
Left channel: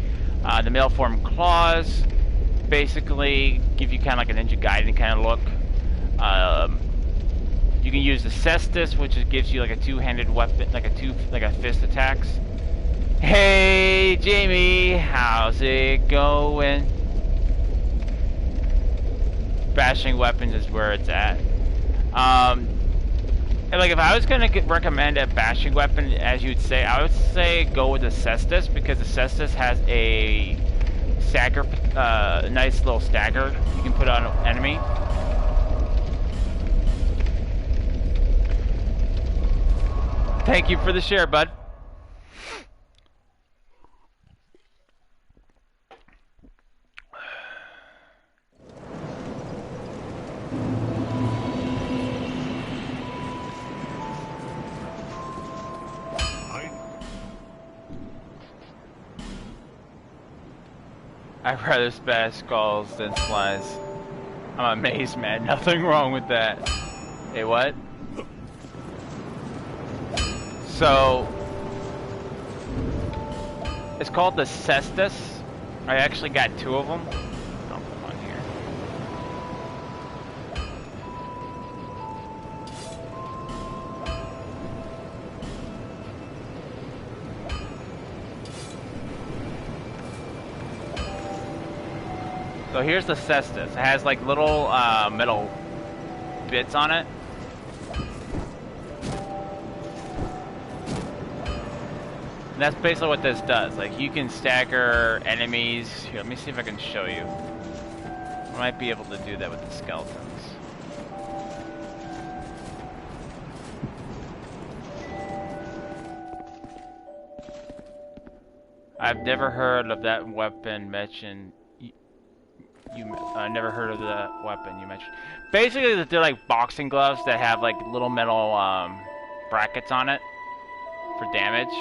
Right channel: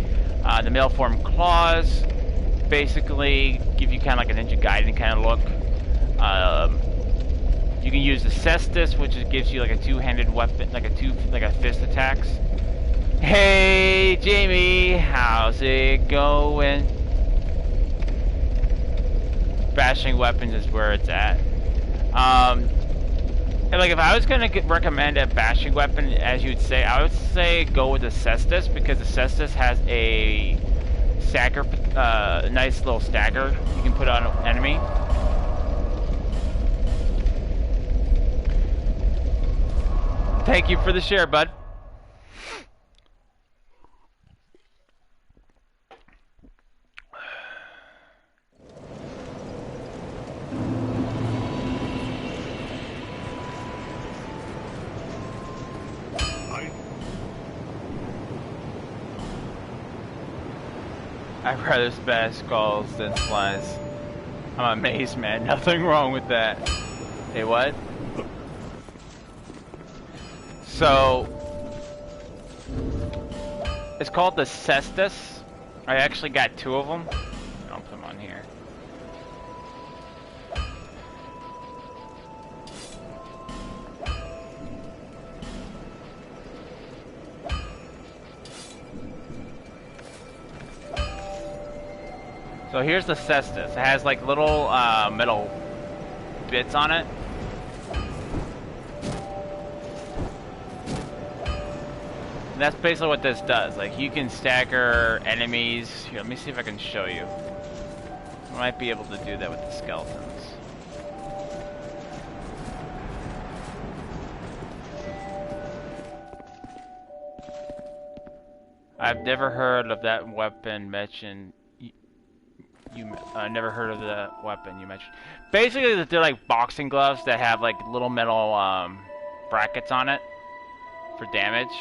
The Malformed Claws basically give you kind of like a Ninja Gaiden kind of look. You can use the Cestus, which gives you like a two-handed weapon, like a fist attacks. Hey Jamie, how's it going? Bashing weapons is where it's at. And like if I was gonna recommend a bashing weapon, as you'd say, I would say go with the Cestus, because the Cestus has a stagger, nice little stagger you can put on an enemy. Thank you for the share, bud. I'd rather smash skulls than slice. I'm amazed, man. Nothing wrong with that. Hey, what? So, it's called the Cestus. I actually got 2 of them. I'll put them on here. So here's the Cestus. It has like little metal bits on it. And that's basically what this does. Like, you can stagger enemies. Here, let me see if I can show you. I might be able to do that with the skeletons. I've never heard of that weapon mentioned. Never heard of the weapon you mentioned. Basically, they're like boxing gloves that have like little metal brackets on it for damage.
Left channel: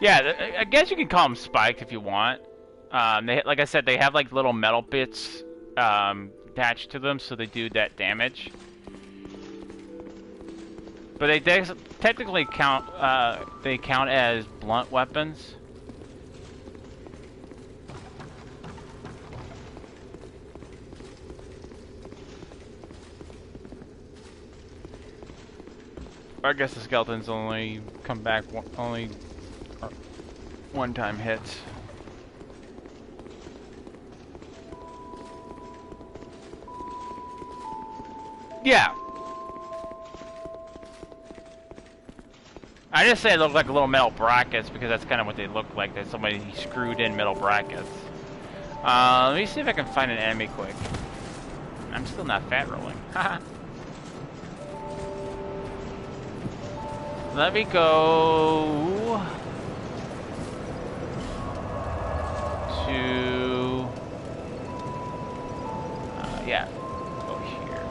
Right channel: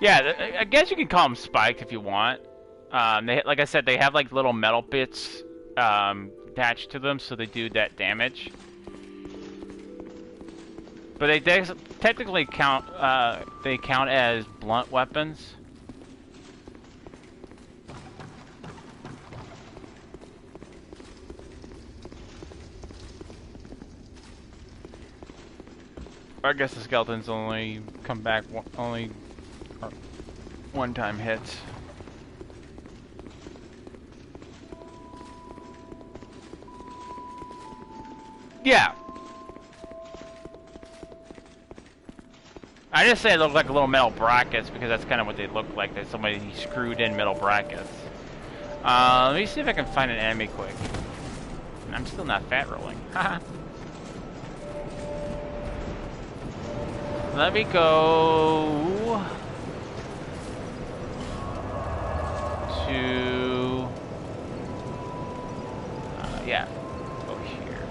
Yeah, I guess you can call them spiked if you want. Like I said, they have like little metal bits attached to them, so they do that damage. But they technically count. They count as blunt weapons. I guess the skeletons only come back one-time hits. Yeah. I just say it looks like little metal brackets because that's kind of what they look like. That somebody screwed in metal brackets. Let me see if I can find an enemy quick. I'm still not fat rolling. Haha. Let me go to yeah, go here.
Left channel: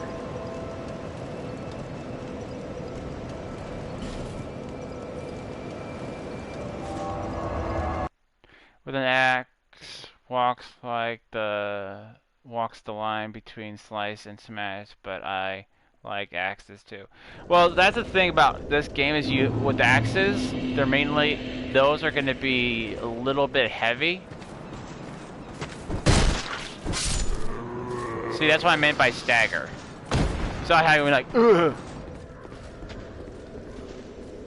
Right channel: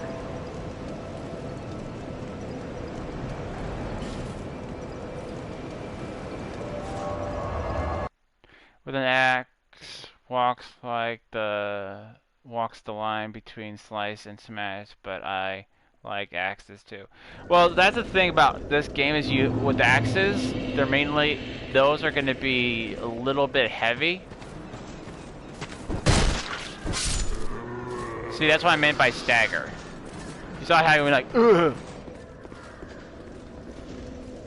With an axe, walks the line between slice and smash, but I like axes too. Well, that's the thing about this game is with axes, those are going to be a little bit heavy. See, that's what I meant by stagger. You saw how you went like, ugh.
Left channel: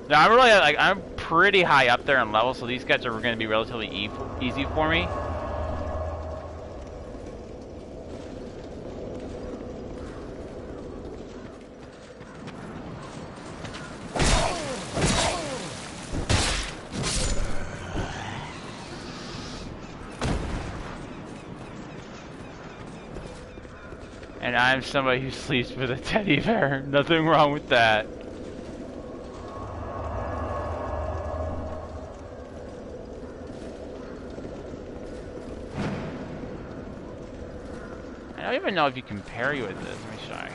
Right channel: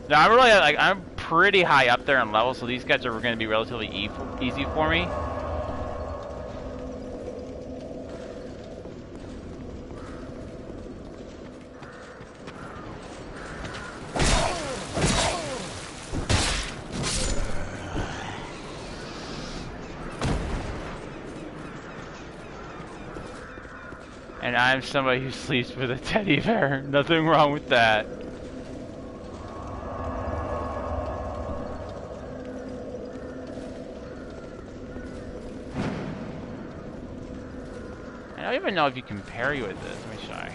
Now I'm pretty high up there in level, so these guys are going to be relatively easy for me. And I'm somebody who sleeps with a teddy bear. Nothing wrong with that. I don't even know if you can parry with this. Let me try.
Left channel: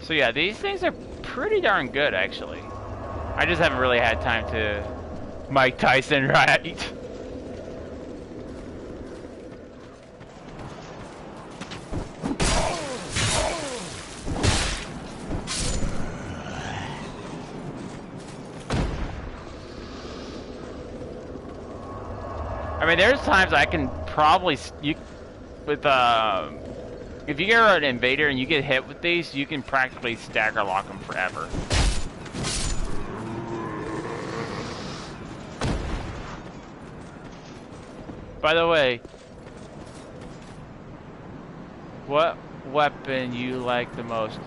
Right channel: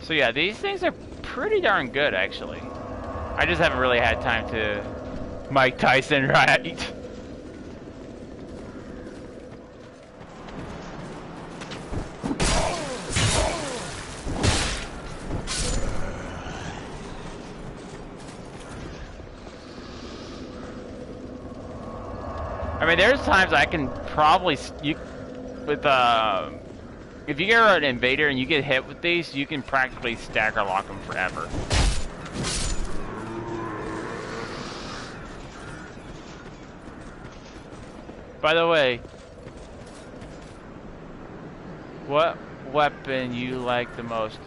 So yeah, these things are pretty darn good, actually. I just haven't really had time to Mike Tyson right. I mean, there's times I can probably if you get an invader and you get hit with these, you can practically stagger lock them forever. By the way, what weapon you like the most?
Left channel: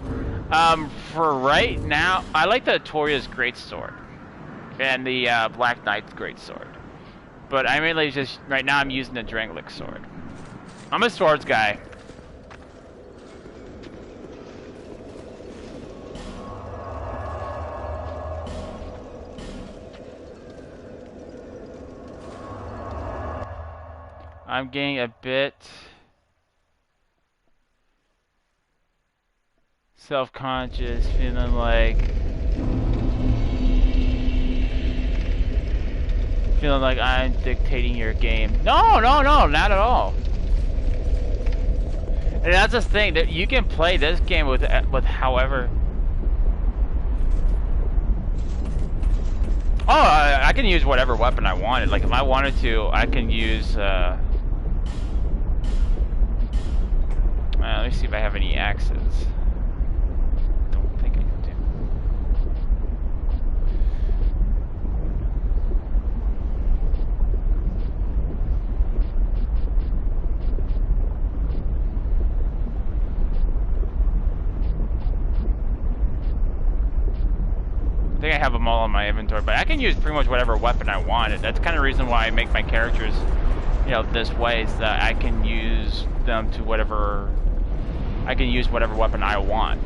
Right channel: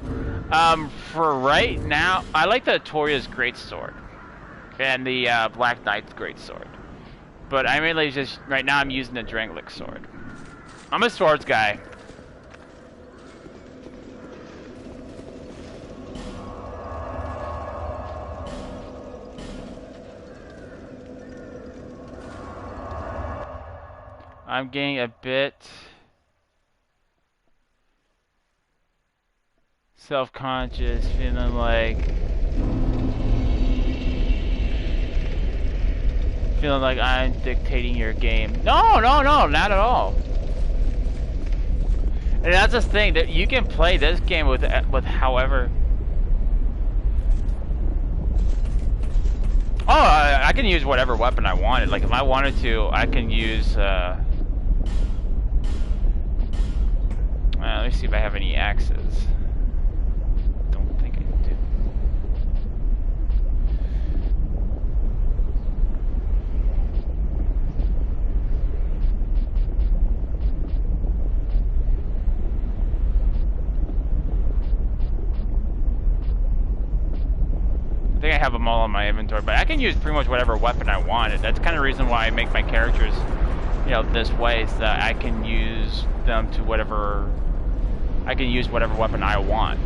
For right now, I like the Toria's greatsword and the Black Knight's greatsword. But I mainly just right now I'm using the Drangleic sword. I'm a swords guy. I'm getting a bit self-conscious, feeling like I'm dictating your game. No, no, no, not at all. And that's the thing, that you can play this game with however. Oh, I can use whatever weapon I wanted. Like if I wanted to, I can use. Let me see if I have any axes. Don't think I do. I think I have them all in my inventory, but I can use pretty much whatever weapon I wanted. That's kind of the reason why I make my characters, you know, this way, is that I can use them to whatever. I can use whatever weapon I want.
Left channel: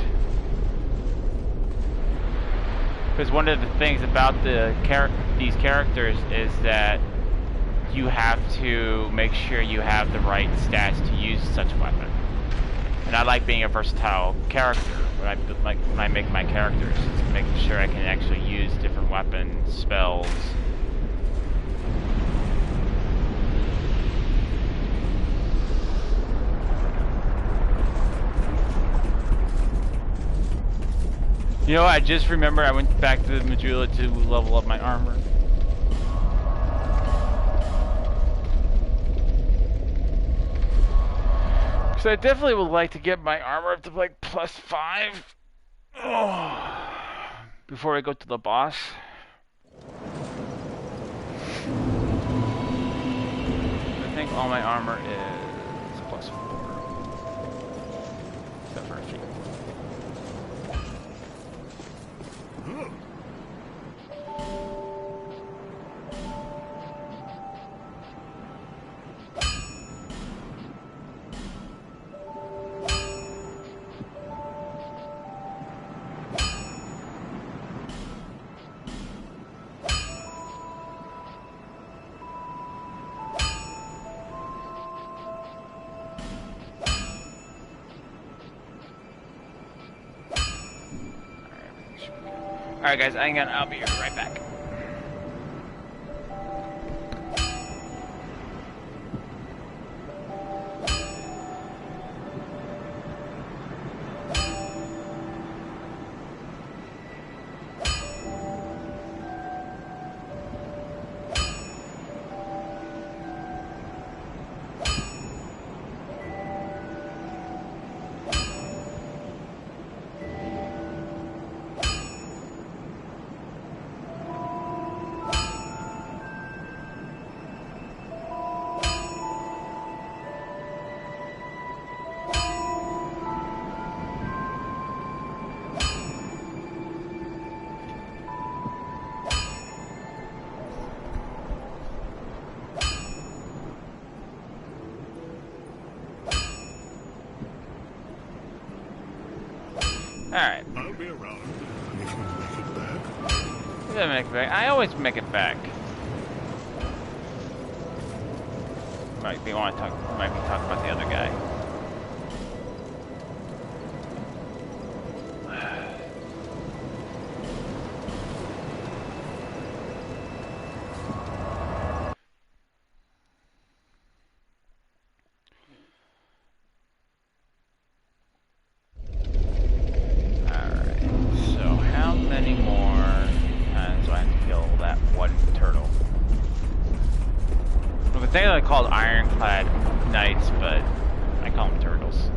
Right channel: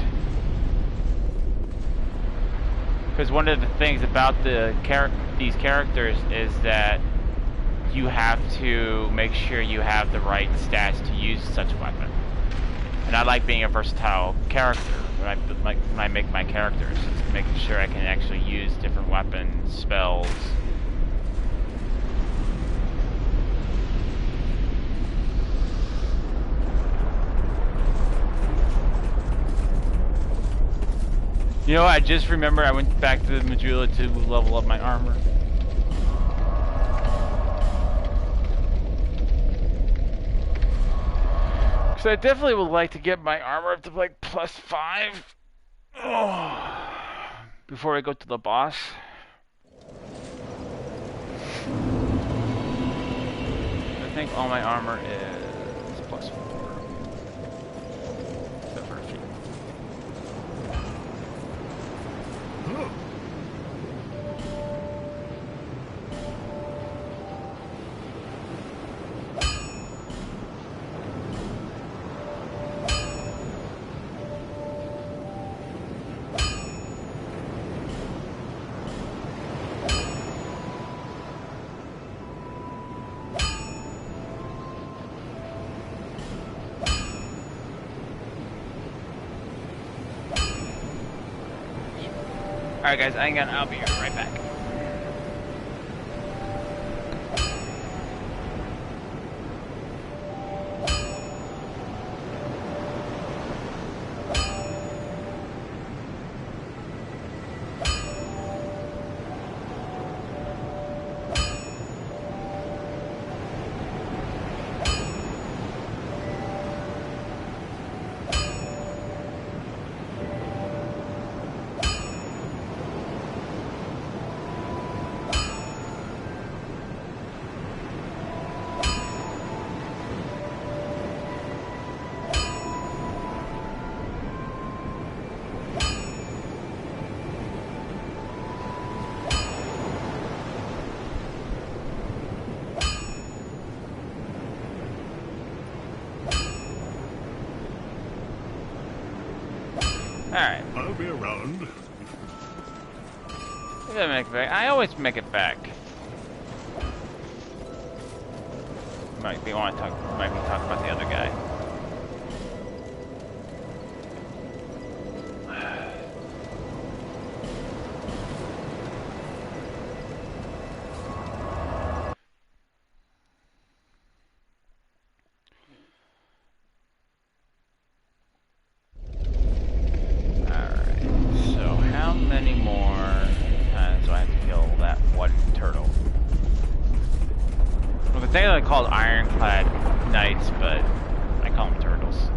Because one of the things about these characters is that you have to make sure you have the right stats to use such weapon. And I like being a versatile character when I make my characters. It's making sure I can actually use different weapons, spells. You know, I just remember I went back to the Majula to level up my armor. So I definitely would like to get my armor up to like +5 before I go to the boss. I think all my armor is +4. Except for a few. Alright guys, I'll be right back. Alright. I'll be around if you make it back. You gotta make it back. I always make it back. Might be talking about the other guy. They're called ironclad knights, but I call them turtles.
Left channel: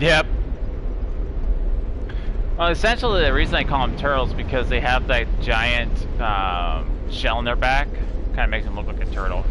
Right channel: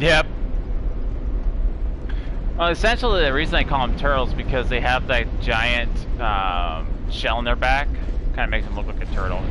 Yep. Well, essentially the reason I call them turtles is because they have that giant shell in their back. Kind of makes them look like a turtle.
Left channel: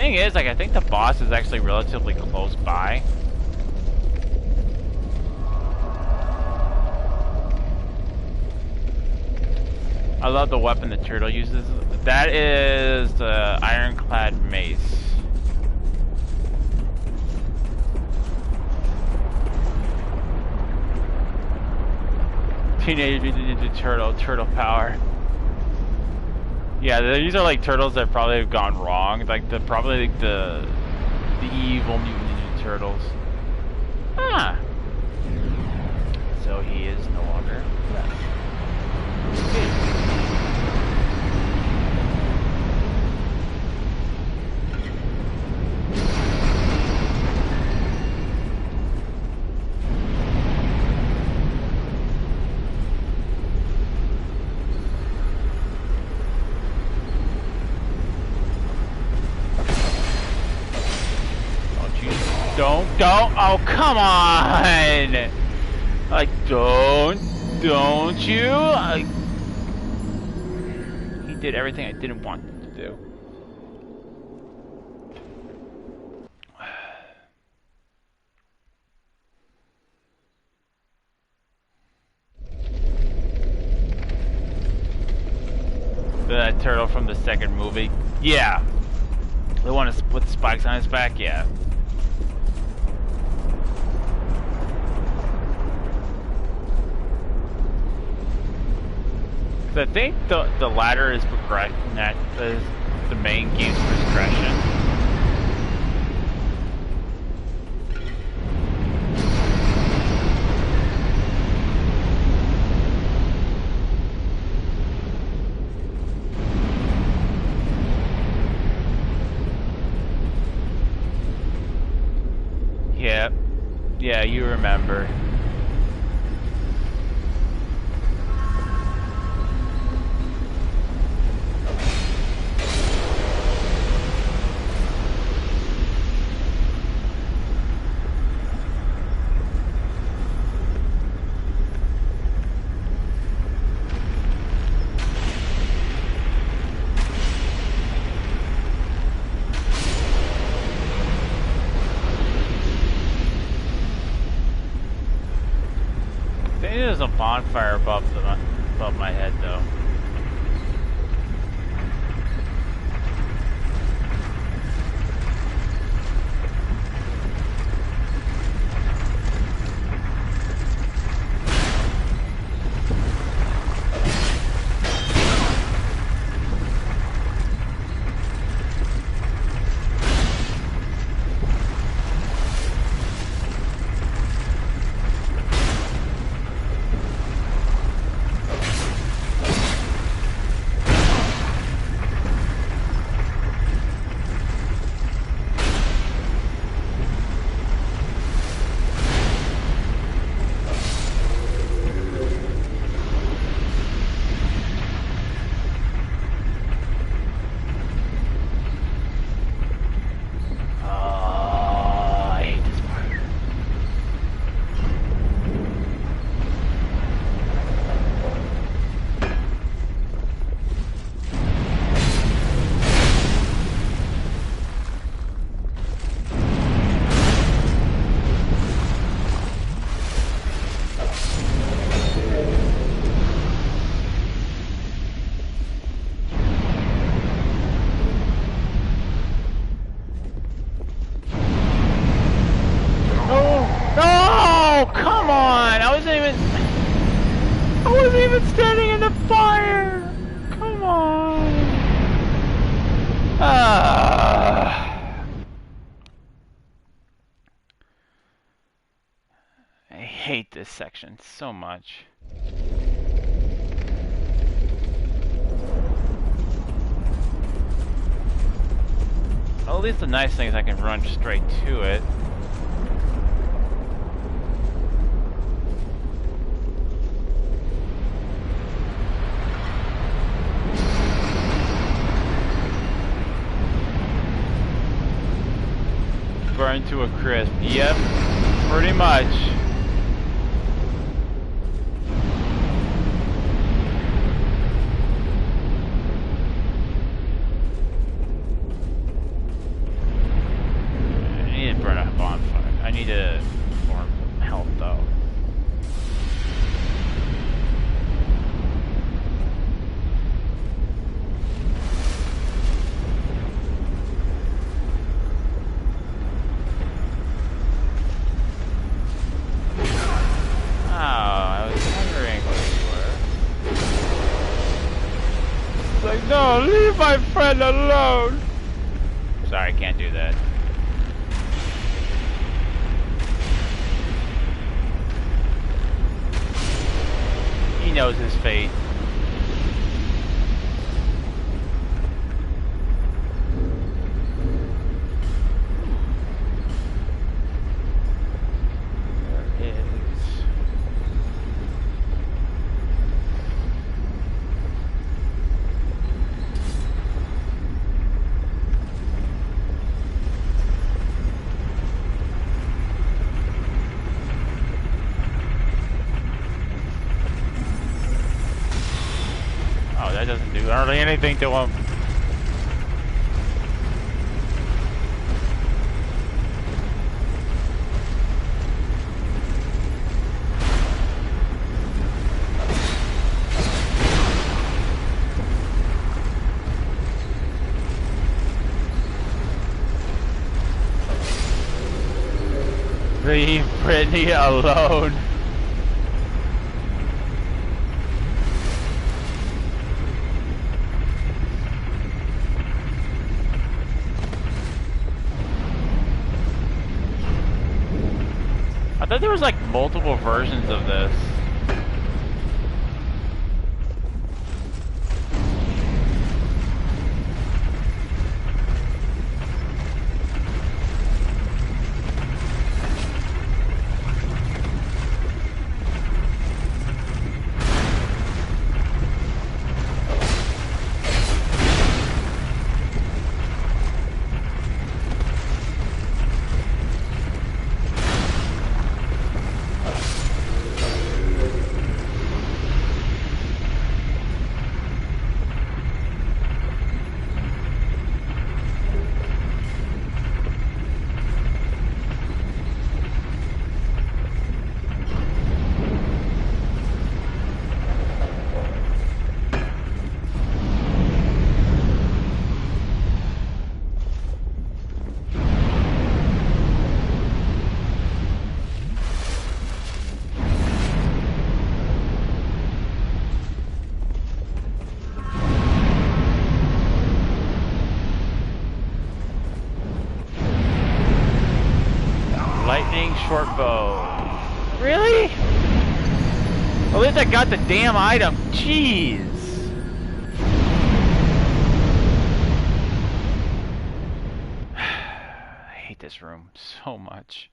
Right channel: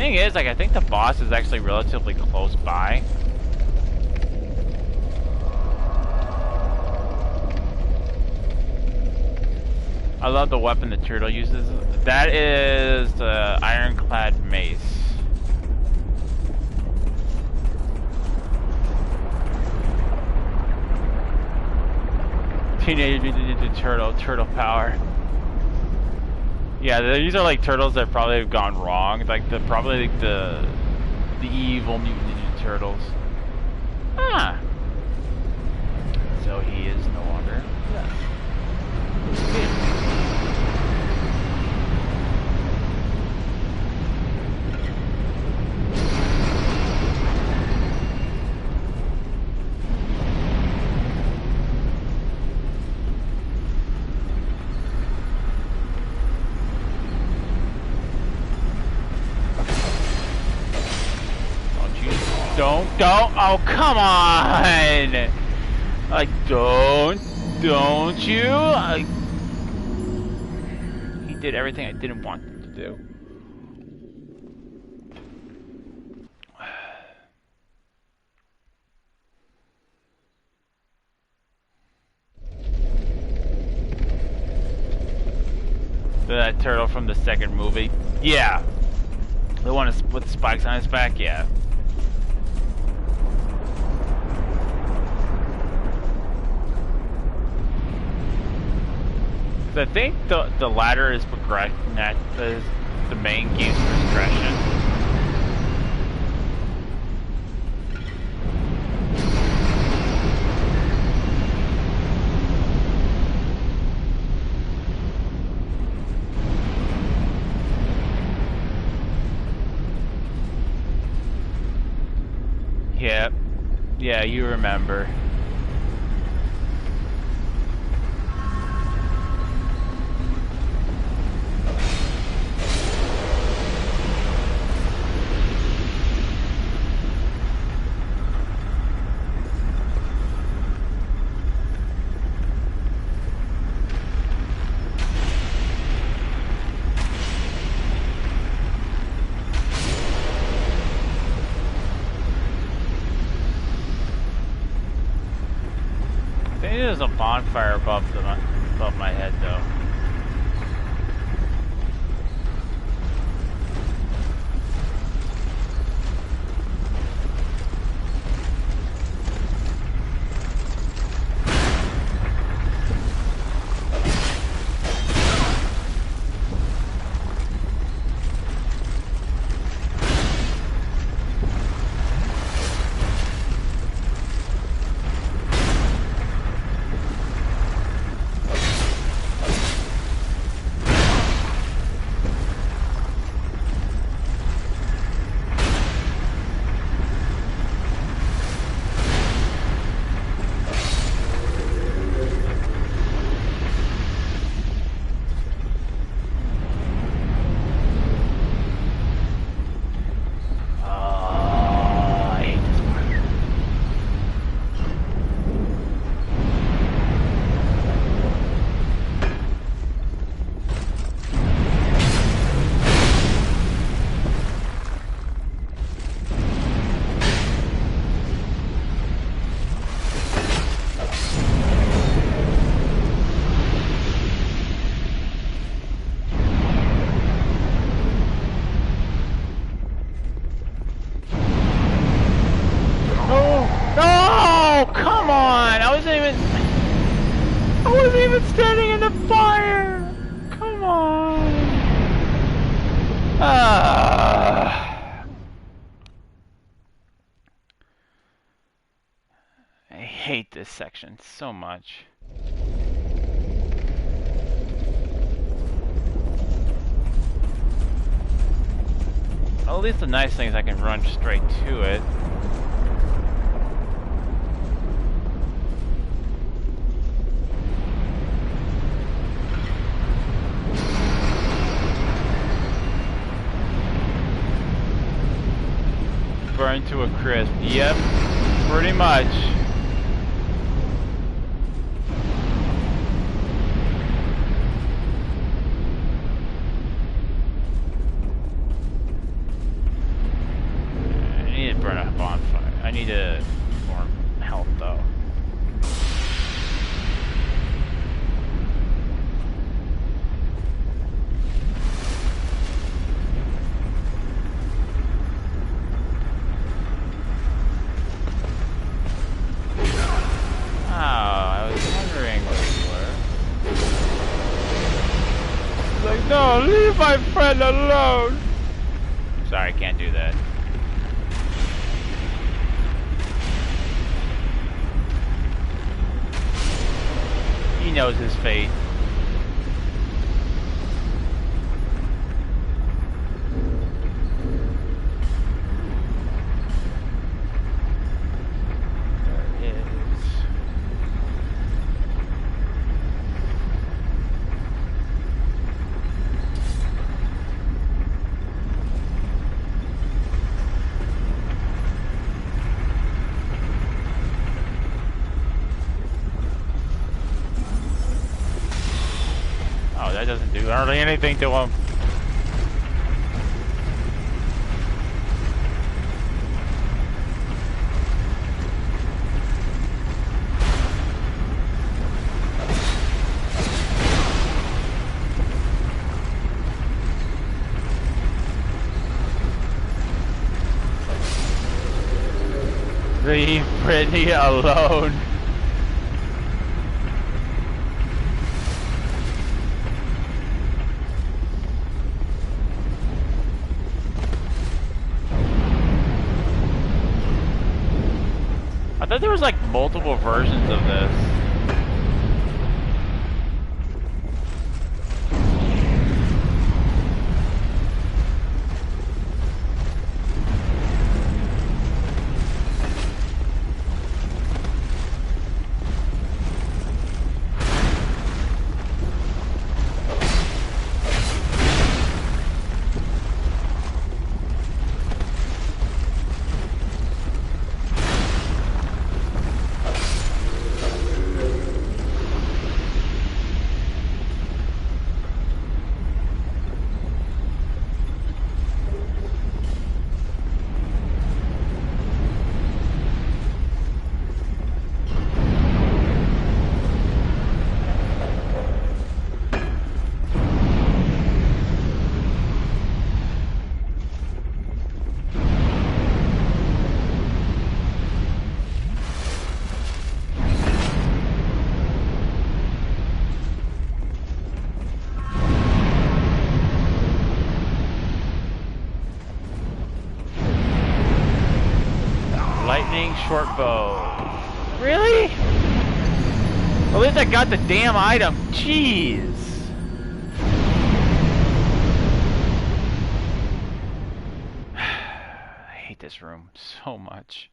Thing is, like, I think the boss is actually relatively close by. I love the weapon the turtle uses. That is the ironclad mace. Teenage Mutant Ninja Turtle power. Yeah, these are like turtles that probably have gone wrong. Like probably like the evil Mutant Ninja Turtles. Ah. So he is no longer left. Don't, oh, come on! Like, don't you? He did everything I didn't want him to do. That turtle from the second movie? Yeah. The one with the spikes on his back? Yeah. I think the ladder is progression. That is the main game's progression. Yep. Yeah, you remember. There's a bonfire above my head, though. Standing in the fire! Come on! I hate this section so much. Well, at least the nice thing is I can run straight to it. Burned to a crisp. Yep, pretty much. need to form health though. Oh, I was wondering where you were. Like, no, leave my friend alone! Sorry, I can't do that. He knows his fate. There is. Oh, that doesn't do hardly anything to him. Leave Brittany alone. I thought there was like multiple versions of this. Lightning short bow. Really? At least I got the damn item. Jeez. I hate this room so much.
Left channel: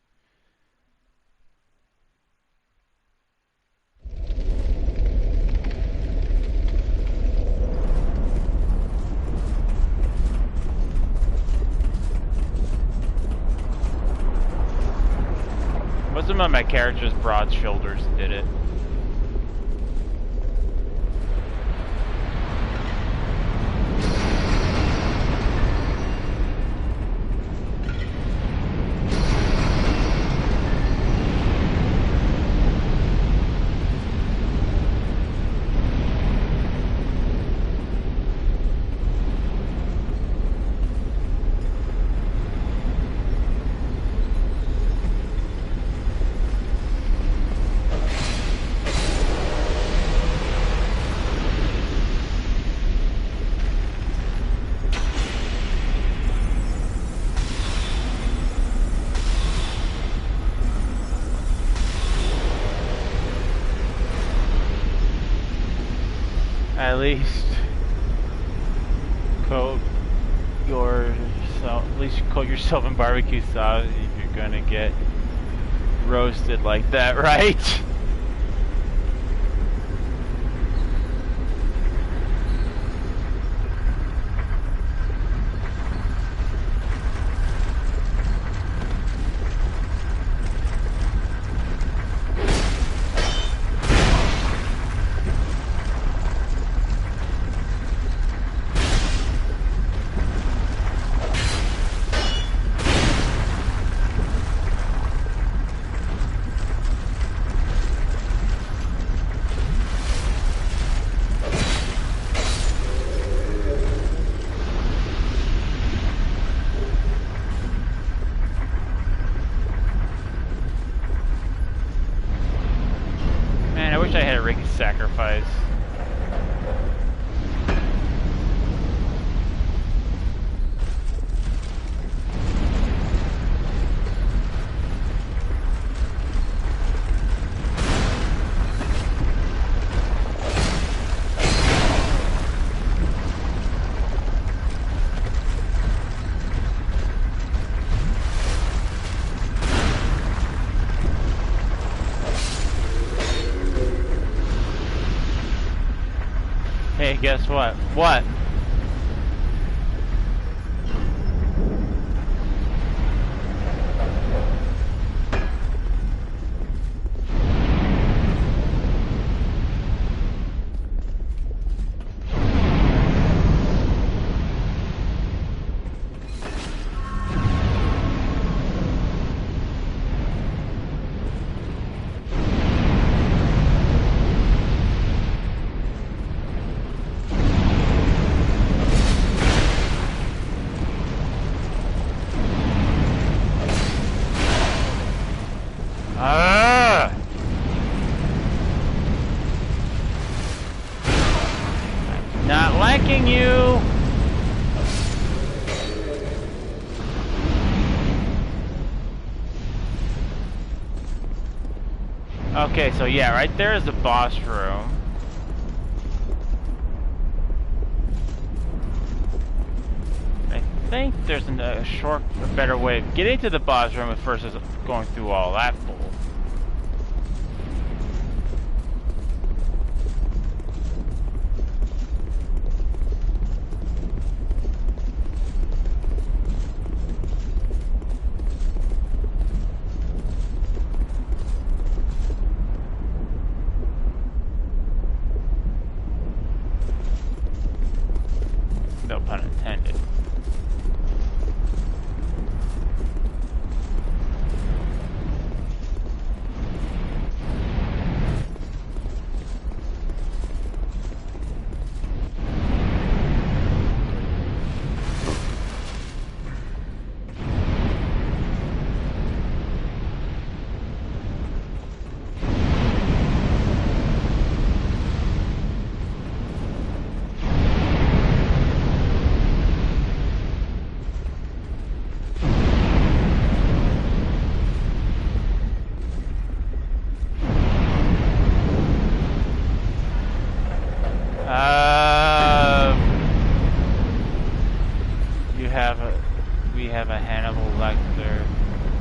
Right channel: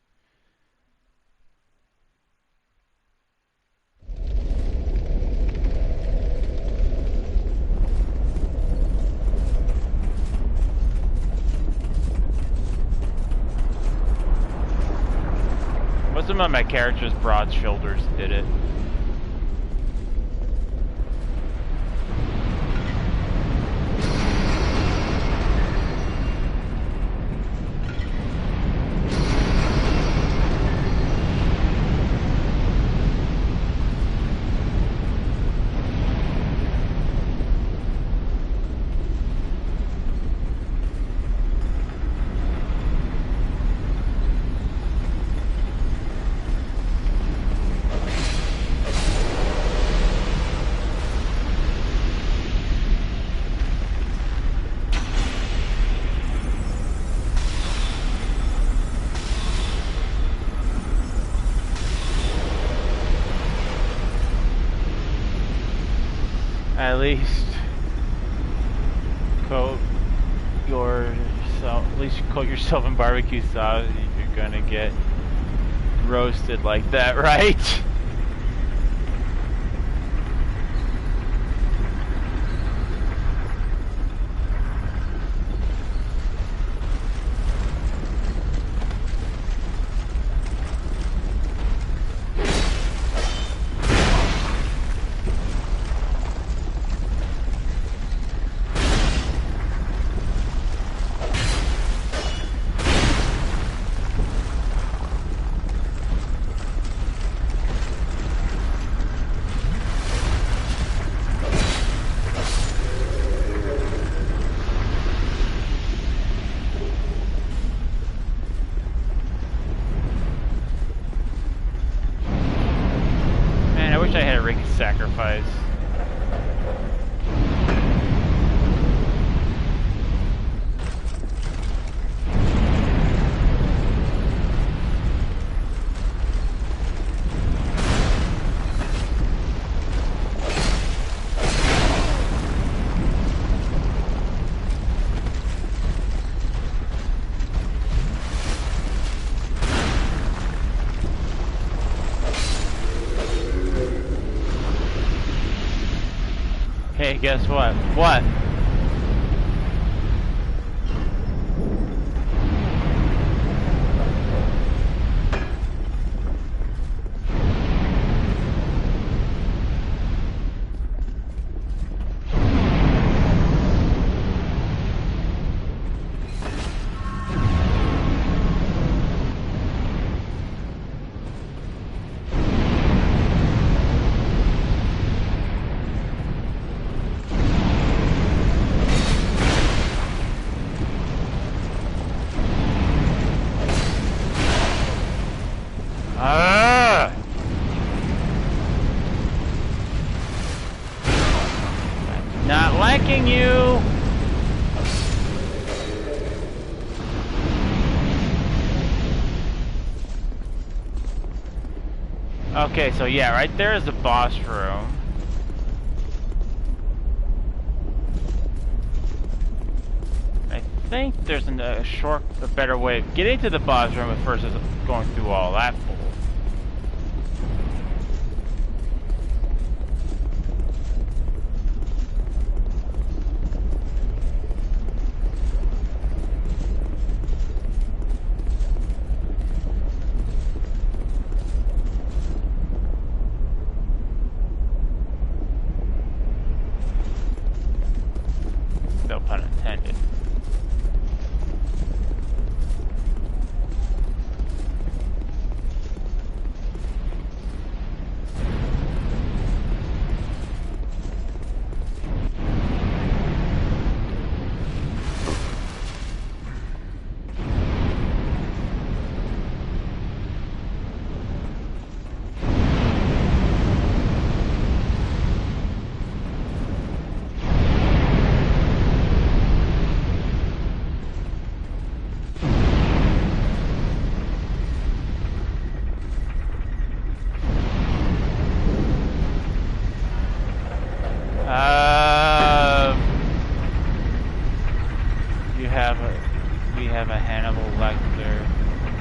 Most of my character's broad shoulders did it. At least coat yourself. At least coat yourself in barbecue sauce if you're gonna get roasted like that, right? sacrifice. Hey, guess what? What? Not liking you. Okay, so yeah, right there is the boss room. I think there's a better way of getting to the boss room versus going through all that bull. No pun intended. We have a Hannibal Lecter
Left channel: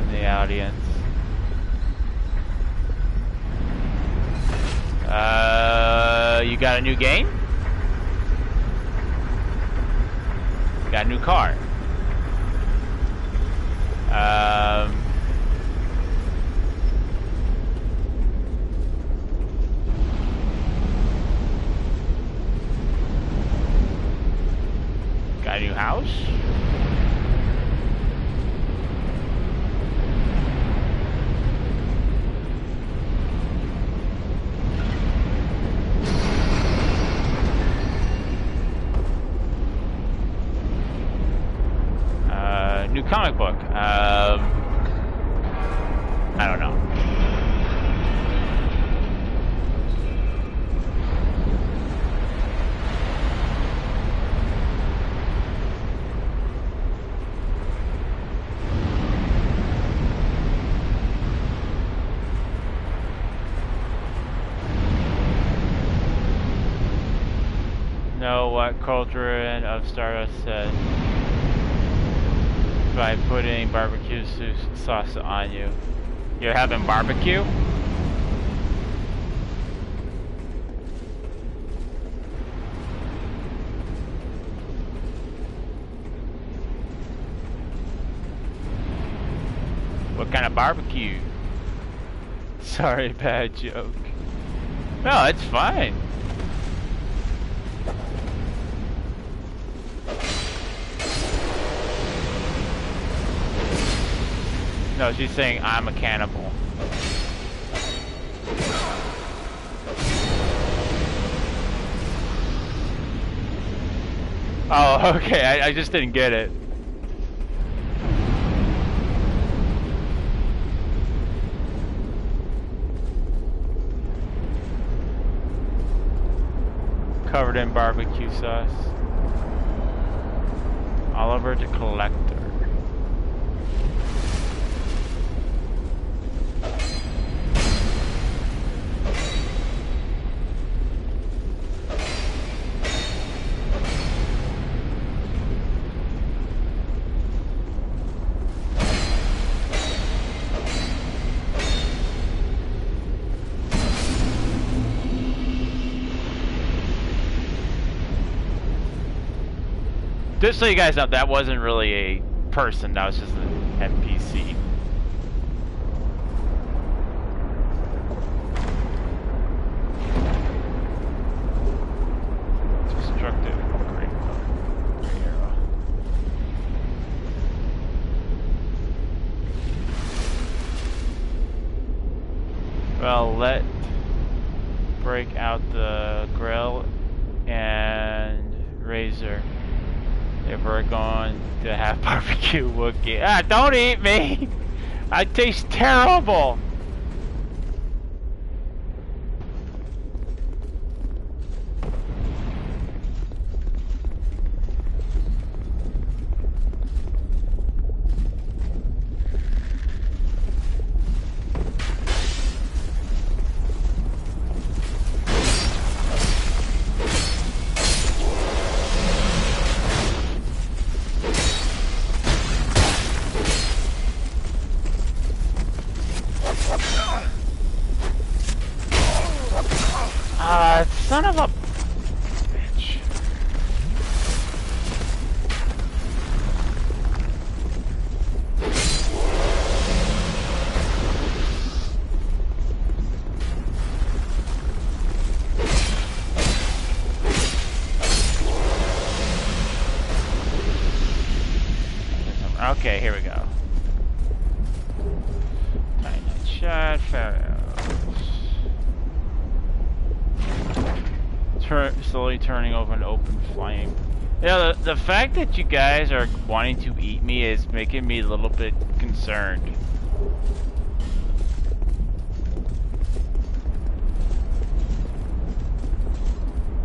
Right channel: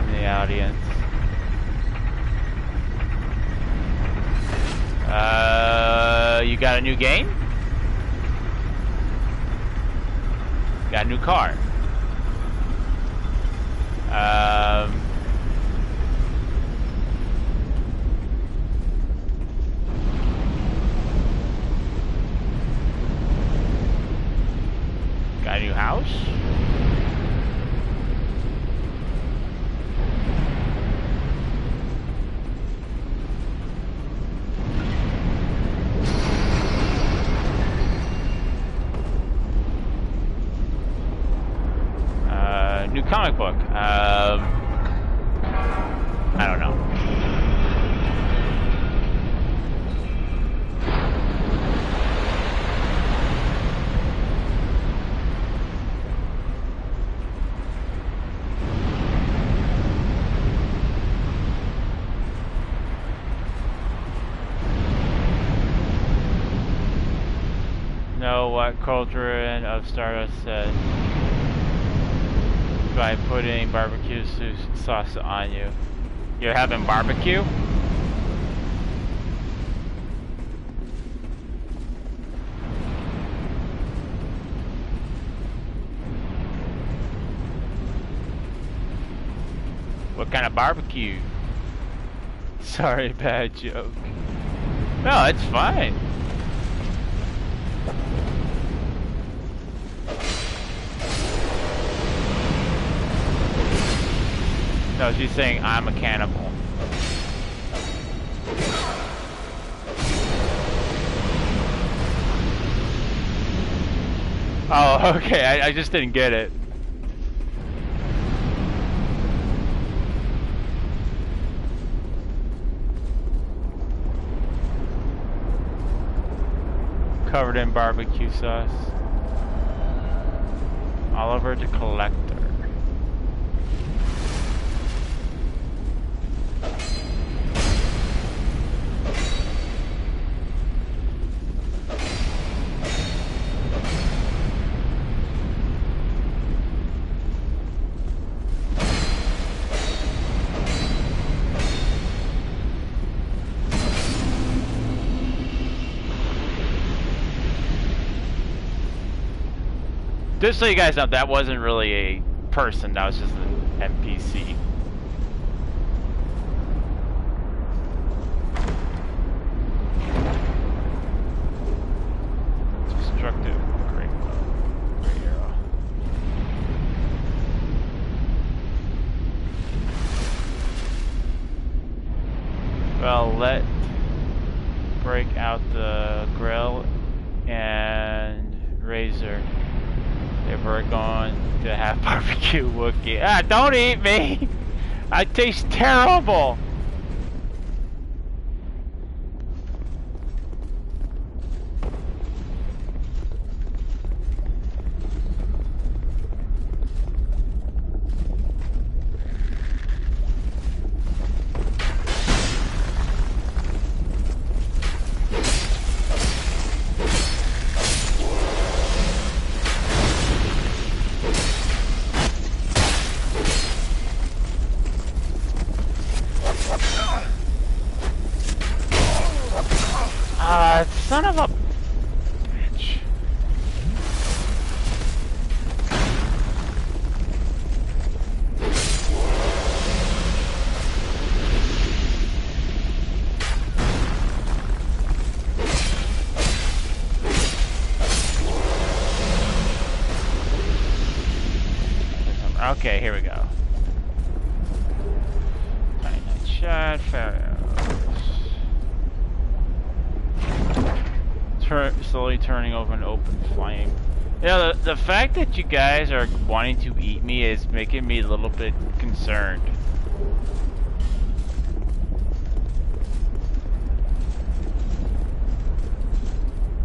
in the audience. You got a new game? Got a new car. Got a new house? New comic book. I don't know. Know what Cauldron of Stardust said by putting barbecue sauce on you. You're having barbecue? What kind of barbecue? Sorry, bad joke. No, it's fine. No, she's saying I'm a cannibal. Oh, okay, I just didn't get it. covered in barbecue sauce. Oliver the Collector. Just so you guys know, that wasn't really a person, that was just an NPC. Destructive great arrow. Well, let break out the grill and razor. If we're going to have barbecue Wookiee. Ah, don't eat me! I taste terrible! Son of a bitch. Okay, here we go. Tiny night shot, slowly turning over an open flame. You know, the fact that you guys are wanting to eat me is making me a little bit concerned.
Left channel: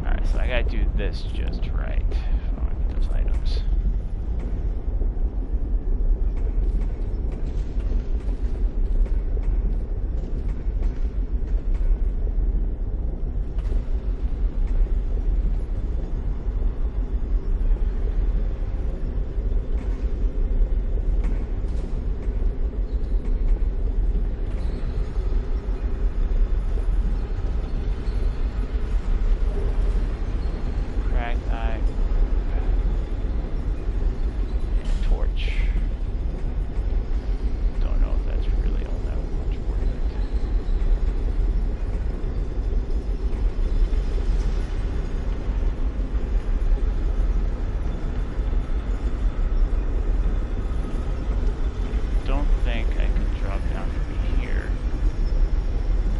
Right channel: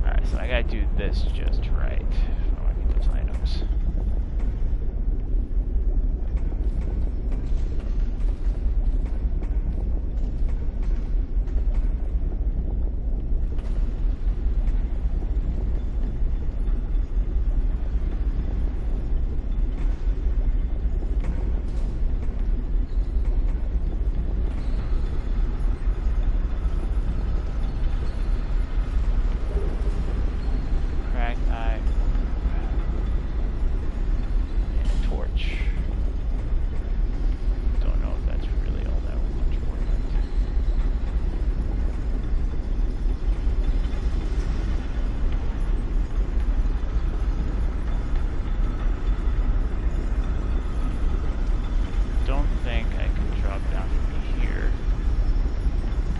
Alright, so I gotta do this just right. I want to get those items.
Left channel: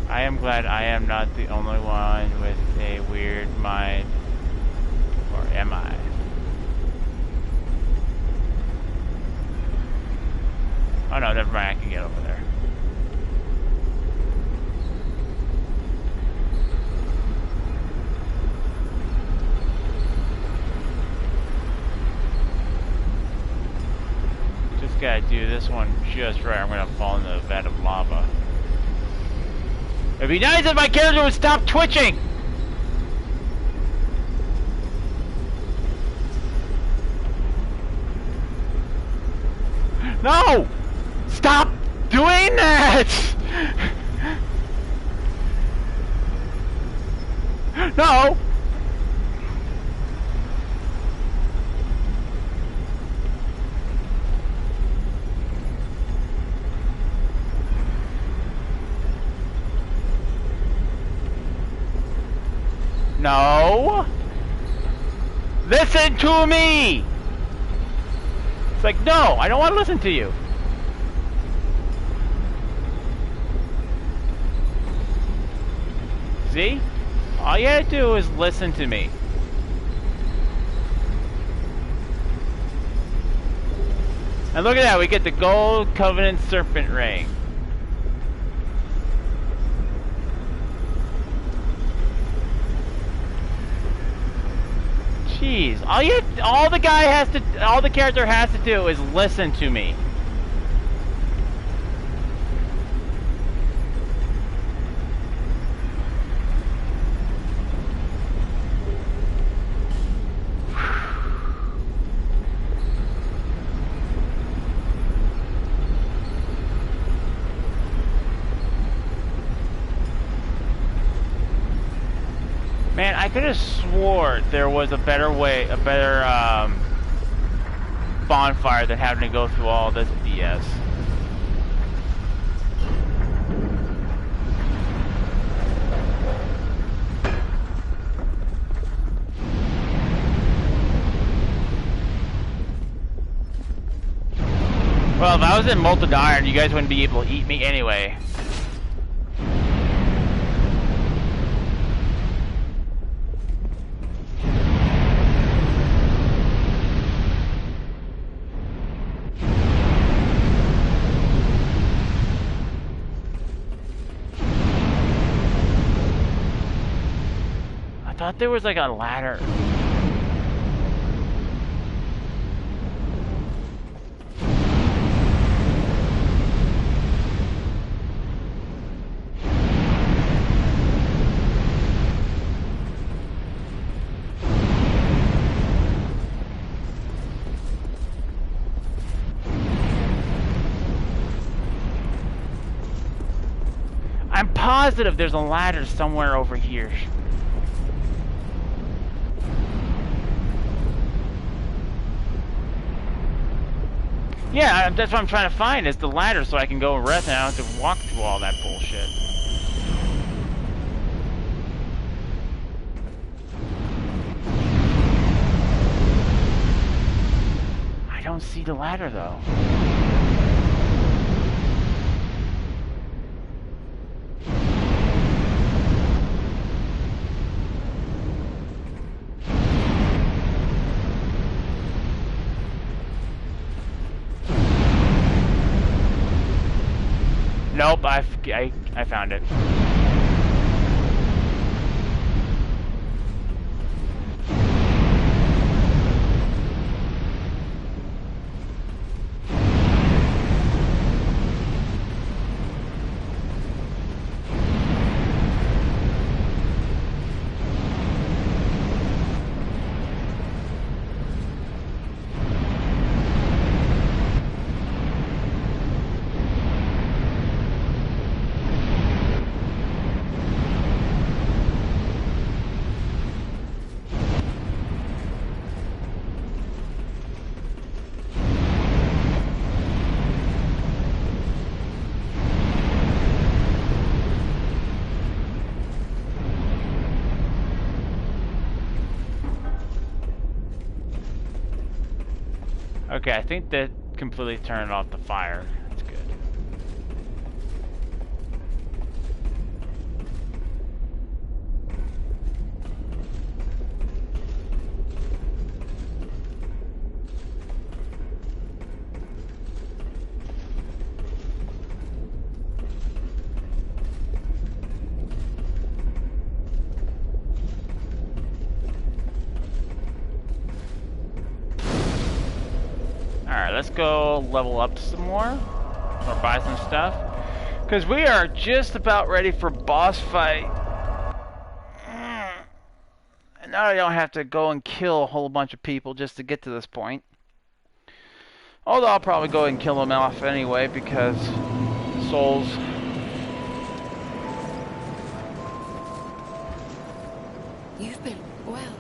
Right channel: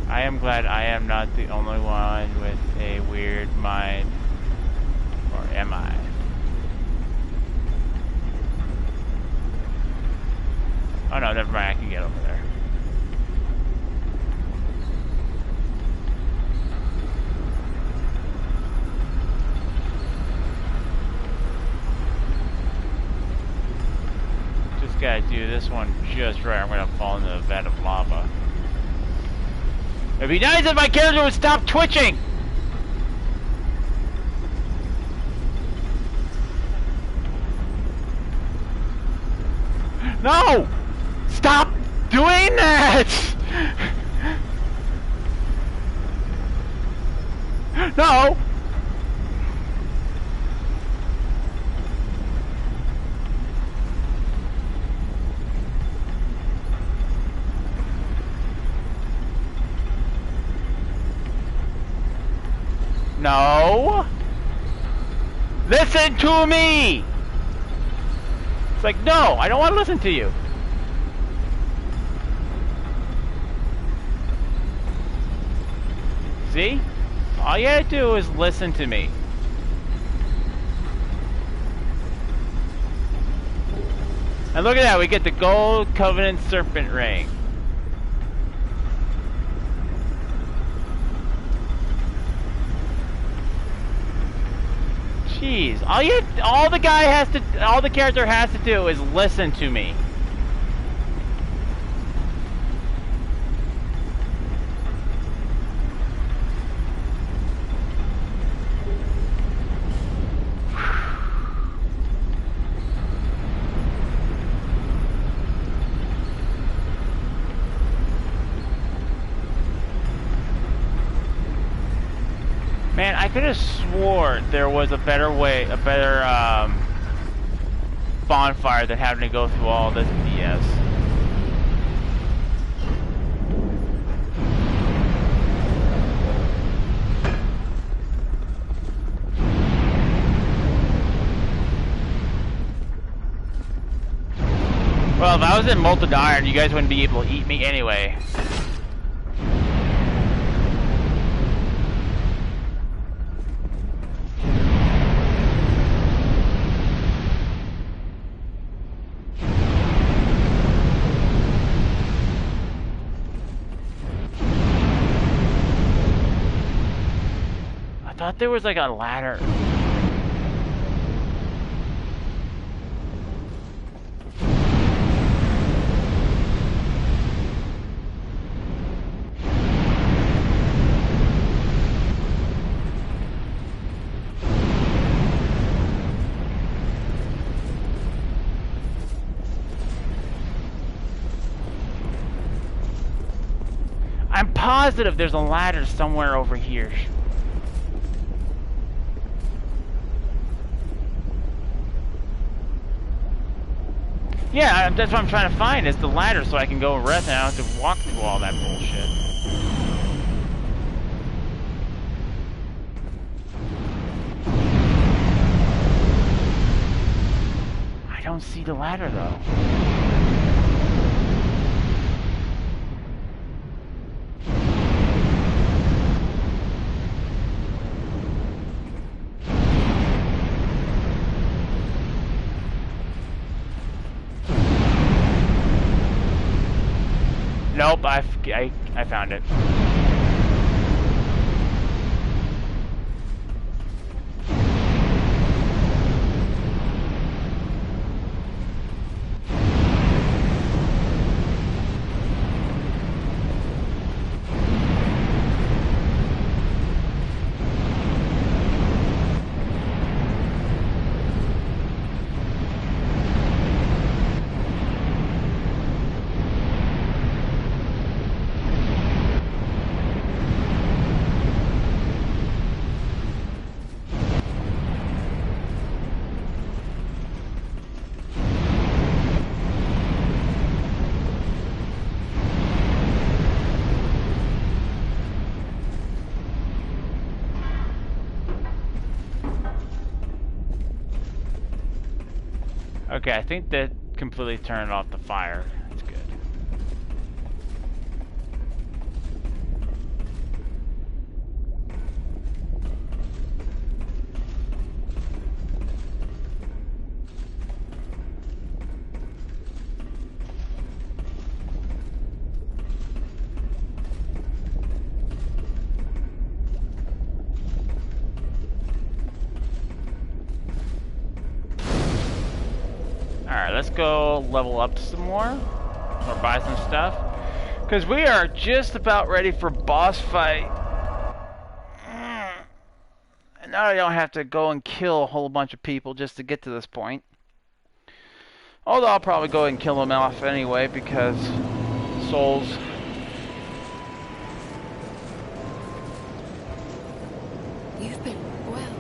I am glad I am not the only one with a weird mind. Or am I? Oh no, never mind, I can get over there. Just gotta do this one just right. I'm gonna fall into a vat of lava. It'd be nice if my character would stop twitching! No! Stop doing that! No! No! Listen to me! It's like, no, I don't want to listen to you. See? All you gotta do is listen to me. And look at that, we get the Gold Covenant Serpent Ring. Jeez, all the character has to do is listen to me. Man, I could have swore there was a better bonfire than having to go through all this BS. Well, if I was in molten iron, you guys wouldn't be able to eat me anyway. I thought there was like a ladder. I'm positive there's a ladder somewhere over here. Yeah, that's what I'm trying to find, is the ladder so I can go and rest and I don't have to walk through all that bullshit. I don't see the ladder though. Nope, I found it. Okay, I think that completely turned off the fire. That's good. Alright, let's go level up some more, or buy some stuff, because we are just about ready for boss fight. And now I don't have to go and kill a whole bunch of people just to get to this point. Although I'll probably go and kill them off anyway, because souls. You've been well.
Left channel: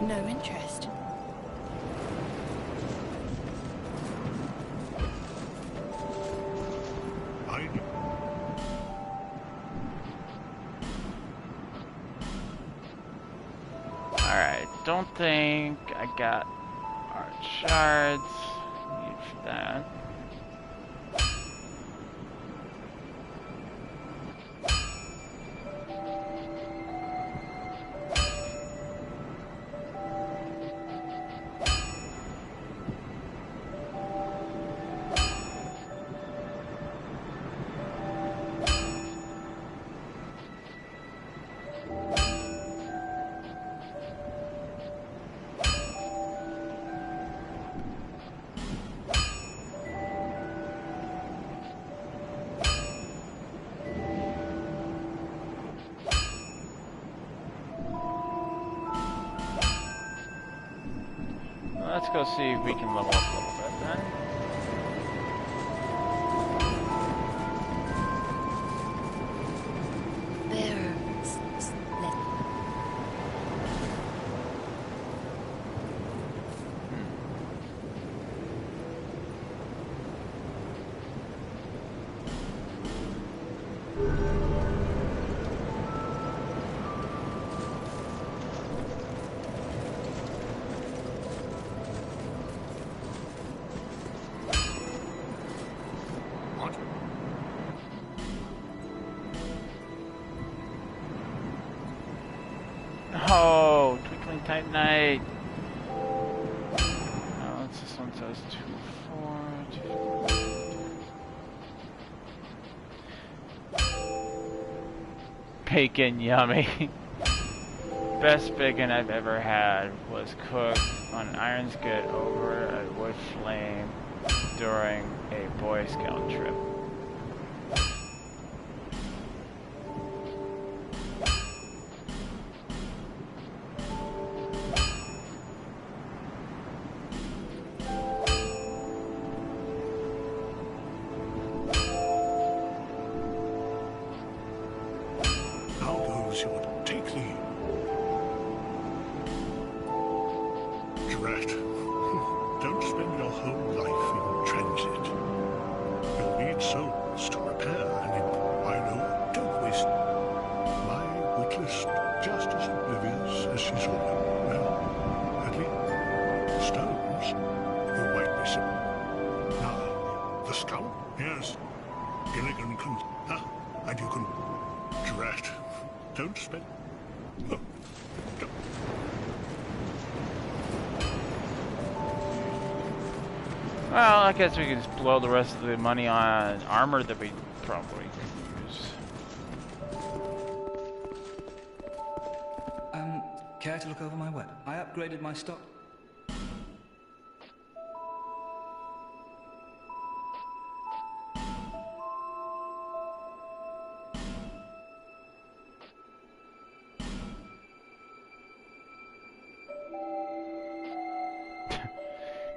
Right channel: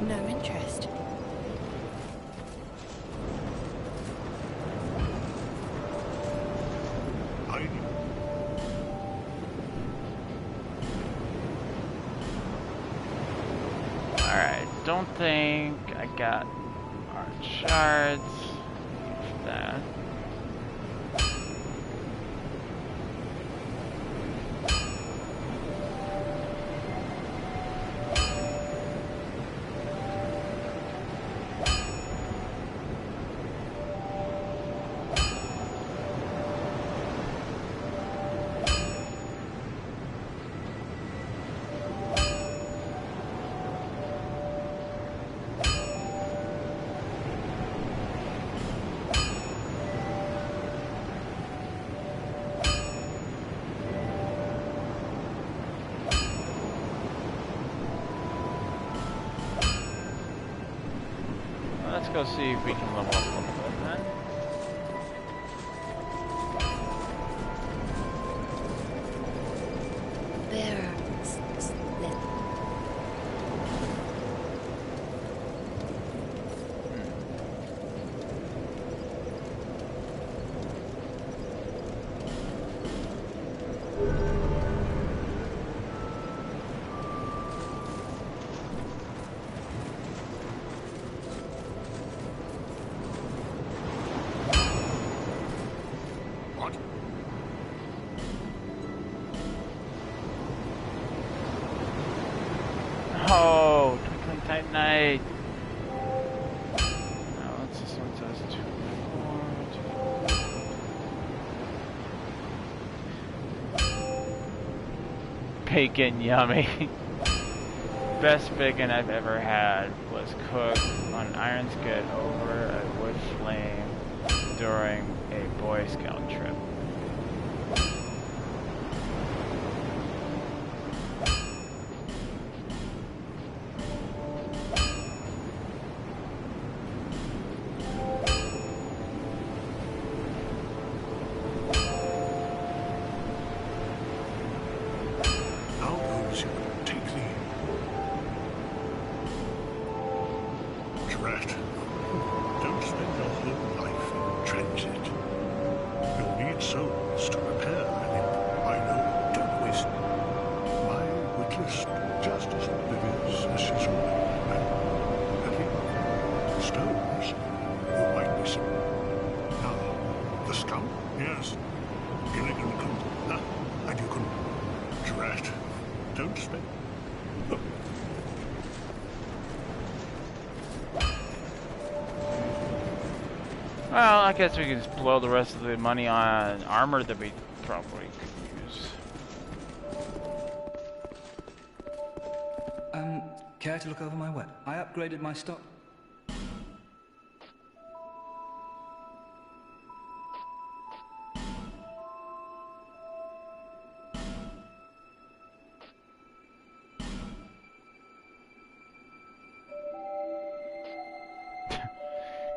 No interest. Alright, don't think I got our shards. Leave that. Let's go see if we can level up a little bit then. Bearer. Let. What? Oh, Twinkling Titanite. Now what's this one says? 2, 4, 2. Bacon, yummy. Best bacon I've ever had was cooked on an iron skit over a wood flame during a Boy Scout trip. How those who would take thee. Drat. Don't spend your whole life in transit. You'll need souls to repair an imp. I know. Don't waste. My witless, just as oblivious as she's always. Well, Hetty, stones, you might be some. Now, the scout? Yes. Gilligan can. And you can. Drat. Don't spend. Oh. Well, I guess we can just blow the rest of the money on armor that we probably could use. Care to look over my weapon? I upgraded my stock.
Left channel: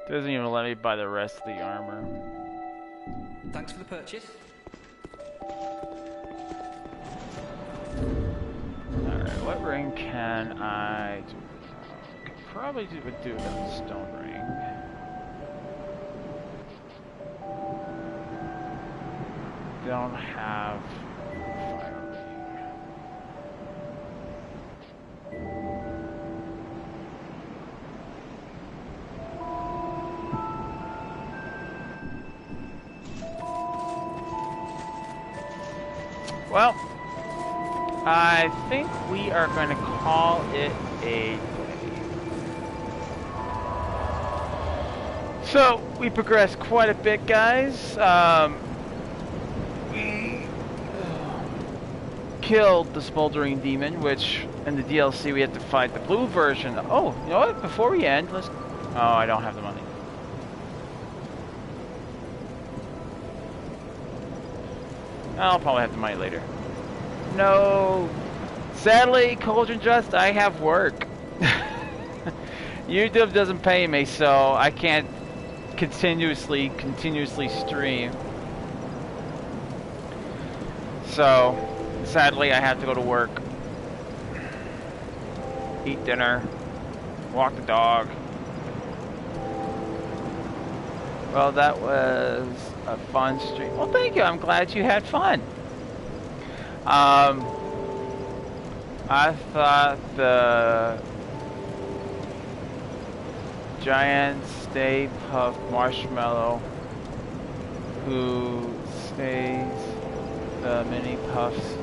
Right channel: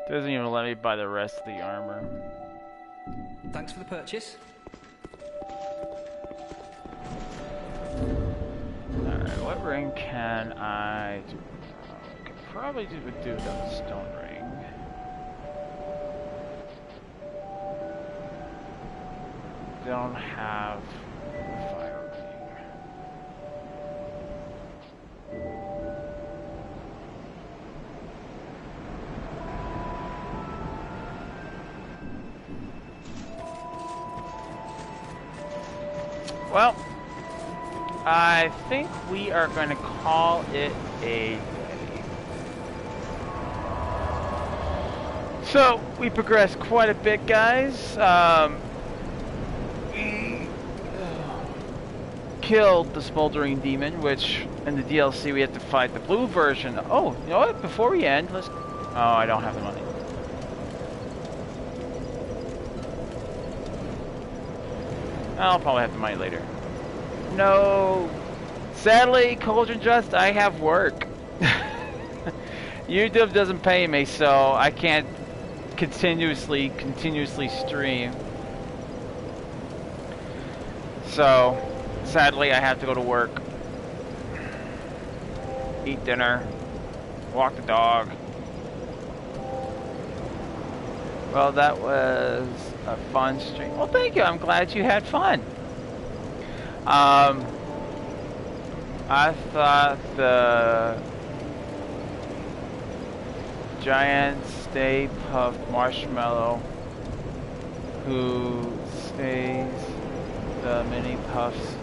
Doesn't even let me buy the rest of the armor. Thanks for the purchase. Alright, what ring can I do? I could probably do without stone ring. Don't have fire ring. Well, I think we are going to call it a day. So, we progressed quite a bit, guys. We killed the smoldering demon, which in the DLC we had to fight the blue version. Oh, you know what? Before we end, let's... Oh, I don't have the money. I'll probably have the money later. No. Sadly, Cauldron Just, I have work. YouTube doesn't pay me, so I can't continuously stream. So, sadly, I have to go to work. Eat dinner. Walk the dog. Well, that was a fun stream. Well, thank you. I'm glad you had fun. I thought the giant Stay Puft Marshmallow who stays the mini puffs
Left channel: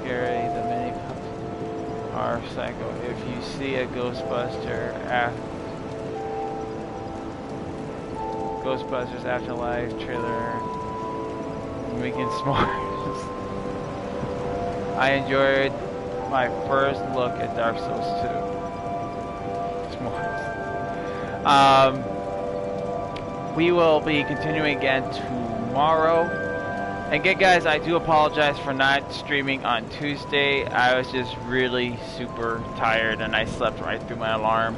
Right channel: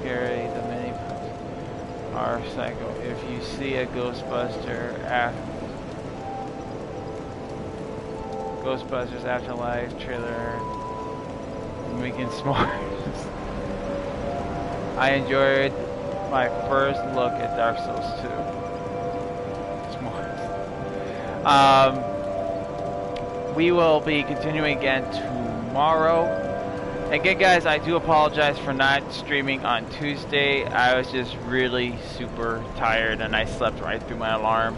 scary. The mini puffs are psycho. If you see a Ghostbusters Afterlife trailer, making s'mores. I enjoyed my first look at Dark Souls 2. S'mores. We will be continuing again tomorrow. Again, guys, I do apologize for not streaming on Tuesday. I was just really super tired and I slept right through my alarm.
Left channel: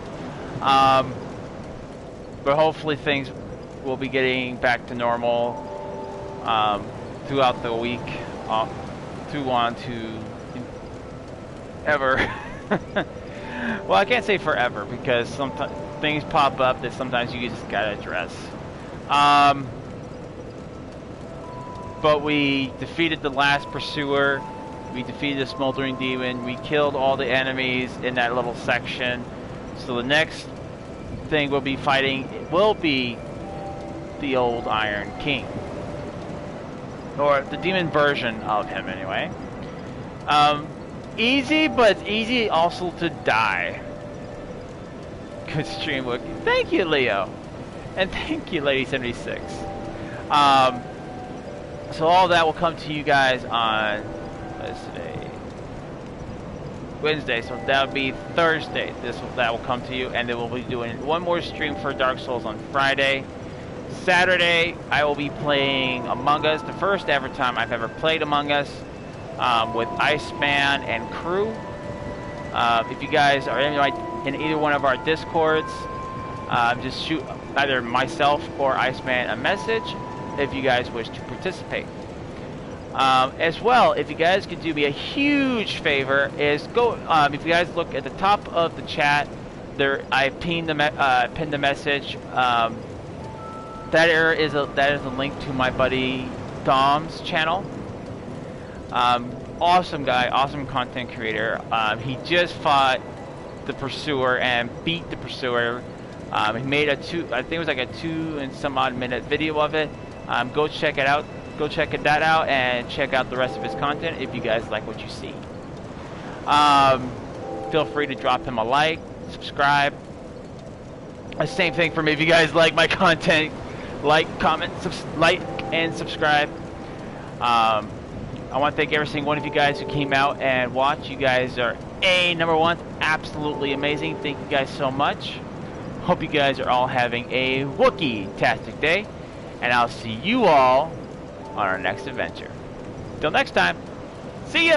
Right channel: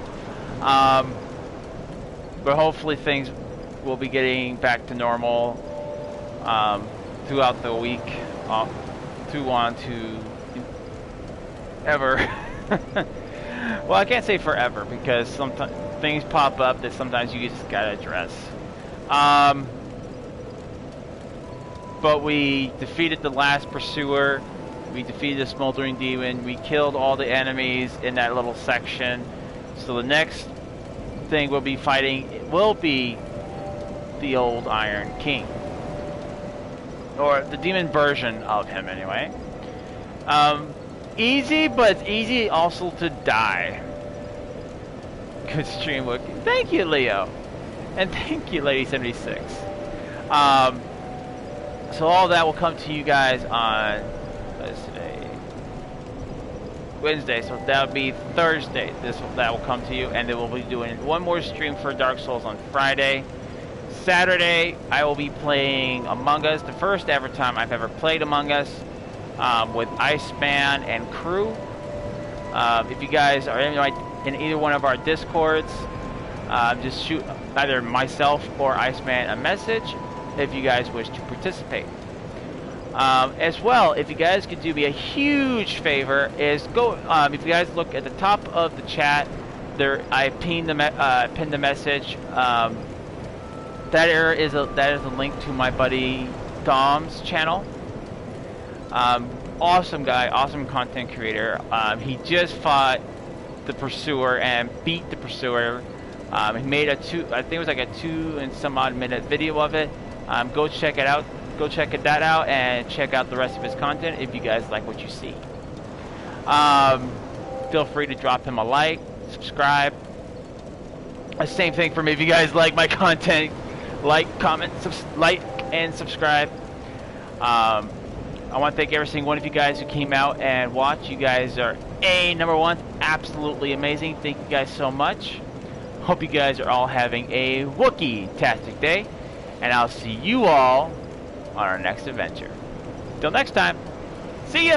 But hopefully things will be getting back to normal throughout the week, through on to ever. Well, I can't say forever because sometimes things pop up that sometimes you just gotta address. But we defeated the last pursuer. We defeated the smoldering demon. We killed all the enemies in that little section. So the next thing we'll be fighting will be the old Iron King, or the demon version of him, anyway. Easy, but it's easy also to die. Good stream, Wookie. Thank you, Leo, and thank you, Lady76. So all that will come to you guys on, what is today? Wednesday, so that would be Thursday. That will come to you, and then we'll be doing one more stream for Dark Souls on Friday. Saturday, I will be playing Among Us, the first ever time I've ever played Among Us, with Iceman and crew. If you guys are in either one of our Discords, just shoot either myself or Iceman a message if you guys wish to participate. As well, if you guys could do me a huge favor, is go. If you guys look at the top of the chat, there I pinned the message. That is a link to my buddy Dom's channel. Awesome guy, awesome content creator. He just fought the pursuer and beat the pursuer. He made I think it was like a 2 and some odd minute video of it. Go check it out. Go check that out and check out the rest of his content if you guys like what you see. Feel free to drop him a like, subscribe. The same thing for me if you guys like my content. Like, comment, like, and subscribe. I want to thank every single one of you guys who came out and watched. You guys are number one, absolutely amazing. Thank you guys so much. Hope you guys are all having a Wookiee-tastic day, and I'll see you all on our next adventure. Till next time, see ya!